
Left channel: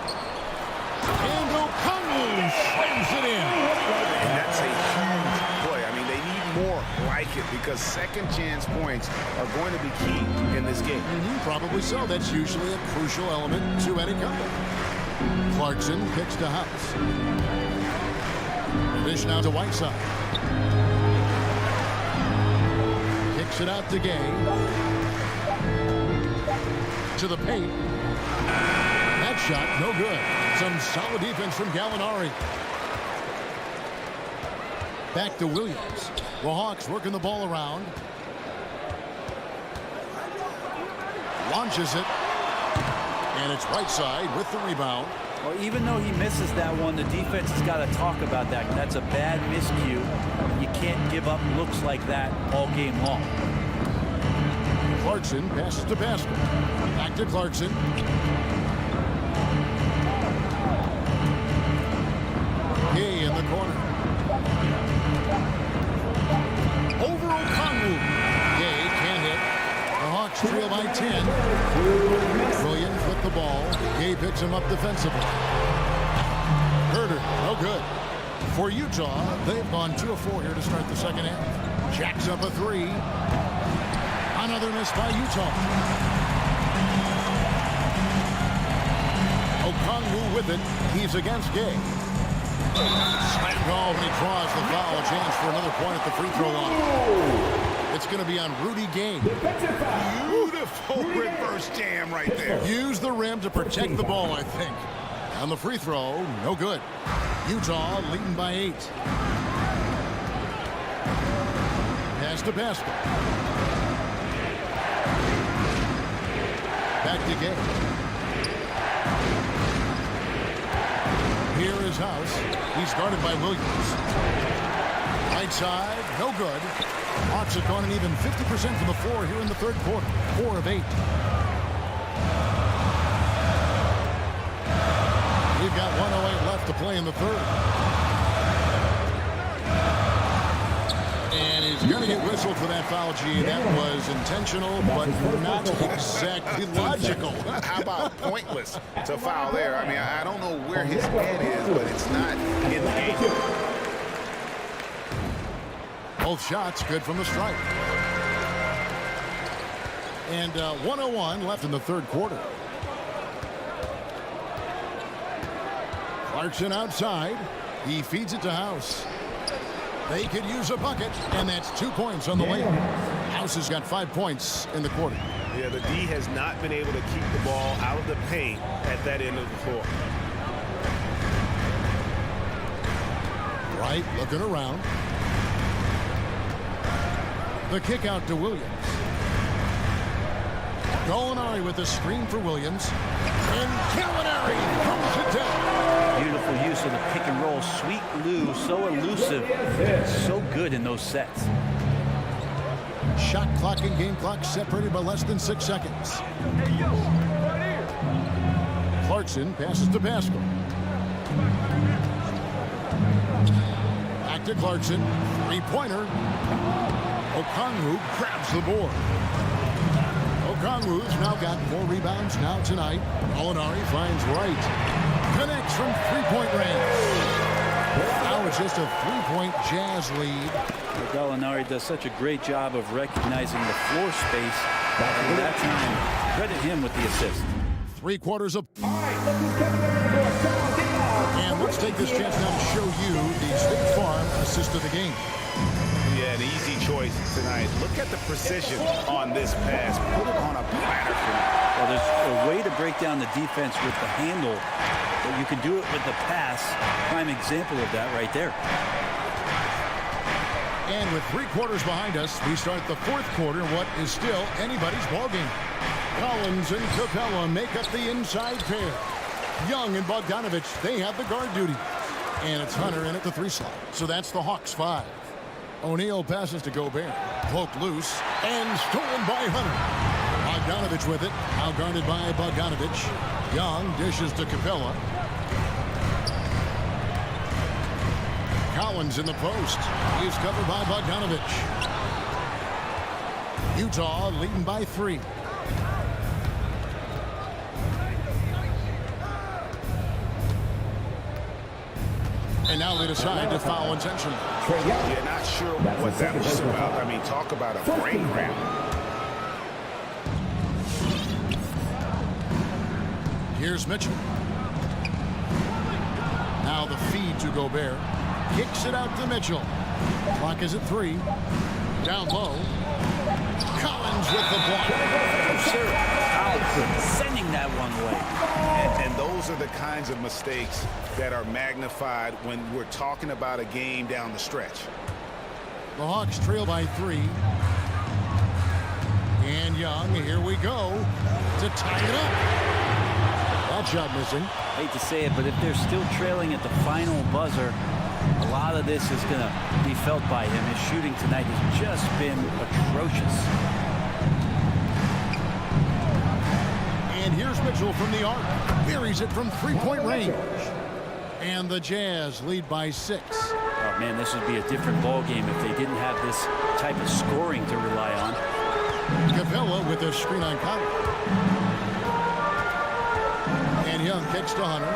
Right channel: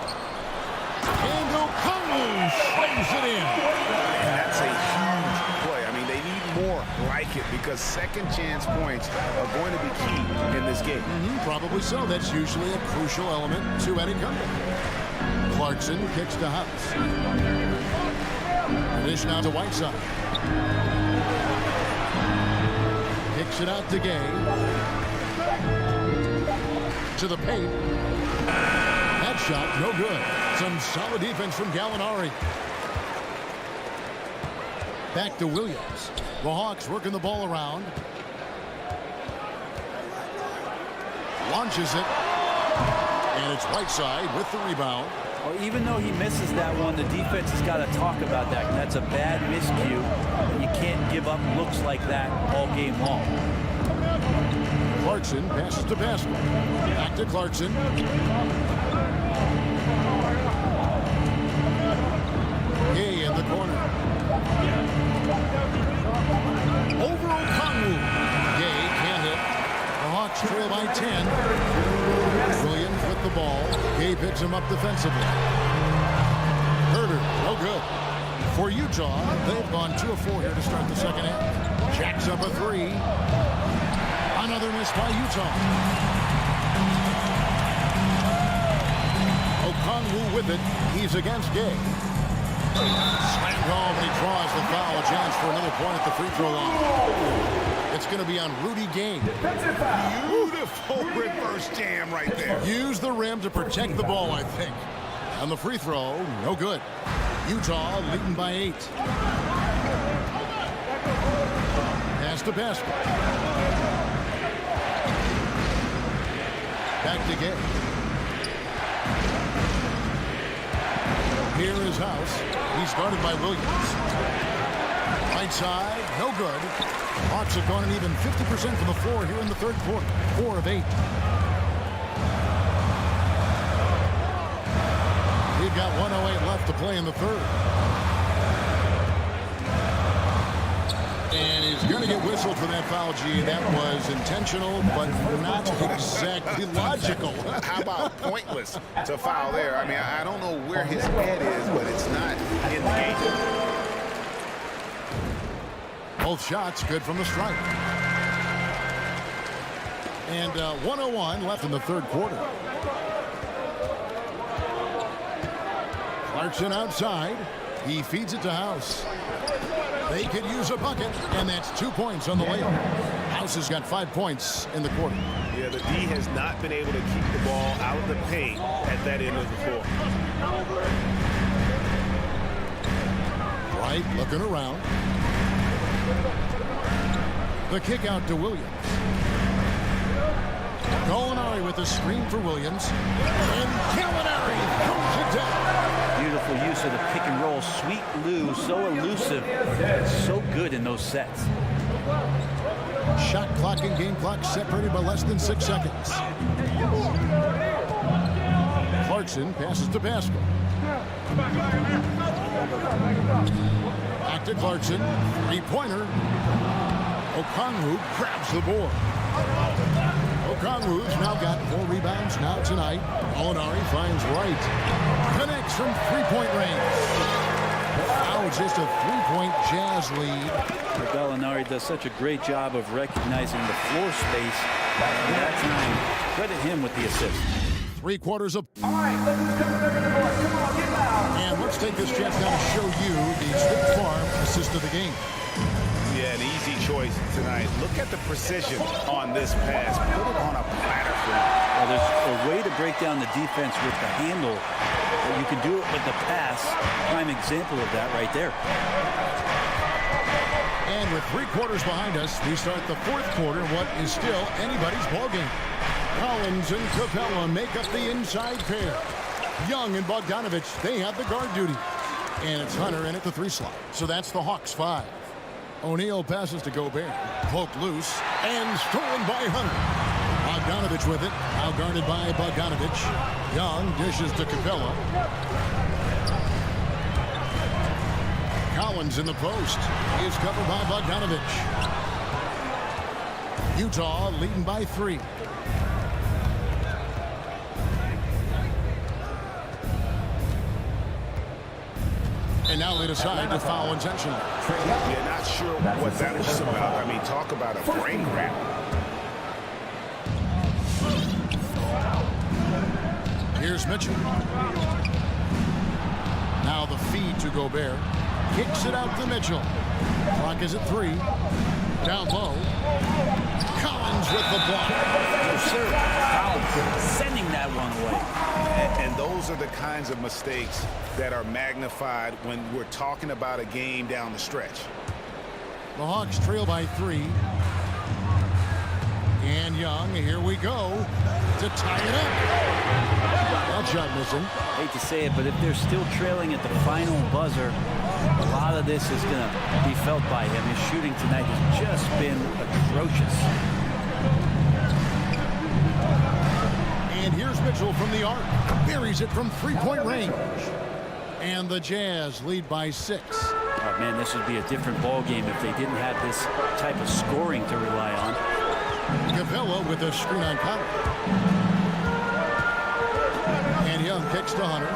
And Okongwu slams it in. And that's a huge play. I mean, they need more like it because second chance points are going to be key in this game. Probably so. That's usually a crucial element to any comeback. Clarkson kicks to House. Dish now to Whiteside. Kicks it out to Gay. To the paint. That shot, no good. Some solid defense from Gallinari. Back to Williams. The Hawks working the ball around. Launches it. And it's Whiteside with the rebound. Well, even though he misses that one, the defense has got to talk about that. That's a bad miscue, and you can't give up looks like that all game long. Clarkson passes to Paschal. Back to Clarkson. Gay in the corner. Over Okongwu. Hawks trail by 10. Williams with the ball. Gay picks him up defensively. Herter, no good. For Utah, they've gone 2 of 4 here to start the second half. Jacks up a 3. Another miss by Utah. Okongwu with it. He's against Gay. Slammed home, and he draws the foul. A chance for another point at the free throw line. It's going to be on Rudy Gay. Beautiful reverse jam right there. Use the rim to protect the ball, I think. On the free throw, no good. Utah leading by 8. Pass to basket. Back to Gay. Here is House. He's guarded by Williams. Right side, no good. Hawks have gone an even 50% from the floor here in the third quarter. 4 of 8. We've got 1:08 left to play in the third. And he's going to get whistled for that foul, G. That was intentional, but not exactly logical. How about pointless to foul there? I mean, I don't know where his head is, but it's not in the game. Both shots good from the stripe. And 1:01 left in the third quarter. Clarkson outside. He feeds it to House. They could use a bucket, and that's 2 points on the layup. House has got 5 points in the quarter. Yeah, the D has not been able to keep the ball out of the paint at that end of the floor. Wright looking around. The kick out to Williams. Gallinari with a screen for Williams. And Gallinari throws it down. Beautiful use of the pick and roll. Sweet Lou, so elusive, so good in those sets. Shot clock and game clock separated by less than 6 seconds. Clarkson passes to Pascal. Back to Clarkson. 3-pointer. Okongwu grabs the board. Okongwu's now got 4 rebounds now tonight. Gallinari finds Wright. Connects from 3-point range. Now it's just a 3-point Jazz lead. Gallinari does such a great job of recognizing the floor space. And that time, credit him with the assist. 3 quarters of. All right, look who's coming over the board. Come on, get loud. And let's take this chance now to show you the State Farm assist of the game. Yeah, an easy choice tonight. Look at the precision on this pass. Put it on a platter for him. Well, there's a way to break down the defense with the handle. But you can do it with the pass. Prime example of that right there. And with 3 quarters behind us, we start the fourth quarter in what is still anybody's ballgame. Collins and Capella make up the inside pair. Young and Bogdanovich, they have the guard duty. And it's Hunter in at the 3 slot. So that's the Hawks 5. O'Neal passes to Gobert. Poked loose and stolen by Hunter. Bogdanovich with it. Now guarded by Bogdanovich. Young dishes to Capella. Collins in the post. He is covered by Bogdanovich. Utah leading by 3. And now they decide to foul intentionally. Yeah, not sure what that was about. I mean, talk about a brain cramp. Here's Mitchell. Now the feed to Gobert. Kicks it out to Mitchell. Clock is at 3. Down low. Collins with the block. No, sir. Collins sending that one away. And those are the kinds of mistakes that are magnified when we're talking about a game down the stretch. The Hawks trail by 3. And Young, here we go to tie it up. That shot missing. Hate to say it, but if they're still trailing at the final buzzer, a lot of this is going to be felt by him. His shooting tonight has just been atrocious. And here's Mitchell from the arc. Buries it from 3-point range. And the Jazz lead by 6. Oh, man, this would be a different ball game if they didn't have this type of scoring to rely on. Capella with a screen on Conley. And Young kicks to Hunter.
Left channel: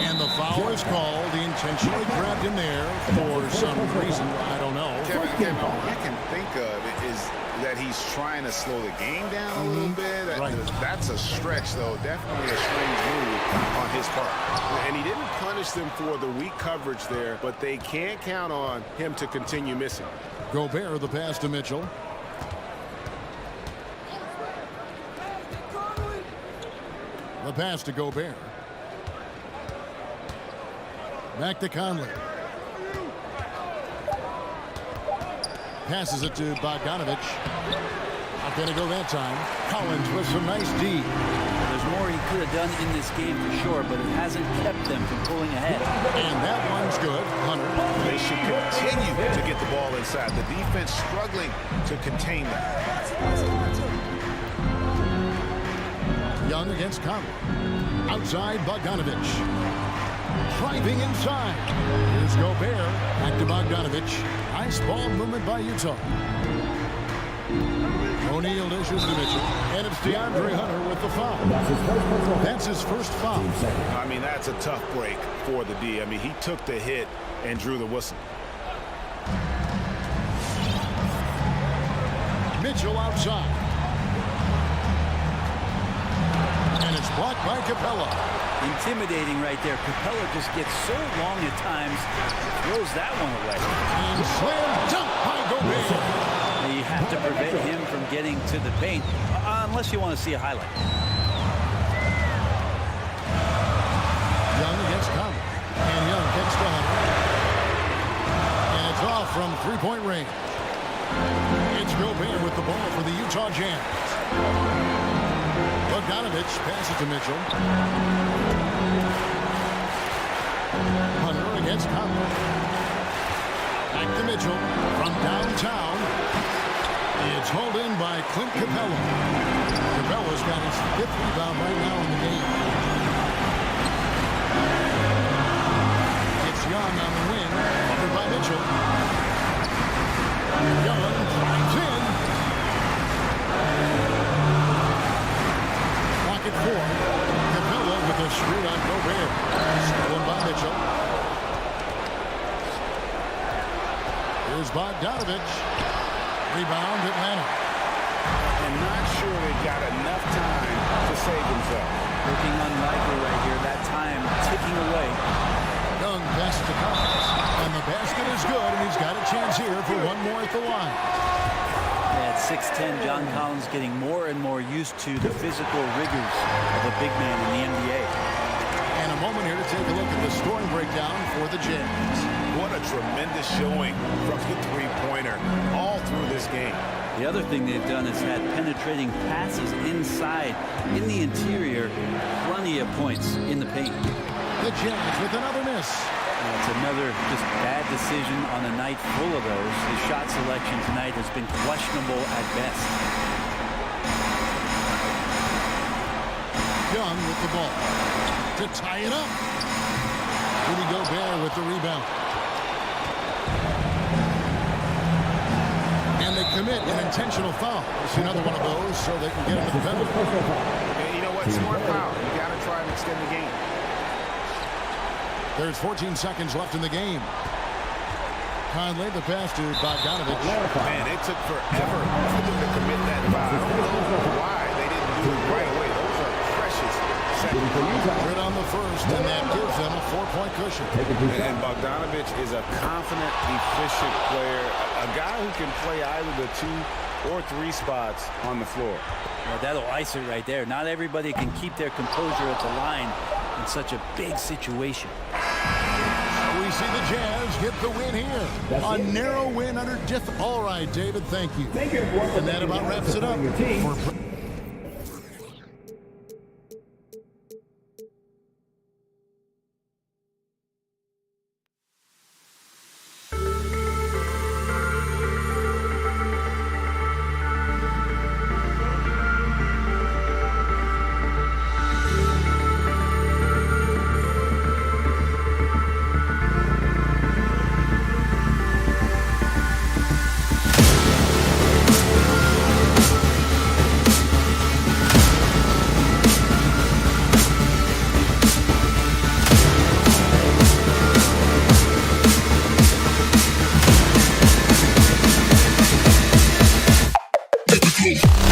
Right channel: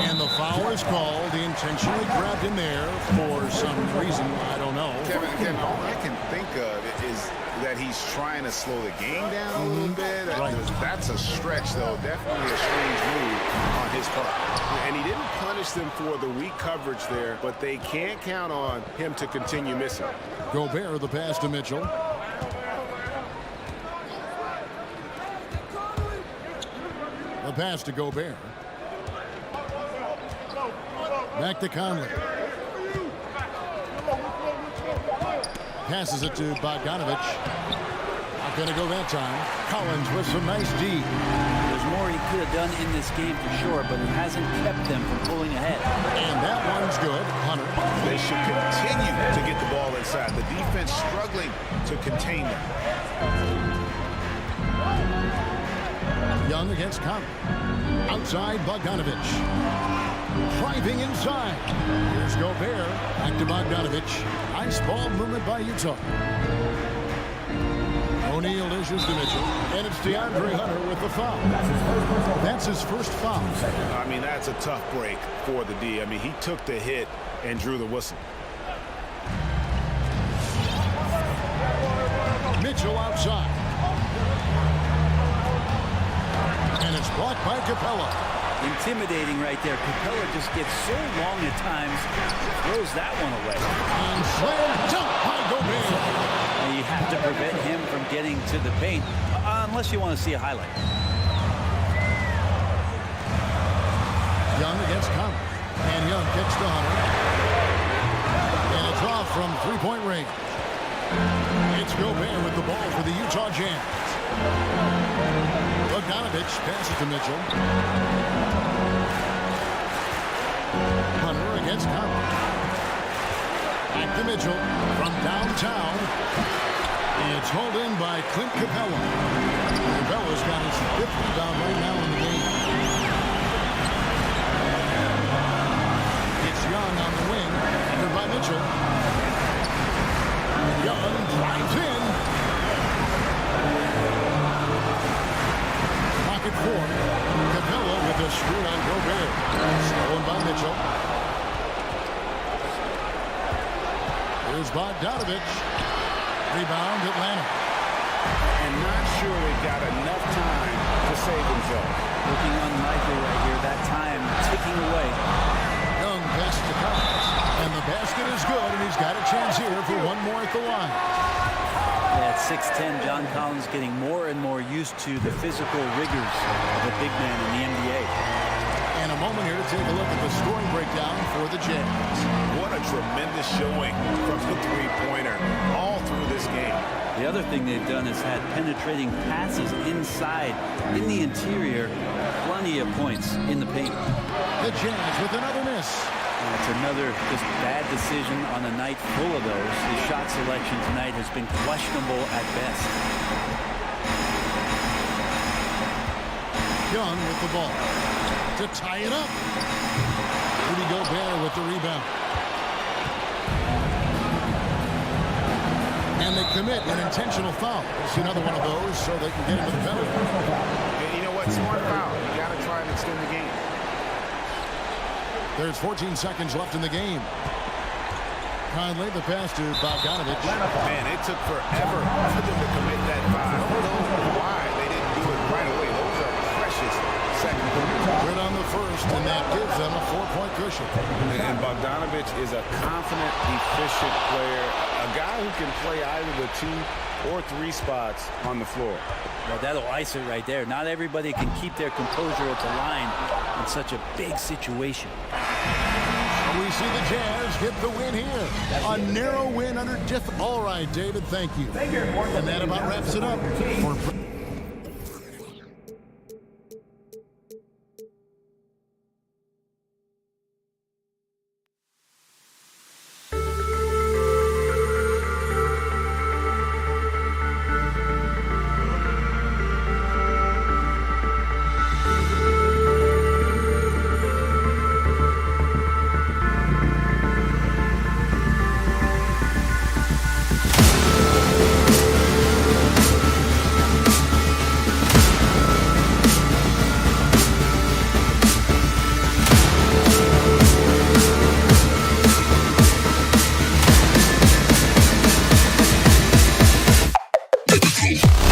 And the foul is called. He intentionally grabbed him there for some reason. I don't know. Kevin, all I can think of is that he's trying to slow the game down a little bit. Right. That's a stretch, though. Definitely a strange move on his part. And he didn't punish them for the weak coverage there, but they can't count on him to continue missing. Gobert, the pass to Mitchell. The pass to Gobert. Back to Conley. Passes it to Bogdanovich. Not going to go that time. Collins with some nice D. There's more he could have done in this game for sure, but it hasn't kept them from pulling ahead. And that one's good. Hunter. They should continue to get the ball inside. The defense struggling to contain them. Young against Conley. Outside Bogdanovich. Driving inside. Here's Gobert. Back to Bogdanovich. Nice ball movement by Utah. O'Neal dishes to Mitchell. And it's DeAndre Hunter with the foul. That's his first foul. I mean, that's a tough break for the D. I mean, he took the hit and drew the whistle. Mitchell outside. And it's blocked by Capella. Intimidating right there. Capella just gets so long at times, throws that one away. And slam dunk by Gobert. And you have to prevent him from getting to the paint, unless you want to see a highlight. Young against Conley. And Young kicks to Hunter. And it's off from three-point range. It's Gobert with the ball for the Utah Jazz. Bogdanovich passes to Mitchell. Hunter against Conley. Back to Mitchell from downtown. It's hauled in by Clint Capella. Capella's got his 5th rebound right now in the game. It's Young on the wing, covered by Mitchell. Young drives in. Pocket 4. Capella with a screen on Gobert. Stolen by Mitchell. Here's Bogdanovich. Rebound Atlanta. And not sure they've got enough time to save themselves. Looking unlikely right here. That time ticking away. Young passes to Collins. And the basket is good, and he's got a chance here for one more at the line. At 6'10", John Collins getting more and more used to the physical rigors of a big man in the NBA. And a moment here to take a look at the scoring breakdown for the Jazz. What a tremendous showing from the three-pointer all through this game. The other thing they've done is had penetrating passes inside, in the interior, plenty of points in the paint. The Jazz with another miss. That's another just bad decision on a night full of those. His shot selection tonight has been questionable at best. Young with the ball to tie it up. Rudy Gobert with the rebound. And they commit an intentional foul. We'll see another one of those so they can get into the penalty. You know what? Smart foul. You got to try and extend the game. There's 14 seconds left in the game. Conley, the pass to Bogdanovich. Man, it took forever for them to commit that foul. I don't know why they didn't do it right away. Those are precious seconds. Good on the first, and that gives them a 4-point cushion. And Bogdanovich is a confident, efficient player, a guy who can play either the 2 or 3 spots on the floor. Well, that'll ice it right there. Not everybody can keep their composure at the line in such a big situation. We see the Jazz get the win here. A narrow win under All right, David, thank you. Thank you, everyone. And that about wraps it up for Untitled.